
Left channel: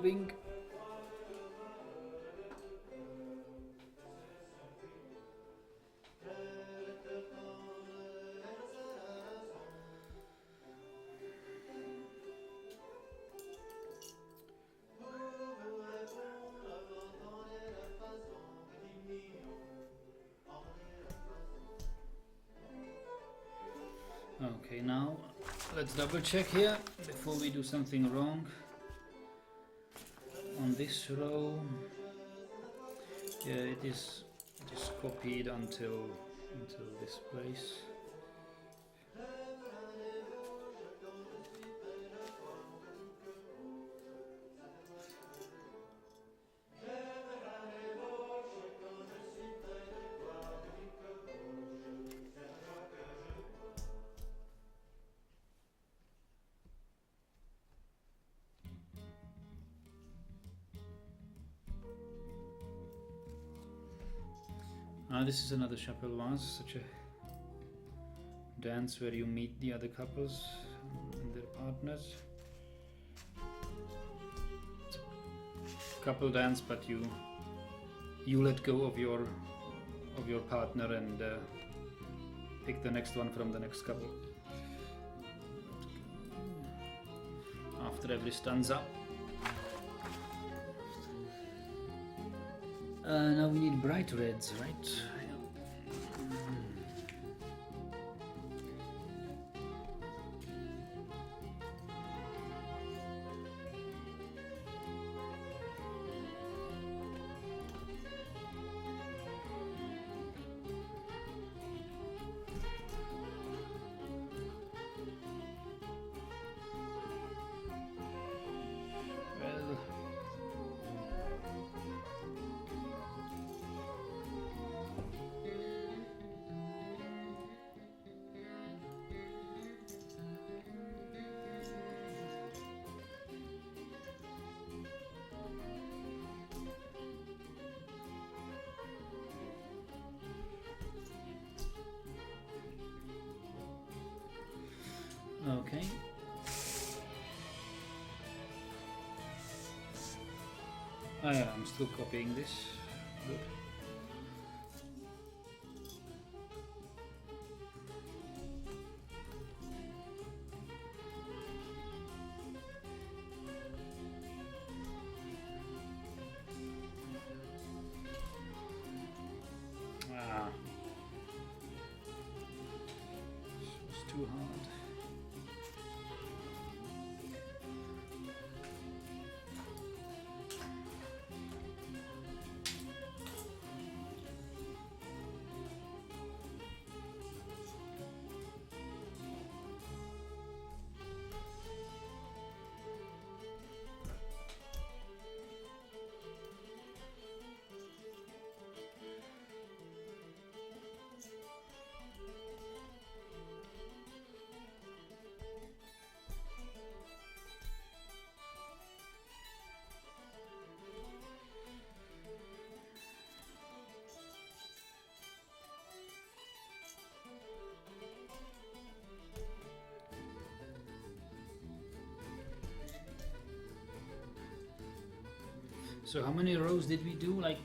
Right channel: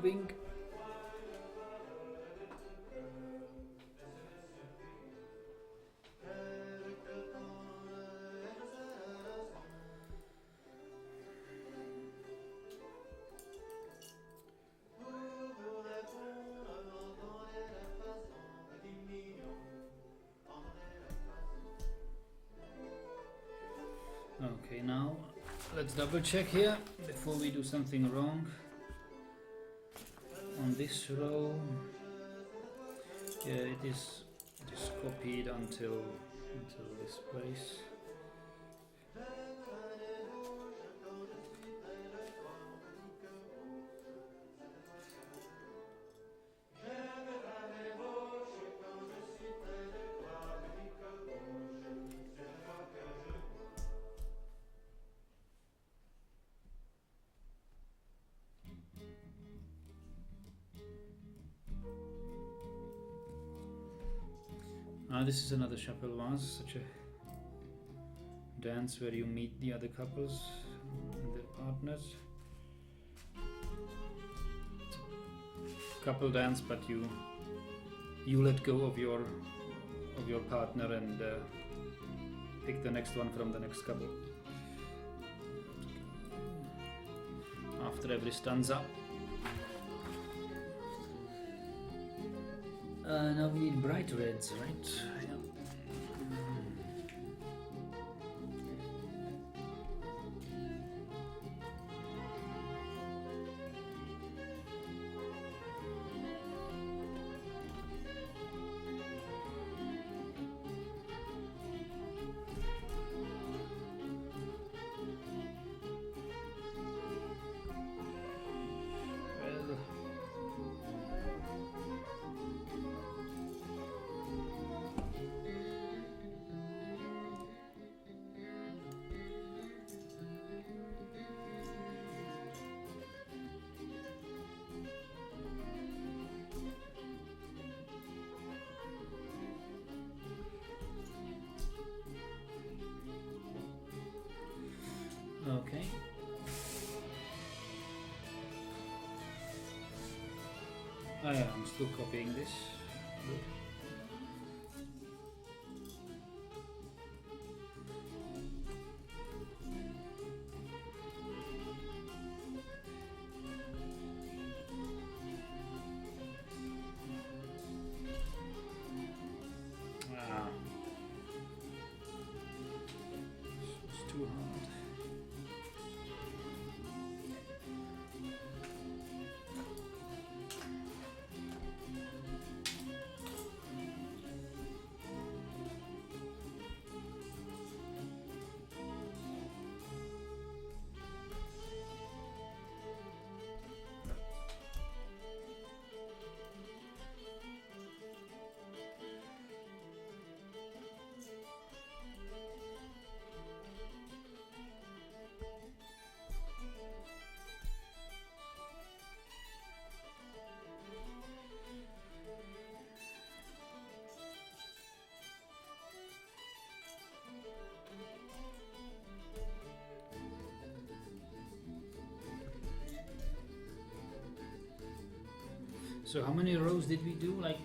moving. Okay, now let's double check here before we do something wrong. On this row, yeah, it is copied until this place. This is another Chapelle Vase, such a dance where you meet the other couples and their partners. It's a couple dance, but you let go of your partner and pick the next one from the next couple. After every stanza. Now we need bright reds, right? Yeah. Well, okay. Oh yeah, I'm still copying this. Good. Ah, this was too hard. So how many rows did we do? Like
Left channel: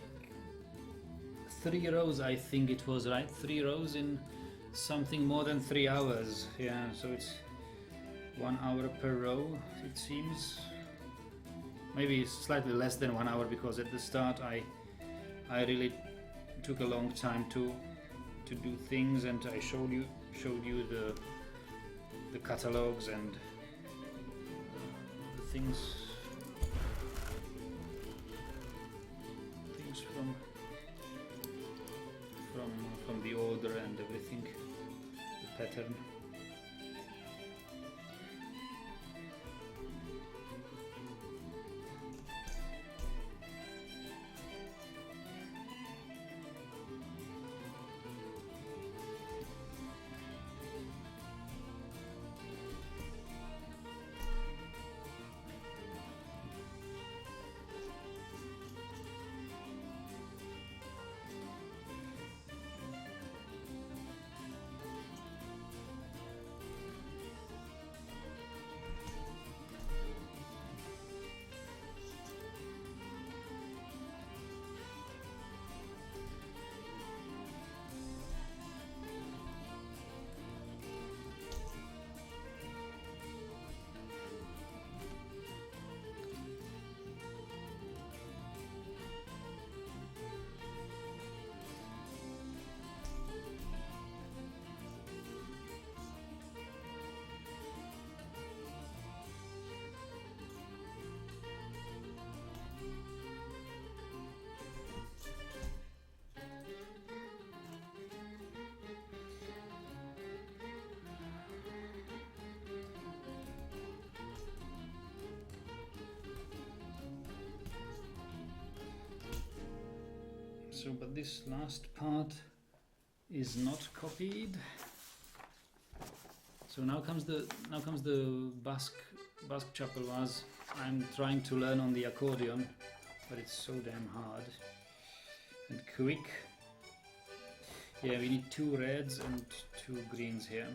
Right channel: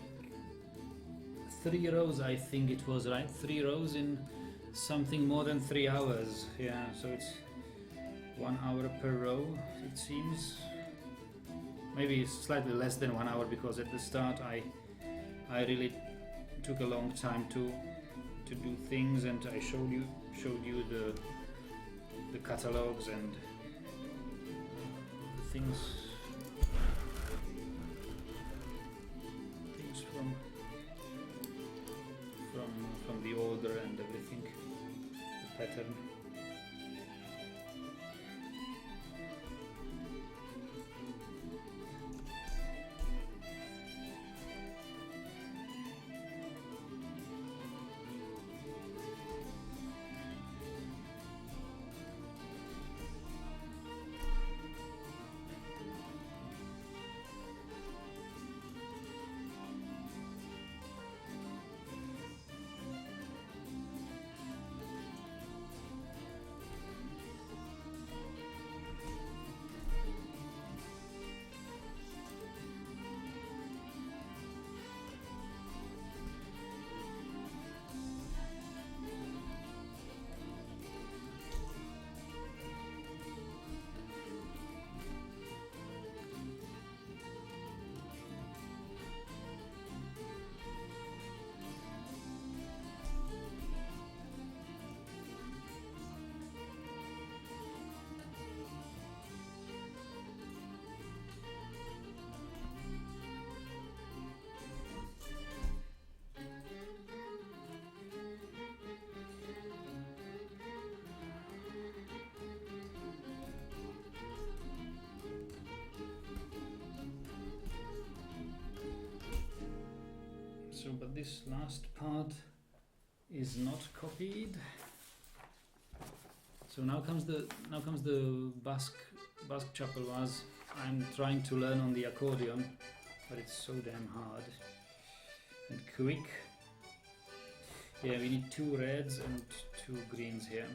3 rows, I think it was, right? 3 rows in something more than 3 hours. Yeah, so it's 1 hour per row, it seems. Maybe slightly less than 1 hour, because at the start I really took a long time to do things, and I showed you the catalogs and the things from the order and everything, the pattern. So, but this last part is not copied. So now comes the Basque Chapelwas. I'm trying to learn on the accordion, but it's so damn hard and quick. Yeah, we need 2 reds and 2 greens here.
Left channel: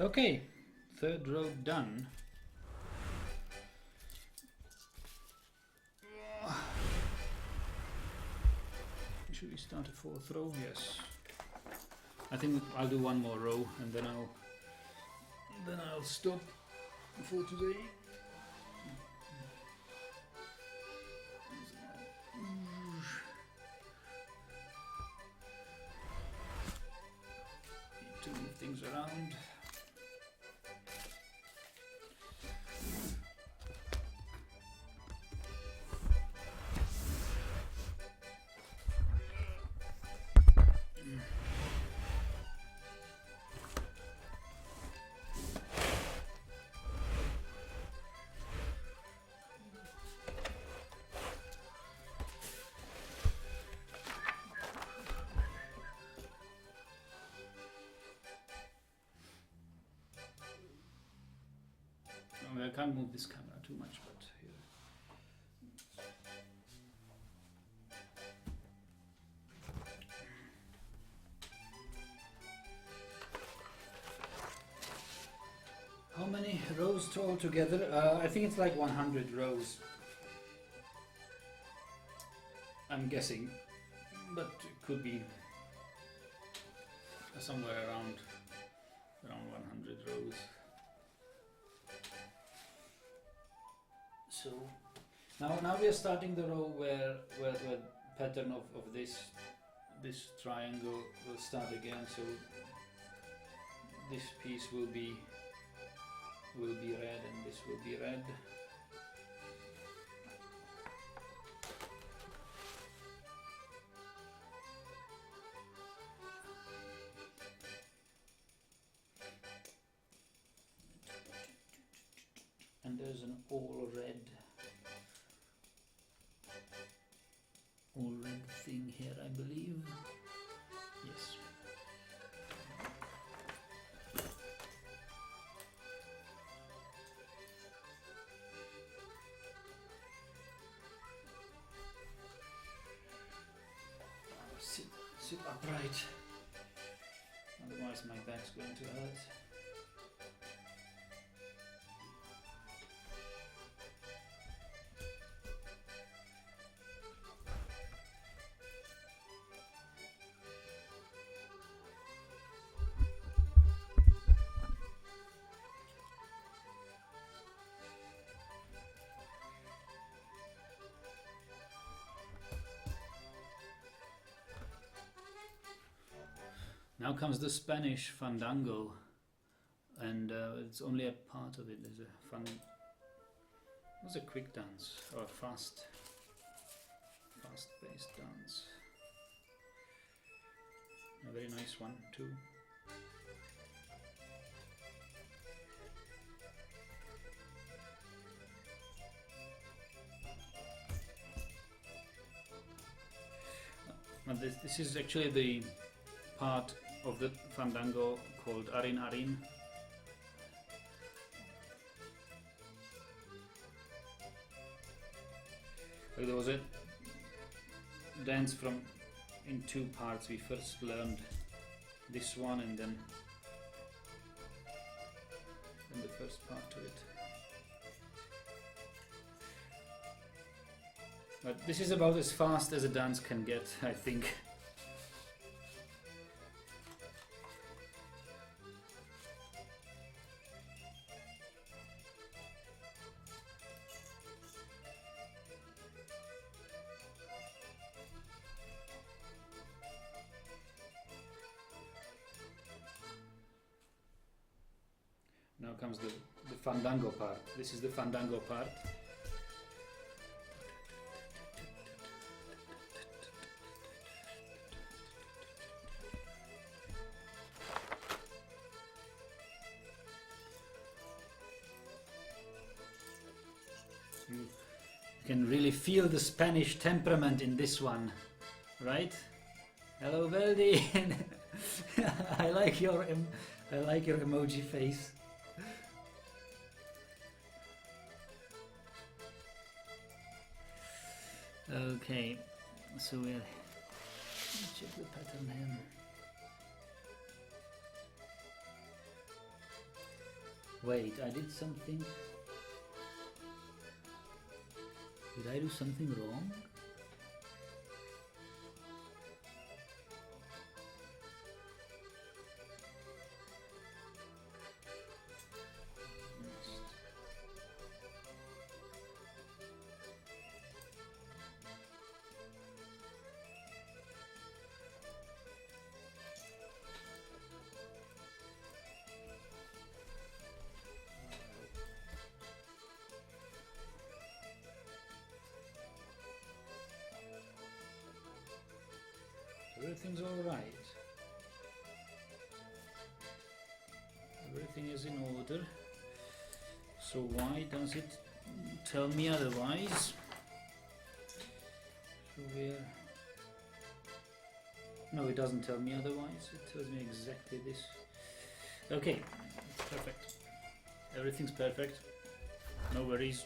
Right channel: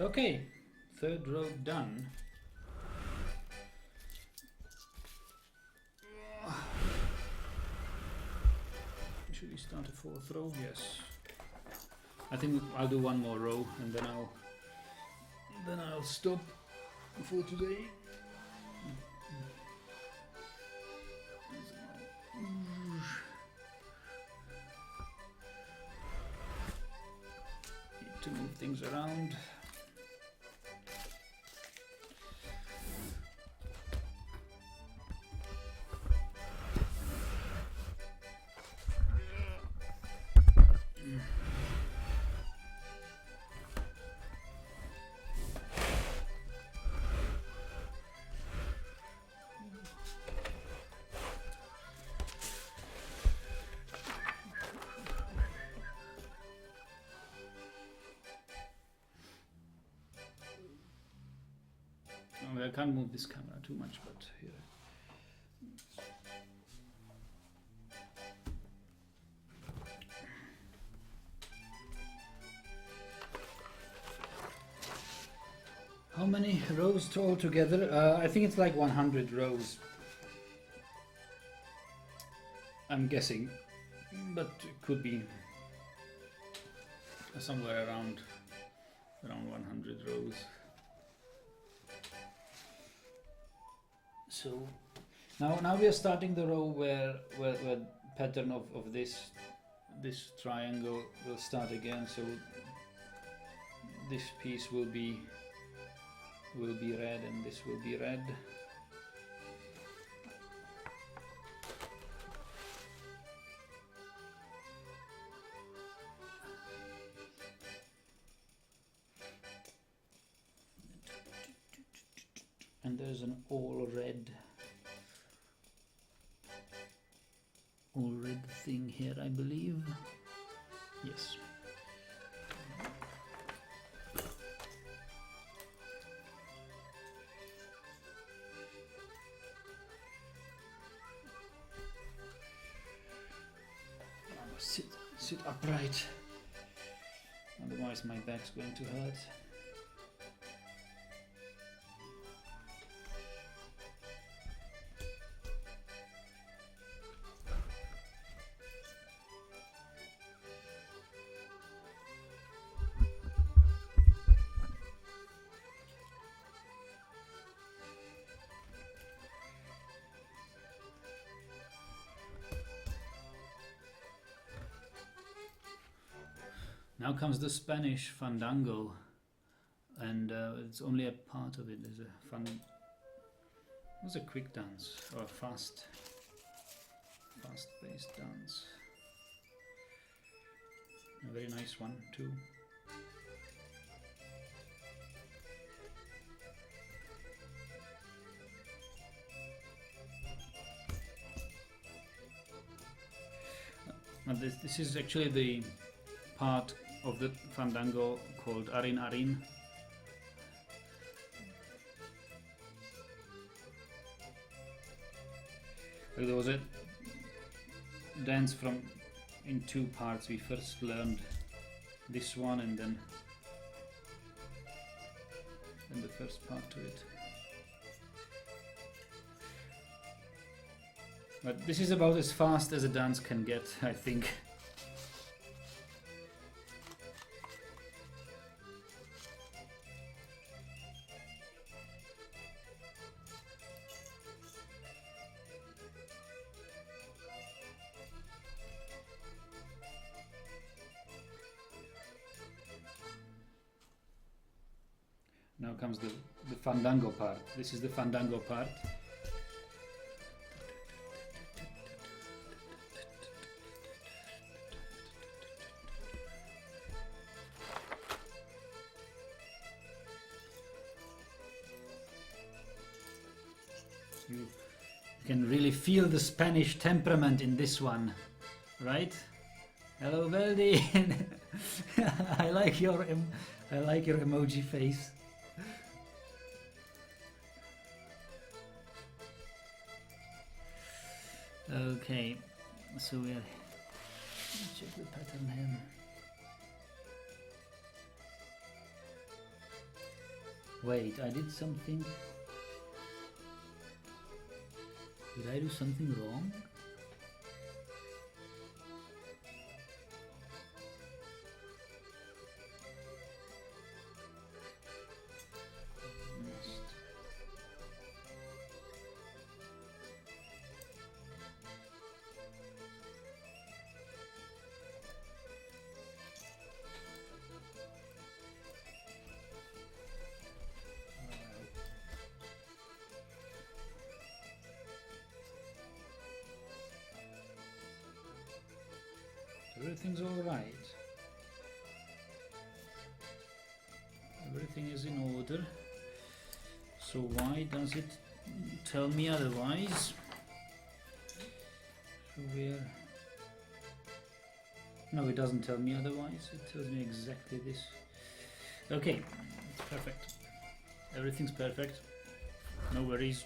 Okay, 3rd row done. Should we start a 4th row? Yes. I think I'll do 1 more row and then I'll stop for today. Need to move things around. I can't move this camera too much, but here. How many rows altogether? I think it's like 100 rows. I'm guessing, but it could be somewhere around 100 rows. So now we are starting the row where pattern of this triangle will start again. So this piece will be red and this will be red. And there's an all red thing here, I believe. Yes. Sit upright, otherwise my back's going to hurt. Now comes the Spanish fandango, and it's only a part of it. There's a quick dance or a fast-paced dance. A very nice one too. This is actually the part of the fandango called Arin Arin. There was a dance in 2 parts. We first learned this one and then the first part to it. But this is about as fast as a dance can get, I think. Now comes the fandango part. This is the fandango part. You can really feel the Spanish temperament in this one, right? Hello, Veldy. I like your emoji face. Okay, so we'll check the pattern here. Wait, I did something. Did I do something wrong? Everything's all right. Everything is in order. So why does it tell me otherwise? So we're... No, it doesn't tell me otherwise. It tells me exactly this. Okay, perfect. Everything's perfect. No worries.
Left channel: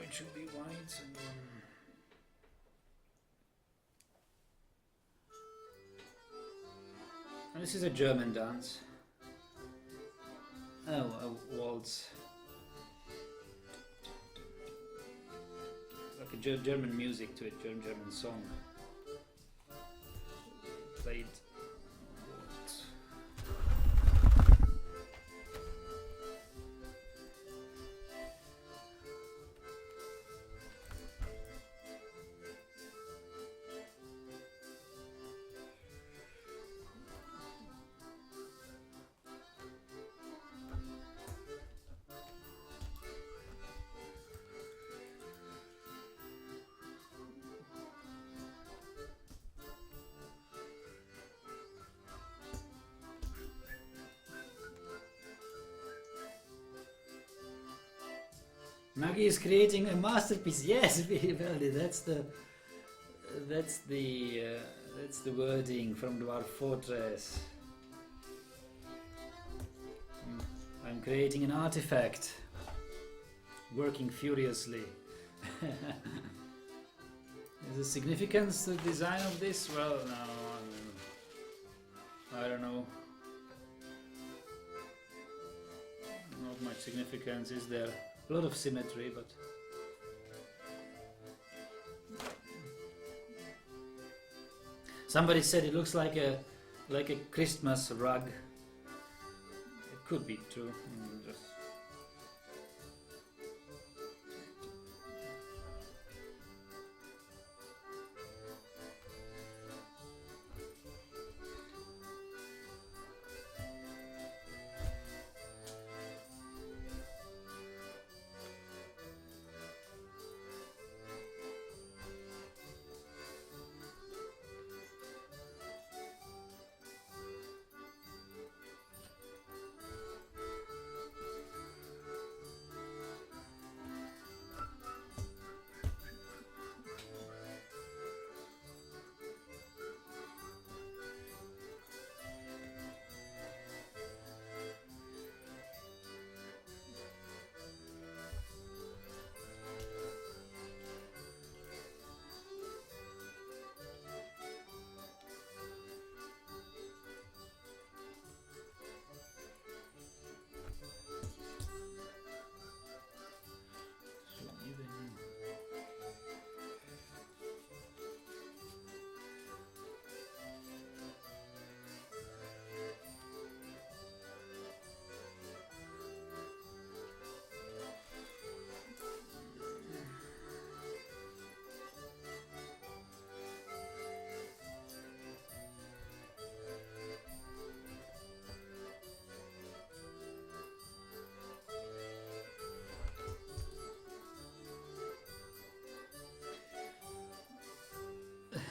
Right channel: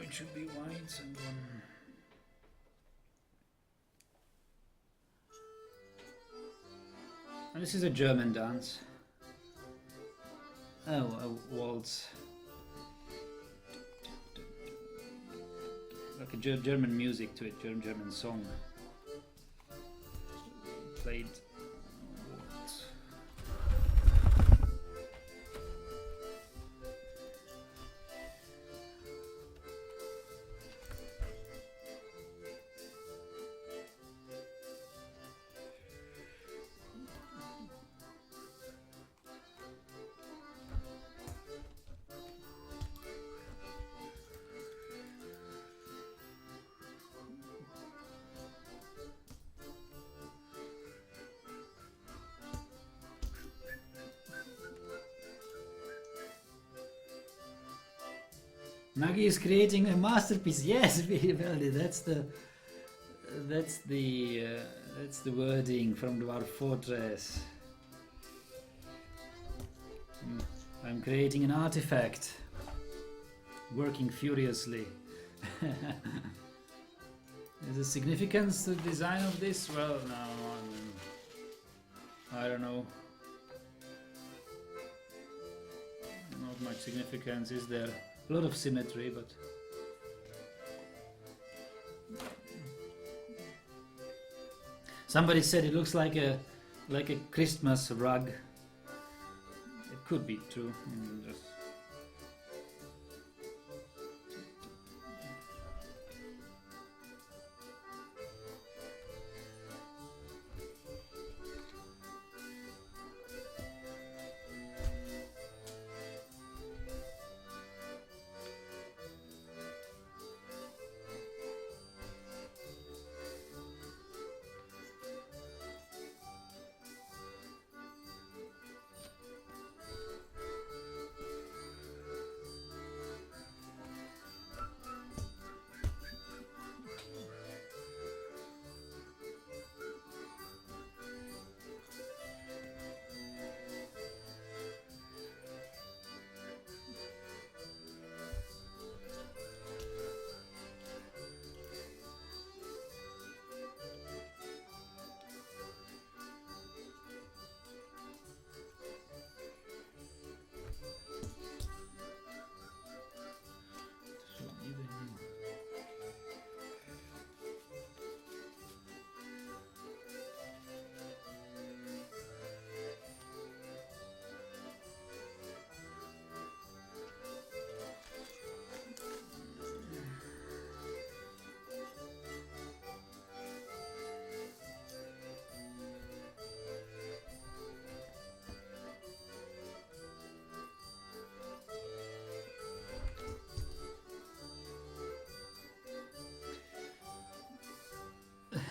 It should be white and and this is a German dance. Oh, a waltz. Like a German music to it, German song. Played waltz. Nagi is creating a masterpiece. Yes, that's the wording from Dwarf Fortress. I'm creating an artifact, working furiously. Is there significance to the design of this? Well, no, I don't know. Not much significance, is there? A lot of symmetry, but somebody said it looks like a Christmas rug. It could be true. Just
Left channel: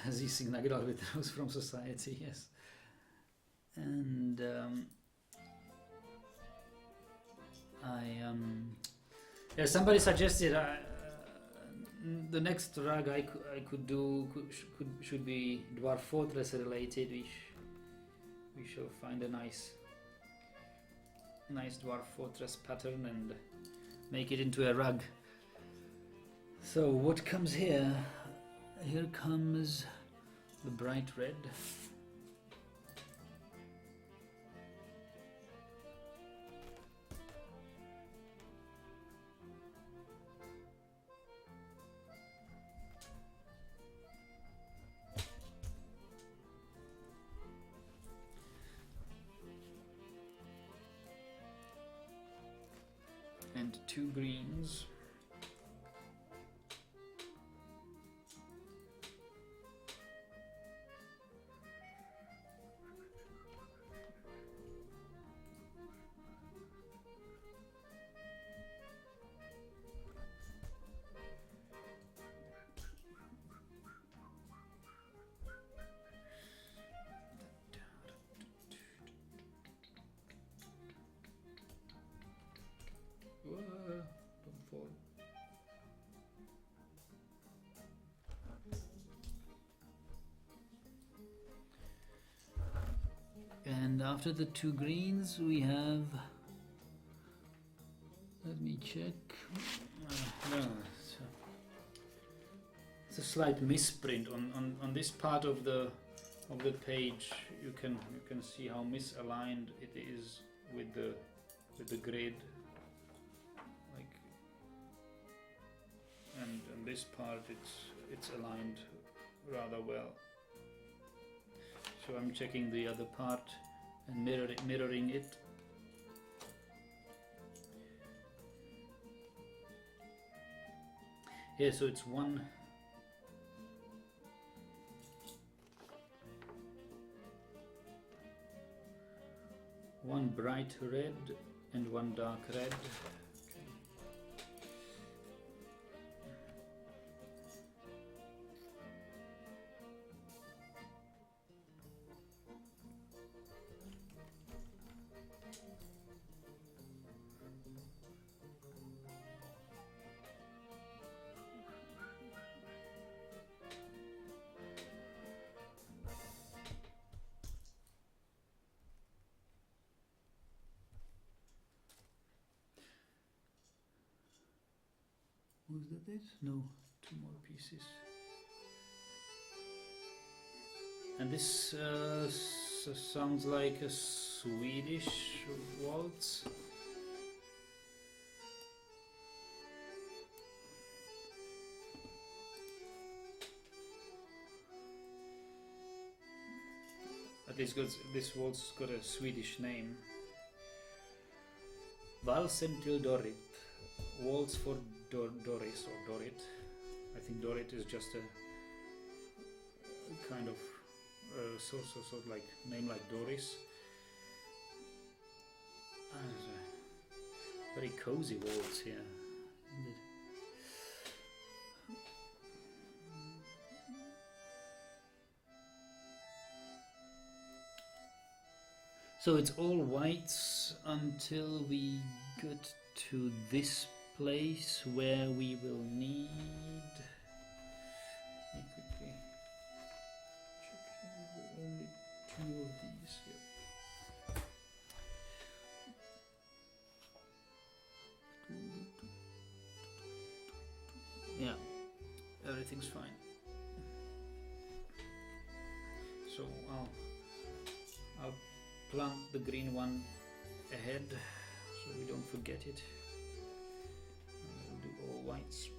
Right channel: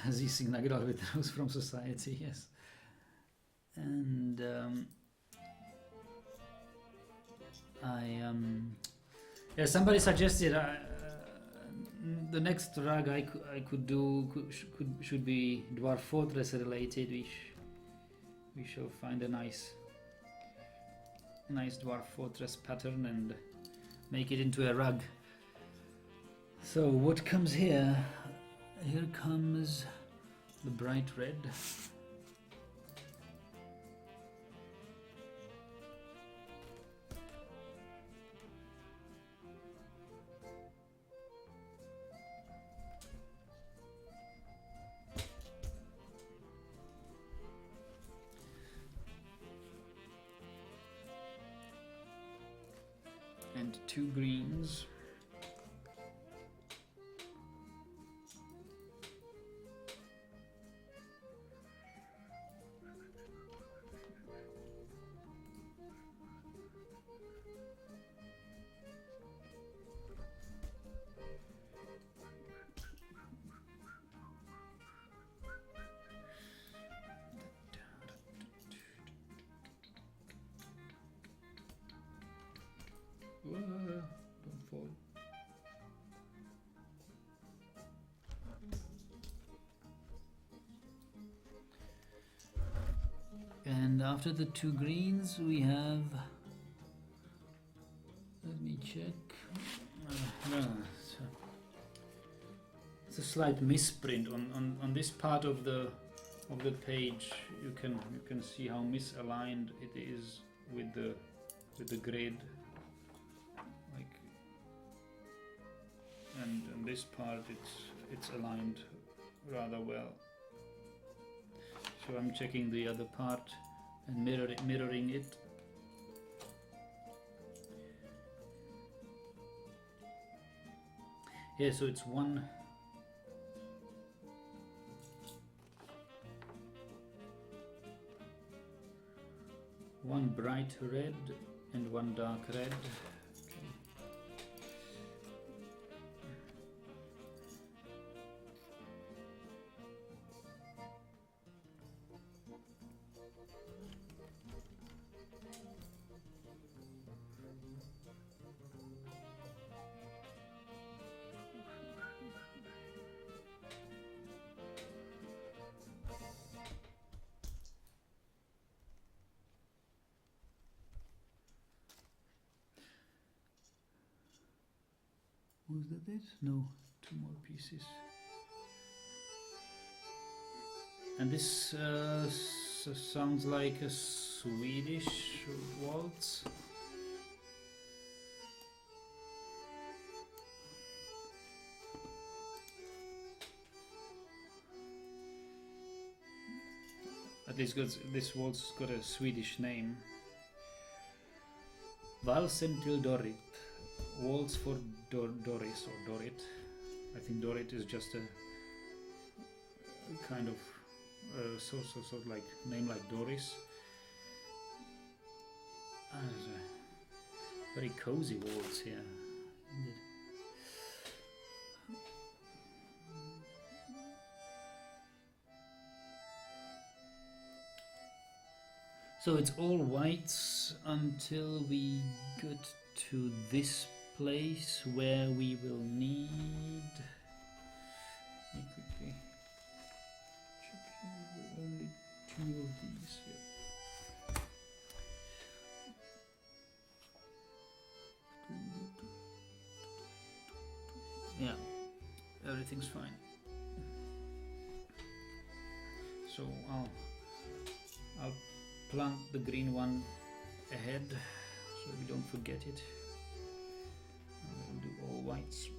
Sie Signagral withdraws from society, yes. And yeah, somebody suggested the next rug I could do should be Dwarf Fortress related. We shall find a nice Dwarf Fortress pattern and make it into a rug. So what comes here? Here comes the bright red. And 2 greens. Don't fall. And after the 2 greens we have, let me check, no, it's a slight misprint on this part of the page. You can see how misaligned it is with the grid, like, and this part it's aligned rather well. So I'm checking the other part and mirroring it. Yeah, so it's one bright red and one dark red. Was that it? No, 2 more pieces. And this sounds like a Swedish waltz. At least this waltz got a Swedish name. Valsen till Dorrit. Waltz for Doris or Dorit. I think Dorit is just a kind of sort of like name like Doris. Very cozy waltz here. So it's all whites until we get to this place where we will need. Let me quickly check. Only 2 of these here. Yeah, everything's fine. So I'll plant the green one ahead so we don't forget it. We'll do all whites.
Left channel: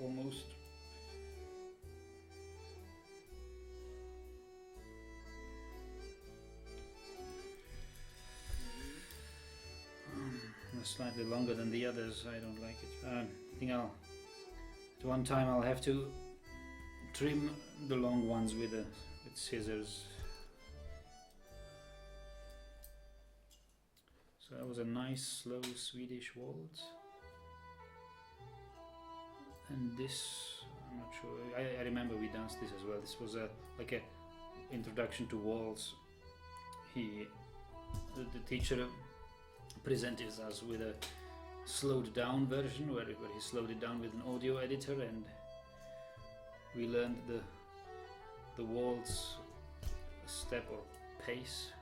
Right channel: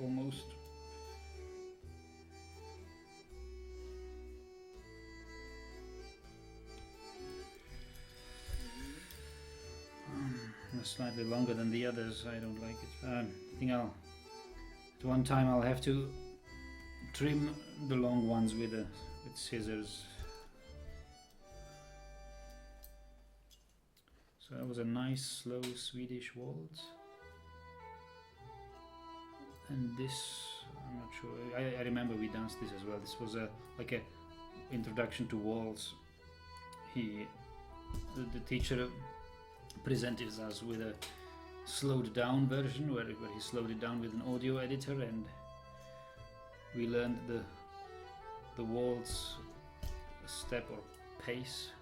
almost. Slightly longer than the others. I don't like it. I think at one time I'll have to trim the long ones with scissors. So that was a nice slow Swedish waltz. And this, I'm not sure. I remember we danced this as well. This was like a introduction to waltz. The teacher presented us with a slowed down version where he slowed it down with an audio editor, and we learned the waltz step or pace,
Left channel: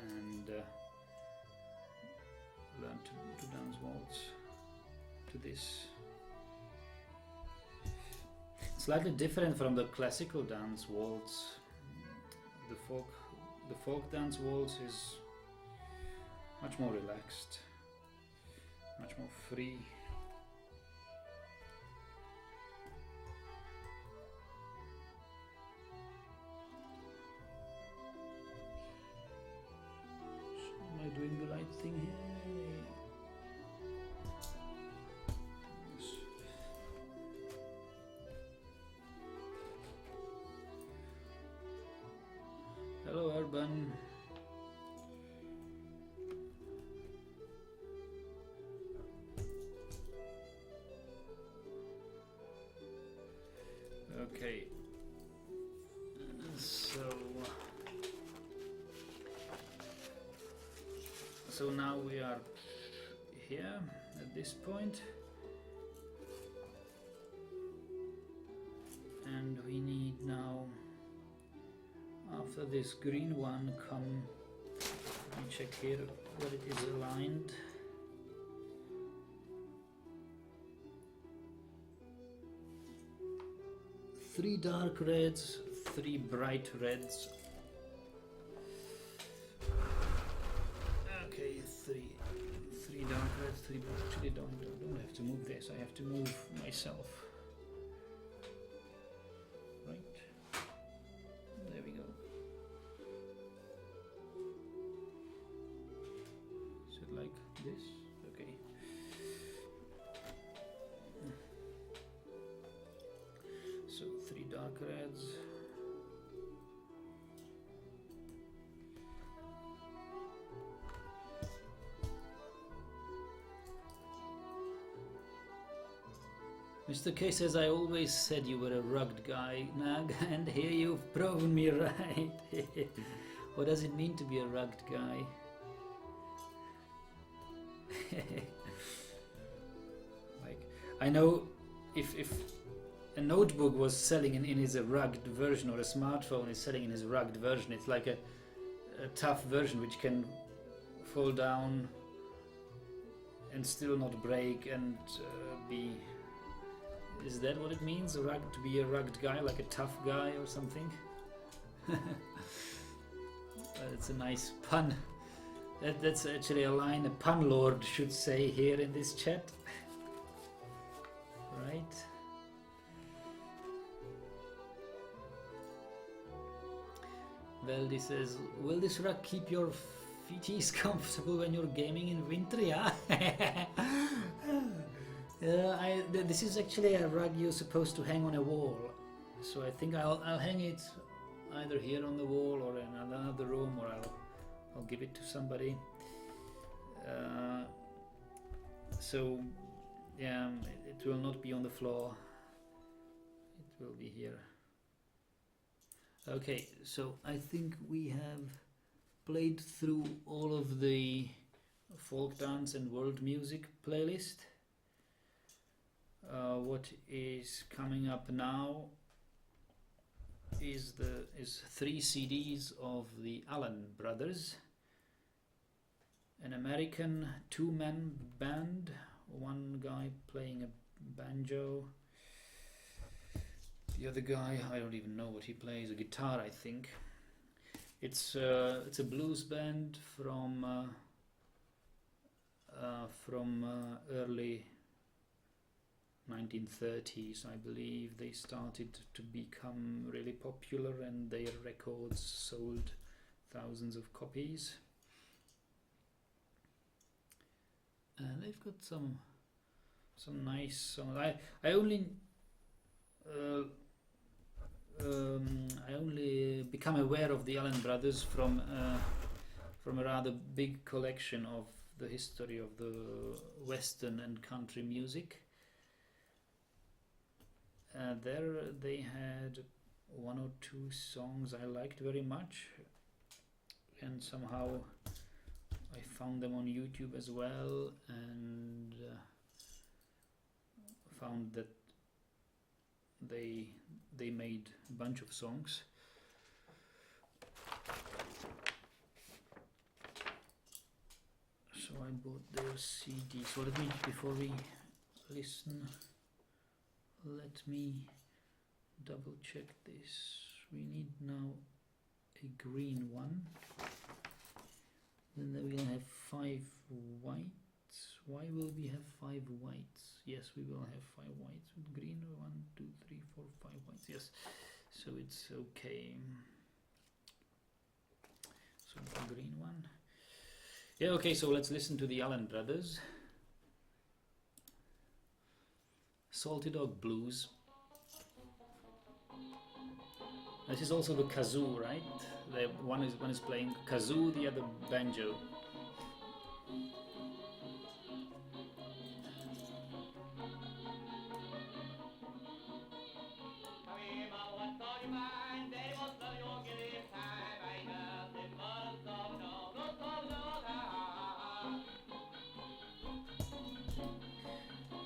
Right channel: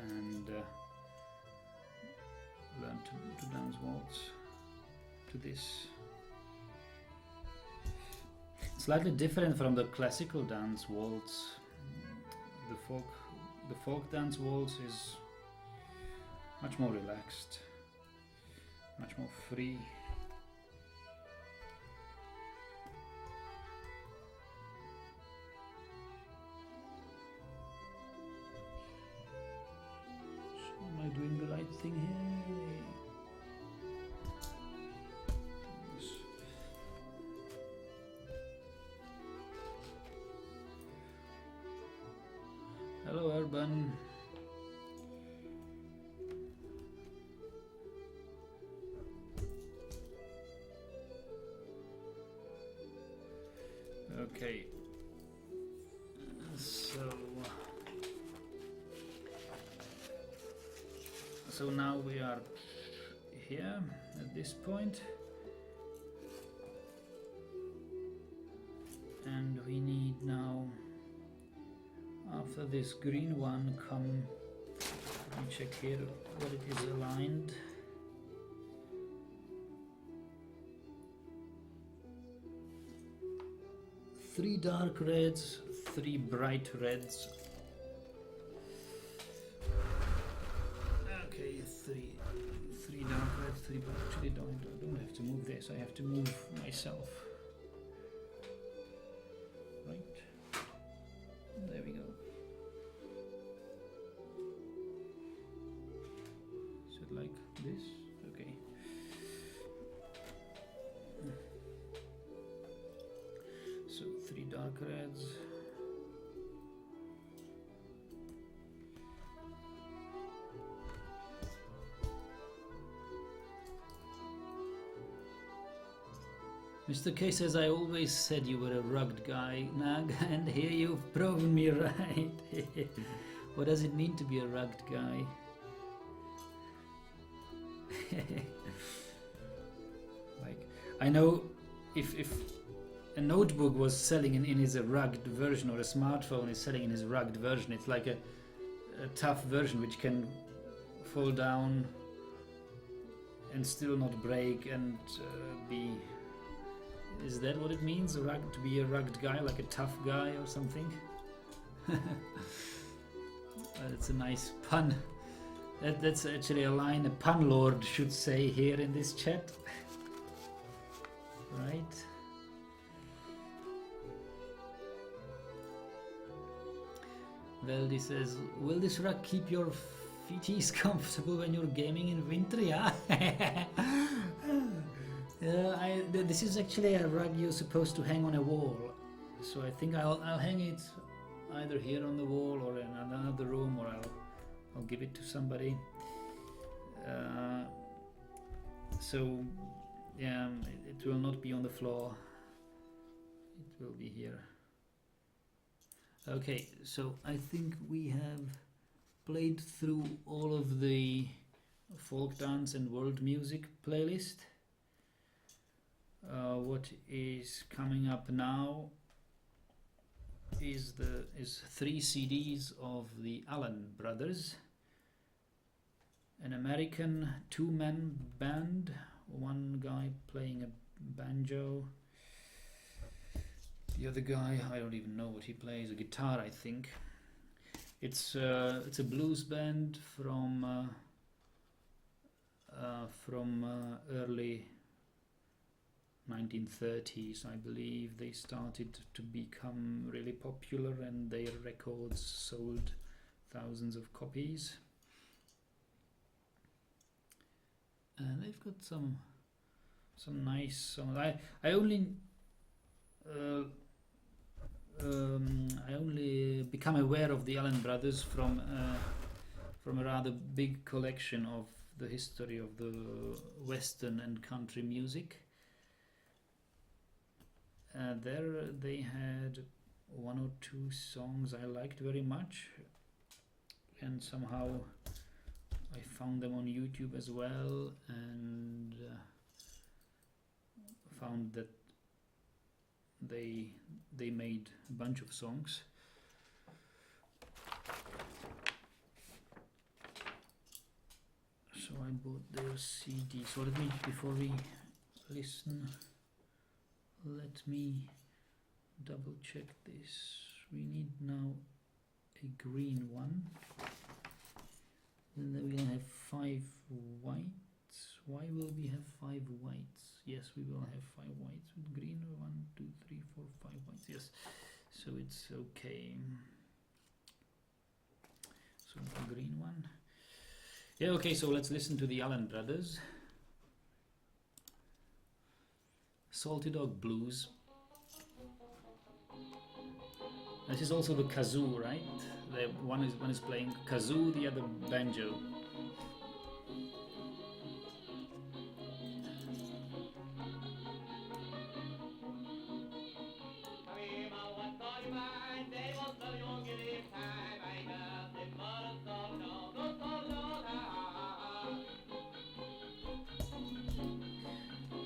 and learned to dance waltz to this. Slightly different from the classical dance waltz. The folk dance waltz is much more relaxed, much more free. So am I doing the right thing here? Yes. Hello, Urban. Okay, so now we are here at this point, and we need now, after this green one, come, let me check here what it is aligned. 3 dark reds, 3 bright reds. Okay, three dark reds, 3 bright. Actually, don't have to move this. I have to move myself. Right. There we go. Is it like this? Okay. So 3 dark reds. Mr. K says, I always said you were a rugged guy, Nag, and here you've proven me right. What does it mean to be a rugged guy? Like, I know if a notebook was selling in his rugged version, or a smartphone is selling in his rugged version, it's like a tough version which can fall down and still not break and be... Is that what it means? To be a rugged guy, like a tough guy or something? That's a nice pun. That's actually a line a pun lord should say here in this chat. Right? Veldy says, will this rug keep your feeties comfortable when you're gaming in winter? Yeah. This is actually a rug you're supposed to hang on a wall, so I think I'll hang it either here on the wall or in another room, or I'll give it to somebody. So yeah, it will not be on the floor. It will be here. Okay, so I think we have played through all of the folk dance and world music playlist. What is coming up now is 3 CDs of the Allen Brothers, an American 2-man band, one guy playing a banjo, the other guy, I don't even know what he plays, a guitar I think. It's a blues band from early 1930s, I believe, they started to become really popular, and their records sold thousands of copies. And they've got some nice songs. I only become aware of the Allen Brothers from a rather big collection of the history of the Western and country music. There they had one or two songs I liked very much, and somehow I found them on YouTube as well, and found that they made a bunch of songs. So I bought their CD. So let me, before we listen, let me double check this. We need now a green one. Then we'll have 5 whites. Why will we have 5 whites? Yes, we will have 5 whites with green. 1, 2, 3, 4, 5 whites. Yes, so it's okay. So the green one. Yeah, okay, so let's listen to the Allen Brothers. Salty Dog Blues. This is also the kazoo, right? One is playing kazoo, the other banjo.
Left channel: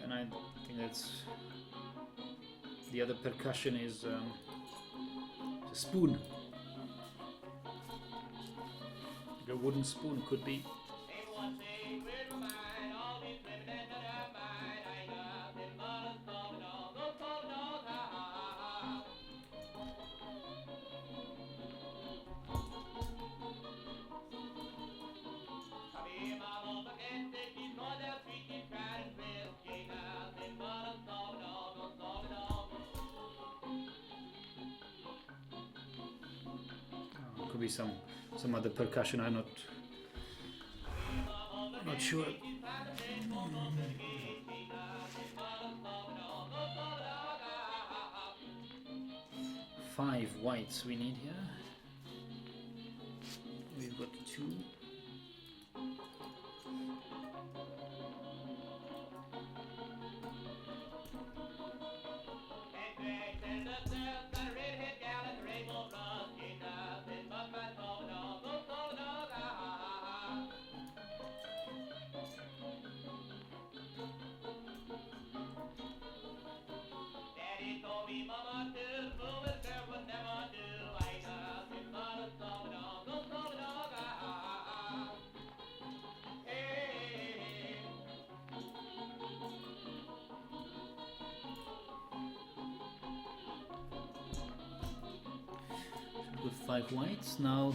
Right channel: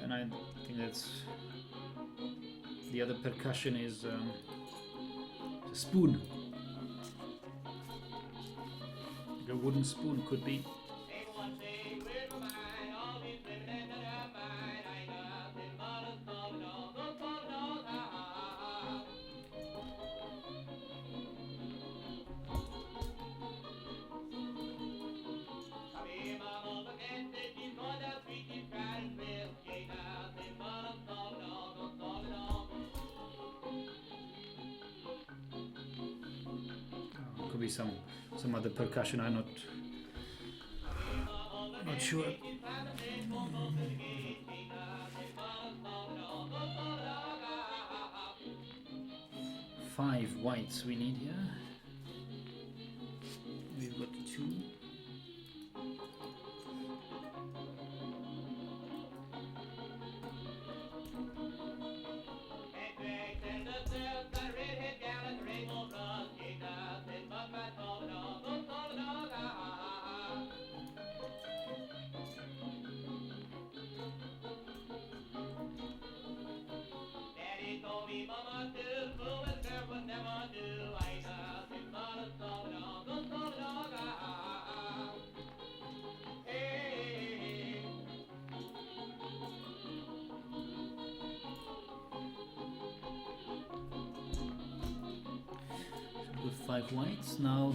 And I think that's the other percussion is a spoon. Like a wooden spoon could be. Could be some other percussion. I'm not sure. 5 whites we need here. We've got 2. With 5 whites, now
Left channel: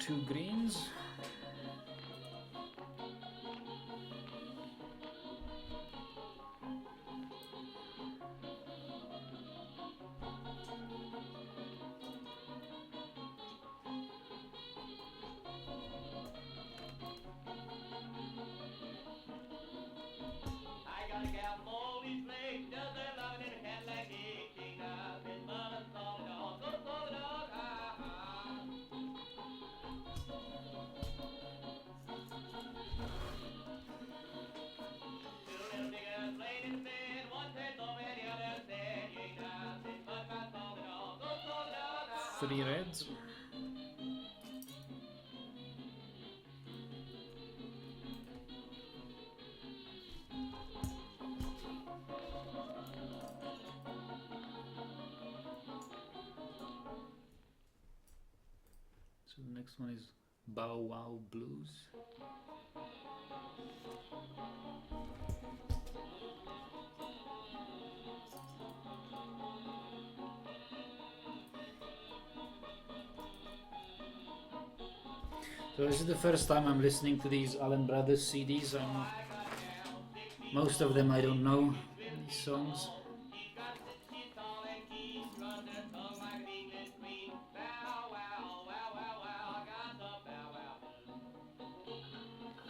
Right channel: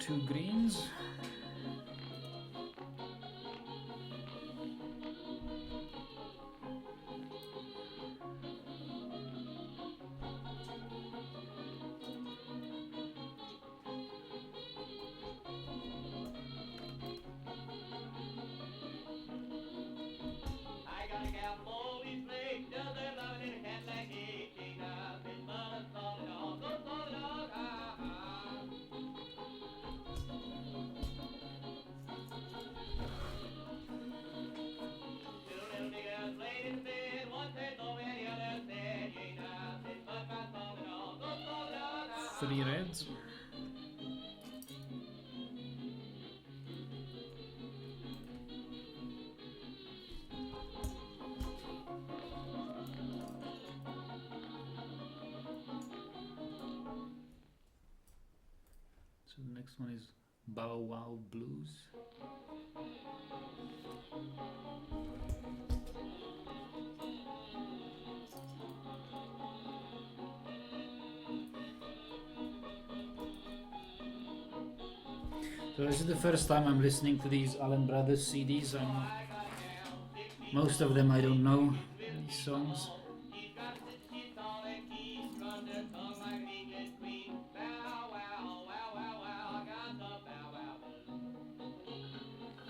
2 greens. Three reds. So the next one is Bow Wow Blues. So this is the first time I'm listening to these Allen Brothers CDs. Most of them I don't know, these songs.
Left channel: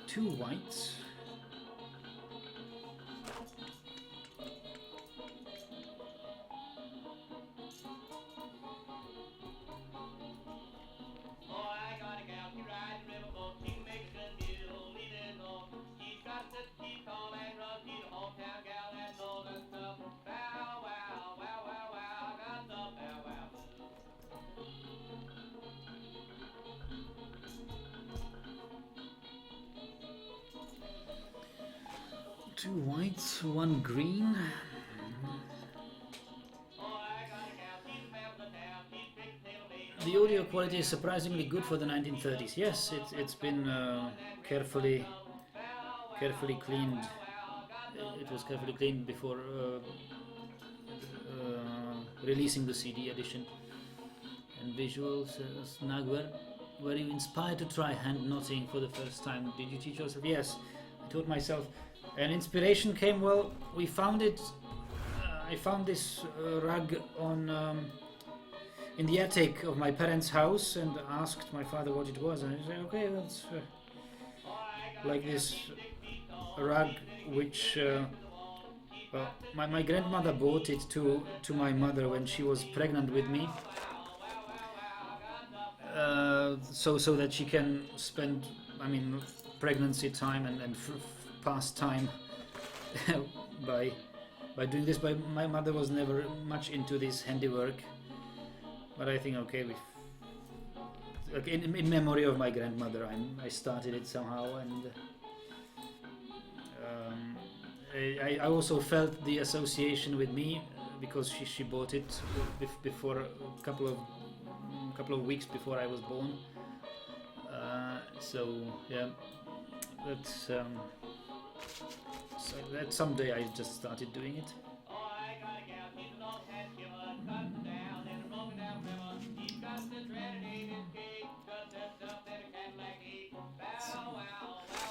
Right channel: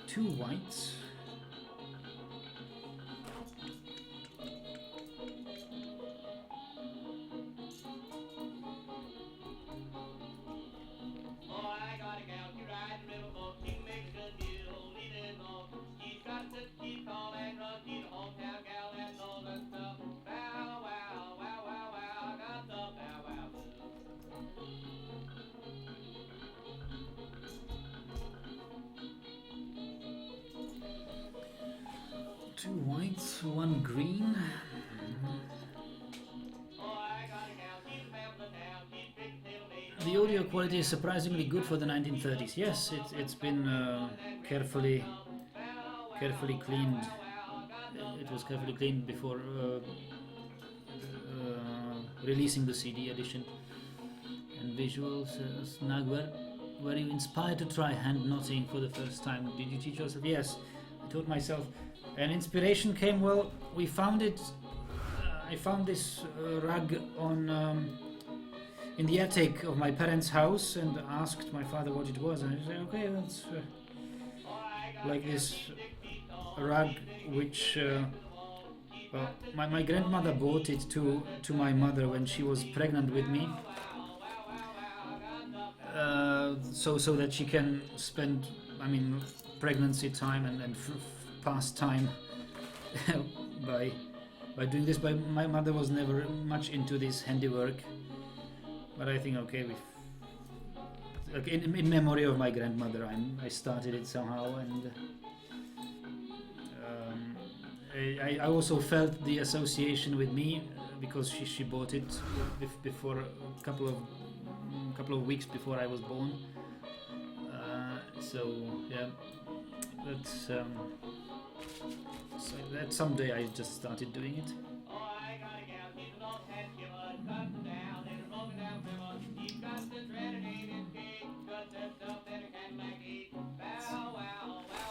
Two whites. Two whites, one green. The audio quality is surprisingly good for the 1930s. Yes, it's been carefully cleaned. It was carefully cleaned before releasing the CD edition. And visuals, Snag, were you inspired to try hand knotting for the first time? Did you teach yourself? Yes, I taught myself. And inspiration came, well, we found it, I found this rug on in the attic of my parents' house and asked my father what it was, and he said, okay, that's like this rug which well, my grandmother bought it to my mother when she was pregnant with me, so that she can spend, I mean, pregnancy time and past time by doing this. But my mother was never much into this handiwork, but I think, okay, like in memory of my grandmother, I started it somehow, and I also felt the association with me because she bought it before a couple of weeks before I was born. So yeah, that's so that someday I just started doing it.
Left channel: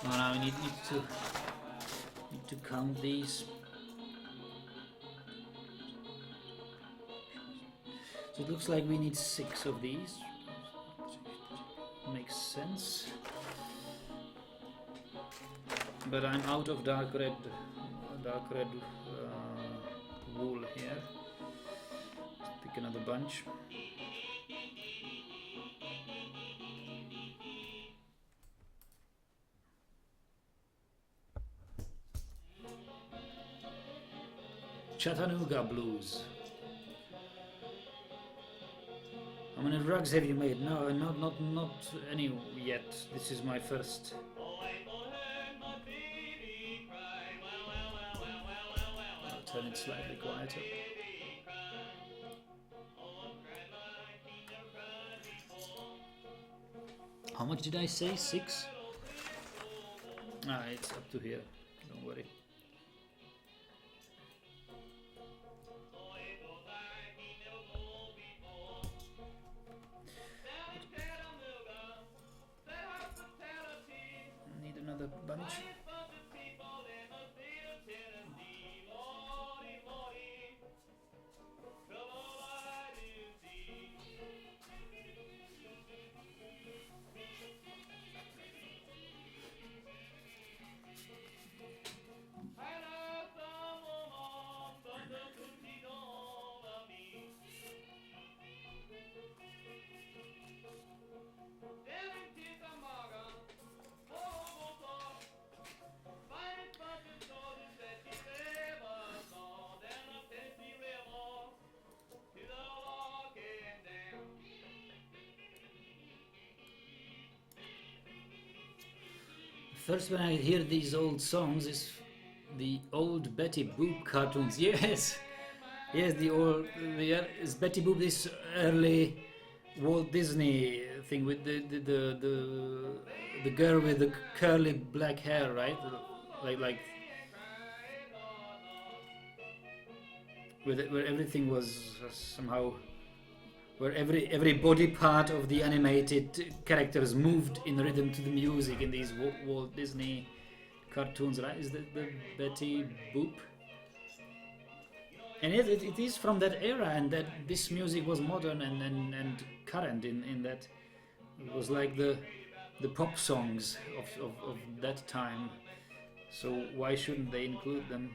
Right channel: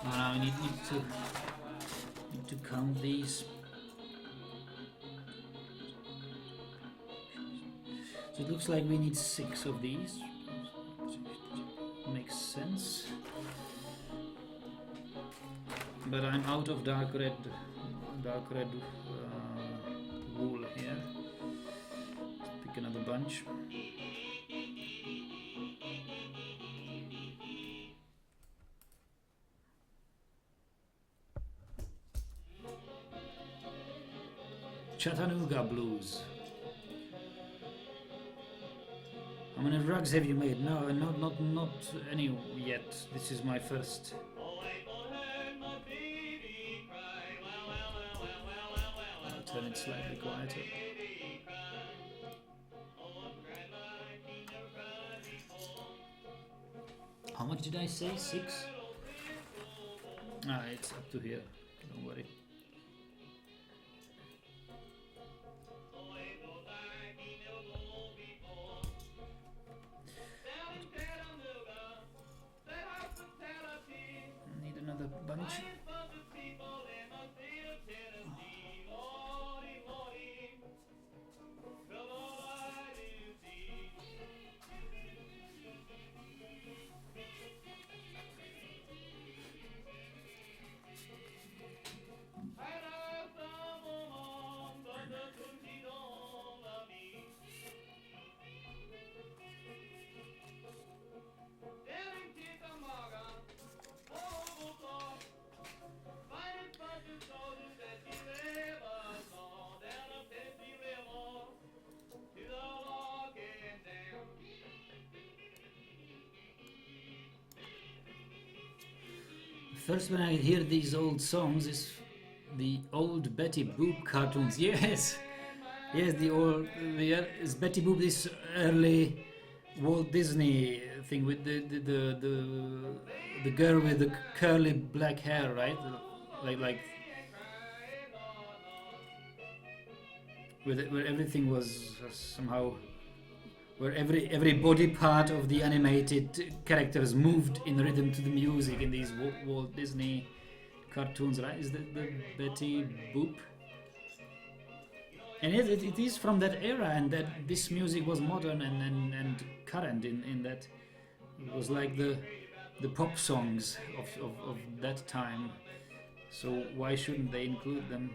Now I need to count these. So it looks like we need 6 of these. Makes sense. But I'm out of dark red wool here. Let's pick another bunch. Chattanooga Blues. How many rugs have you made? No, not any yet. This is my first. I'll turn it slightly quieter. How much did I say? 6? Ah, it's up to here. Don't worry. Need another bunch. First, when I hear these old songs, is the old Betty Boop cartoons. Yes, yes, is Betty Boop this early Walt Disney thing with the girl with the curly black hair, right? Like where everything was somehow, where every body part of the animated characters moved in rhythm to the music in these Walt Disney cartoons, right? Is the Betty Boop? And it is from that era, and that this music was modern and current in that it was like the pop songs of that time. So why shouldn't they include them?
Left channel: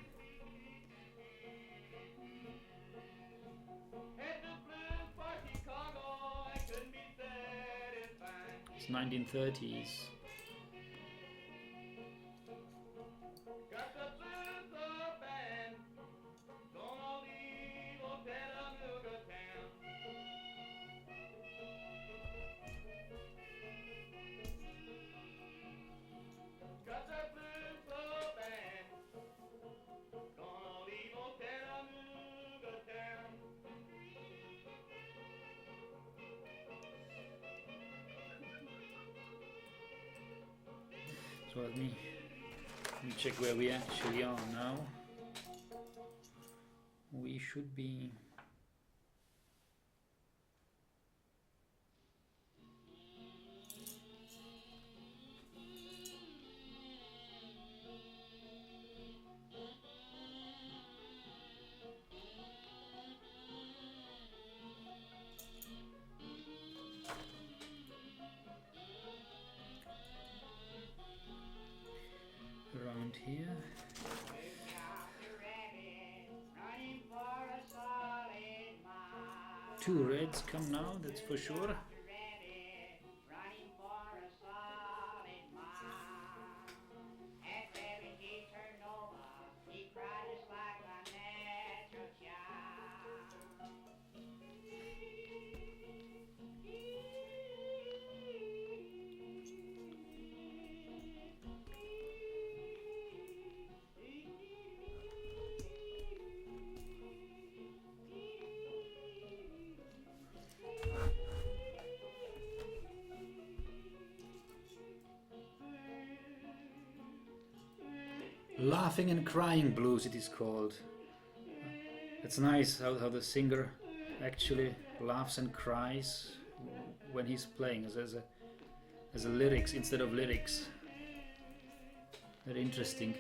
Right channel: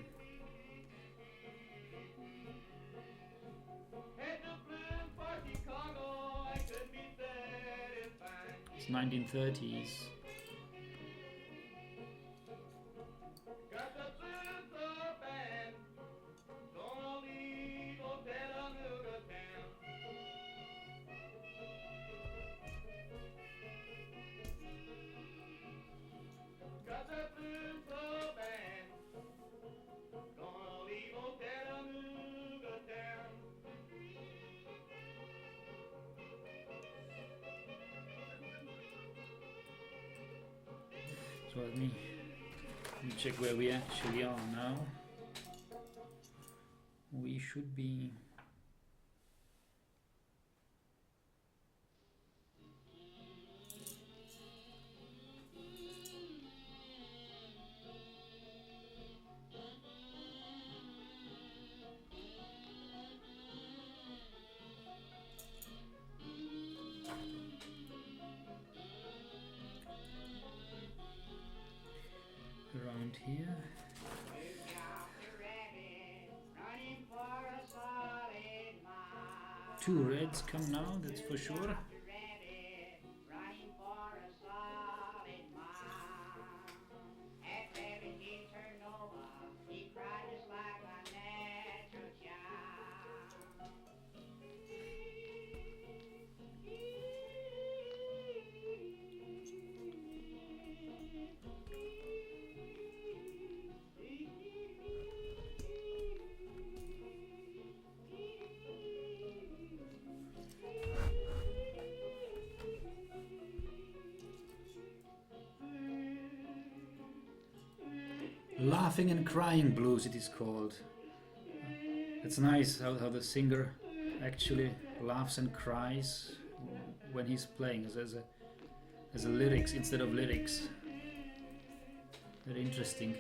It's 1930s. So let me check where we actually are now. We should be around here. Two reds come now, that's for sure. Laughing and Crying Blues, it is called. It's nice how the singer actually laughs and cries when he's playing as a lyrics instead of lyrics. Very interesting.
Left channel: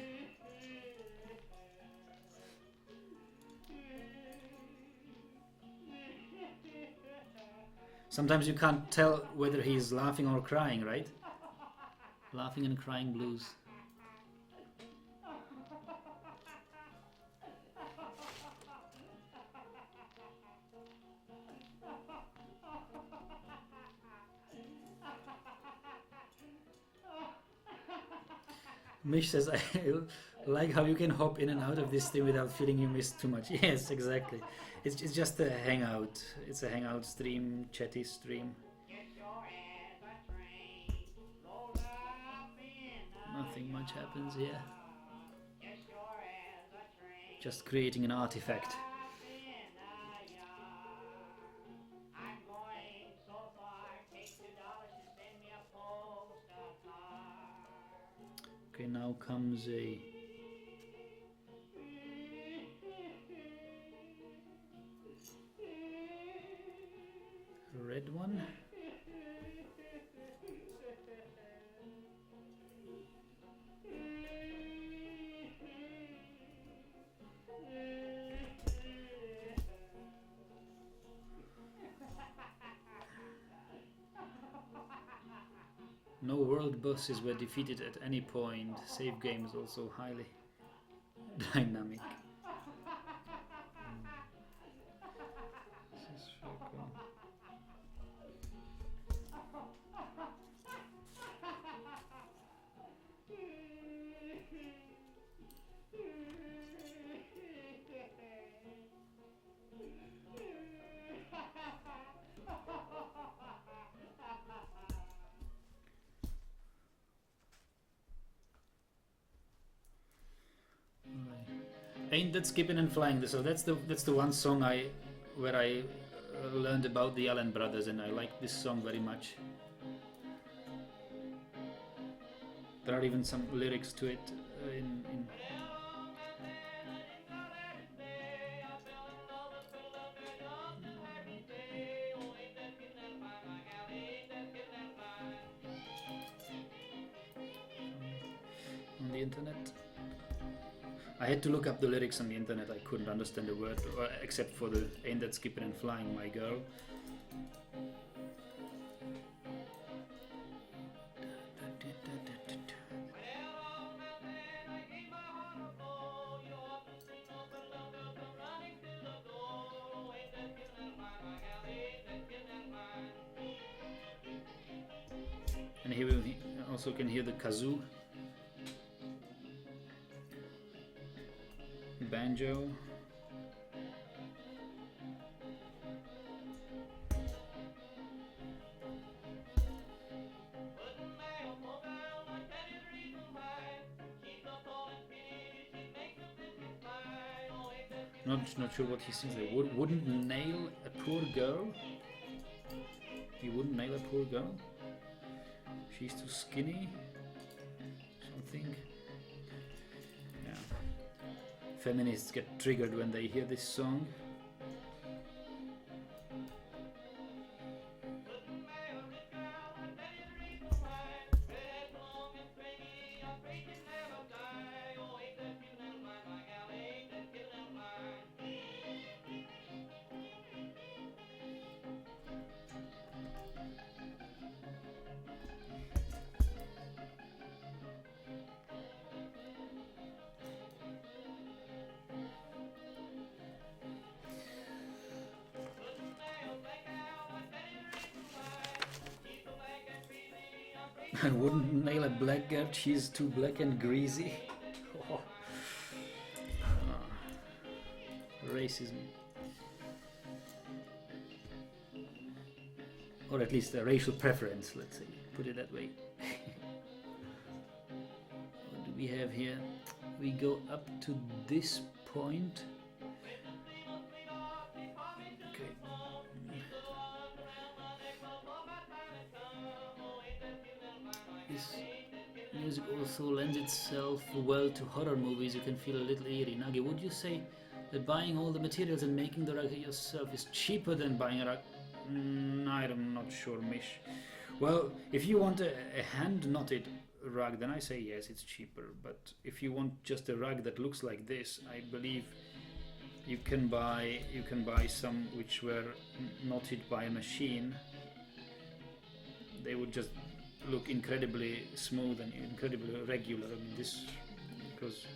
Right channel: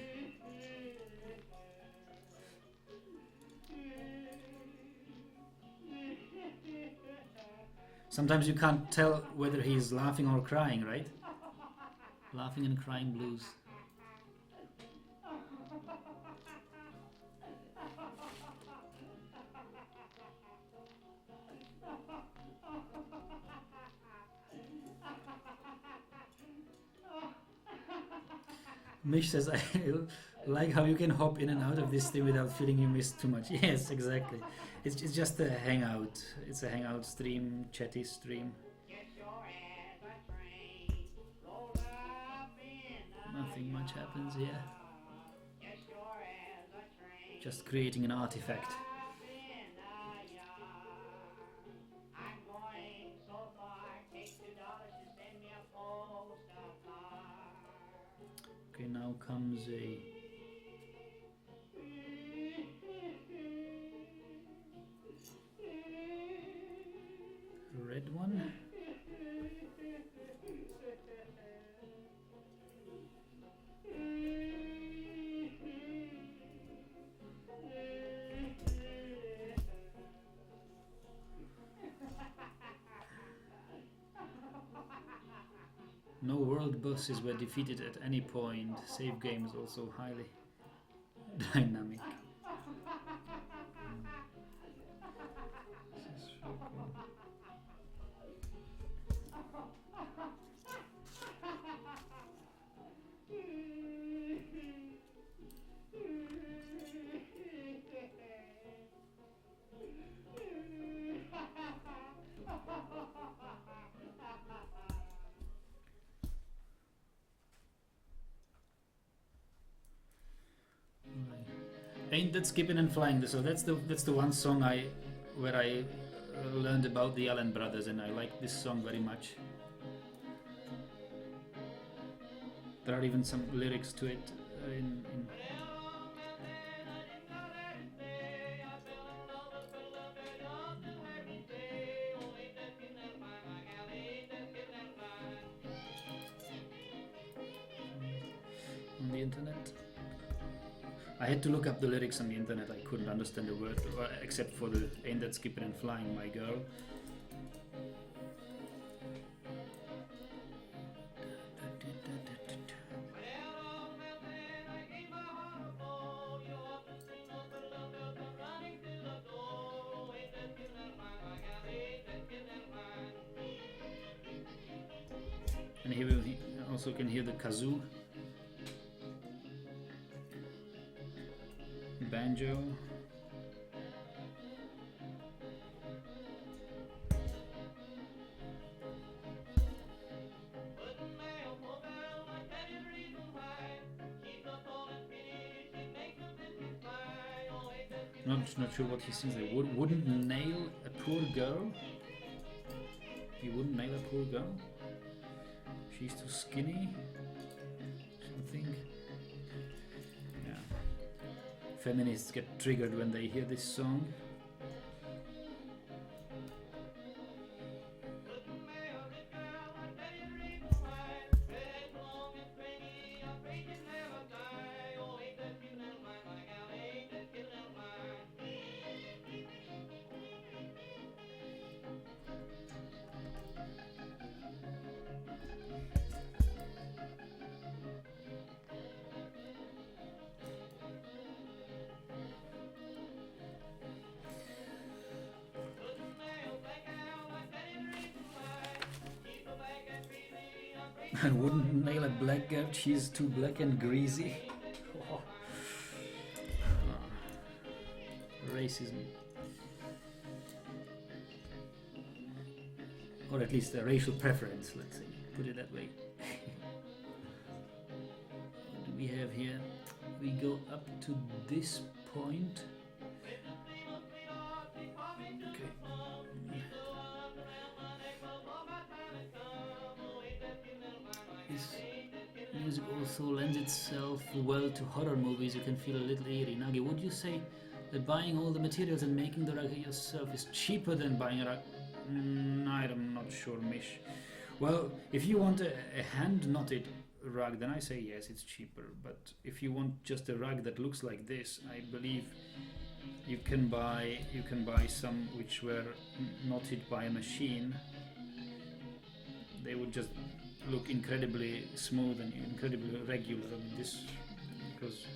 Sometimes you can't tell whether he's laughing or crying, right? Laughing and Crying Blues. Mish says, I like how you can hop in and out of this thing without feeling you missed too much. Yes, exactly. It's just a hangout. It's a hangout stream, chatty stream. Nothing much happens here. Just creating an artifact. Okay, now comes a red one. No world bosses were defeated at any point. Save game is also highly dynamic. This is so cool. Ain't That Skipping and Flying? So that's the one song where I learned about the Allen Brothers, and I like this song very much. There are even some lyrics to it in on the internet. I had to look up the lyrics on the internet. I couldn't understand a word except for the "Ain't that skipping and flying, my girl." And here we also can hear the kazoo, banjo. Not sure what he sings there. Wouldn't nail a poor girl. He wouldn't nail a poor girl. She's too skinny. Something. Yeah. Feminists get triggered when they hear this song. I wouldn't nail a black girl, she's too black and greasy. Oh. Racism. Or at least a racial preference, let's say. Put it that way. What do we have here? We go up to this point. This music also lends itself well to horror movies. You can feel a little eerie. Nagi, would you say that buying all the materials and making the rug yourself is cheaper than buying a rug? I'm not sure, Mish. Well, if you want a hand-knotted rug, then I say yes, it's cheaper. But if you want just a rug that looks like this, I believe you can buy some which were knotted by a machine. They would just look incredibly smooth and incredibly regular. I mean, this, because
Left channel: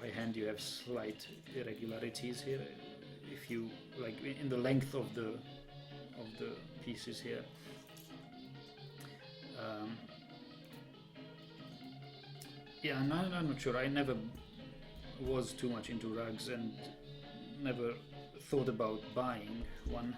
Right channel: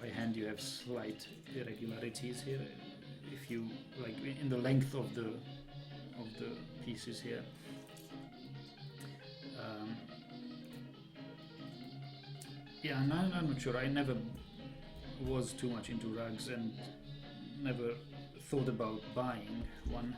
by hand you have slight irregularities here. If you like in the length of the pieces here. Yeah, and I'm not sure. I never was too much into rugs and never thought about buying one.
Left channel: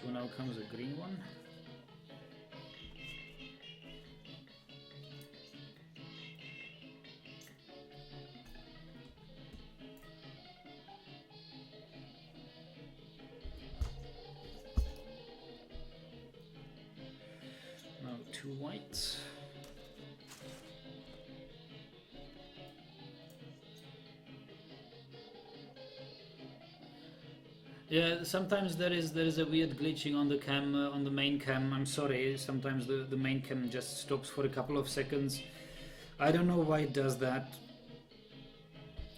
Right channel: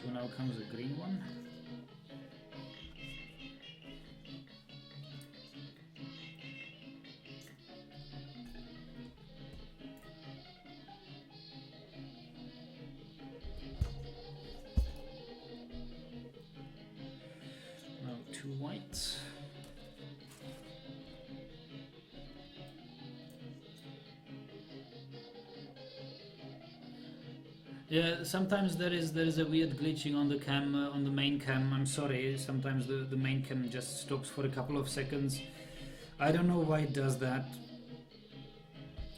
So now comes a green one. Now two whites. Yeah, sometimes there is a weird glitching on the cam, on the main cam. I'm sorry, sometimes the main cam just stops for a couple of seconds. I don't know why it does that.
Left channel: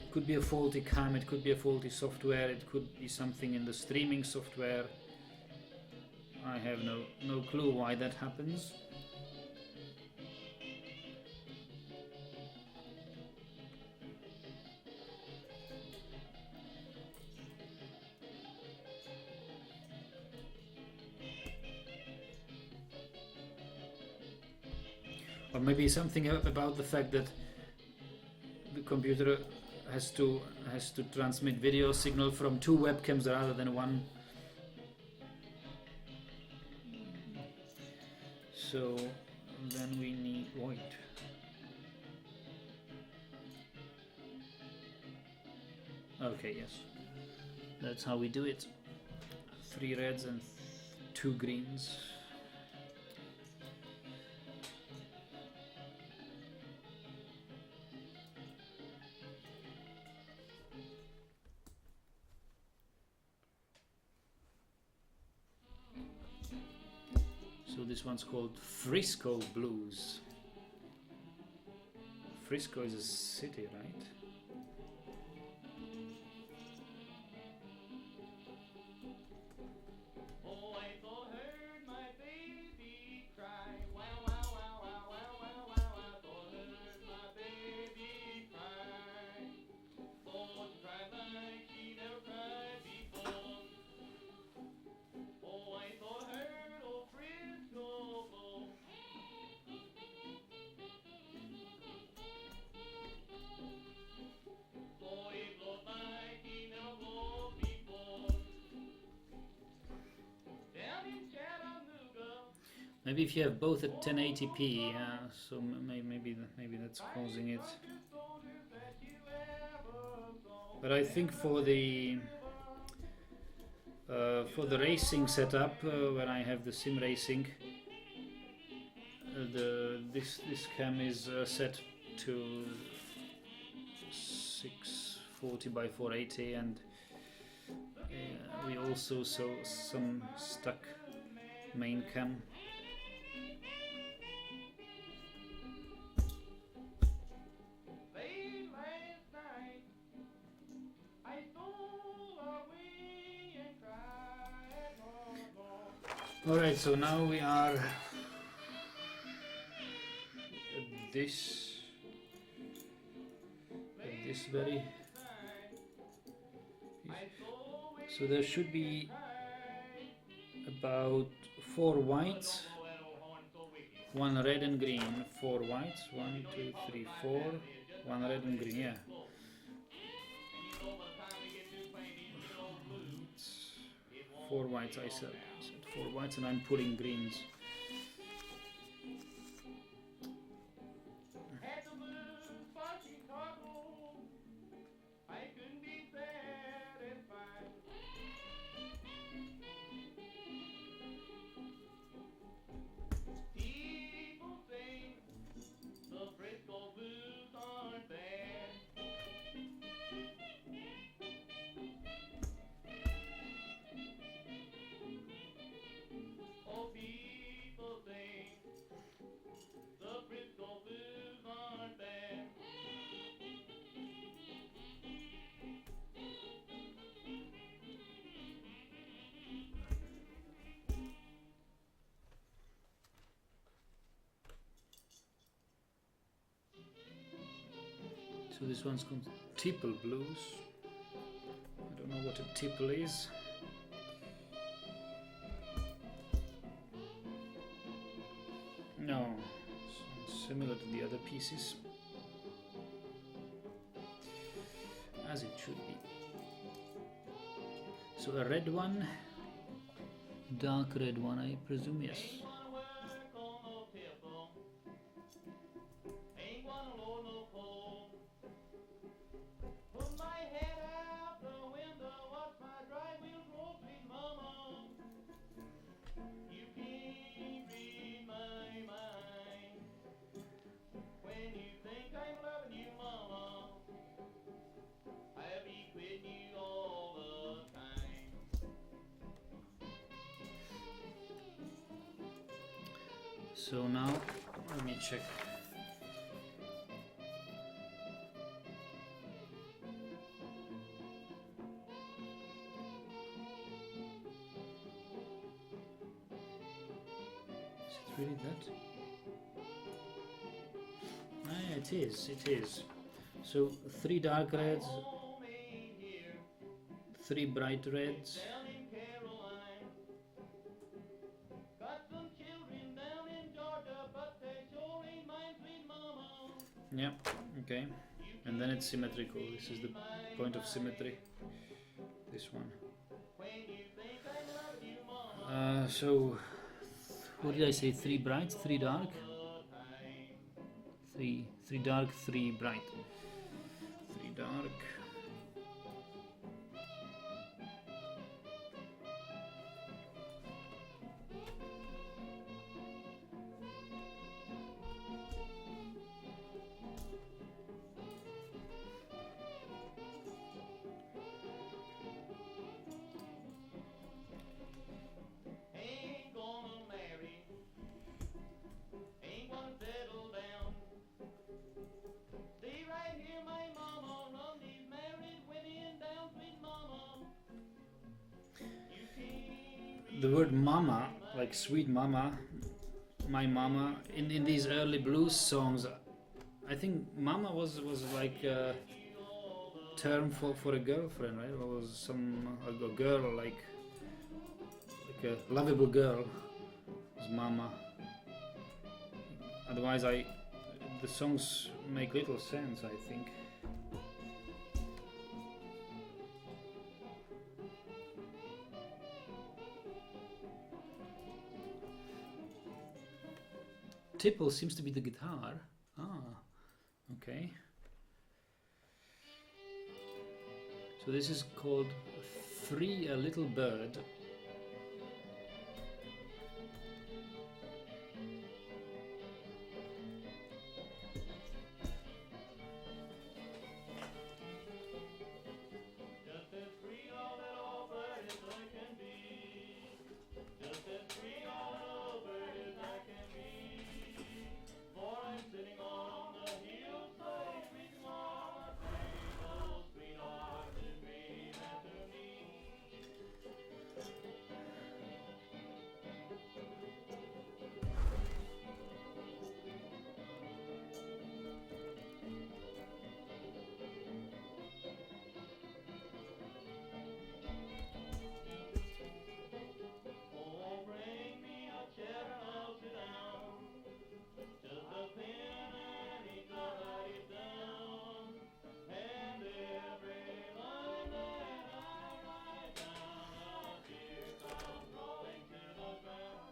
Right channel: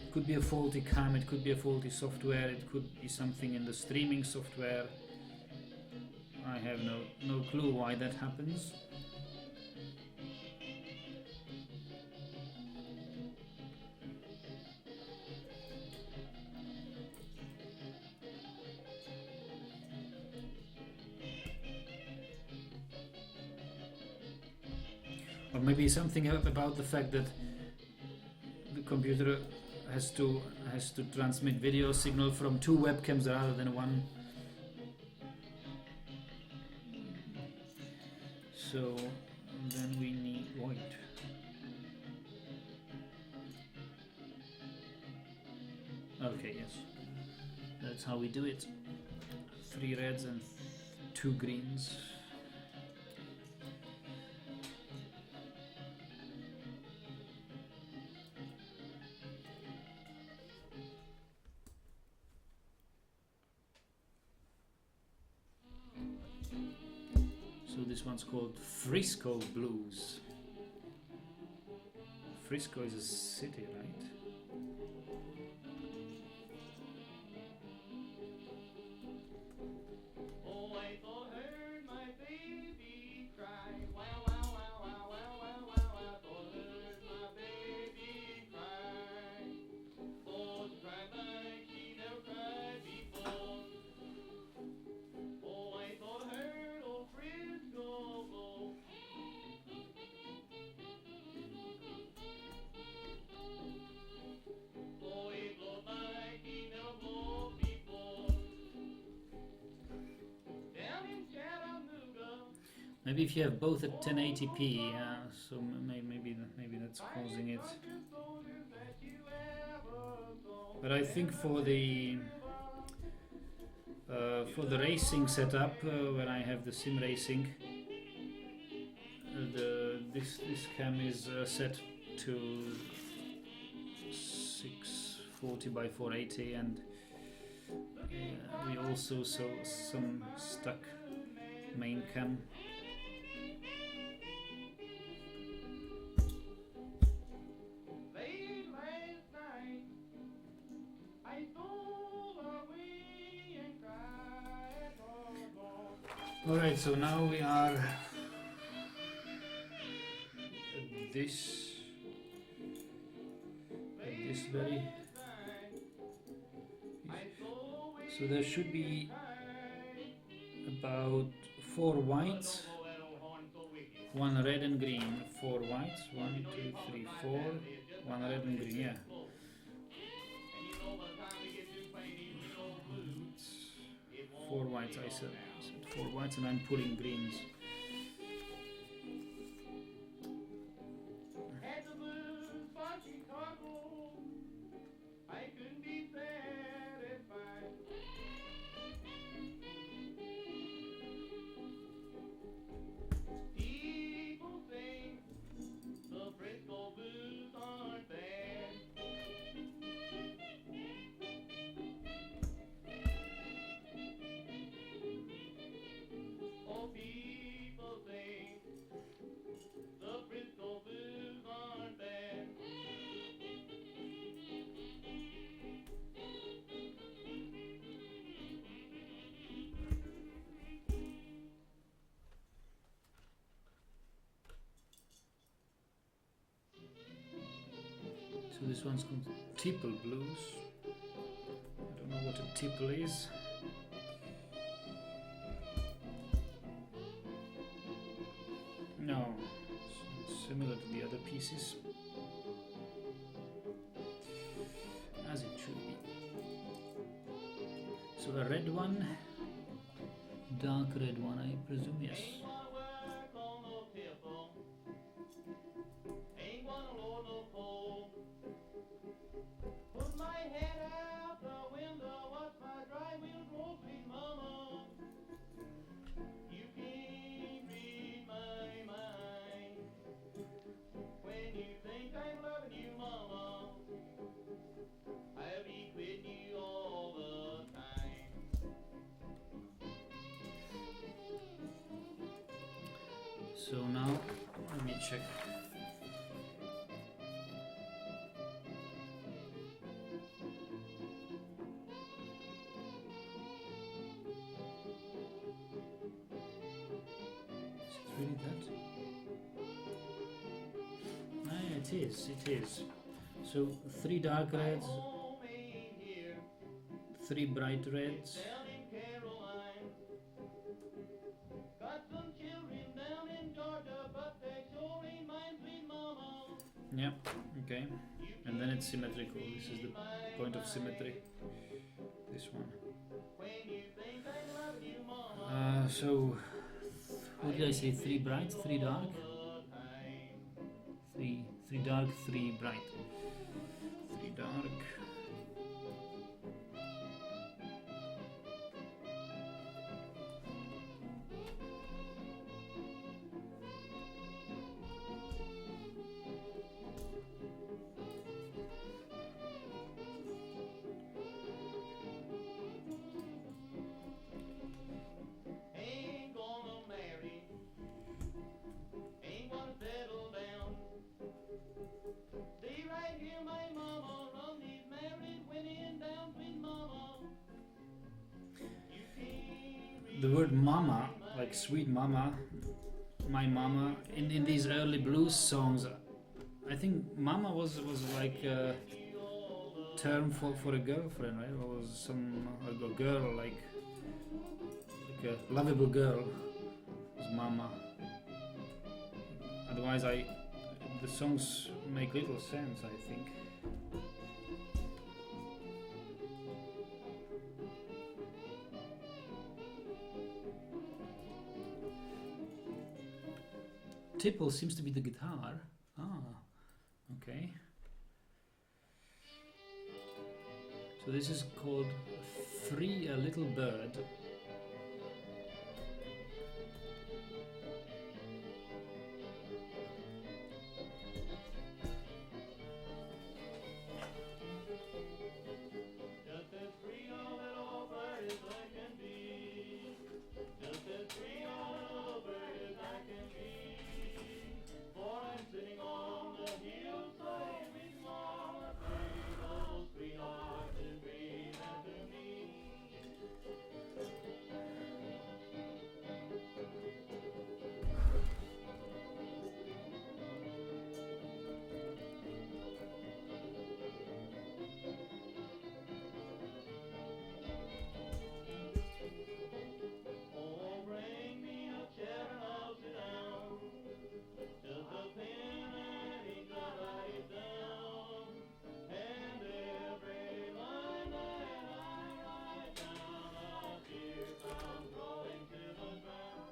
It could be a faulty cam, it could be a faulty software, it could be something in the streaming software. I have no clue why that happens. Or maybe something about the fact that the computer has to transmit video signal from two webcams rather than one. So then we need white. Okay, yes. That's how we do it. 3 reds and 2 greens. So this one's called Frisco Blues. Frisco is a city, right? Maybe if you have both at 1080p, so maybe that's causing it. But I think for the racing setup, when I have the sim racing, this cam is set to 640 by 480, and we also saw some stuck main cam. Alright, so now we are at this very... So there should be about 4 whites, 1 red and green, 4 whites, 1, 2, 3, 4, 1 red and green, yeah. 4 whites, I said 4 whites, and I'm pulling greens. So this one's called Tipple Blues. I don't know what a tipple is. No, it's similar to the other pieces, as it should be. So a red one, dark red one, I presume, yes. So now, let me check. Is it really that? Ah, yeah, it is. So 3 dark reds, 3 bright reds. Yeah, okay. And then it's symmetrical. This is the point of symmetry. This one. So What did I say? 3 bright, 3 dark? 3 dark, 3 bright. 3 dark. Ain't gonna marry, ain't gonna settle down. Stay right here, my mama, run these married women down, sweet mama. You can't The word mama, like sweet mama, my mama, in these early blues songs, I think mama was like a term for a girlfriend, right? Or was a girl like a lovable girl was mama. Otherwise, the songs make little sense, I think. Tipple seems to be the guitar. Ah, okay. So this is called Free a Little Bird. just as free a little bird as I can be. Just as free a little bird as I can be. For I'm sitting on the hillside with mama, say those sweethearts and breathe after me. Oh, bring me a chair and I'll sit down. Just a pen and ink to write it down. And every line that I write down, a tear comes rolling to the ground.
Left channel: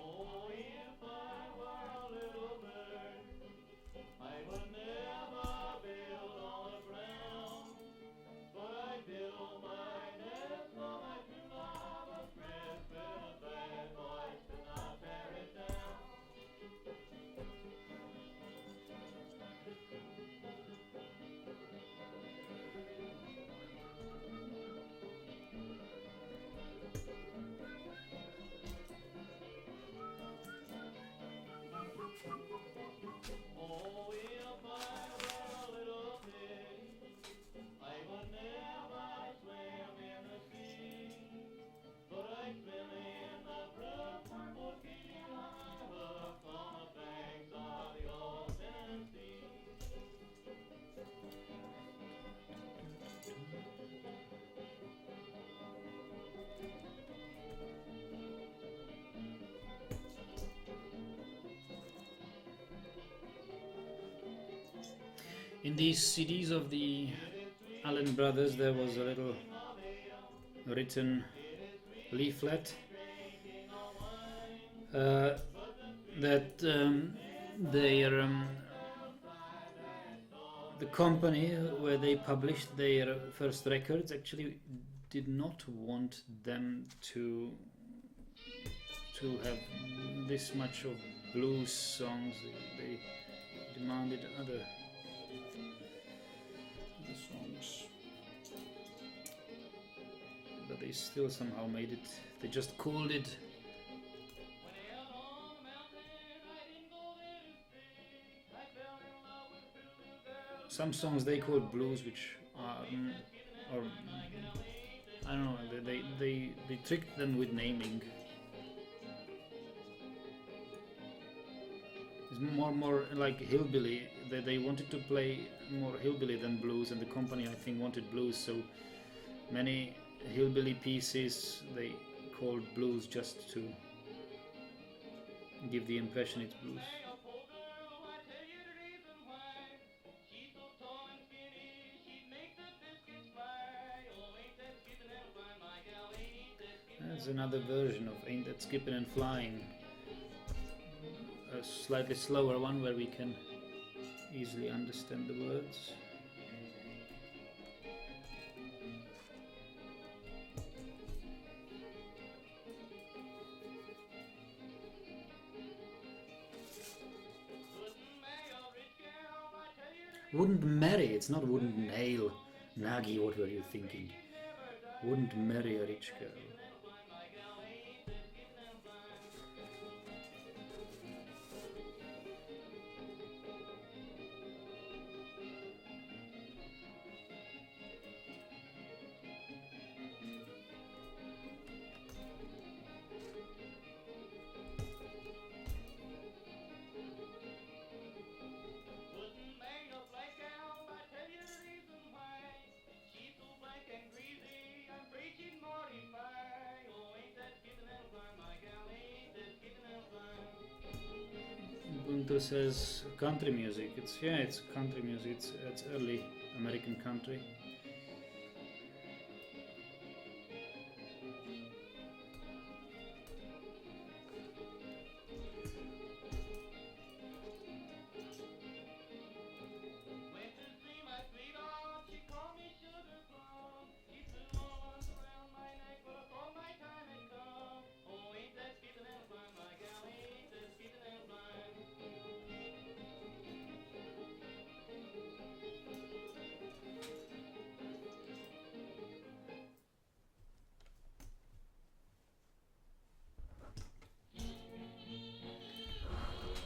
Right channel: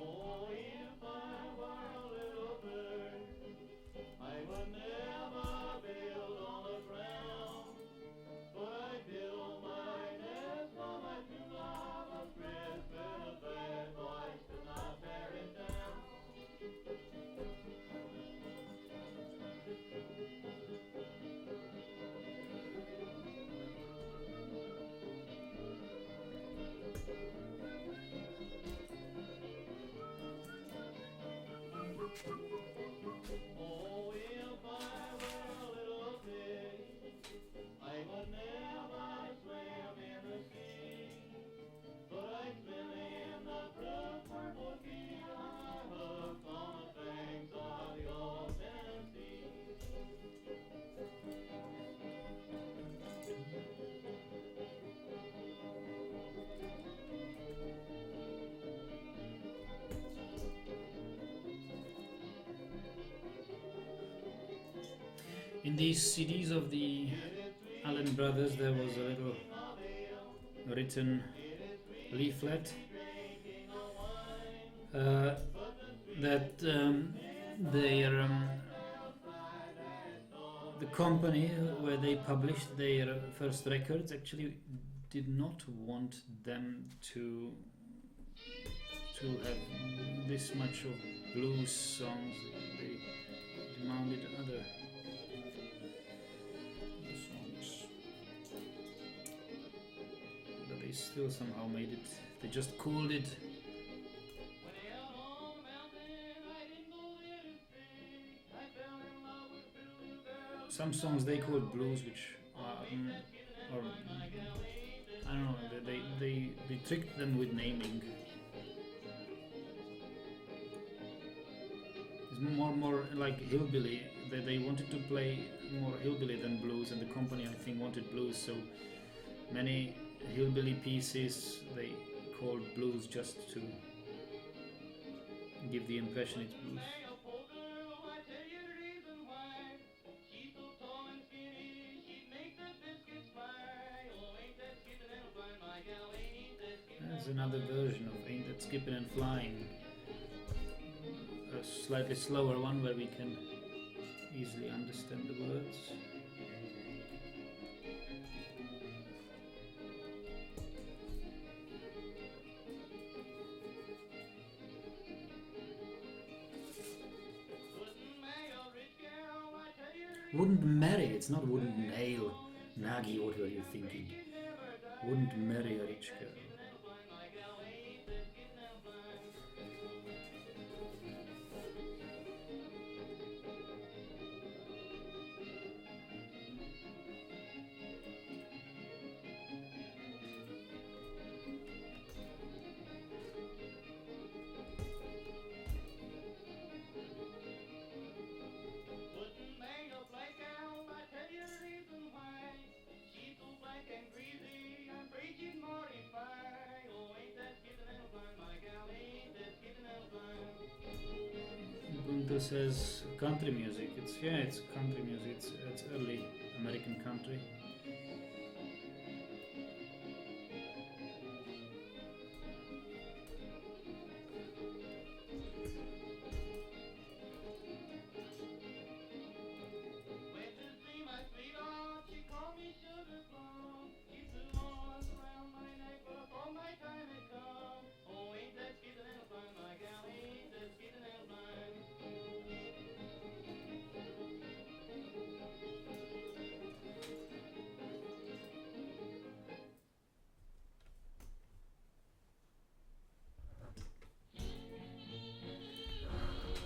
Oh, if I were a little bird, I would never build on the ground. But I build my nest for my true lover's breast, where the bad boys could not tear it down. Oh, if I were a little pig, I would never swim in the sea. But I swim in the blue purple sea, I look on the banks of the old Tennessee. In these CDs of the Allen Brothers, there was a little written leaflet that the company where they published their first records actually did not want them to have this much of blues songs. They demanded other songs, but they still somehow made it. They just called it. Some songs they called blues, which are, or I don't know. They tricked them with naming. It's more like hillbilly. They wanted to play more hillbilly than blues, and the company I think wanted blues. So many hillbilly pieces they called blues just to give the impression it's blues. Hey, a poor girl, I tell you the reason why. She's so tall and skinny, she'd make the biscuits fly. Oh, ain't that skipping and flying, my gal, ain't that skipping That's and another version of Ain't That Skipping and Flying. A slightly slower one where we can easily understand the words. wouldn't marry a rich gal, I tell you the Wouldn't marry, it's not wouldn't nail. Nagi, what were you thinking? Wouldn't marry a rich girl. wouldn't marry a black gal, I tell you the reason why. She's so black and greasy, I'm afraid she'd mortify. Oh, ain't that skipping and flying, my gal, ain't that skipping and flying. Ubuntu says country music. It's country music. It's early American country. Went to see my sweetheart, she called me sugar plum. She threw arms around my neck, but I thought my time had come. Oh, ain't that skipping and flying, my gal, ain't that skipping and flying.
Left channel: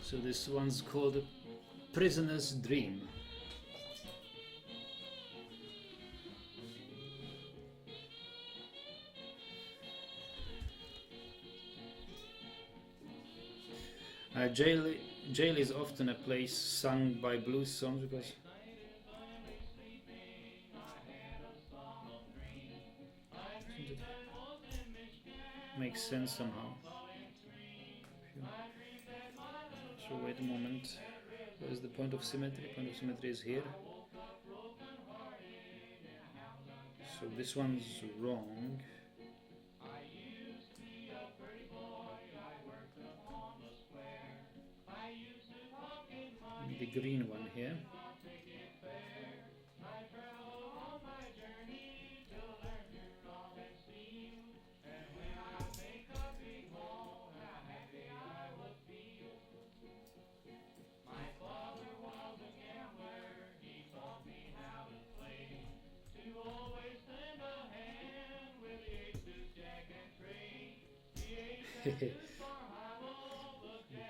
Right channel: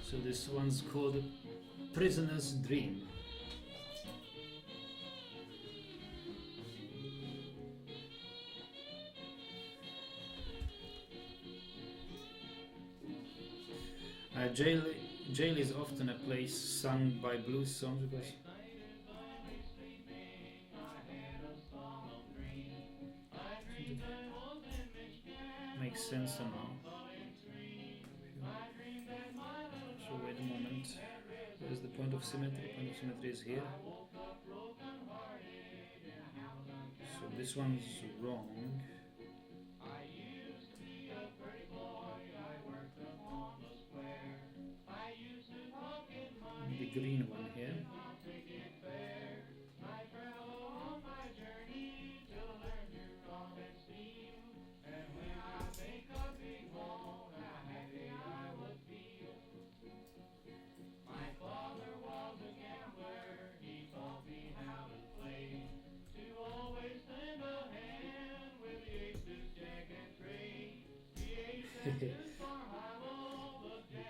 So this one's called Prisoner's Dream. Jail is often a place sung by blues songs because makes sense somehow. So wait a moment. Where's the point of symmetry? Point of symmetry is here. So this one's wrong. The green one here.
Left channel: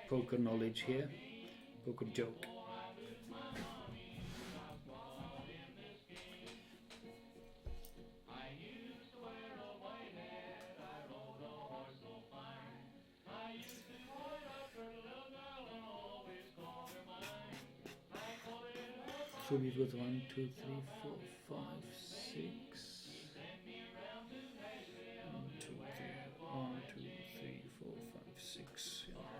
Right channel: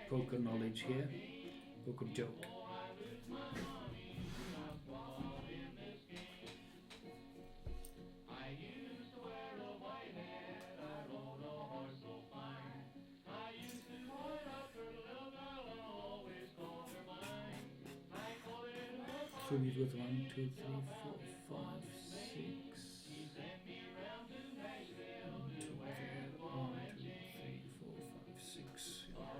Poker knowledge here. Poker joke. So we've got 1, 2, 3, 4, 5, 6. 1, 2, 3, 4, 5, 6. Yeah.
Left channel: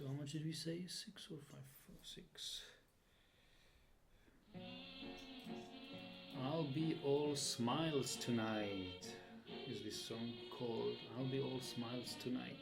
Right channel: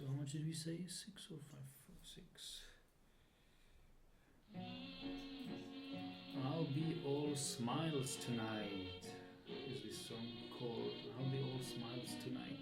So how much did we say? 6 or 5? 6. I'll be all smiles tonight. Is this song called? I'll be all smiles tonight.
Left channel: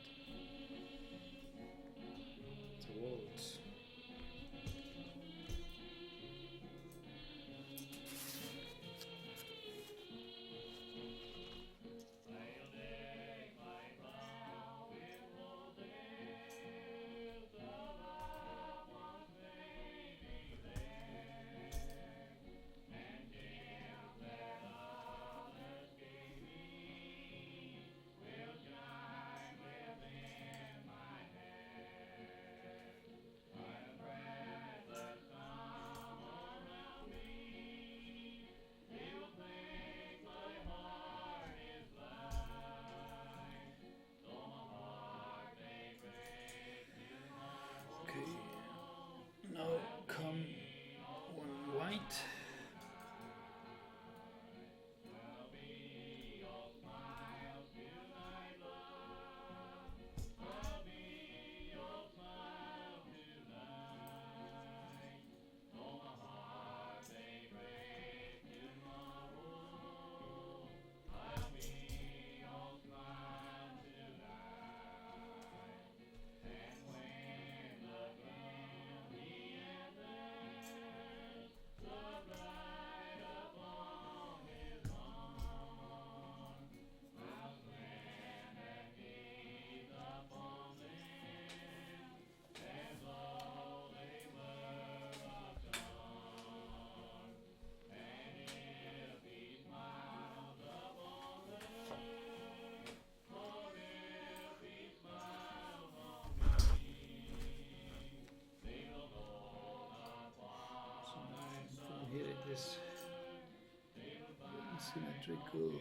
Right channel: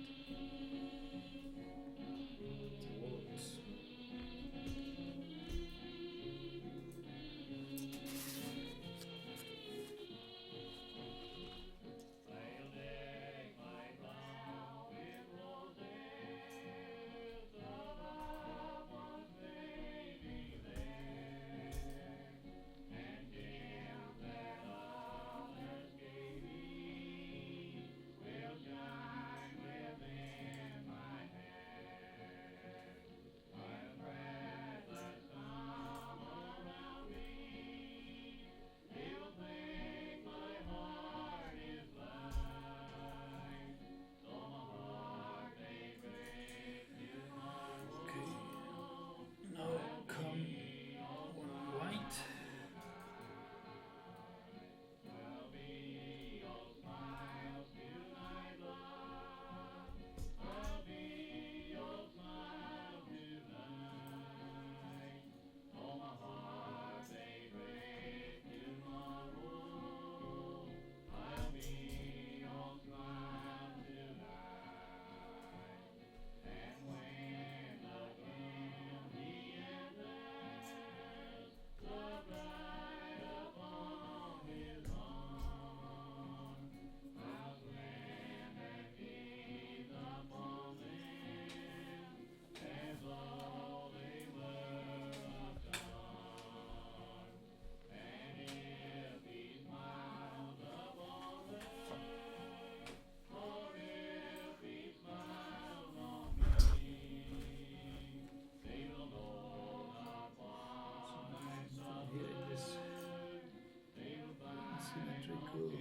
Symmetrical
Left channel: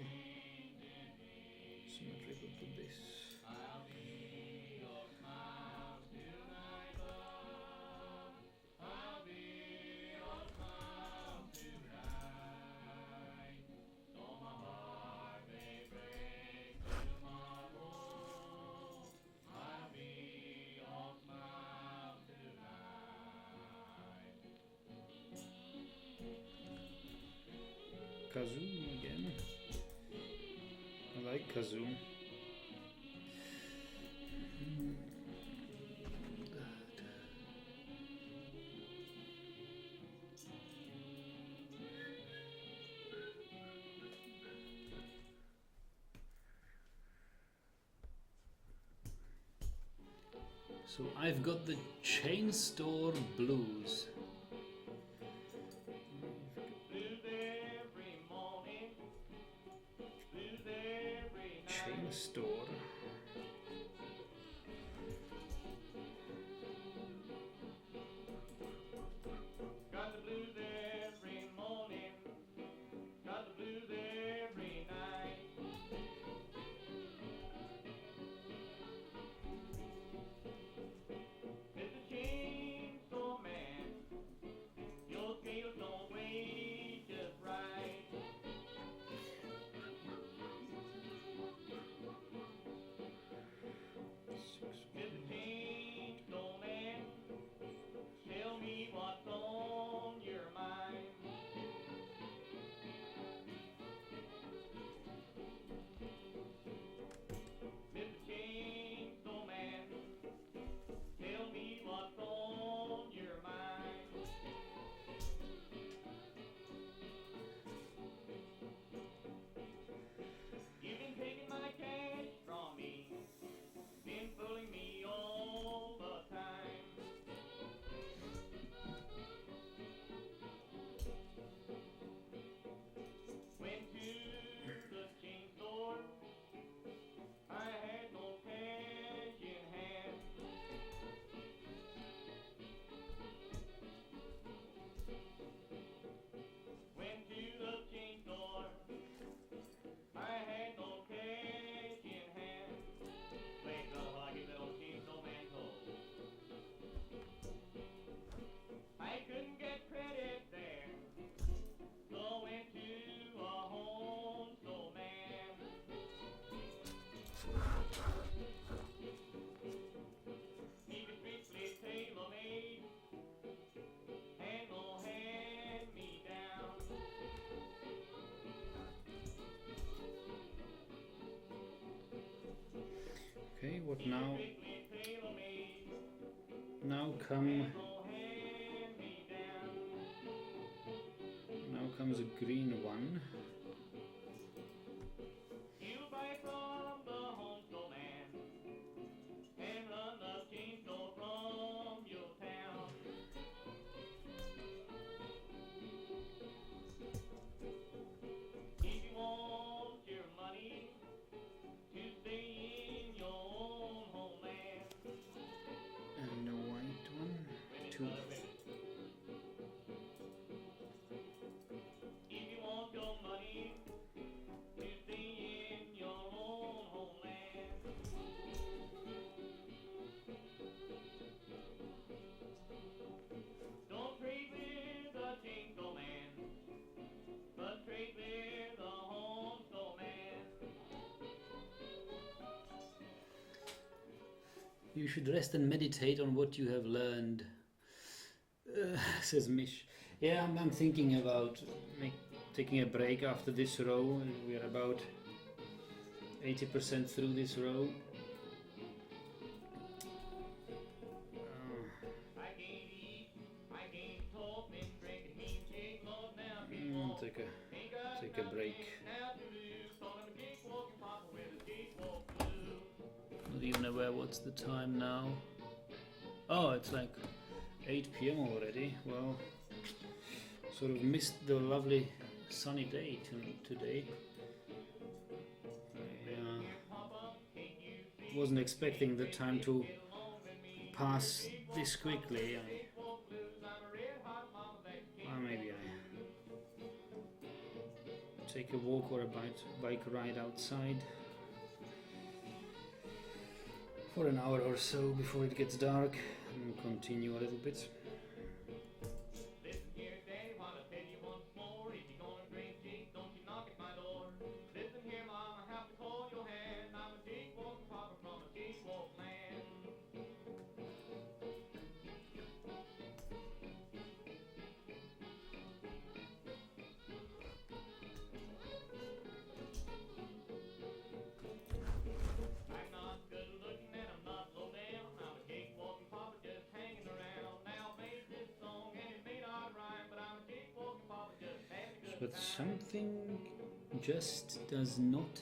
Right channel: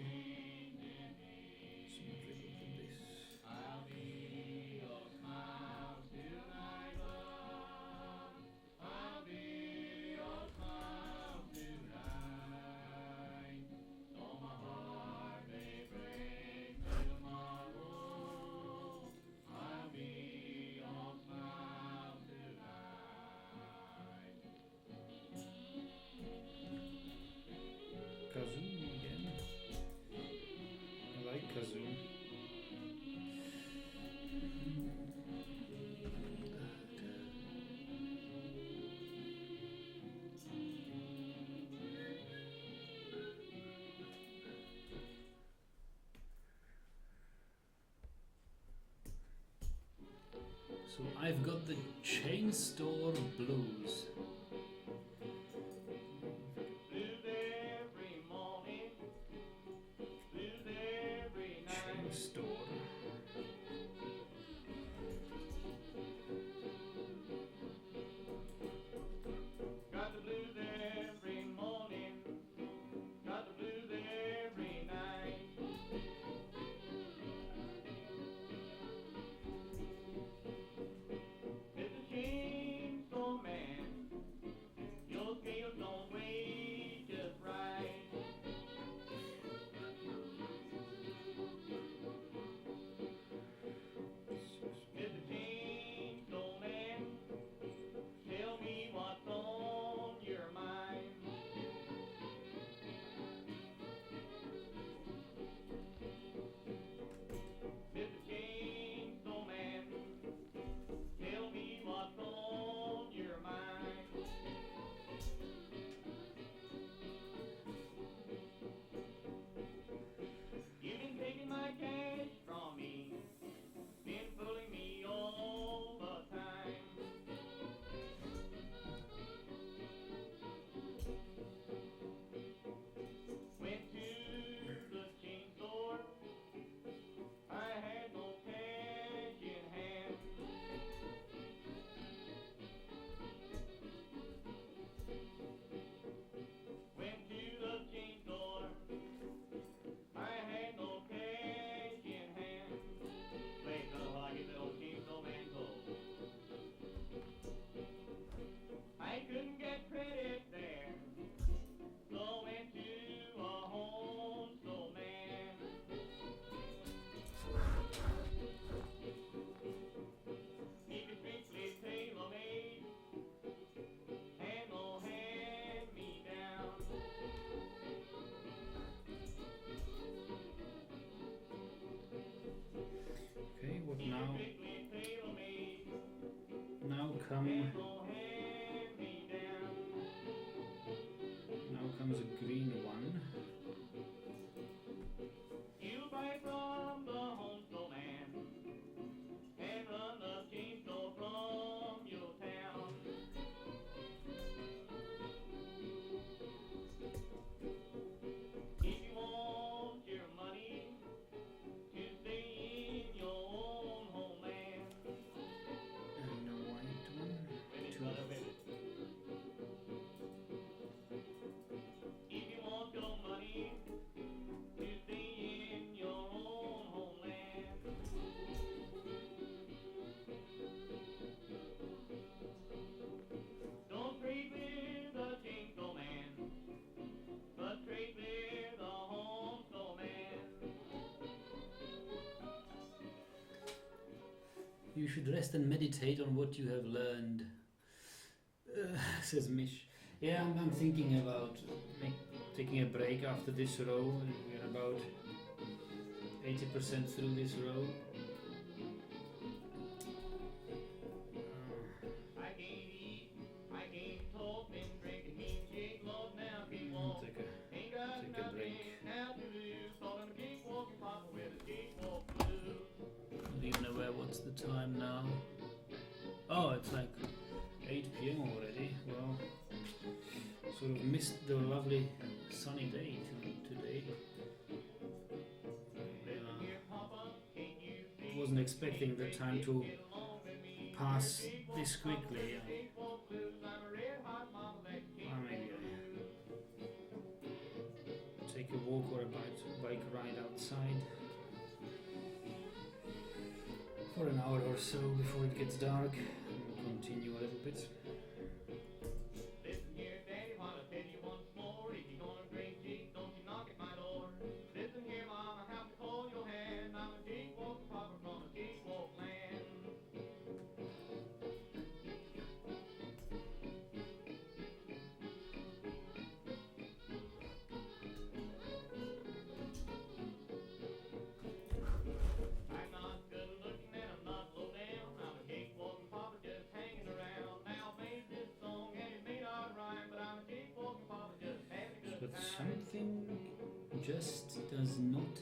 to this. Kazoo again. I like kazoo. So I've got the Chain Store Blues. Blues every morning, blues every Chain night. Store. Got the blues every morning, got the blues every night. Mr. Chainsaw Man, your scales don't weigh just right. Mr. Chainsaw Man, tell me what's on your mind. Mr. Chainsaw Man, tell me what's on your mind. You've been taking my cash from me, been fooling me all the time. Went to the chain store, I had no cash in hand. Went to the chain store, I had no cash in hand. Wait, brother, while I get that old chainsaw man cold. I couldn't get credit there, so I went to a home store man. He was strictly tailor-made and no hand-me-down. Okay, what He was now? strictly tailor-made Now come. and no hand-me-down. Now comes a green one. You buy from the home store man and run the chain store from your town. If you want your money to stay in your own homeland, And a white one. women, Two. brother, women. If you want your money to stay in your own homeland, don't trade with the chainsaw man, but trade with the home store man. You should rest and meditate on what you have learned, says Mish. Yeah, I'm thinking about taking a break after this row. We are about 80% through this row. I can't eat, I can't talk, been drinking mean shake, Lord, now I'll people take ain't got take a nothing break. now to lose. Call him a cakewalking papa with a cakewalk blues. Not even aware what's the time now. Oh, it's like 8 p.m. already. Well, sort of missed the lovely sunny day today. I wasn't expecting the time to pass this quickly. Well, maybe I take a walk or a bike ride outside for an hour or so before it gets dark, and continue a little bit. Listen here, Daddy, while I tell you once more, if you're gonna drink tea, don't you knock at my door. Listen here, Mom, I have to hold your hand. I'm a jig-walking papa from a jig-walk land. I'm not good looking and I'm not low down. I'm a jig-walking papa just hanging around. Now I made this song and it may not rhyme, but I'm a jig-walking papa just having a good But time. something just does not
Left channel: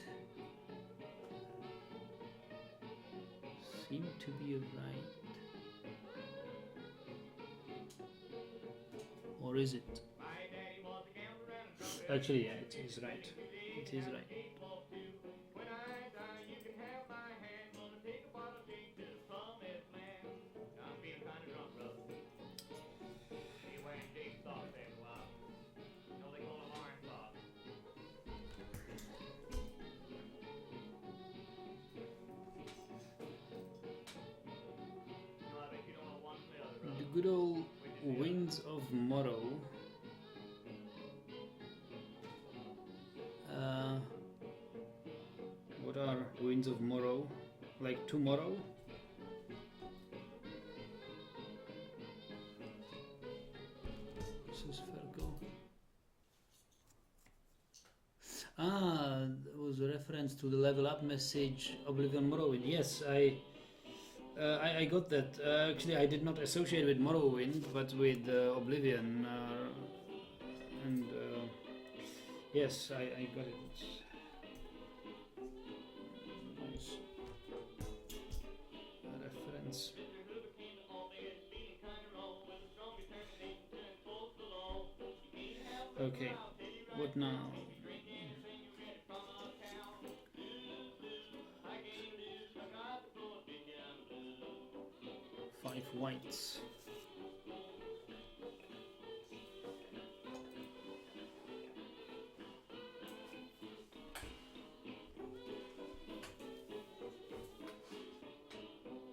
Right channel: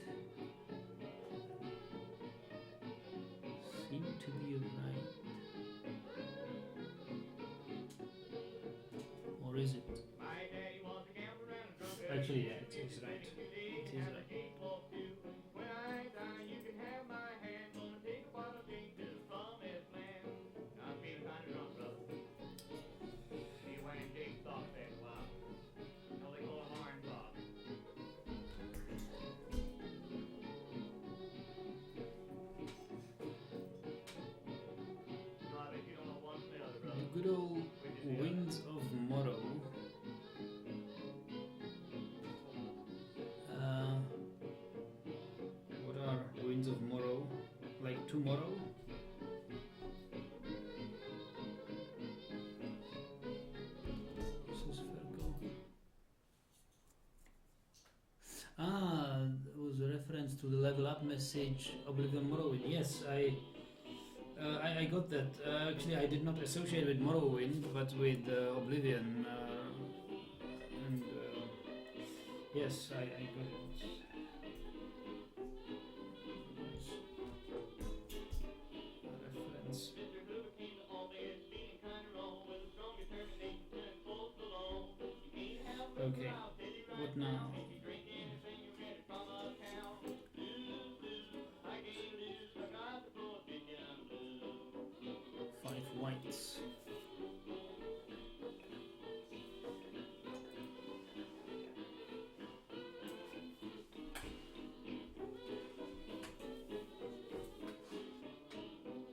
seem to be right. Or is it? My daddy was a gambler and a drunkard. Actually, yeah, it is right. It is right. When I die, you can have my hand. Gonna take a bottle of gin to the promised land. Now I'm feeling kind of drunk, brother. Be wearing jig socks after a while. You know they call them orange socks. No, I bet you don't know one from the other, brother. The good old Winds of Morrow. What are Winds of Morrow? Like tomorrow? This is Fergo. That was a reference to the level up message Oblivion Morrowind. Yes, I got that. Actually, I did not associate with Morrowind, but with Oblivion. And yes, I got it. Nice reference. Mr. Hoover came to all this feeling kind of wrong with a strong determination to enforce the law. You can't have the Okay, I'll tell you right what now? If you drink anything, you get it from a cow. Blues, blues, I can't lose. I got the Virginia blues. 5 whites.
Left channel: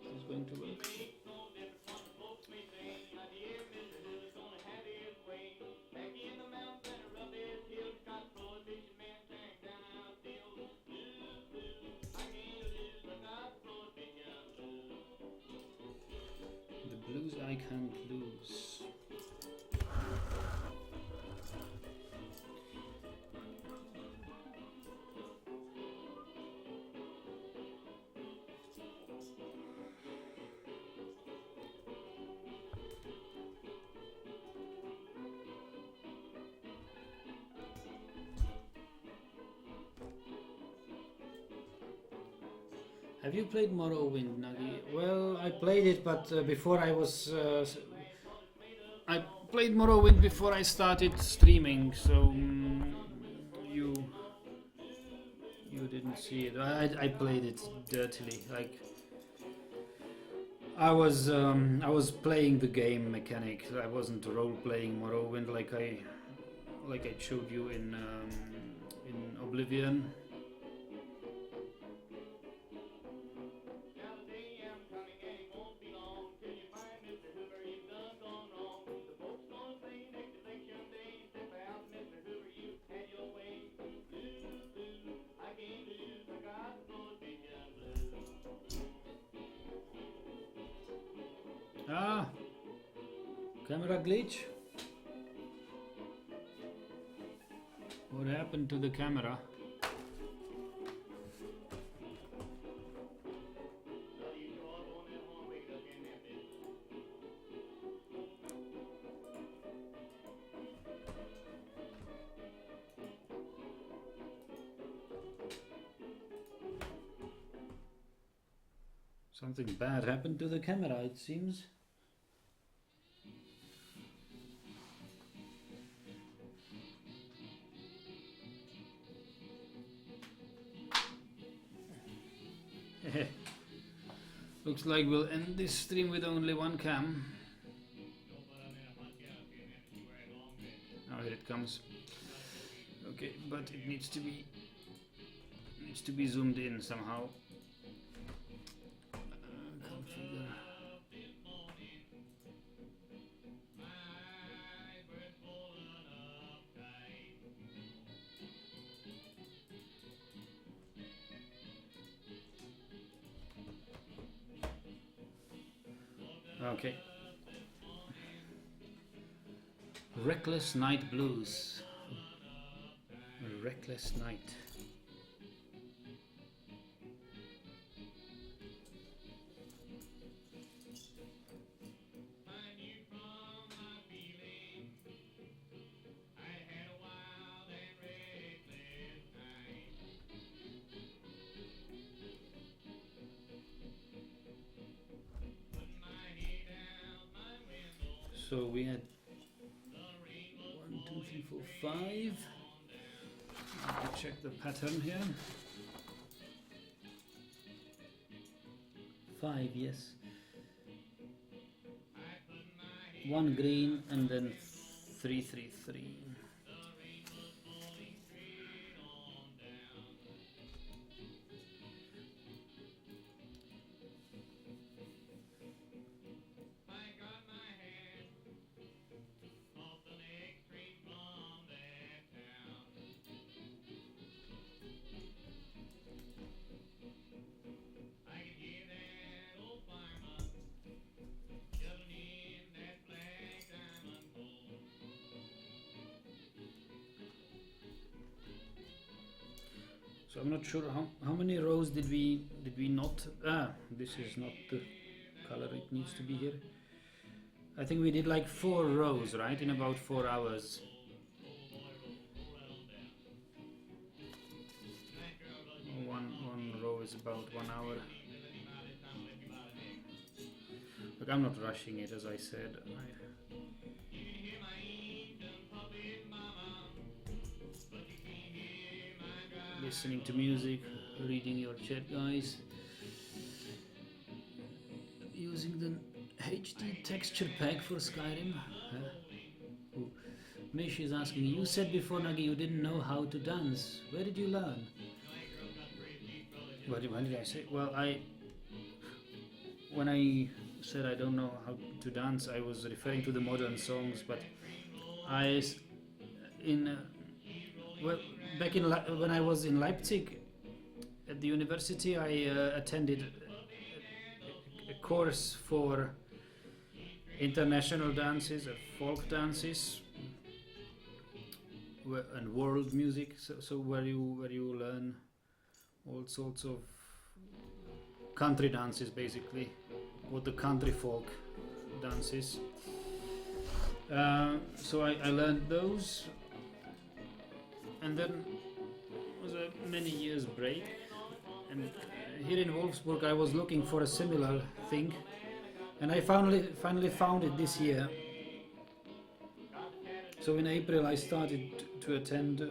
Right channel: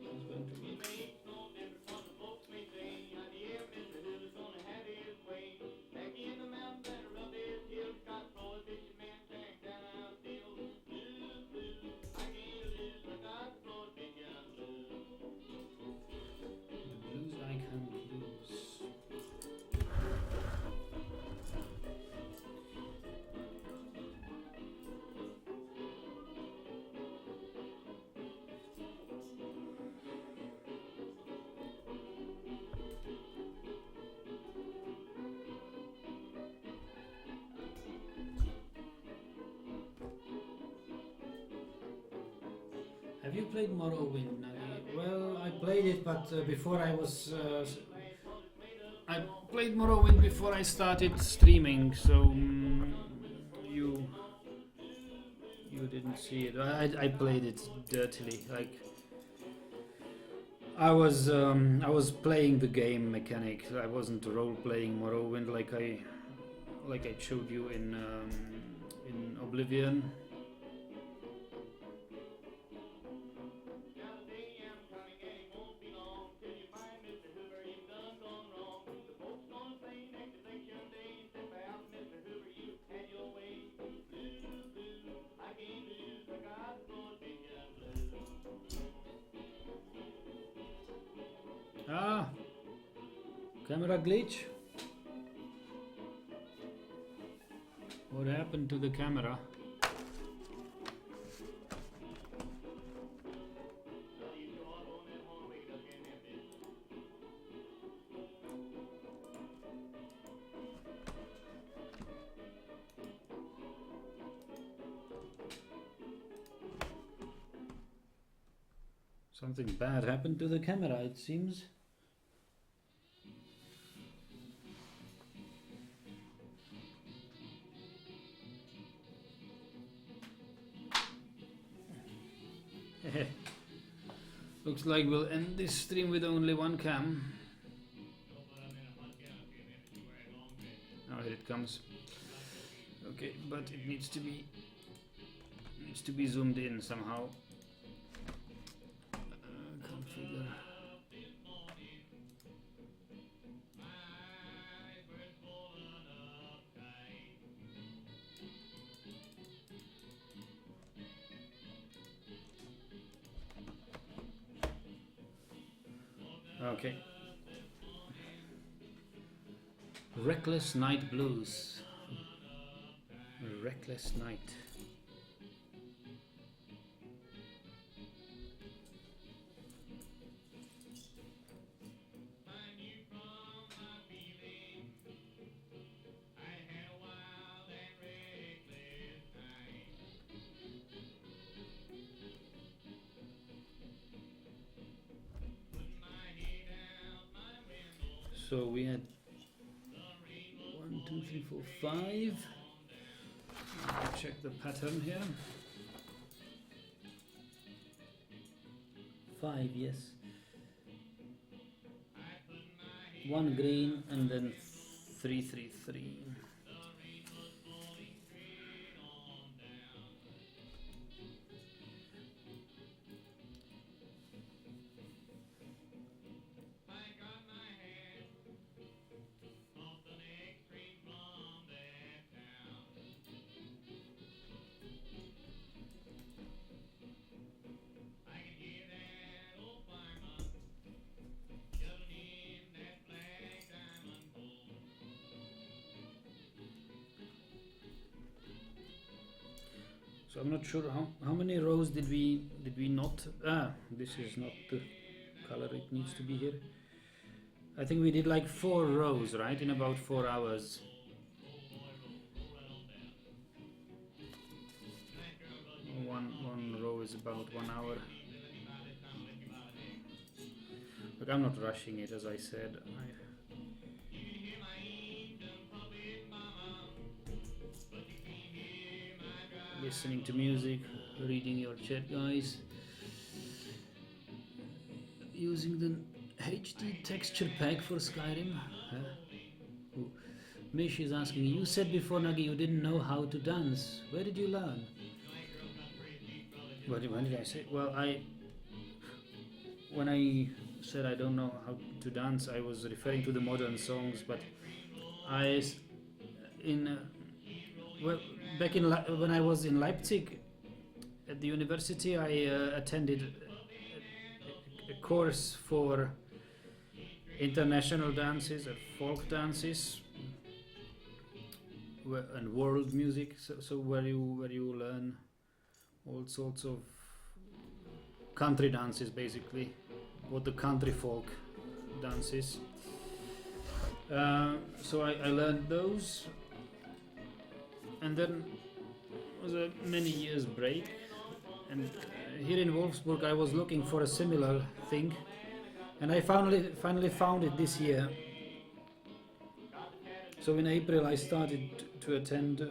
This is going to work. Makes no difference what the folks may say. Idea Mr. Hoover's gonna have his way. Back in the mountains and around his hills, got prohibition men tearing down our fields. Blues, blues, I can't lose. I got the Virginia blues. The blues I can't lose. Have you played Morrowind, Nagi? Well, I played it, but before I was... I played Morrowind before I started streaming, so you didn't see it. I played it dirtily, like... I was playing the game mechanic. I wasn't role-playing Morrowind like I showed you in Oblivion. Now the day I'm coming and it won't be long till you find Mr. Hoover, you've done gone wrong. The folks gonna say next election day, step out, Mr. Hoover, you had your way. Blues, blues, I can't lose, I got the Virginia blues. Ah, camera glitch. What happened to the camera? Well, you sure are going that horn wicked up in there, bitch. Something bad happened to the camera, it seems. Looks like we'll end this stream with only one cam. Don't put 'em in a punch out, see 'em in, you wear long dress. Oh, here it comes. Okay. Okay, but it needs to be zoomed in somehow. Configure. Okay. Reckless Night Blues. Reckless Night. So we had 1, 2, 3, 4, 5. Let me check the pattern here. 5, yes. 1 green and then 3, 3, 3. So I'm not sure how many rows did we not. This is not the color it needs to be here. I think we did like 4 rows, right, in about 4 hours. One row is about 1 hour. Look, I'm not rushing it, as I said. Listening to music, reading your chat, guys. Using the HD texture pack for Skyrim. Ooh. Mish is asking, you said before, Nagi, you didn't know how to dance. Where did you learn? What did I say? Well, when I said I don't know how to dance, I was referring to the modern songs, but back when I was in Leipzig at the university, I attended a course for international dances, folk dances, and world music. So where you learn all sorts of country dances, basically, what the country folk dances. So I learned those. And then was a many years break, and here in Wolfsburg I was looking for a similar thing, and I finally found it this year. So in April I started to attend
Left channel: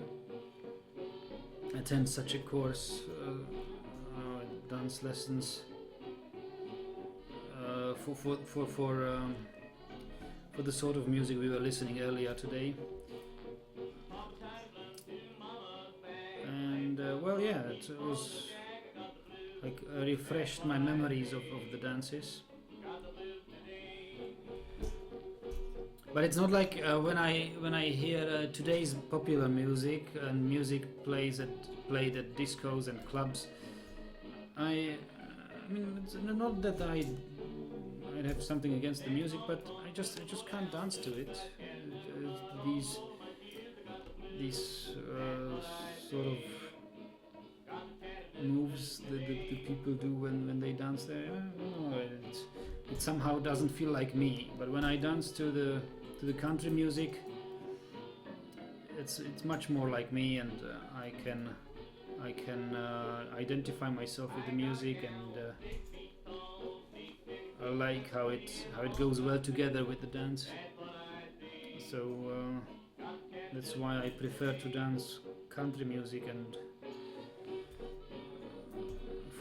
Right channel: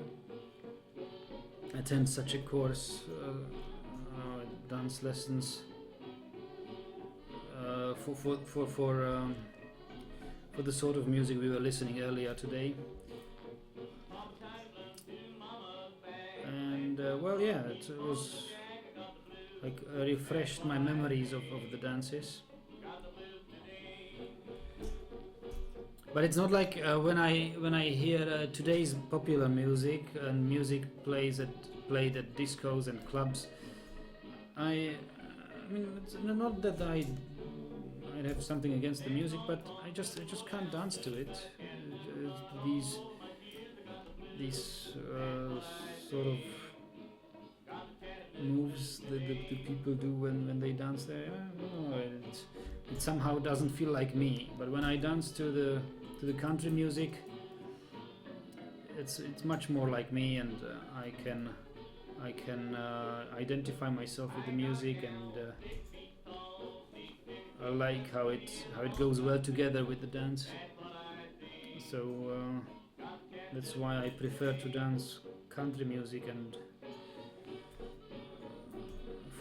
such a course, dance lessons for the sort of music we were listening earlier today. Well, yeah, it was like refreshed my memories of the dances. But it's not like when I hear today's popular music and music played at discos and clubs. I mean, it's not that I'd have something against the music, but I just can't dance to it. These sort of moves that the people do when they dance there, it somehow doesn't feel like me. But when I dance to the country music, it's much more like me, and I can identify myself with the music, and I like how it goes well together with the dance. So that's why I prefer to dance country music and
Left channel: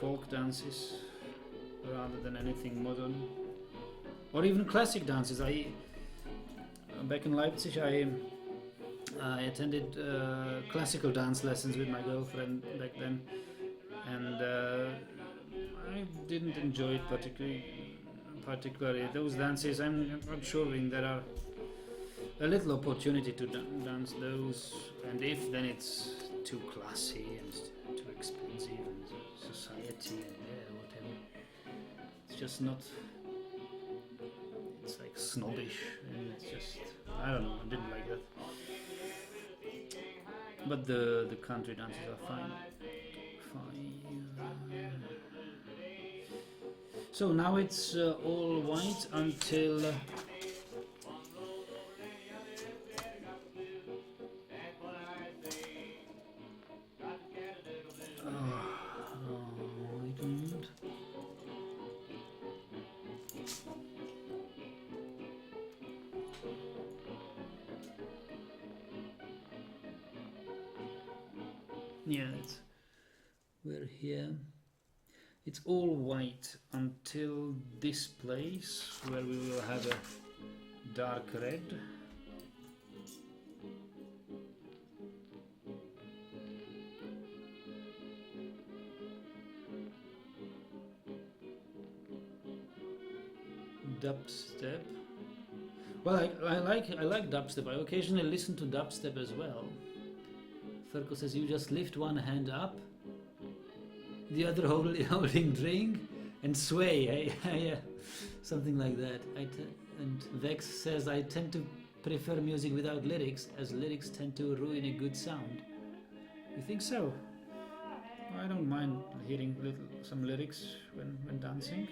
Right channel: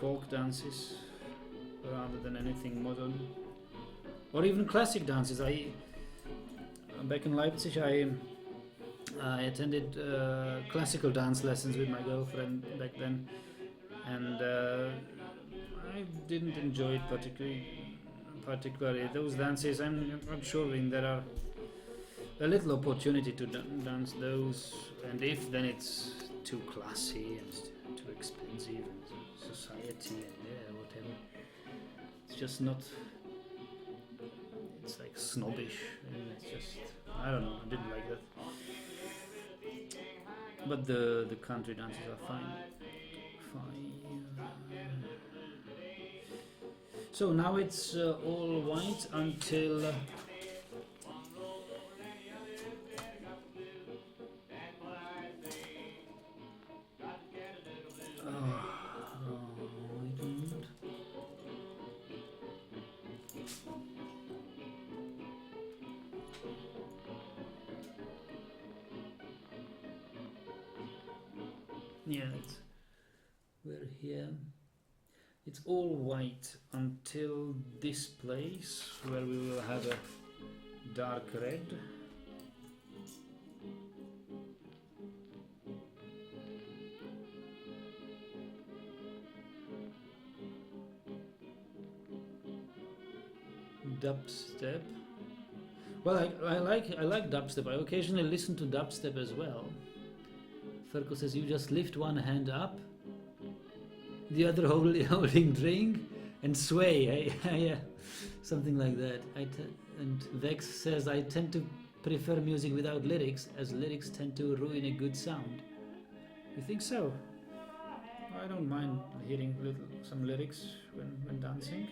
folk dances rather than anything modern, or even classic dances. Back in Leipzig, I I attended classical dance lessons with my girlfriend back then, and I didn't enjoy it particularly those dances. I'm not sure when there are a little opportunity to dance those, and if then it's too classy and too expensive and society and whatever. It's just not. It's like snobbish, and it's just I don't know. I didn't like that. But the country dances are fine. So now it's all white until wait a minute. Yeah, we're here. It's all white until this place where we will have a dark red. Dubstep. Well, I like dubstep. I occasionally listen to dubstep as well. Ferko says you just lift one hand up, the other holding drink, and sway. Yeah, something like that. And Vex says I tend to prefer music without lyrics, as lyrics tend to ruin a good sound. You think so? I don't mind hearing some lyrics when dancing.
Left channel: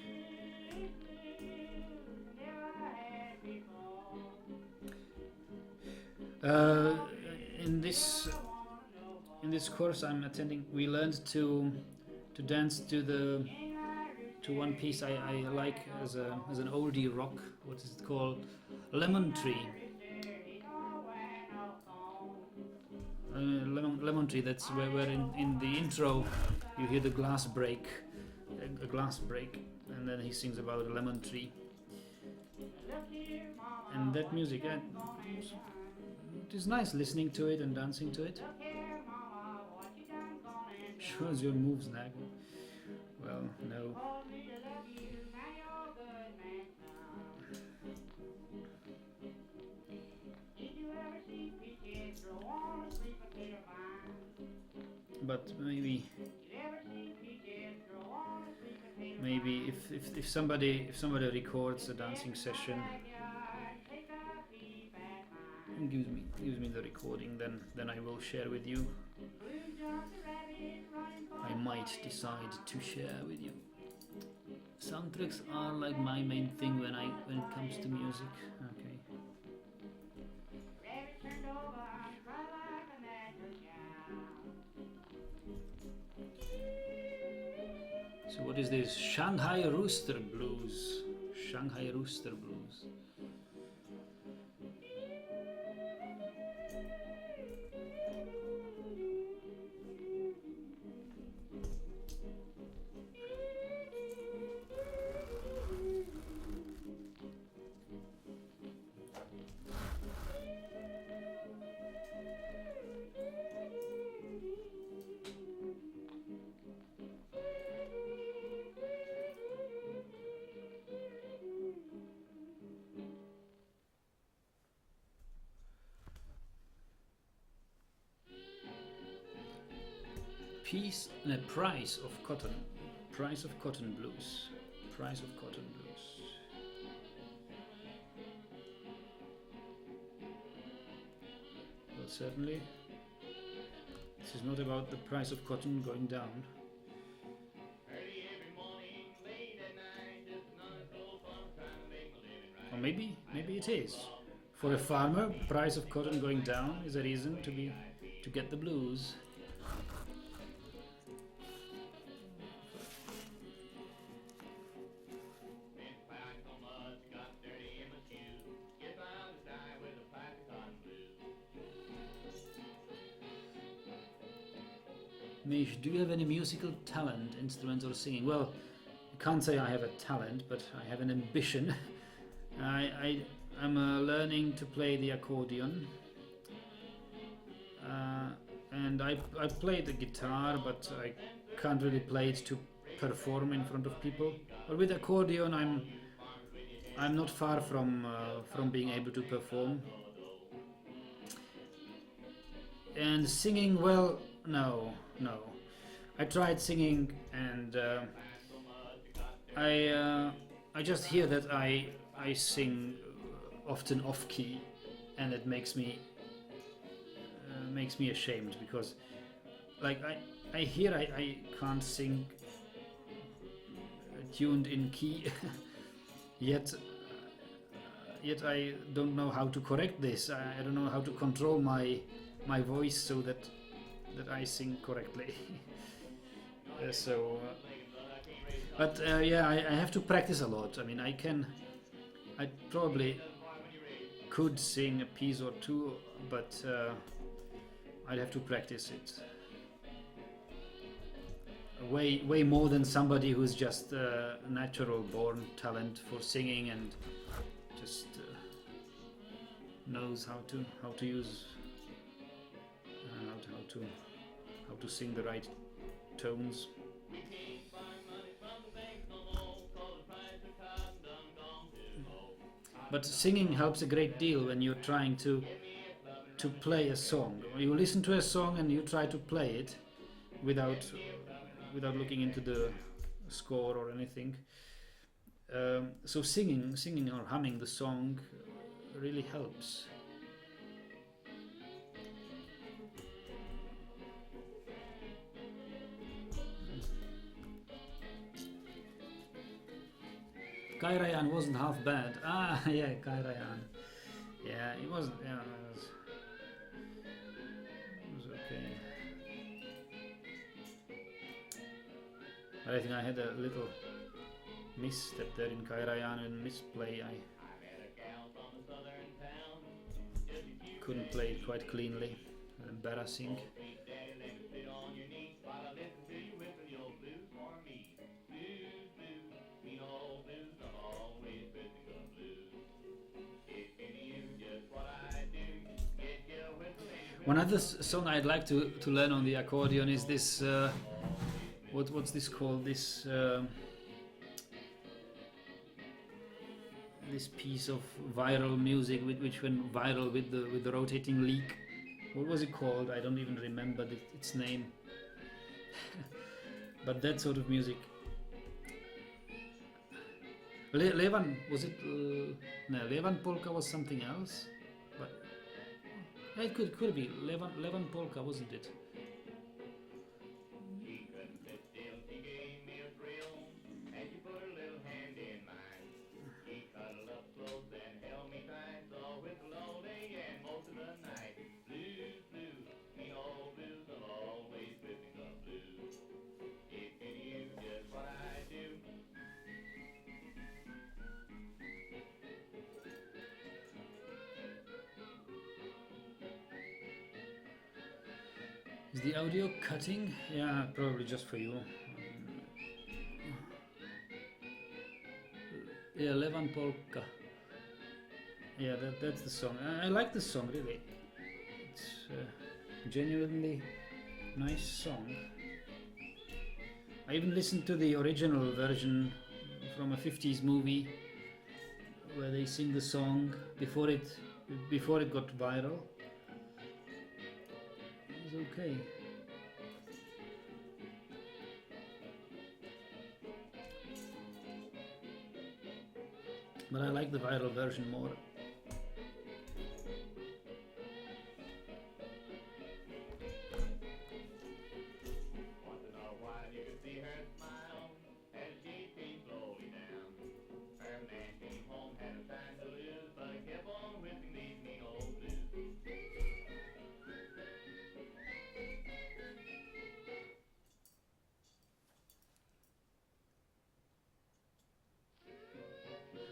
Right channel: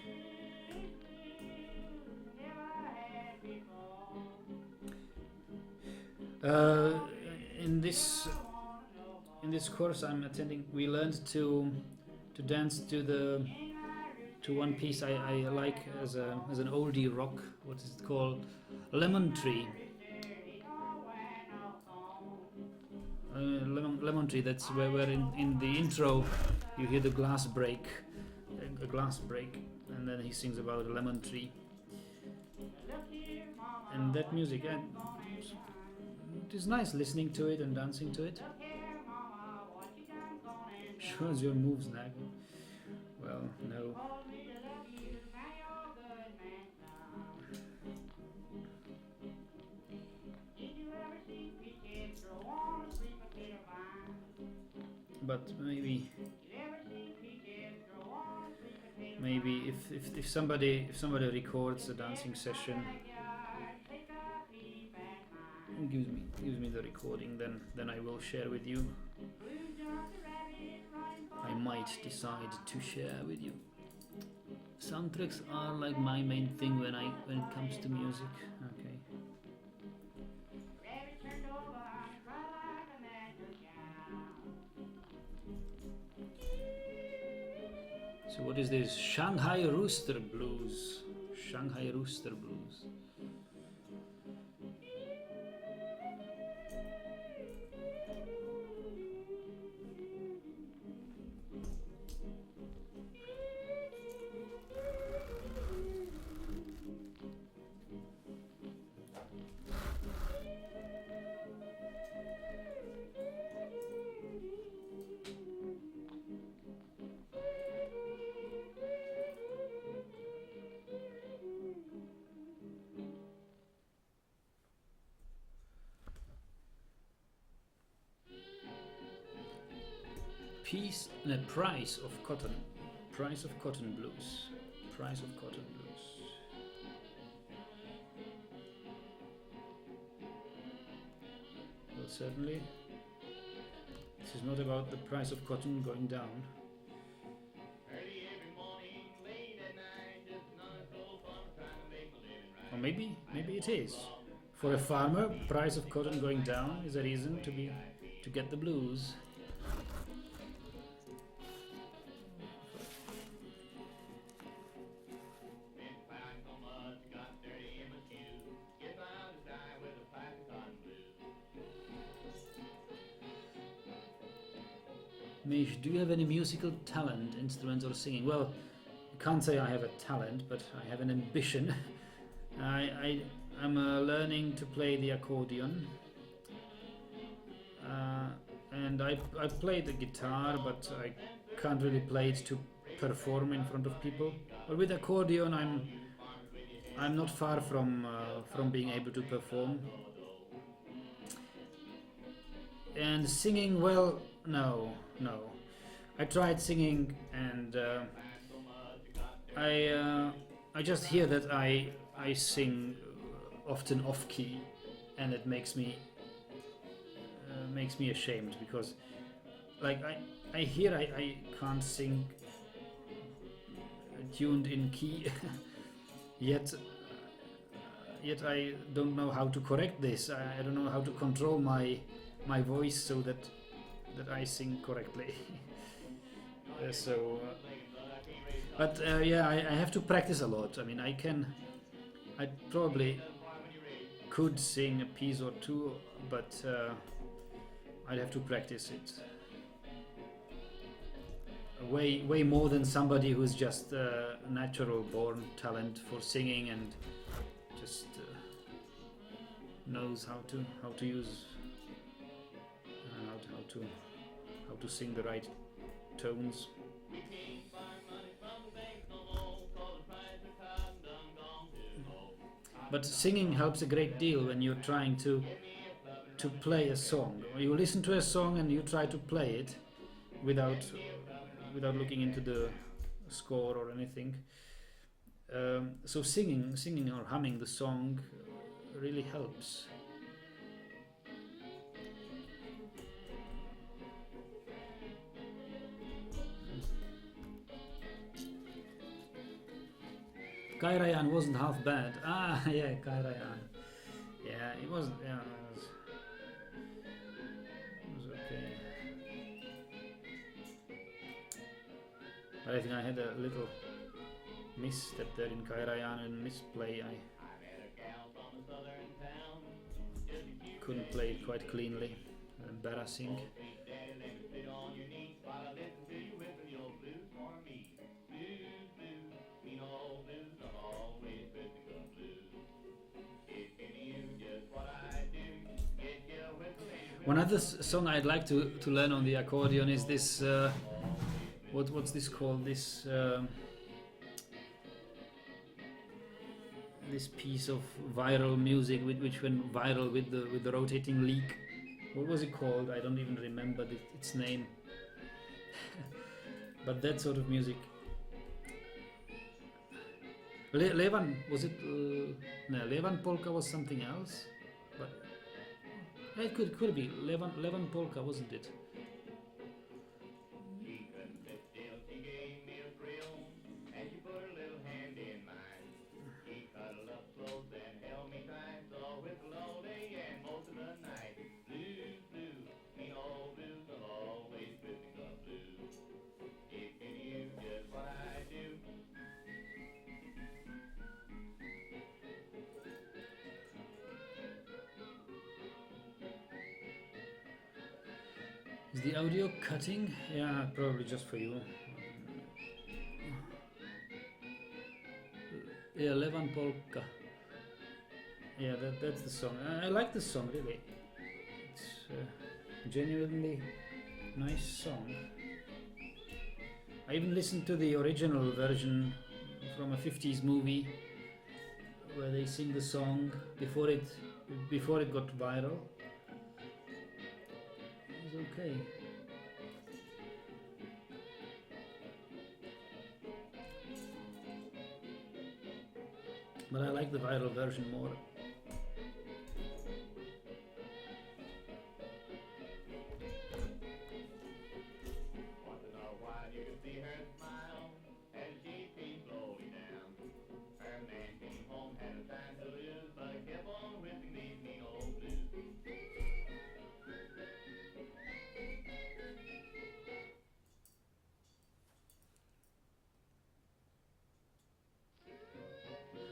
In this course I'm attending, we learned to dance to one piece I like as an oldie rock. What is it called? Lemon Tree. Lemon Tree. That's where in the intro you hear the glass break, a glass break, and then he sings about a lemon tree. And that music, it is nice listening to it and dancing to it. Shows your moves, Nag. Well, no. But maybe if somebody records a dancing session and gives me the recording, then I will share with you. I might decide to share with you. Soundtracks are like my main thing when it comes to music. Okay. So what is this? Shanghai Rooster Blues. Shanghai Rooster Blues. Piece and a price of cotton. Price of cotton blues. Price of cotton blues. Well, certainly, this is not about the price of cotton going down. Or maybe it is. For a farmer, price of cotton going down is a reason to get the blues. Mish, do you have any musical talent, instruments or singing? Well, I can't say I have a talent, but I have an ambition. I'm learning to play the accordion. and I play the guitar, but I can't really play it to perform in front of people. But with accordion, I'm not far from being able to perform. And singing, well, no. I tried singing, and I just hear that I sing often off key, and it makes me ashamed, because like I hear I can't sing tuned in key yet I don't know how to correct this. I don't know how to control my voice so that I sing correctly. But yeah, I have to practice a lot. I mean, I probably could sing a piece or two, but I'd have to practice it way more than somebody who's just a natural born talent for singing and just knows how to use how to sing the right tones. But singing helps a great deal when you're trying to play a song. You listen to a song and you try to play it without looking into the score or anything. So singing or humming the song really helps. Kairajan wasn't half bad. Ah, yeah, Kairajan. Yeah, it wasn't. Yeah, it was okay. But I think I had a little misstep there in Kairajan and misplay. I couldn't play it quite cleanly. Embarrassing. One other song I'd like to learn on the accordion is this. What's this called? This piece of viral music which went viral with the rotating leak. What was it called? I don't even remember its name. But that sort of music. Levan, was it? No, Levan polka was something else. But it could be Levan polka, wasn't it? Is the audio cutting? Yeah, probably just for you. Yeah, Levan polka. Yeah, that's the song. I like the song, really. It's a genuinely nice song. I even listened to the original version from a 50s movie where they sing the song before it got viral. It was okay. But I like the viral version more.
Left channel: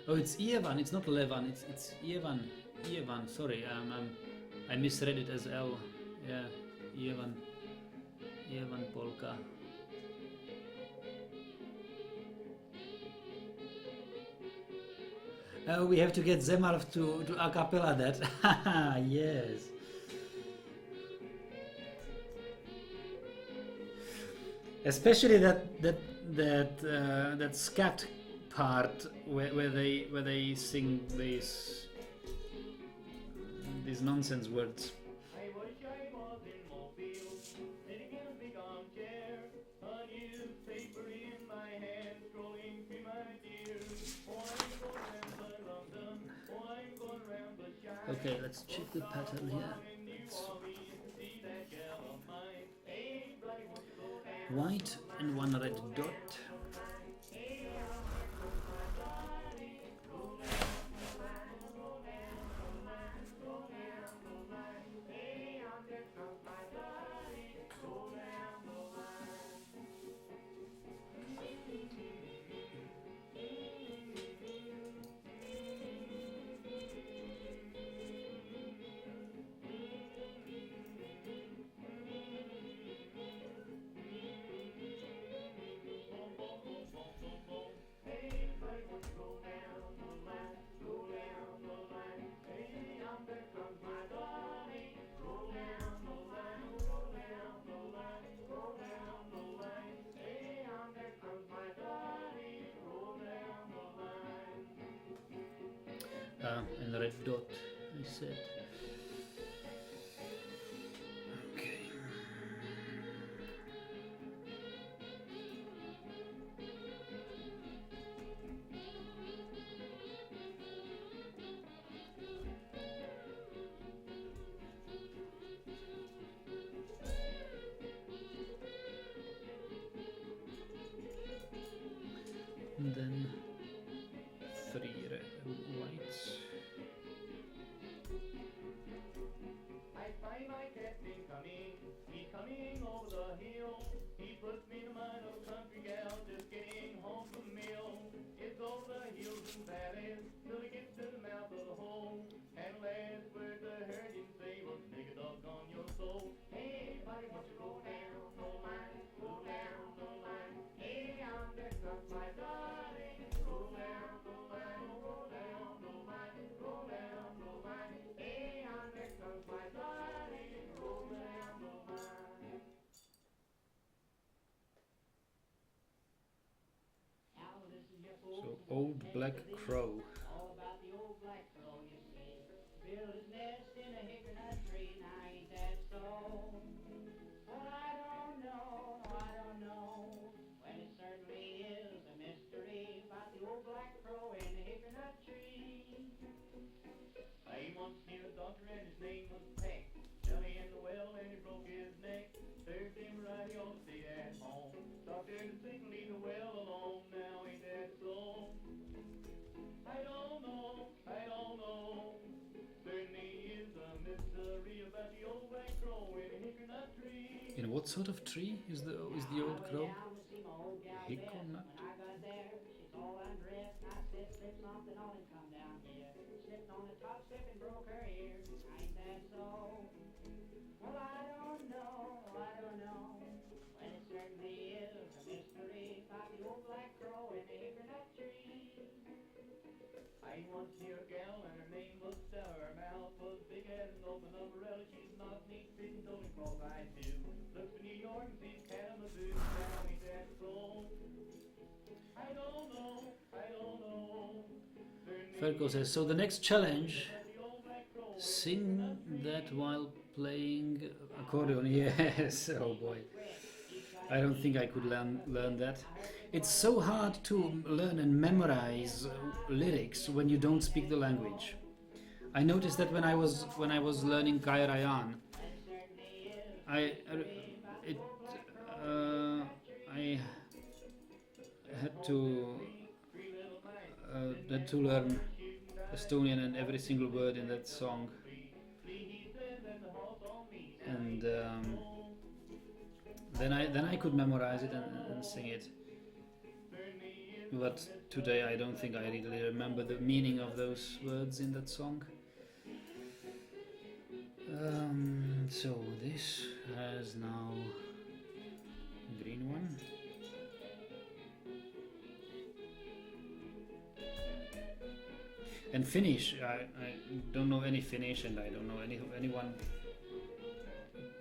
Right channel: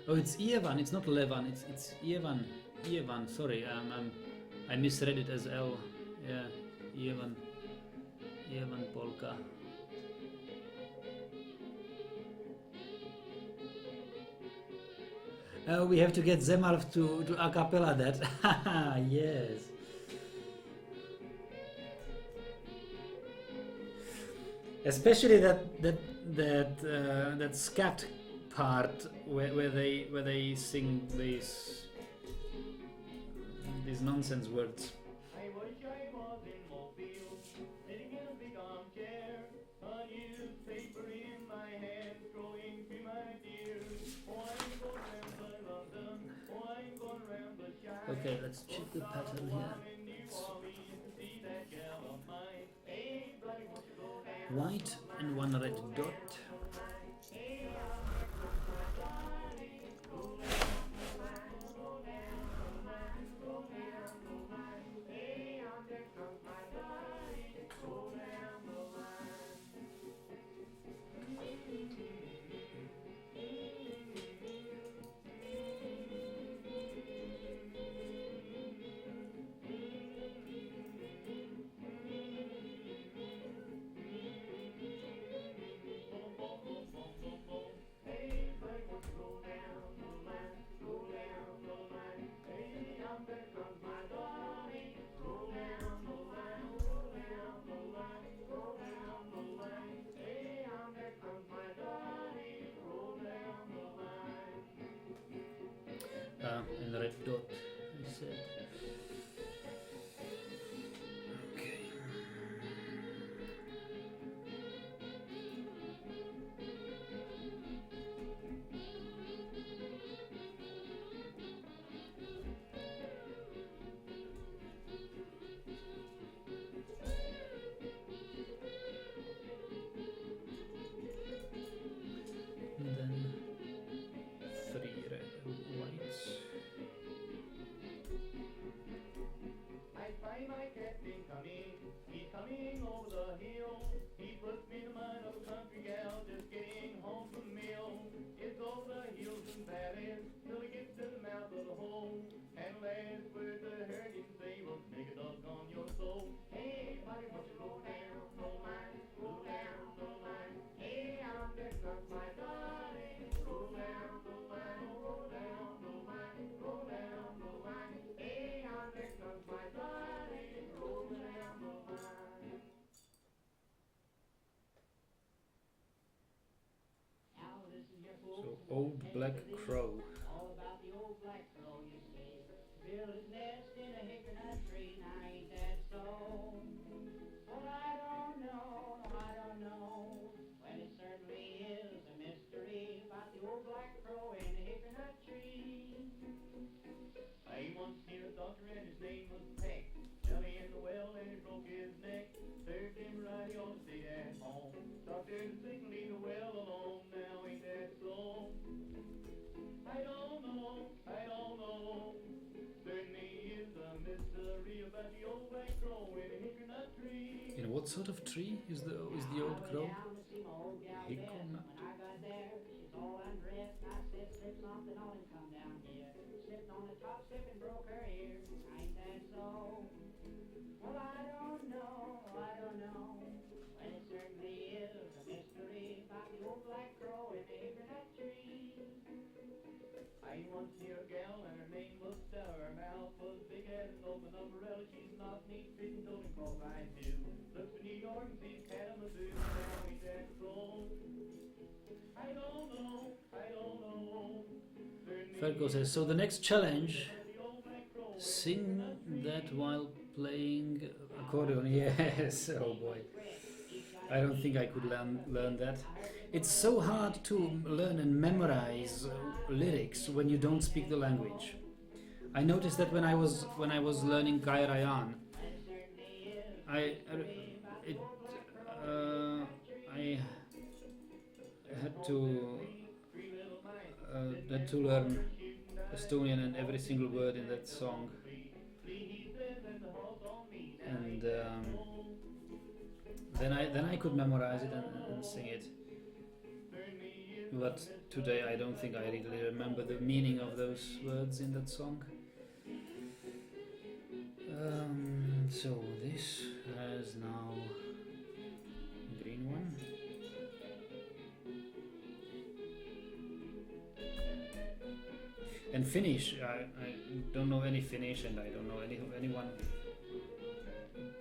Oh, it's Ievan. It's not Levan. It's Ievan. Ievan. Sorry, I misread it as L. Yeah, Ievan. Ievan polka. We have to get Zemalf to a cappella that. Yes. Especially that scat part where they sing these nonsense words. I wish I was in Mobile, sitting in a big armchair, a newspaper in my hand, scrolling through my dear. Oh, I'm going round by London, oh, I'm going round the Shire. Okay, let's check the pattern here. In New Orleans to see that gal of mine. Hey, buddy, won't you go down? White and one red dot. And the red dot, I said. Okay. And then 3 whites. I find my captain coming, he's coming over the hill. He puts me in mind of a country gal just getting home from mill. It's over the hills and valleys till he gets to the mouth of the hole. And last words I heard him say was, nigga, doggone your soul. Hey, buddy, won't you roll down, roll mine, roll down, roll mine. Hey, I'm there comes my darling. Roll down, roll mine, roll down, roll mine, roll down, roll mine. Hey, I'm there comes my darling. Roll down, roll mine. Now this is your So Old Black Crow. all about the old black crow, you see. Built his nest in a hickory tree, now ain't that so? Well, I don't know, well it certainly is a mystery about the old black crow in the hickory tree. I once seen a doctor and his name was Peck. Fell in the well and he broke his neck. Served him right, he ought to stay at home. Doctor is sick and leave the well alone, now ain't that so? I don't know, certainly is a mystery about the old black crow in a hickory nut tree. In what sort of tree is the old crow? Hickory nut. When I got there, she's all undressed. I said, slip something on and come down here. Slipped on the top step and broke her ear. Ain't that so? Well, I don't know. Well, it certainly is a mystery about the old black crow in the hickory nut tree. I once knew a gal and her name was Stella. Her mouth was big as an open umbrella. She's not neat fitting, toting clothes I do. Looks for New York and sees Kalamazoo. Now ain't that so? I don't know. Ferko says, so the next challenge, sing that while playing accordion. Yes, oh boy. I don't think I could learn that. It's so hard to learn and memorize lyrics when you don't speak the language. I noticed that when I was learning Gairayan, I had to learn Estonian and every single word in that song, and then I could memorize it and sing it. But today I don't think I really remember the meaning of those words in that song. So this has now a green one. And Finnish, I don't know any Finnish, and I don't know anyone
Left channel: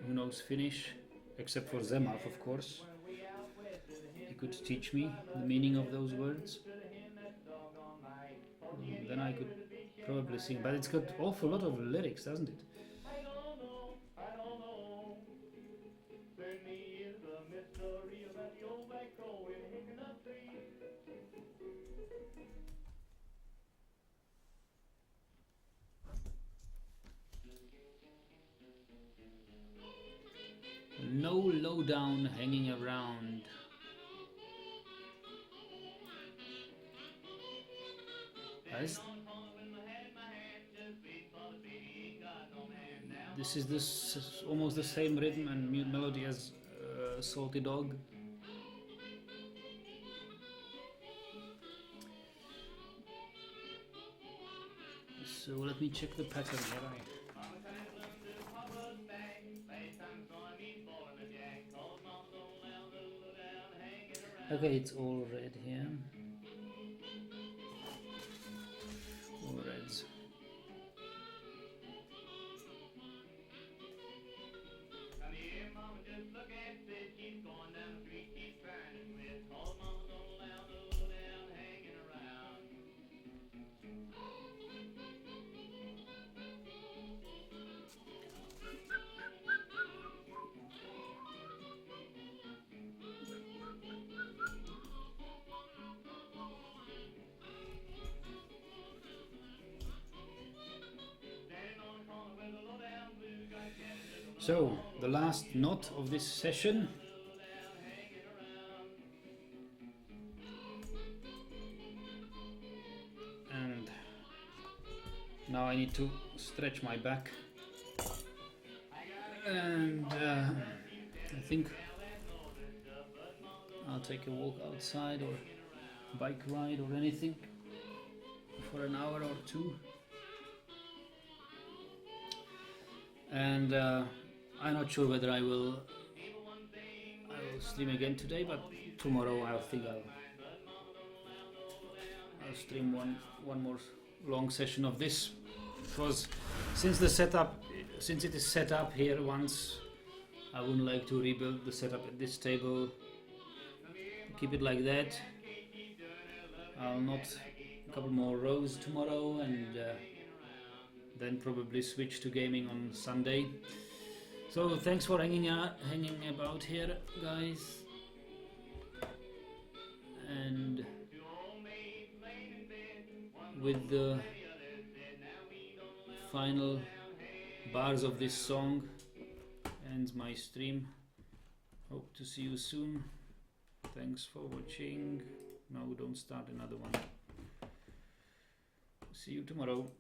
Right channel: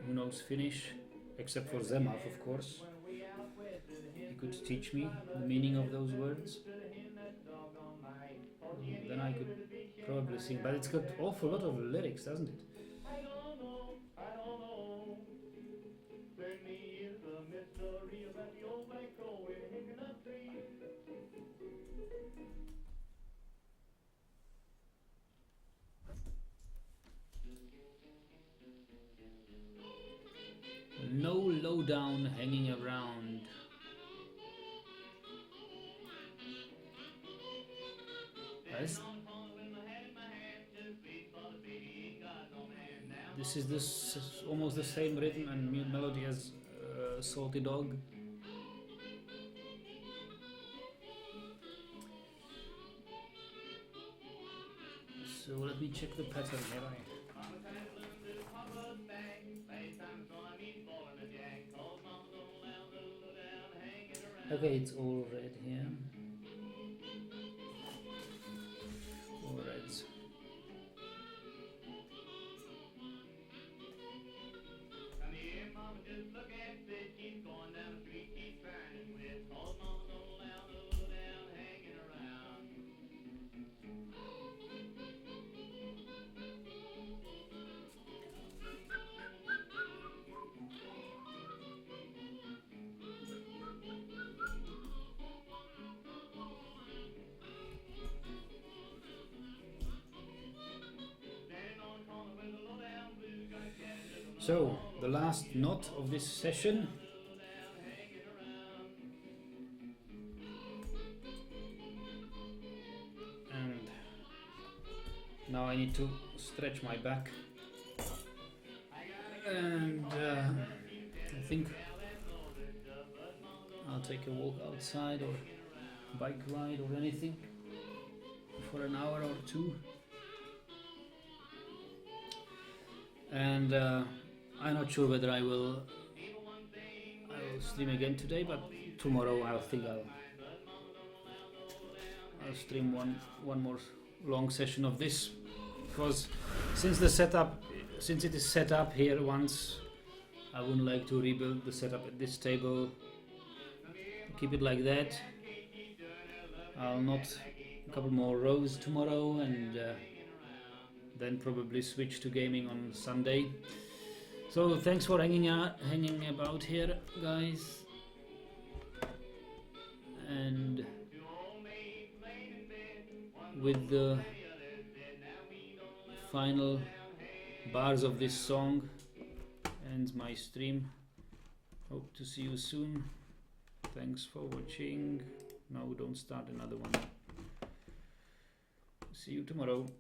who knows Finnish, except for Zemaf, of course. could teach me the meaning of those words, then I could probably sing. But it's got awful lot of lyrics, doesn't it? I don't know. Certainly is a mystery about the old black crow in a hickory tree. No lowdown hanging around. This is almost the same rhythm and melody as Salty Dog. So let me check the pattern here. Okay, it's all red here. All reds. Come here, mama, just look at this. She's going down the street, she's trying to quit. Cause mama don't allow the little down hanging around. So, the last note of this session. And now I need to stretch my back. And I think I'll take a walk outside or bike ride or anything for an hour or two. And I'm not sure whether I will stream again today, but tomorrow I think I'll stream one more long session of this, because since it is set up here once, I wouldn't like to rebuild the setup at this table. Keep it like that. I'll knot a couple more rows tomorrow and then probably switch to gaming on Sunday. So thanks for hanging about here, guys, and with the final bars of this song ends my stream. Hope to see you soon. Thanks for watching. No, don't start another one. See you tomorrow.